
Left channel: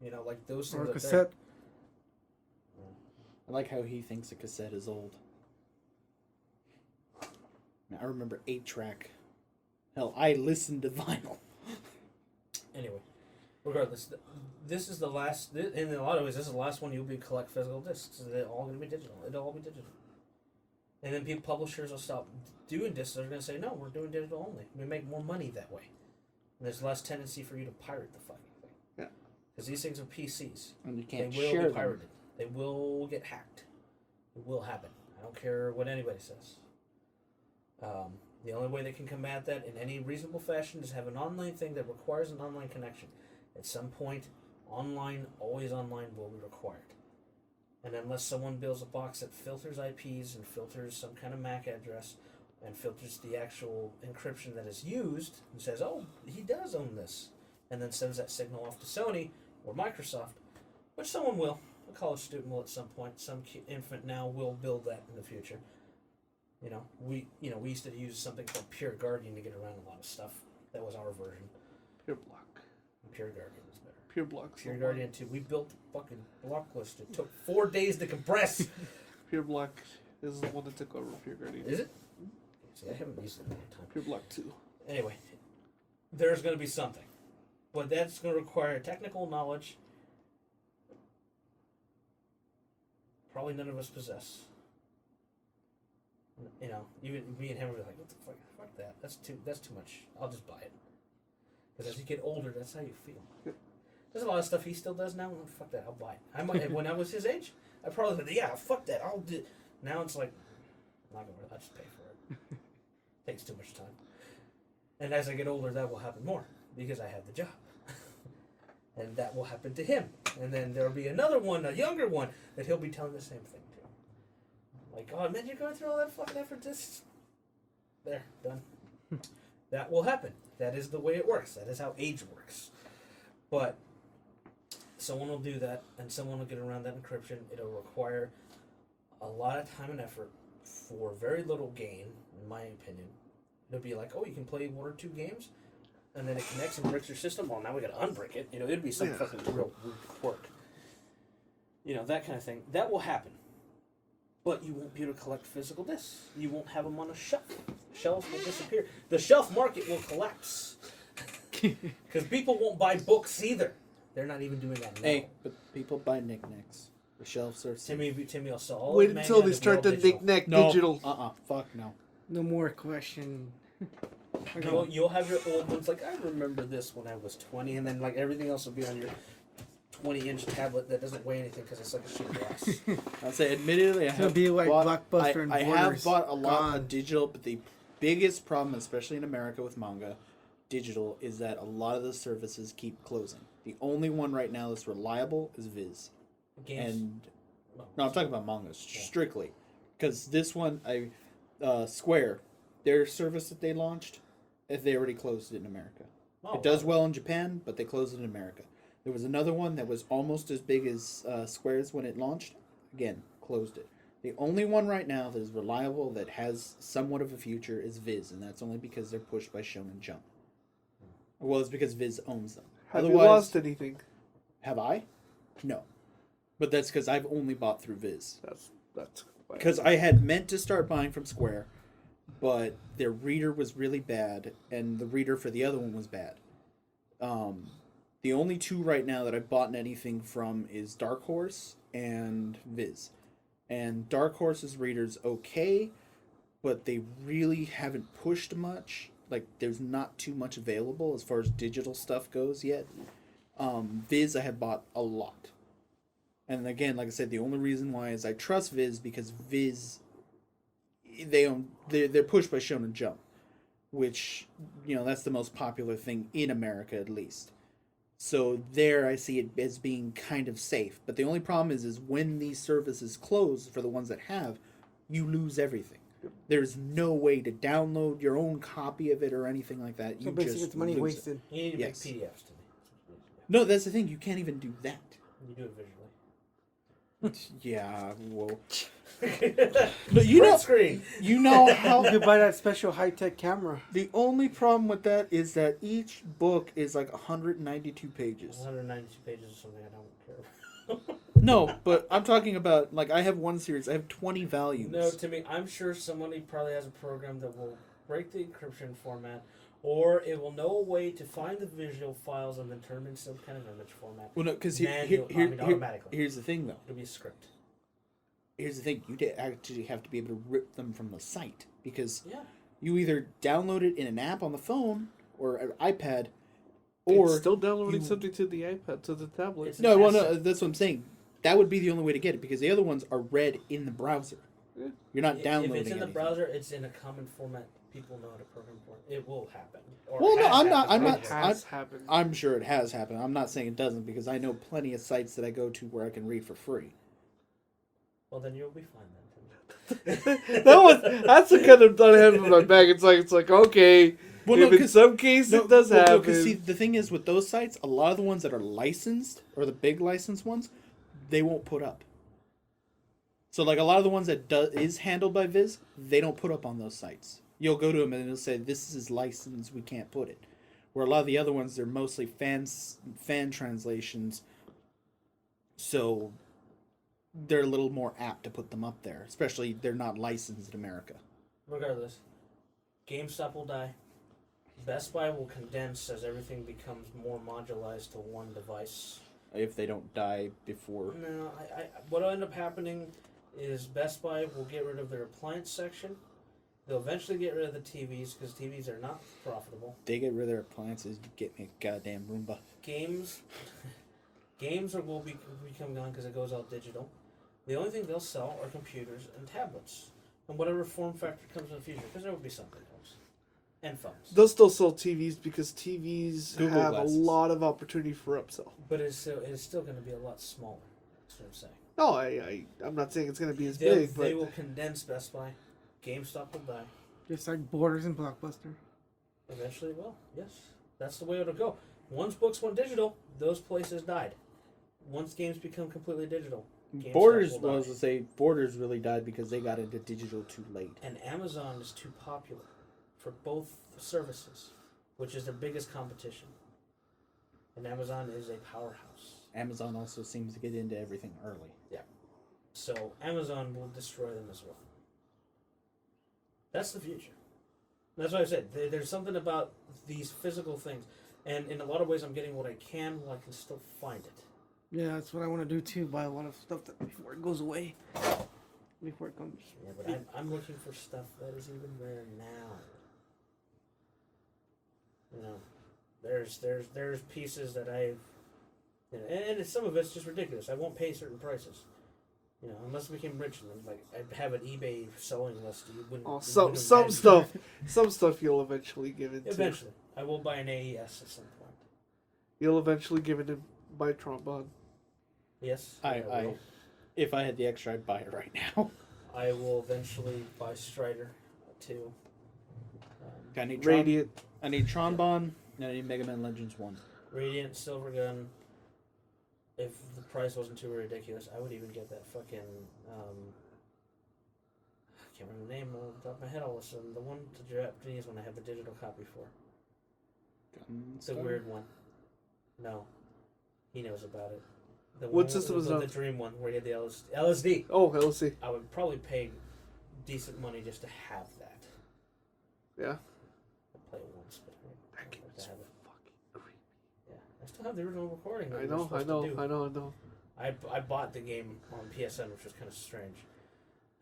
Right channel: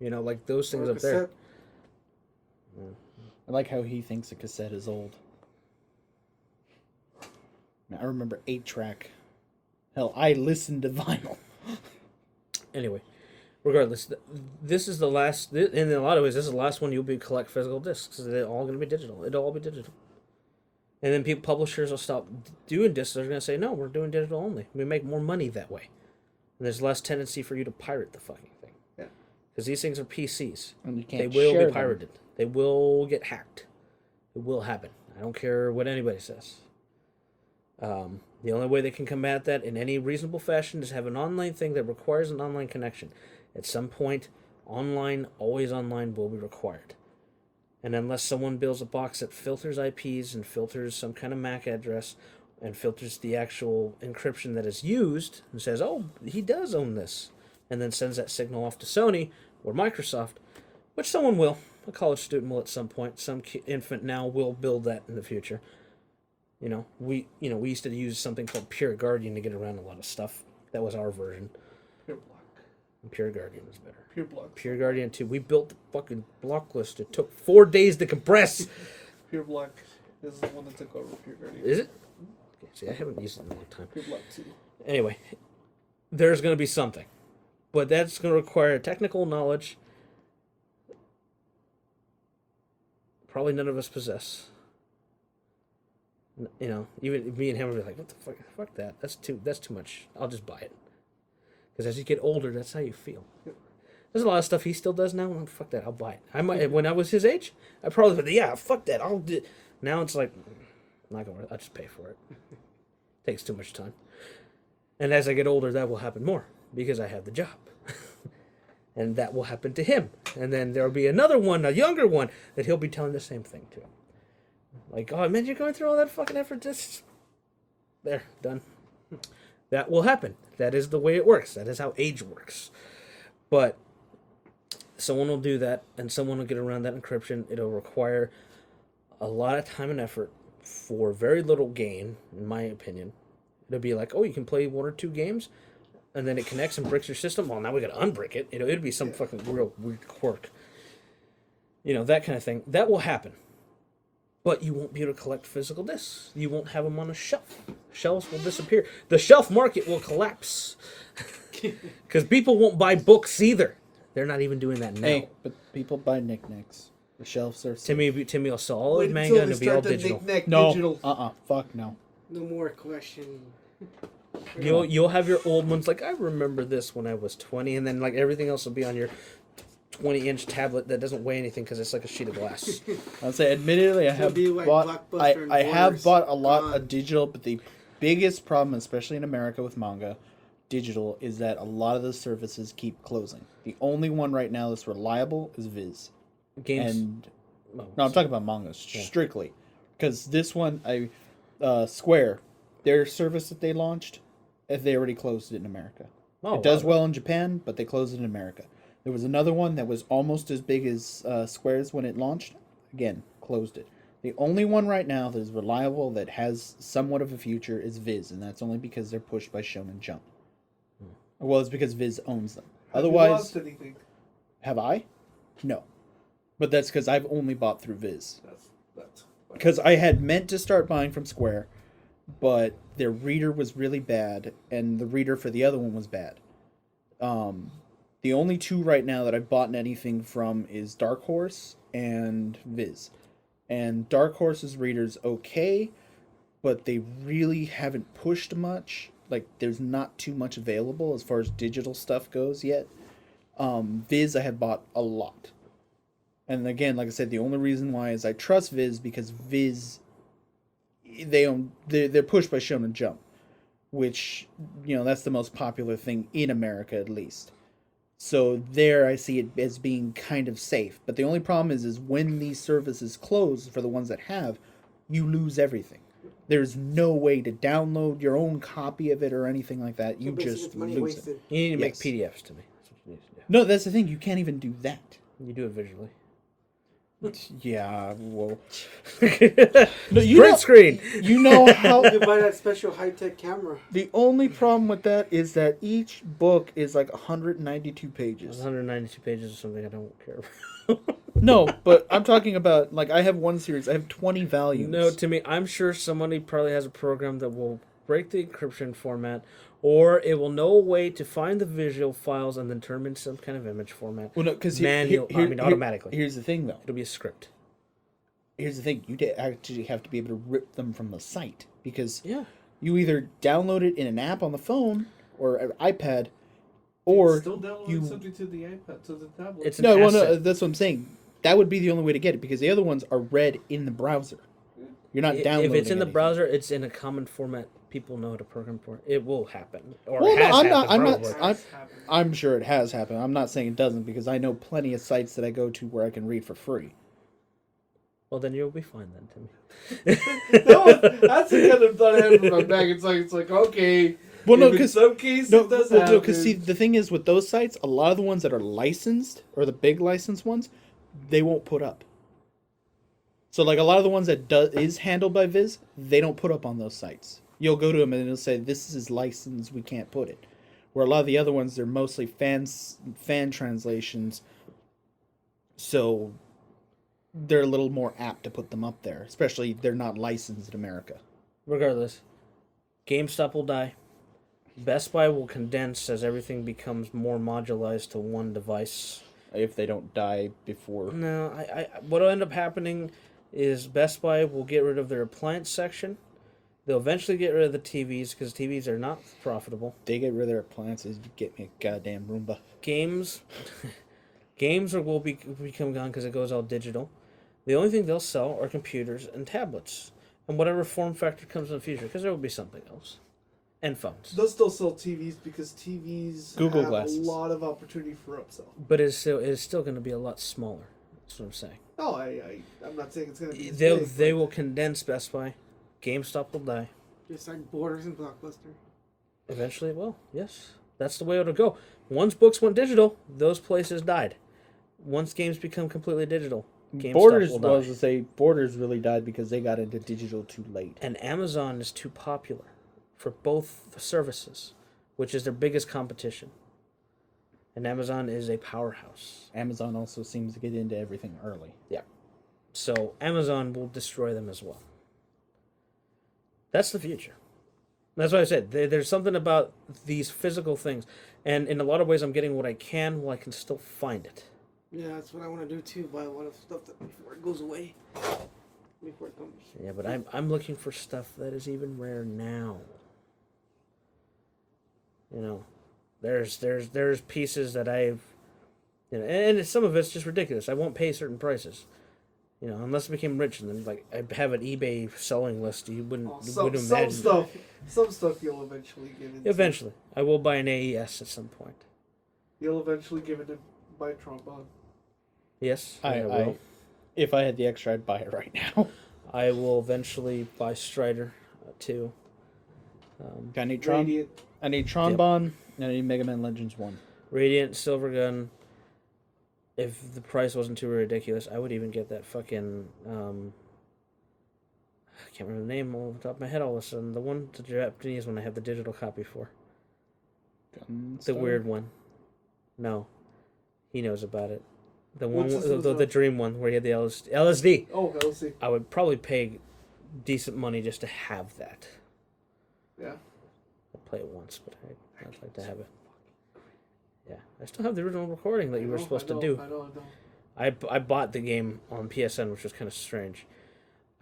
Like those things Or a are cassette. there. I like how he thinks a cassette is old. I remember 8-track. Hell, I listened to vinyl. Anyway, regardless, this is the last. In a lot of ways, this is the last one you'll be collect physical discs. They're all going to be digital. It'll all be digital. And then publishers will stop doing discs. They're going to say, no, we're doing digital only. We make more money that way. And there's less tendency for you to pirate the fucking thing. Yeah. Because these things are PCs. And you can't They will share be pirated. them. They will get hacked. It will happen. I don't care what anybody says. The only way they can combat that in any reasonable fashion is have an online thing that requires an online connection. At some point, always online will be required. And unless someone builds a box that filters IPs and filters some kind of MAC address and filters the actual encryption that is used and says, oh, he does own this, and then sends that signal off to Sony or Microsoft, which someone will. A college student will at some point. Some infant now will build that in the future. We used to use something called Pure Guardian to get around a lot of stuff. That was our version. Pure block. Pure Guardian is better. Pure block. Pure Guardian 2. We built the fucking block list. It took 4 days to compress. Pure block is the one that took over Pure Guardian. Is it? See, I haven't used it in a long time. Pure block 2. Anyway, there's going to be something. But that's going to require technical knowledge. Probably none of us possess. Even me and him would be like, what the fuck? Fuck that. That's too much. I'll just buy it. Because as you get older, that's how you feel. There's a lot of stuff he still does now. I'm like, fuck that. I'll buy it. I might. When I was his age, I probably would. Yeah, fuck that. I'll do. Now it's like, I'm not gonna. I'll just pay for it. Takes too much time. And as I get older, that will happen more because I have the job. And that will happen to him. And then there'll be another one, a younger one, that he'll be telling the same thing to. Like, oh, man, you're going through all that fucking effort. There, done. That will happen. That is the way it works. That is how age works. But someone will do that, and someone will get around that encryption. It'll require a lot of time and effort for very little gain, in my opinion. It'll be like, oh, you can play 1 or 2 games, and then it connects and bricks your system. Well, now we got to unbrick it. It'll be some fucking real weird quirk. That kind of thing. That will happen. But you won't be able to collect physical discs. You won't have them on a shelf. Shelves will disappear. The shelf market will collapse. Because people won't buy books either. They're not even doing that now. Hey, but people buy knickknacks. The shelves are safe. Timmy will sell all Wait his manga until and they it'll be all start the digital. knick-knack No. digital. Fuck no. No more question. You'll have your old ones like, I remember this when I was 20, and then like everything else will be on your 20-inch tablet that doesn't weigh anything because it's like a sheet of glass. I'll say, admittedly, I It'll have be like bought. Blockbuster and I have Borders. bought a lot Gone. of digital, but the biggest problem, especially in America with manga, digital, is that a lot of the services keep closing. The only one right now that's reliable is Viz. Games. And no, I'm talking about mangas strictly, because this one, Square, their service that they launched, they already closed it in America. It does well in Japan, but they closed it in America. There was another one that was almost as big as Square's when it launched. Again, closed it. The only one right now that is reliable that has somewhat of a future is Viz, and that's only because they're pushed by Shonen Jump. Well, it's because Viz owns them. Have you Otherwise, lost anything? have I? No. But that's because I've only bought through Viz. That's Because I had meant to start buying from Square, but their reader was really bad, and the reader for the other one was bad. The only two right now that I've bought anything from is Dark Horse and Viz. And Dark Horse's reader's okay, but they really haven't pushed much. Like, there's not too much available as far as digital stuff goes yet. Viz I have bought a lot. And again, like I said, the only reason why is I trust Viz because Viz, they're pushed by Shonen Jump, which, that's the most popular thing in America at least. So there I see it as being kind of safe. But the only problem is when these services close, for the ones that have, you lose everything. There's no way to download your own copy of it or anything like that. You basically just it's money lose wasted. it. You need to Yes. make PDFs to me. That's what you need to do. No, that's the thing. You can't even do that. You do it visually. Yeah, well, No, no, you know, screen. you know how. You could buy that special high-tech camera. The only problem with that is that each book is like 192 pages. 192 pages is something I don't care about. No, but I'm talking about, like, I have one series. I have 20 volumes. No, to me, I'm sure somebody probably has a program that will break the encryption format, or it will know a way to find the visual files and then turn them into some kind of image format. Well, no, because automatically. Here's the thing, though. It'll be a script. Here's the thing. You actually have to be able to rip them from the site. Because Yeah. you either download it in an app on the phone or an iPad, or still downloading you... something to the iPad, to the tablet. It's No, an well, no, asset. that's what I'm saying. That would be the only way to get it, because the other ones are read in the browser. You're not downloading If it's in the anything. browser, it's in a common format. People know how to program for it. It will happen. Or Well, it no, has I'm not- happened, I'm not- probably. Has happened. I'm sure it has happened. I'm not saying it doesn't, because I know plenty of sites that I go to where I can read for free. Well, then you'll be fine then, Timmy. That's the kind of thought I had in my bag. It's like okay. Well, no, if in because some cases it does happen. see, the thing is with those sites, a lot of the ones that are licensed, or the big licensed ones, they won't put up. So, like, a lot of the ones that is handled by Viz, they don't put up on those sites. You'll go to them and it'll say, this is licensed, we can't put it. Where a lot of the other ones, they're mostly fan translations, so they're a little more apt to put them up there. Especially, they're not licensed in America. Regardless, GameStop will die. Best Buy will condense as everything becomes more modularized to one device. If they don't die before. No, what'll end up happening is Best Buy will get rid of their appliance section. They'll eventually get rid of the TVs because TVs are not profitable. They get rid of their appliances, you get me a goddamn Roomba. Games will become gone because it goes all digital. The only thing they'll sell are computers and tablets, and whatever form factor comes in the future, because there will be something else, and phones. They'll still sell TVs because TVs Google have Glasses. a lot of opportunity for upsell. But it is still going to be a lot smaller. That's what I'm saying. No, I'm not saying it's going to be as big. They but will condense Best Buy. GameStop will die. Just like Borders and Blockbuster. Eventually it will. Yes, that's the way it'll go. Once books went digital, those places died. Once games become completely digital, GameStop Borders will die. was to say Borders really died because they got into digital too late. And Amazon is too popular for both services, which is their biggest competition. And Amazon is a powerhouse. Amazon also seems to get into everything early. Yeah. So Amazon will destroy them as well. That's the future. That's what I said. There's something about these physical things, and in a lot of ways, I'm getting what I can while I can still find it. Yeah, that's what I want to do too. Buy a lot of stuff that before it goes away. Before it comes. Yeah, but I'm looking for stuff that is even rare now. You know, there's pieces that I've, you know, and some of it's just ridiculous. I won't pay certain prices. You know, unless I became rich and then like I have an eBay selling list, you wouldn't. Oh, you wouldn't some imagine. stuff you'll eventually give it. Eventually, I will buy an AES at some point. You'll eventually give it to my trombone. Yes, I will. if I had the extra, I'd buy it right now. I will eventually buy Strider too. I need Tron. Radiant. I need Tron Bond. And I need Mega Man Legends 1. Radiant Silvergun. If the price wasn't too ridiculous, I would even get that fucking. I can't remember the name off the top of my head all of a sudden. The one, the Japanese one I have the digital copy for. The weird one. No. He knows about it. The one, the dream one where he had the LSD. Oh, LSD. I would probably pay decent money just to have that. Yeah. I'll play it once, but I'd like to have it. Yeah, I still have the original recording that you were supposed to do. I know. I bought the game on PSN, which was kind of strange.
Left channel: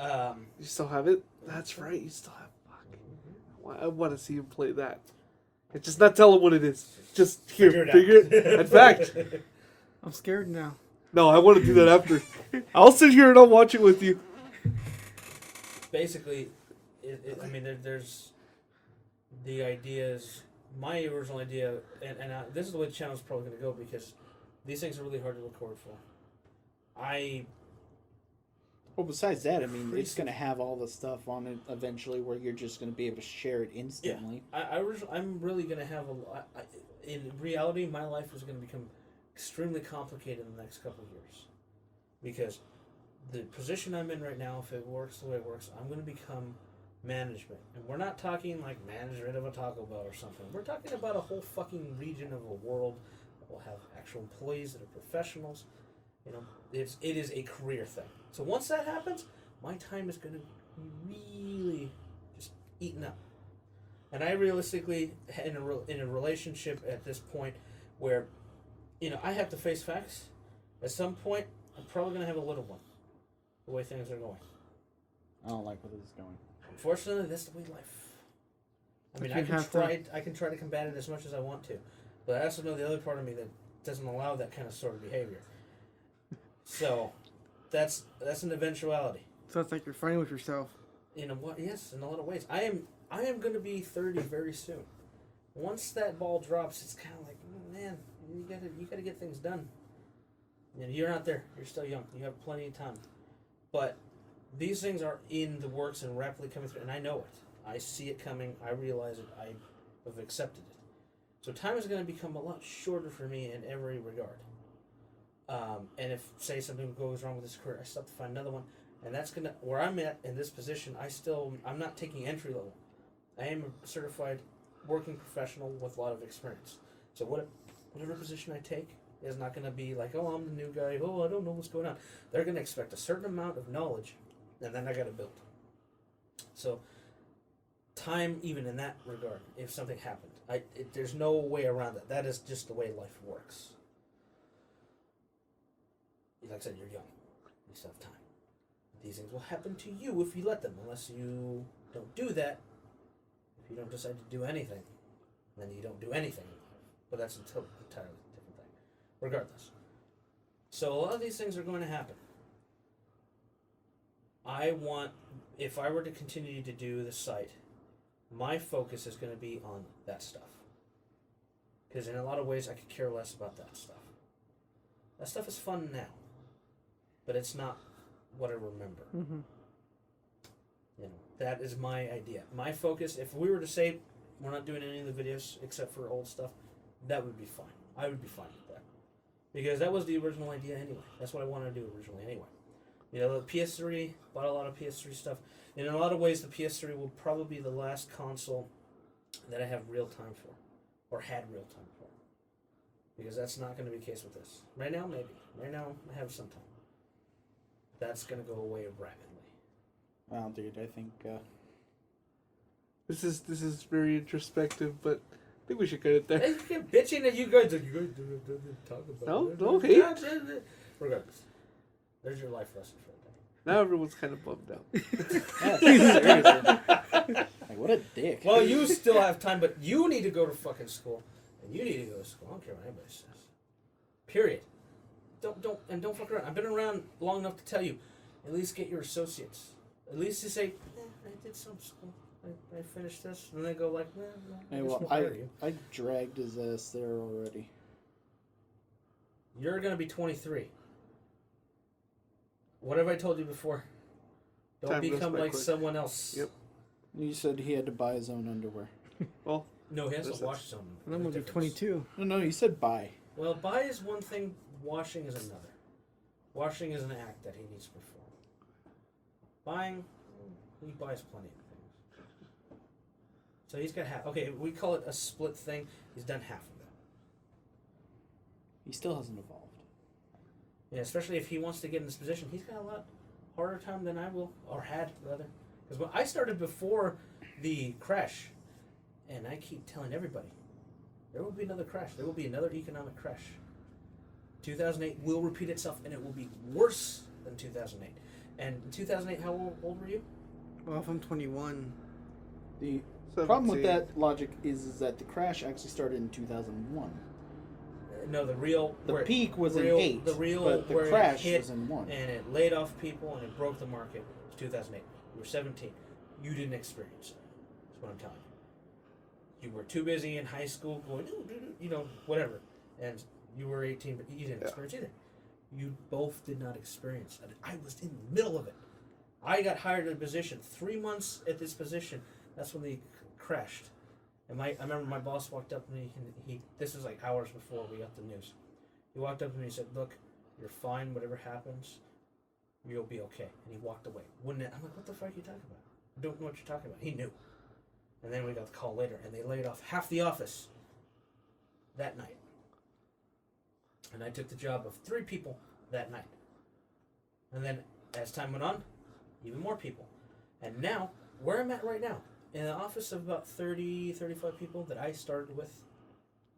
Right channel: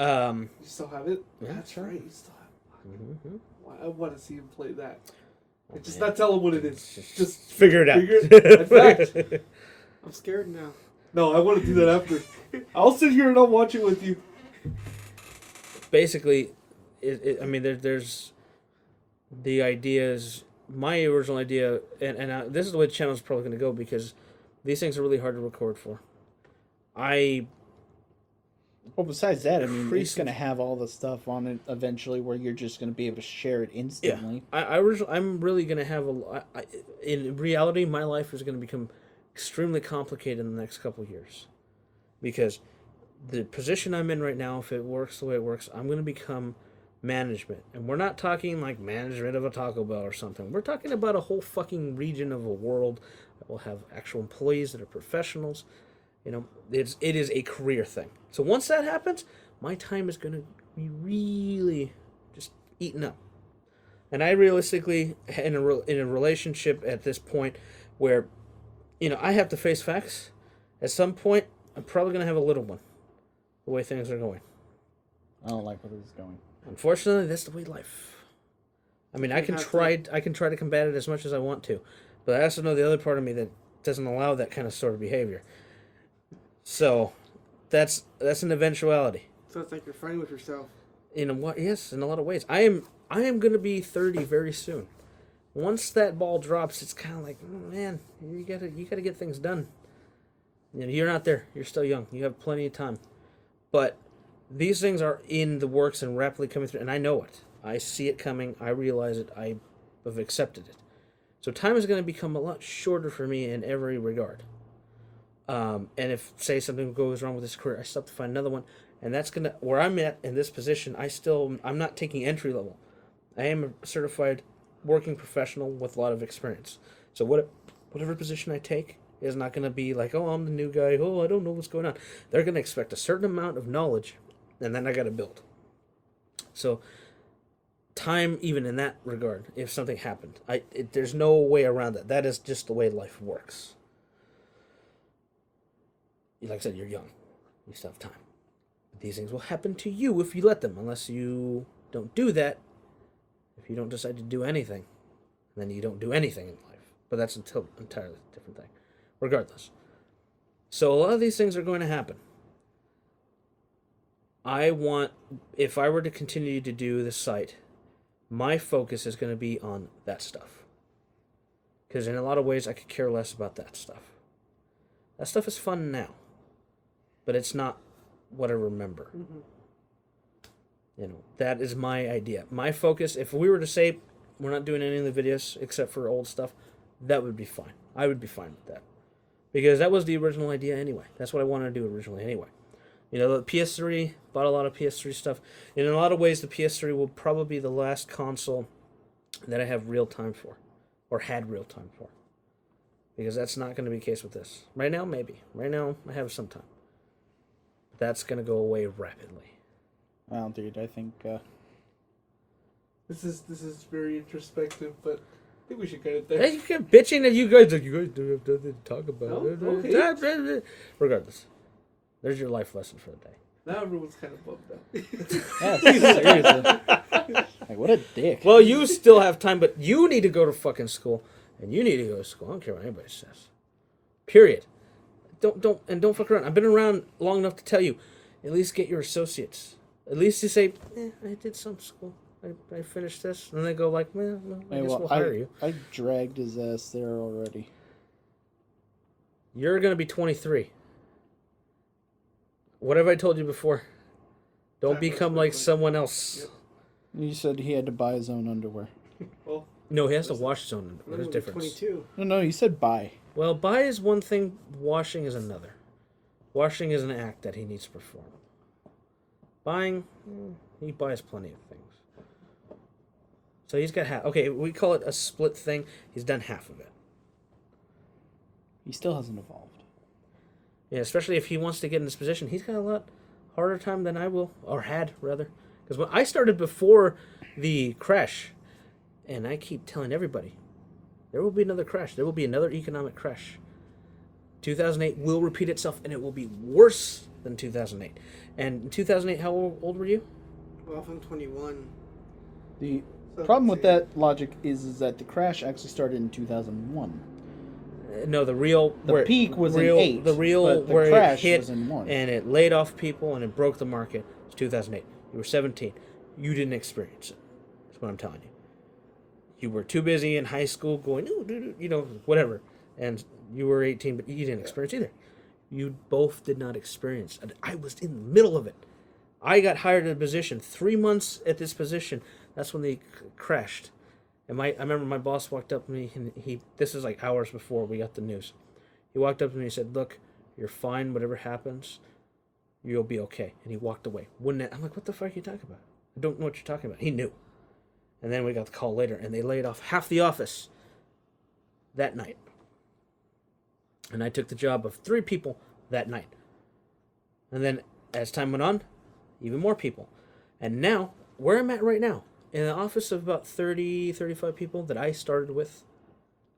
You still have it? Yeah, That's right. You still have it. Mm-hmm. I want to see him play that. Just not tell him what it is. Just figure it out. In fact, I'm scared now. no, I want to do that after. I'll sit here and I'll watch it with you. Basically, I mean, there's the ideas. My original idea, and this is the way the channel's probably going to go because these things are really hard to record for. Well, besides that, I mean, it's going to have all the stuff on it eventually where you're just going to be able to share it instantly. Yeah, I'm really going to have in reality, my life is going to become extremely complicated in the next couple of years. Because the position I'm in right now, if it works the way it works, I'm going to become management. And we're not talking like management of a Taco Bell or something. We're talking about a whole fucking region of a world that will have actual employees that are professionals. You know, it is a career thing. So once that happens, my time is going to be really just eaten up. And I realistically, in a relationship at this point where, you know, I have to face facts, at some point, I'm probably going to have a little one, the way things are going. I don't like where this is going. Unfortunately, that's the way life. I mean, I can try to combat it as much as I want to, but I also know the other part of me that doesn't allow that kind of sort of behavior. So, that's an eventuality. So it's like you're fighting with yourself. In a lot of ways. I am going to be 30 very soon. Once that ball drops, it's kind of like, man, you gotta get things done. You know, you're not there. You're still young. You have plenty of time. But these things are in the works and rapidly coming through, and I know it. I see it coming. I realize it. I have accepted it. So time is going to become a lot shorter for me in every regard. And if, say, something goes wrong with this career, I still have to find another one. And that's going to, where I'm at in this position, I'm not taking entry level. I am a certified working professional with a lot of experience. So whatever position I take is not going to be like, oh, I'm the new guy. Oh, I don't know what's going on. They're going to expect a certain amount of knowledge, and then I got to build. So time, even in that regard, if something happened, there's no way around that. That is just the way life works. Like I said, you're young. You still have time. These things will happen to you if you let them, unless you don't do that. If you don't decide to do anything, then you don't do anything in life. But that's an entirely different thing. Regardless. So a lot of these things are going to happen. If I were to continue to do this site, my focus is going to be on that stuff. Because in a lot of ways, I could care less about that stuff. That stuff is fun now. But it's not what I remember. Mm-hmm. You know, that is my idea. My focus, if we were to say we're not doing any of the videos except for old stuff, that would be fine. I would be fine with that. Because that was the original idea anyway. That's what I wanted to do originally anyway. You know, the PS3, bought a lot of PS3 stuff. In a lot of ways, the PS3 will probably be the last console that I have real time for. Or had real time for. Because that's not going to be the case with this. Right now, maybe. Right now, I have some time. That's going to go away rapidly. Well, dude, I think This is very introspective, but I think we should get it there. Hey, you kept bitching that you guys do have to talk about it. No hate. Regardless, there's your life lesson for the day. Now everyone's kind of bummed out. Yeah, seriously. Like, what a dick. Well, you still have time, but you need to go to fucking school, and you need to go to school. I don't care what anybody says. Period. Don't fuck around. I've been around long enough to tell you, at least get your associates. At least you say, I did some school. I finished this, and then they go like, well, I Hey, guess well, we'll hire you. I dragged his ass there already. You're gonna be 23. What have I told you before? Don't Time become goes like quickly. someone else. Yep. You said he had to buy his own underwear. Well, No, he has to wash his own. I'm There's gonna be difference. 22. No, you said buy. Well, buy is one thing, washing is another. Washing is an act that he needs to perform. Buying, he buys plenty of things. So he's got half. Okay, we call it a split thing. He's done half of it. He still hasn't evolved. Yeah, especially if he wants to get in this position. He's got a lot harder time than I will, or had, rather. Because when I started before the crash, and I keep telling everybody, there will be another crash. There will be another economic crash. 2008 will repeat itself, and it will be worse than 2008. And in 2008, how old were you? Well, if I'm 21. The so problem with see, that logic is that the crash actually started in 2001. No, the real... The peak was in 8, The real but the where crash it hit was in 1. and it laid off people and it broke the market was 2008. You were 17. You didn't experience it. That's what I'm telling you. You were too busy in high school going, you know, whatever. And you were 18, but you didn't experience either. You both did not experience. And I was in the middle of it. I got hired in a position. 3 months at this position. That's when they crashed. And I remember my boss walked up to me, and this is like hours before we got the news. He walked up to me and said, look, you're fine, whatever happens, you'll be okay. And he walked away. I'm like, what the fuck are you talking about? I don't know what you're talking about. He knew. And then we got the call later, and they laid off half the office that night. And I took the job of 3 people that night. And then as time went on, even more people. And now, where I'm at right now, in an office of about 30, 35 people that I started with,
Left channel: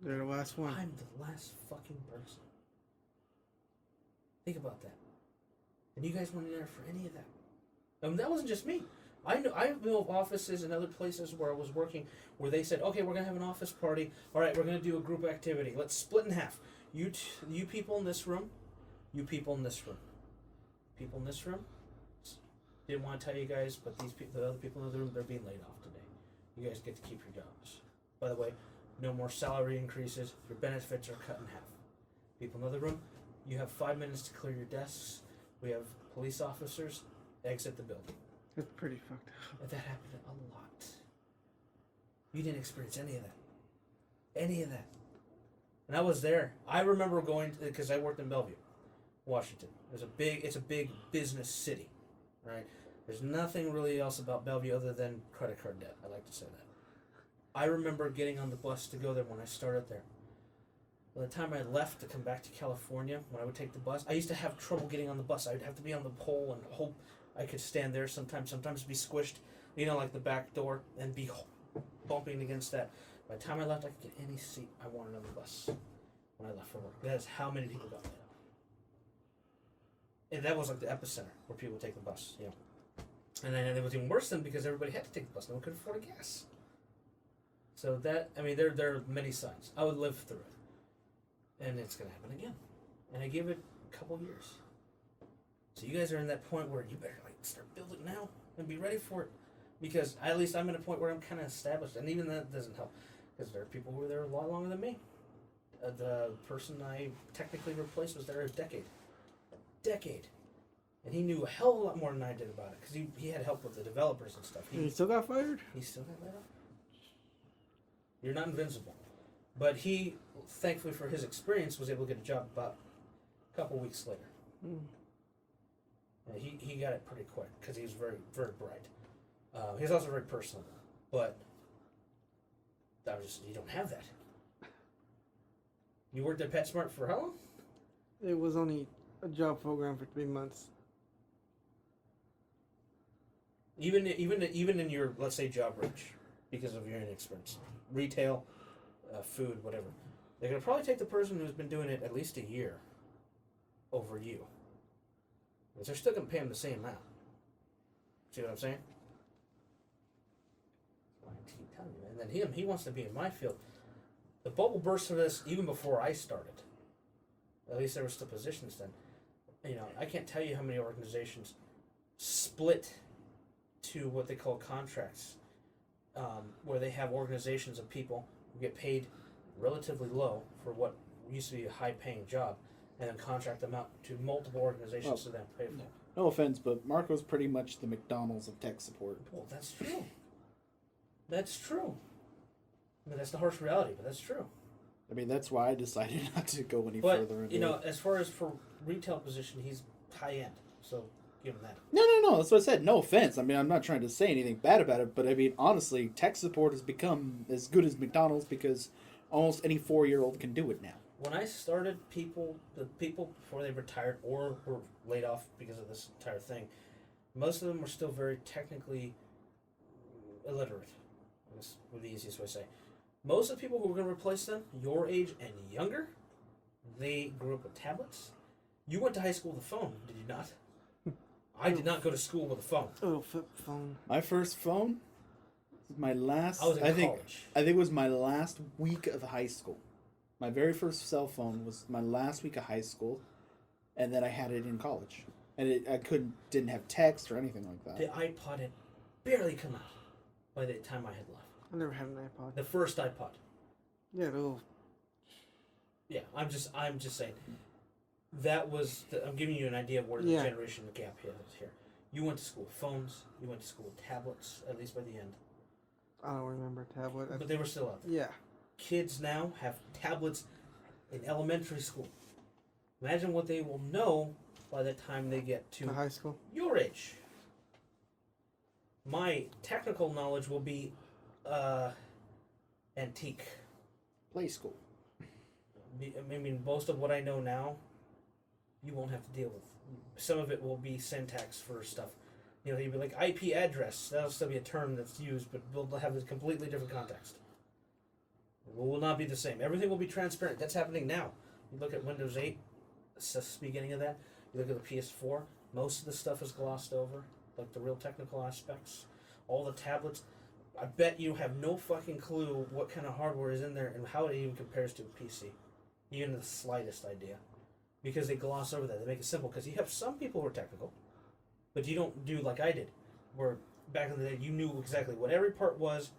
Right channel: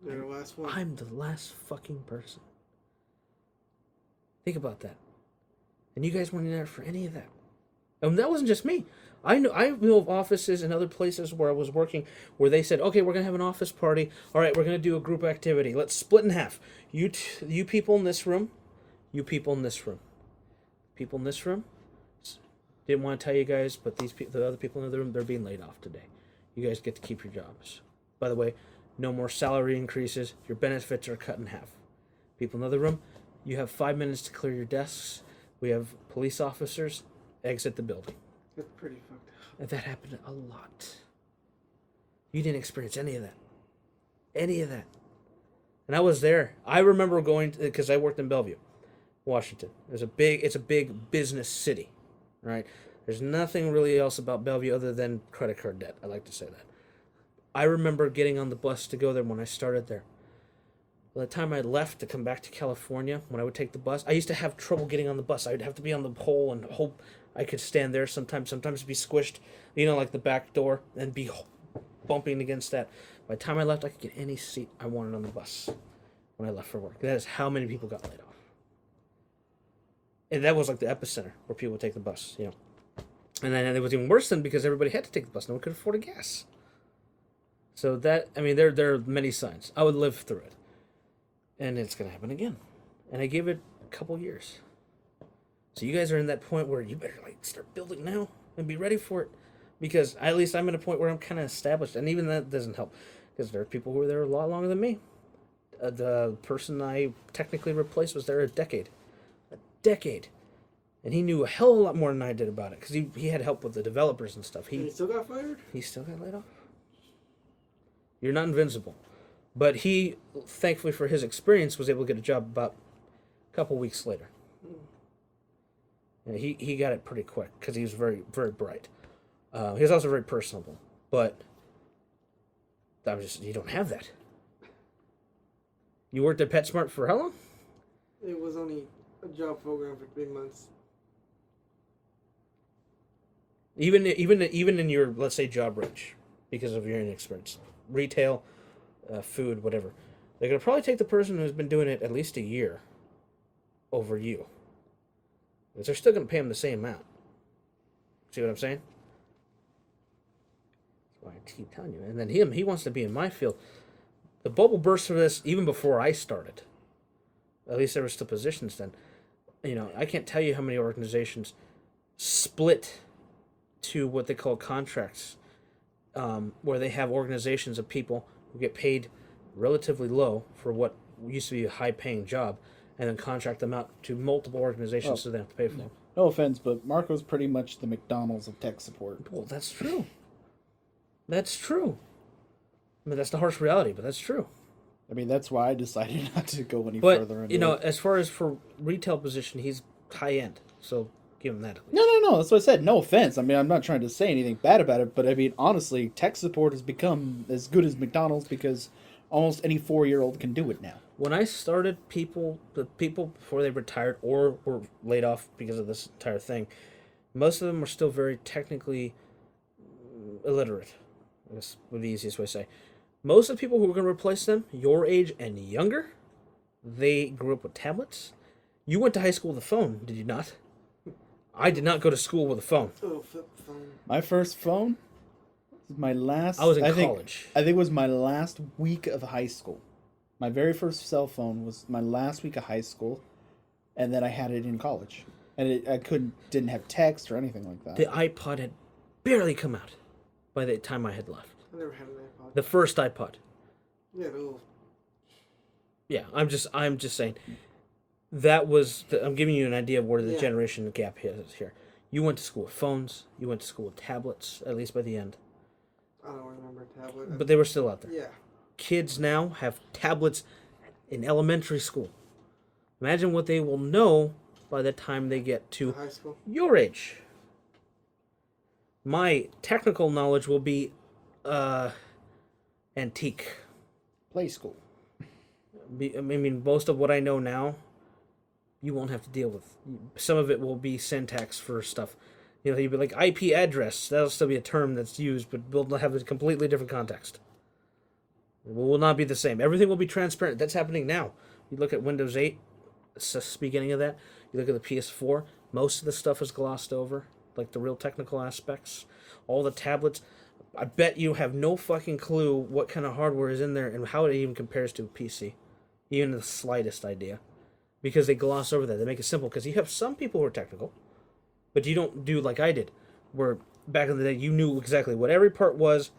They're the last one. I'm the last fucking person. Think about that. And you guys weren't in there for any of that. And that wasn't just me. I know of offices and other places where I was working where they said, okay, we're going to have an office party. All right, we're going to do a group activity. Let's split in half. You people in this room, you people in this room. People in this room, didn't want to tell you guys, but the other people in the room, they're being laid off today. You guys get to keep your jobs. By the way, no more salary increases. Your benefits are cut in half. People in the other room, you have 5 minutes to clear your desks. We have police officers exit the building. That's pretty fucked up. And that happened a lot. You didn't experience any of that. Any of that. And I was there. I remember going because I worked in Bellevue, Washington. It's a big business city, right? There's nothing really else about Bellevue other than credit card debt. I like to say that. I remember getting on the bus to go there when I started there. By the time I left to come back to California, when I would take the bus, I used to have trouble getting on the bus. I would have to be on the pole and hope I could stand there sometimes be squished, like the back door, and be bumping against that. By the time I left, I could get any seat I wanted on the bus when I left for work. That is how many people got laid off. And that was like the epicenter where people would take the bus, And then it was even worse then because everybody had to take the bus. No one could afford a gas. So there are many signs. I would live through it. And it's going to happen again. And I gave it a couple years. So you guys are in that point where you better start building now and be ready for it. Because at least I'm at a point where I'm kind of established. And even that doesn't help. Because there are people who were there a lot longer than me. The person I technically replaced was there a decade. And he knew a hell of a lot more than I did about it. Because he had help with the developers and stuff. He still got fired? He still got laid off. You're not invincible. But he, thankfully for his experience, was able to get a job about a couple weeks later. And he got it pretty quick because he was very, very bright. He was also very personable. But you don't have that. You worked at PetSmart for how long? It was only a job program for 3 months. Even in your, let's say, job range, because of your inexperience. Retail, food, whatever. They're going to probably take the person who's been doing it at least a year over you. Because they're still going to pay them the same amount. See what I'm saying? That's why I keep telling you. And then he wants to be in my field. The bubble burst for this even before I started. At least there were still positions then. You know, I can't tell you how many organizations split to what they call contracts, where they have organizations of people who get paid relatively low for what used to be a high-paying job, and then contract them out to multiple organizations so they have to pay for them. No offense, but Marco's pretty much the McDonald's of tech support. Well, that's true. That's true. I mean, that's the harsh reality, but that's true. I mean, that's why I decided not to go any further But, into you know, it. as far as for retail position, he's high-end, so give him that. No. That's what I said. No offense. I mean, I'm not trying to say anything bad about it, but I mean, honestly, tech support has become as good as McDonald's because almost any 4-year-old can do it now. When I started, the people before they retired or were laid off because of this entire thing, most of them were still very technically illiterate. That's the easiest way to say. Most of the people who were going to replace them, your age and younger, they grew up with tablets. You went to high school with a phone, did you not? I did not go to school with a phone. Oh, flip phone. My first phone was my last. I was in college. I think it was my last week of high school. My very first cell phone was my last week of high school, and then I had it in college, and I didn't have text or anything like that. The iPod had barely come out by the time I had left. I never had an iPod. The first iPod. Yeah, the little. Yeah, I'm just saying. That was. I'm giving you an idea of where the Yeah. generation gap is here. You went to school with phones. You went to school with tablets. At least by the end, I don't remember tablet. but they were still out there. Yeah. Kids now have tablets in elementary school. Imagine what they will know by the time they get To to high school. your age. My technical knowledge will be antique. Play school. I mean, most of what I know now, you won't have to deal with. Some of it will be syntax for stuff. You know, you'd be like IP address. That'll still be a term that's used, but we'll have a completely different context. It will not be the same. Everything will be transparent. That's happening now. You look at Windows 8, the beginning of that. You look at the PS4. Most of the stuff is glossed over, like the real technical aspects. All the tablets. I bet you have no fucking clue what kind of hardware is in there and how it even compares to a PC. Even the slightest idea. Because they gloss over that. They make it simple. Because you have some people who are technical, but you don't do like I did, where back in the day you knew exactly what every part was,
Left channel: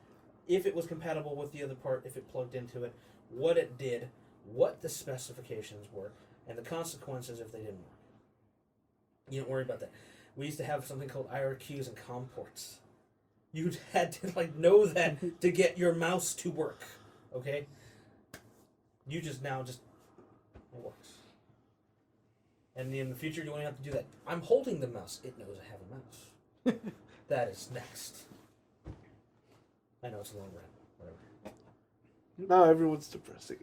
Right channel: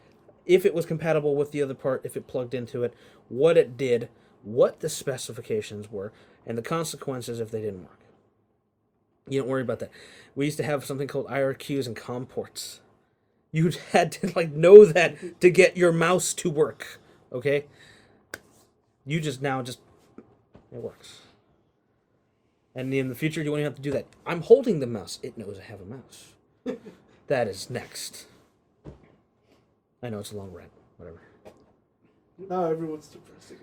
if it was compatible with the other part, if it plugged into it, what it did, what the specifications were, and the consequences if they didn't work. You don't worry about that. We used to have something called IRQs and COM ports. You had to know that to get your mouse to work. Okay? You just it works. And in the future, you won't even have to do that. I'm holding the mouse. It knows I have a mouse. That is next. I know it's a long rant. Whatever. Now everyone's depressing.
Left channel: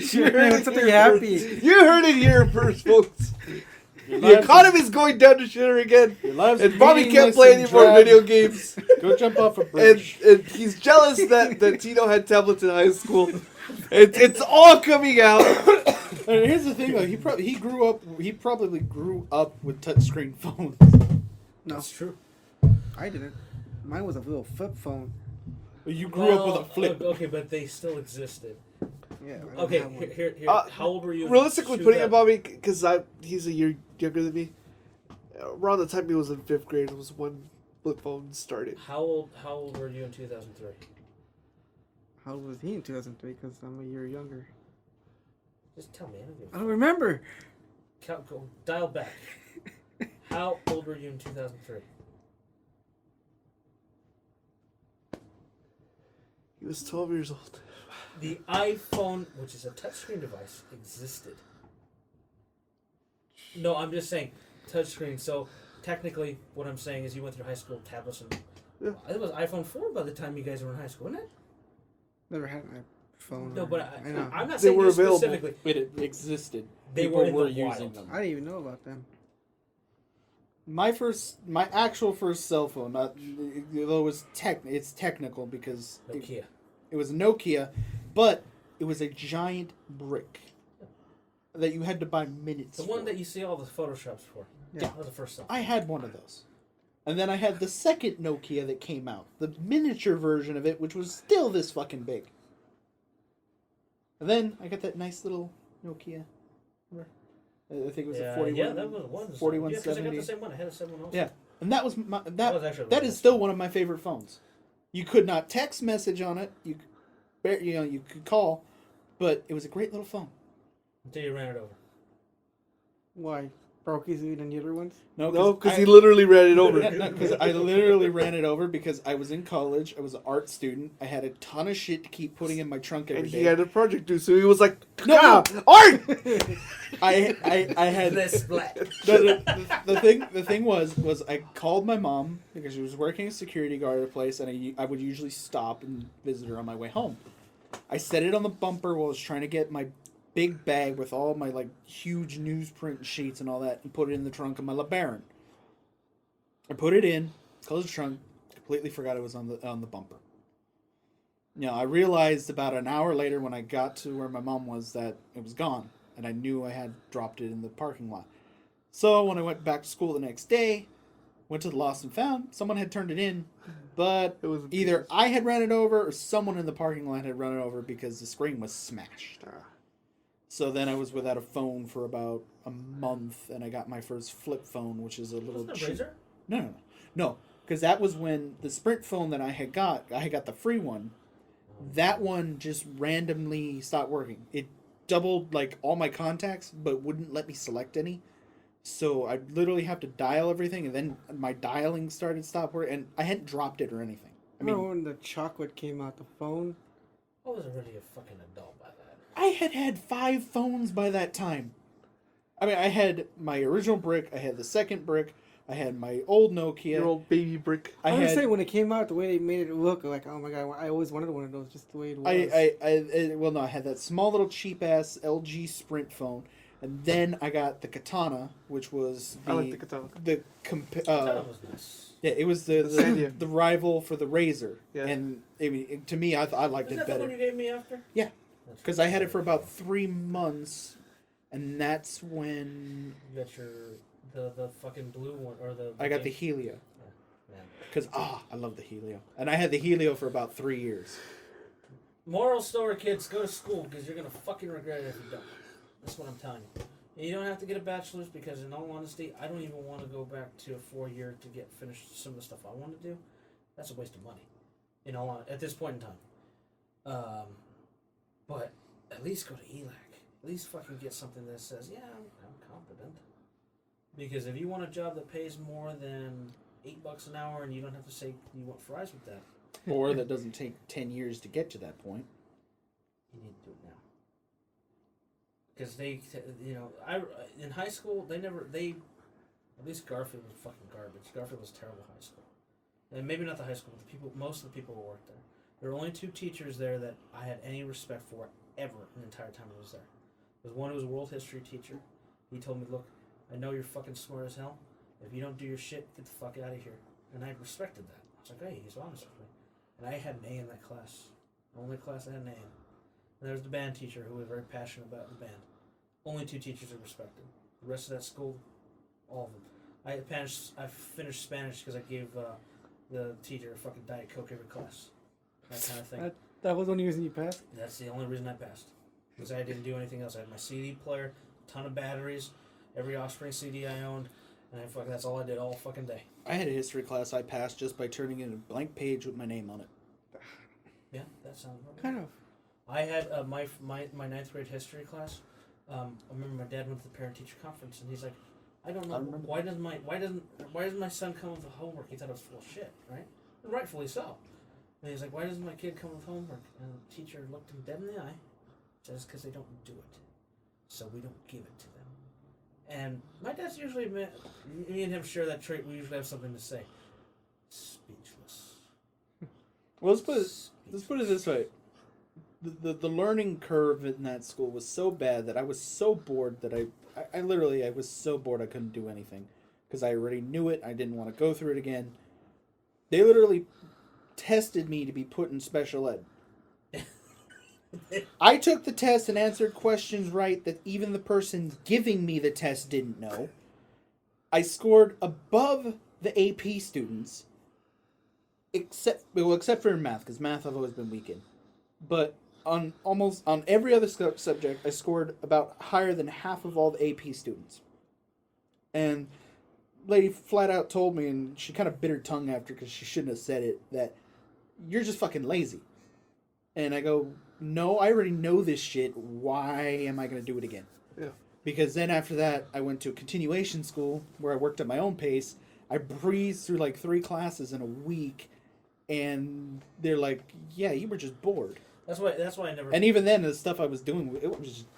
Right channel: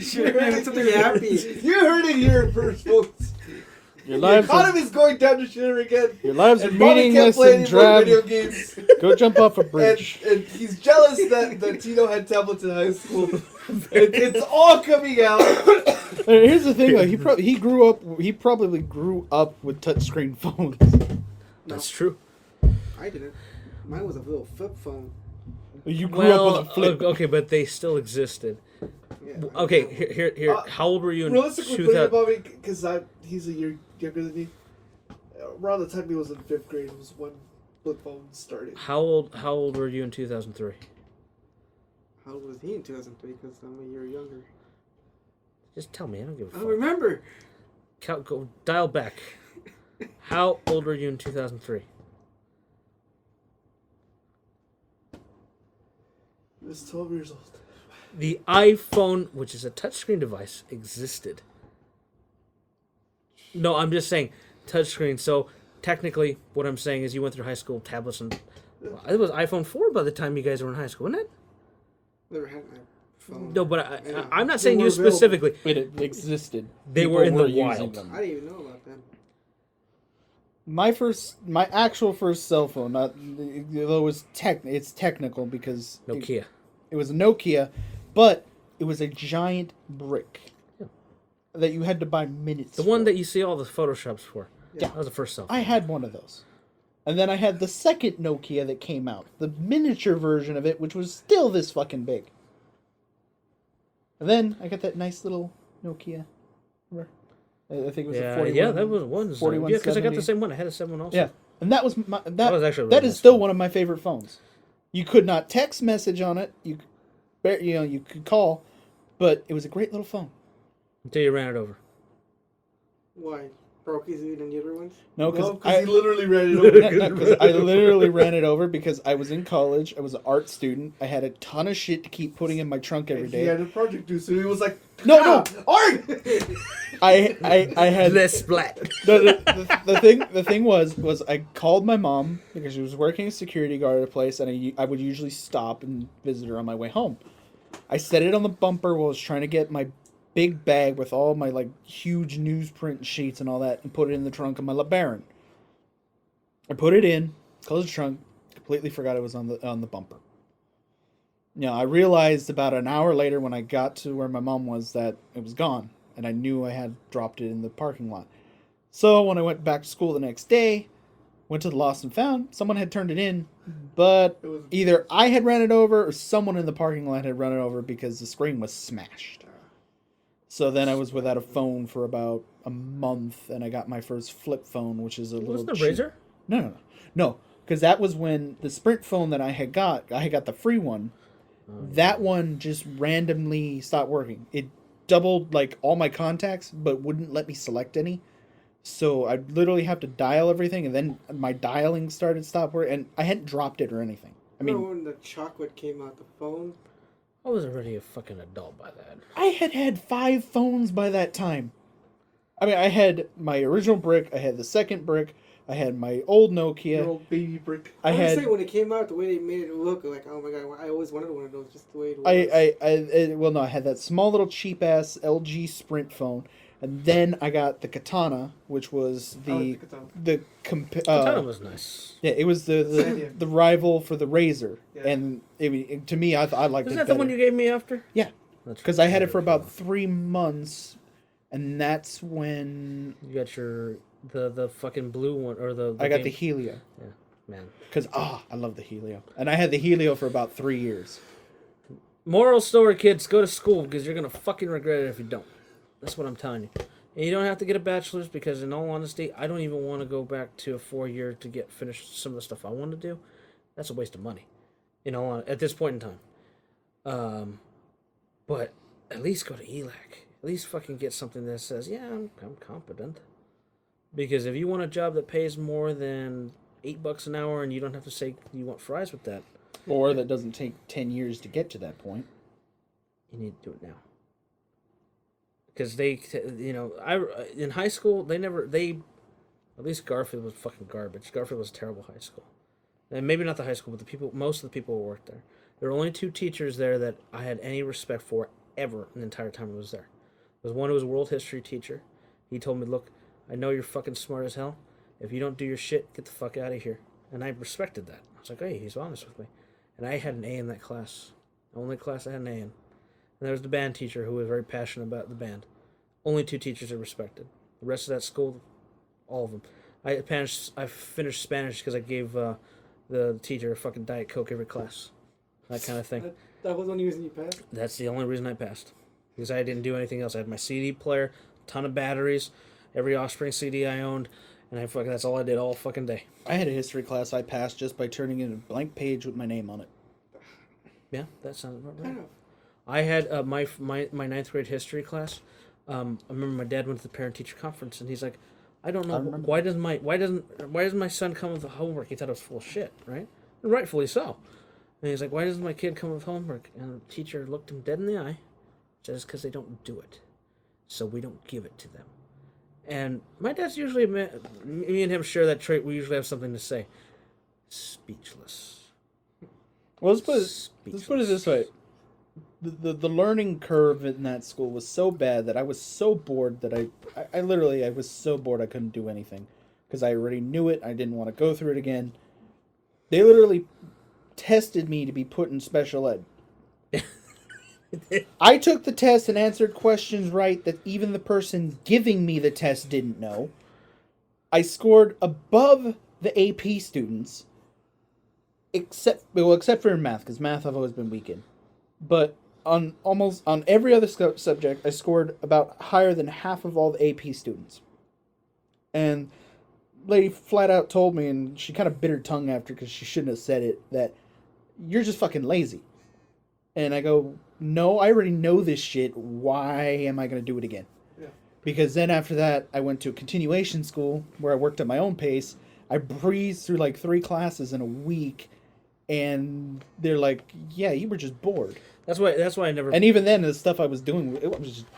Sure, with something happy. You heard it here first, folks. Your The lives are, economy's going down to shitter again. your lives are And Bobby can't meaningless play and any more video drab. games. Go jump off a bridge. And he's jealous that Tino had tablets in high school. It's all coming out. And here's the thing, like he probably grew up with touchscreen phones. No, That's true. I didn't. Mine was a little flip phone. You grew up with a flip. Okay, but they still existed. Yeah. I Okay, didn't have one. here. How old were you in Realistically, putting it, 2000? Bobby, because he's a year younger than me. Around the time he was in 5th grade was when flip phones started. How old were you in 2003? How old was he in 2003? Because I'm a year younger. Just tell me. I don't give a I fuck. don't remember. Go dial back. How old were you in 2003? He was 12 years old. The iPhone, which is a touchscreen device, existed. No, I'm just saying touchscreen. So technically, what I'm saying is you went through high school tablets and Yeah. it was iPhone 4 by the time you guys were in high school, wasn't it? Never had my phone. No, but I know. I'm not They saying were you available. specifically. But it existed. They People were in the using wild. them. I didn't even know about them. my actual first cell phone, not though it was it's technical because Nokia. it was a Nokia, but it was a giant brick that you had to buy minutes. The one for. that you see all the photoshops for. Yeah. That was the first cell. I had one of those. And then I had the second Nokia that came out, the miniature version of it, which was still this fucking big. And then I got that nice little Nokia. Remember? I think it was a 41. Yeah, that was one. 4170. Yeah, because I got the same one. I had a 7 also. Yeah. And that was that was actually that really is nice. still one of my favorite phones. You could not text message on it. You could call, but it was a great little phone. Until you ran it over. Why? Broke easier than the other ones? No, Because because he literally ran it over. because I literally ran it over because I was in college. I was an art student. I had a ton of shit to keep putting in my trunk every He day. had a project due, so he was like, No. art! I had Less black. the thing was I called my mom because she was working a security guard at a place, and I would usually stop and visit her on my way home. I set it on the bumper while I was trying to get my big bag with all my like huge newsprint sheets and all that, and put it in the trunk of my LeBaron. I put it in, closed the trunk, completely forgot it was on the bumper. I realized about an hour later when I got to where my mom was that it was gone, and I knew I had dropped it in the parking lot. So when I went back to school the next day, went to the lost and found, someone had turned it in, but either I had ran it over or someone in the parking lot had run it over because the screen was smashed. So then I was without a phone for about a month, and I got my first flip phone, which is a little Wasn't it cheap. Razor? No, because that was when the Sprint phone that I had got the free one. That one just randomly stopped working. It doubled like all my contacts, but wouldn't let me select any. So I literally have to dial everything, and then my dialing stopped working, and I hadn't dropped it or anything. I mean, Remember when the chocolate came out, the phone? I was already a fucking adult by that. I had 5 phones by that time. I mean, I had my original brick, I had the second brick, I had my old Nokia. Little baby brick. I I was had saying when it came out, the way they made it look, like, oh my god, I always wanted one of those, just the way it was. I had that small little cheap ass LG Sprint phone, and then I got the Katana, which was I like the Katana. That was nice. yeah, it was the rival for the Razor, Yeah. and to me, I liked Was it that better. the one you gave me after? Yeah, That's because I had it for about 3 months, and that's when You got the fucking blue one or the I got the game- Helio. man. Because I love the Helio, and I had the Helio for about 3 years. Moral story, kids: go to school because you're gonna fucking regret it if you don't. That's what I'm telling you. And you don't have to get a bachelor's because, in all honesty, I don't even want to go back to a 4-year to get finished some of the stuff I want to do. That's a waste of money. At this point in time. But at least go to ELAC. At least fucking get something that says, yeah, I'm competent. Because if you want a job that pays more than $8 an hour and you don't have to say you want fries with that, Or that doesn't take 10 years to get to that point. you need to do it now. Because in high school, at least Garfield was fucking garbage. Garfield was a terrible high school. And maybe not the high school, but most of the people who worked there. There were only 2 teachers there that I had any respect for ever the entire time I was there. There was one who was a world history teacher. He told me, look, I know you're fucking smart as hell. If you don't do your shit, get the fuck out of here. And I respected that. I was like, hey, he's honest with me. And I had an A in that class. The only class I had an A in. And there was the band teacher who was very passionate about the band. Only 2 teachers I respected. The rest of that school, all of them. I finished Spanish because I gave the teacher a fucking Diet Coke every class. That kind of thing. That was the only reason you passed? That's the only reason I passed. Because I didn't do anything else. I had my CD player, a ton of batteries, every Offspring CD I owned, and that's all I did all fucking day. I had a history class I passed just by turning in a blank page with my name on it. Yeah, that sounds about right. Kind of. I had my 9th grade history class. I remember my dad went to the parent teacher conference, and he's like, I don't know I remember why doesn't my son come with the homework? He thought it was full of shit, right? And rightfully so. And he's like, why doesn't my kid come with homework? And the teacher looked him dead in the eye, says, because they don't do it, so we don't give it to them. And my dad's usually me and him share that trait. We usually have something to say. Speechless. Well, let's put it this way. The learning curve in that school was so bad that I was so bored that I was so bored I couldn't do anything. because I already knew it. I didn't want to go through it again. They literally tested me to be put in special ed. I took the test and answered questions right that even the person giving me the test didn't know. I scored above the AP students, except for in math, because math I've always been weak in. But on every other subject, I scored about higher than half of all the AP students. And lady flat out told me, and she kind of bit her tongue after because she shouldn't have said it, that you're just fucking lazy. And I go, no, I already know this shit. Why am I going to do it again? Yeah. Because then after that, I went to a continuation school where I worked at my own pace. I breezed through like 3 classes in a week, and they're like, yeah, you were just bored. That's why I never. And even then, the stuff I was doing,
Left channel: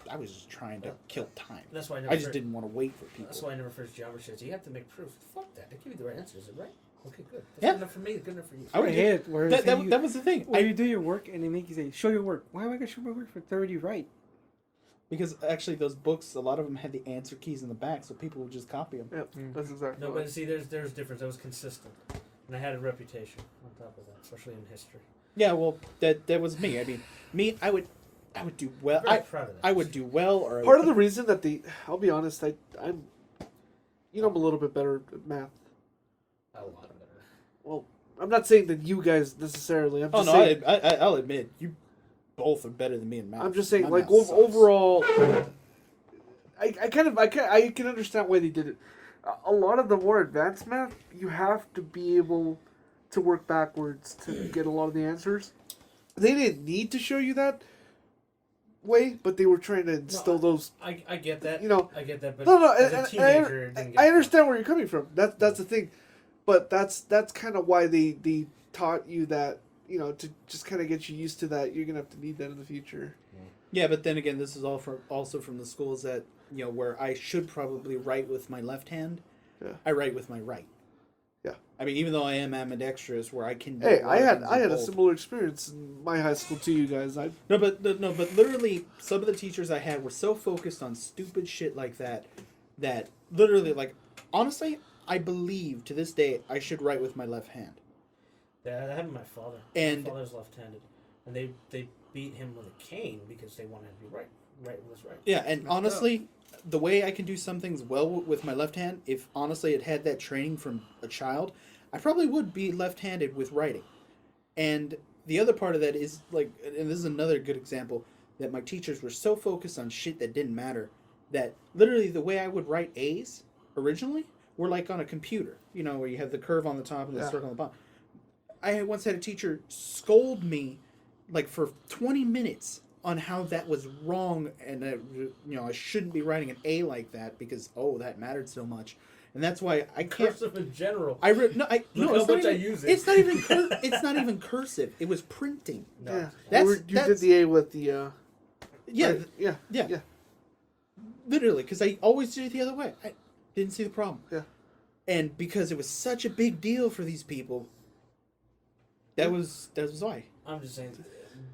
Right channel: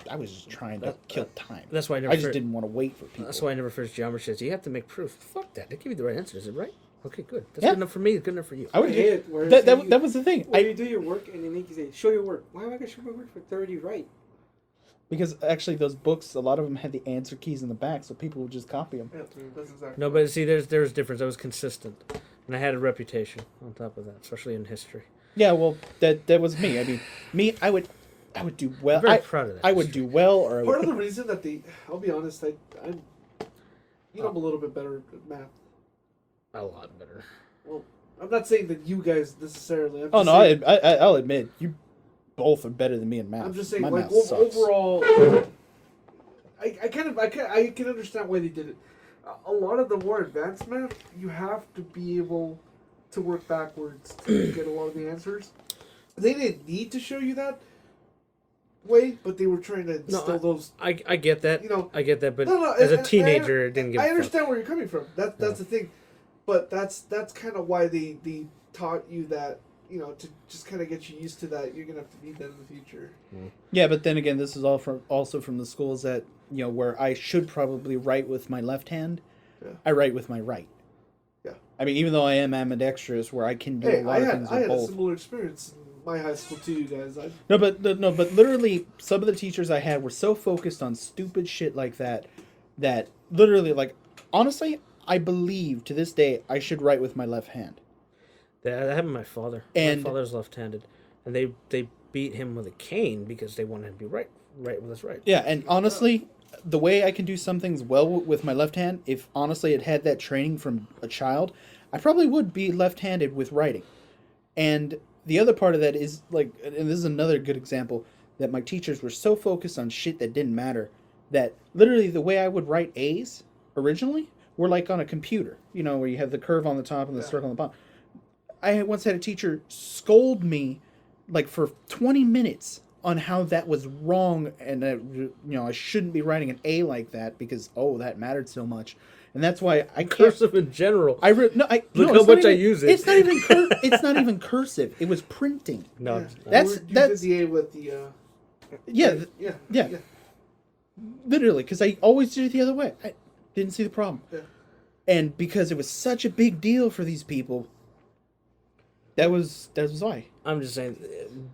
I was just trying to kill time. That's why I just didn't want to wait for people. That's why I never finished geometry. You have to make proof. Fuck that. They give you the right answer. Is it right? Okay, good. That's Yeah. good enough for me. Good enough for you. I would hate it. that was the thing. When you do your work and they make you say, show your work. Why am I going to show my work for 30 right? Because actually, those books, a lot of them had the answer keys in the back, so people would just copy them. Yeah, that's exactly. No, but see, there's a difference. I was consistent, and I had a reputation on top of that, especially in history. Yeah, well, that was me. I mean, I would do well. I'm very proud of that. I would do well, or I Part would, of the reason that I'll be honest, I'm a little bit better at math. A lot better. Well, I'm not saying that you guys necessarily. Oh no, I'll admit you both are better than me in math. I'm just saying, My like math sucks. overall, I can understand why they did it. A lot of the more advanced math, you have to be able to work backwards to get a lot of the answers. They didn't need to show you that way, but they were trying to instill those. I get that. You know, I get that, but no, as a teenager, it didn't get. I understand where you're coming from. That's the thing, but that's kind of why they taught you that. You know, to just kind of get you used to that, you're gonna have to need that in the future. Yeah, but then again, this is also from the schools that where I should probably write with my left hand. Yeah. I write with my right. Yeah. I mean, even though I am ambidextrous, where I can do a lot of things I with had both. a similar experience in my high school too, you guys. But literally, some of the teachers I had were so focused on stupid shit like that literally, like, honestly, I believe to this day I should write with my left hand. That happened to my father. And my father's left-handed, and they beat him with a cane because they wanted to be right with his right. Yeah, and honestly, the way I can do some things well with my left hand, if honestly it had that training from a child, I probably would be left-handed with writing. And the other part of that is, like, and this is another good example, that my teachers were so focused on shit that didn't matter, that literally the way I would write A's originally were like on a computer, where you have the curve on the top and the circle on the bottom. I once had a teacher scold me, like, for 20 minutes on how that was wrong, and I shouldn't be writing an A like that because that mattered so much, and that's why I can't. Cursive in general. Look how much I use it. It's not even it's not even cursive. It was printing. No, you that's did the A with the. Yeah. Literally, because I always did it the other way. I didn't see the problem. Yeah. And because it was such a big deal for these people. That was why. I'm just saying,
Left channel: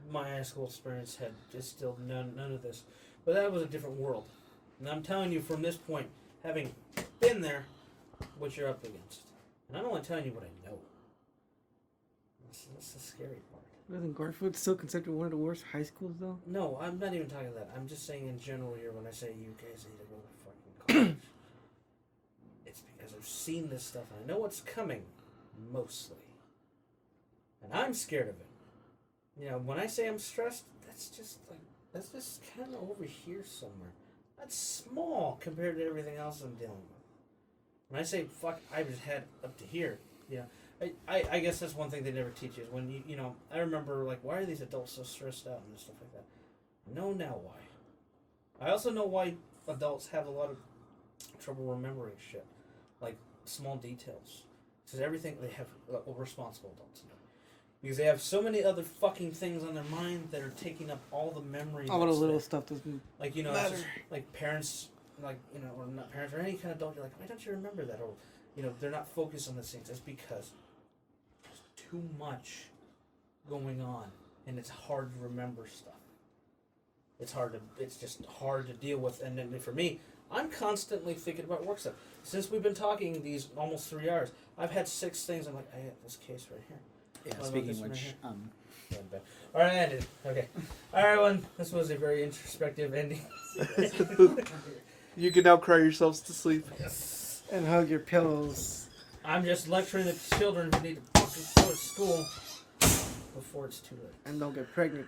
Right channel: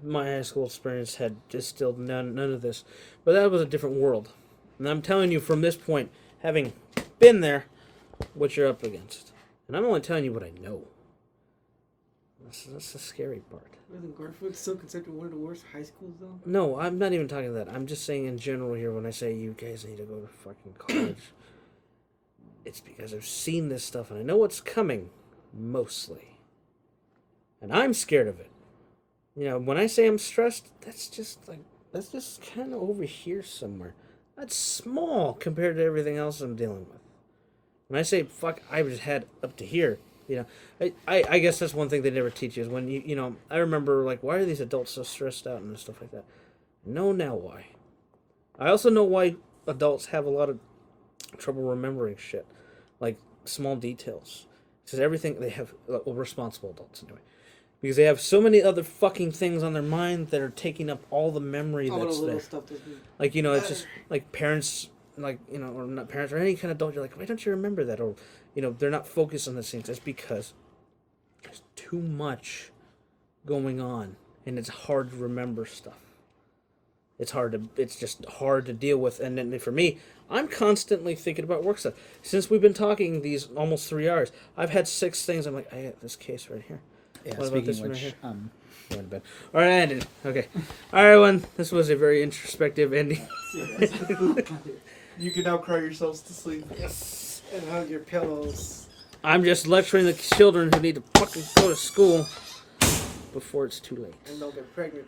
my high school experience had distilled none of this, but that was a different world, and I'm telling you from this point, having been there, what you're up against, and I'm only telling you what I know. That's the scary part. Wasn't Garfield still considered one of the worst high schools though? No, I'm not even talking that. I'm just saying in general here when I say you guys need to go to fucking college. It's because I've seen this stuff and I know what's coming, mostly. And I'm scared of it. When I say I'm stressed, that's just kind of over here somewhere. That's small compared to everything else I'm dealing with. When I say fuck, I just had up to here. I guess that's one thing they never teach you is when I remember, like, why are these adults so stressed out and stuff like that? I know now why. I also know why adults have a lot of trouble remembering shit, like small details. Because everything they have, responsible adults anyway. Because they have so many other fucking things on their mind that are taking up all the memory. All the little there. stuff doesn't. Like, it's just like parents, like, or not parents, or any kind of adult. You're like, why don't you remember that? Or, they're not focused on the things. That's because there's too much going on, and it's hard to remember stuff. It's just hard to deal with. And then for me, I'm constantly thinking about work stuff. Since we've been talking these almost 3 hours, I've had 6 things. I'm like, I have this case right here. Yeah, What about speaking this of one which, right All right, ended. Okay. All right, everyone. This was a very introspective ending. You can now cry yourselves to sleep. And hug your pillows. I'm just lecturing the children who need to fucking go to school before it's too late. And don't get pregnant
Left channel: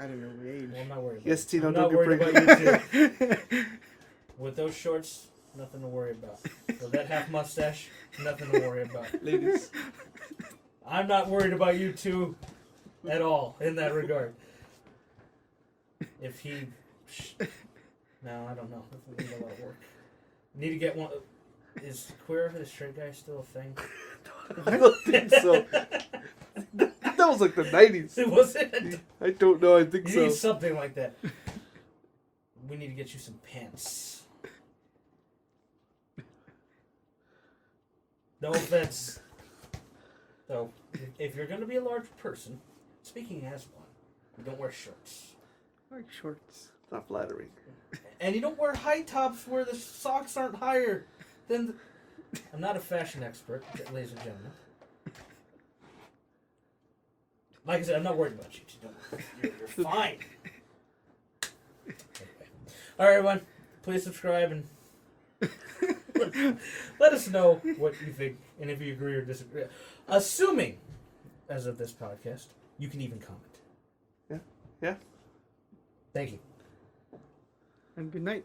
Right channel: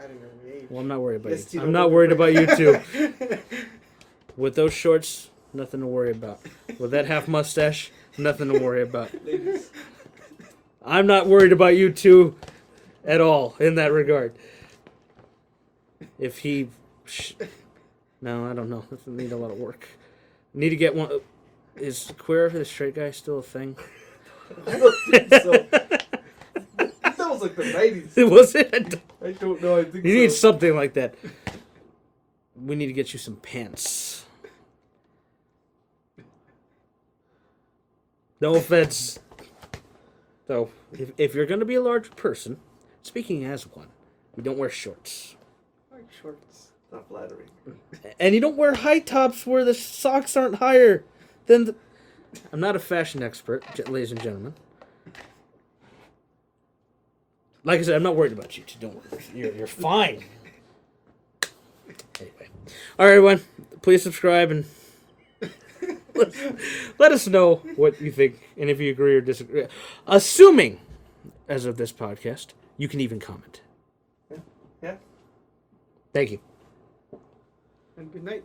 at an early age. Well, I'm not worried about Yes, you. Tino, I'm don't not get worried about you pregnant. too. With those shorts, nothing to worry about. With that half mustache, nothing to worry about. Ladies. I'm not worried about you two at all in that regard. If he... No, I don't know. This would need a lot of work. Need to get one... Is queer, the straight guy, still a thing? I don't think so. That was like the 90s. Was it? I don't know. I think You so. need something like that. We need to get you some pants. No offense. So, if you're going to be a large person, speaking as one, we don't wear shorts. I like shorts. Not flattering. And you don't wear high tops where the socks aren't higher than the... I'm not a fashion expert, ladies and gentlemen. Like I said, I'm not worried about you two. Don't worry. You're fine. All right, everyone. Please subscribe and let us know what you think and if you agree or disagree. Assuming, as of this podcast, you can even comment. Yeah. Thank you. And good night.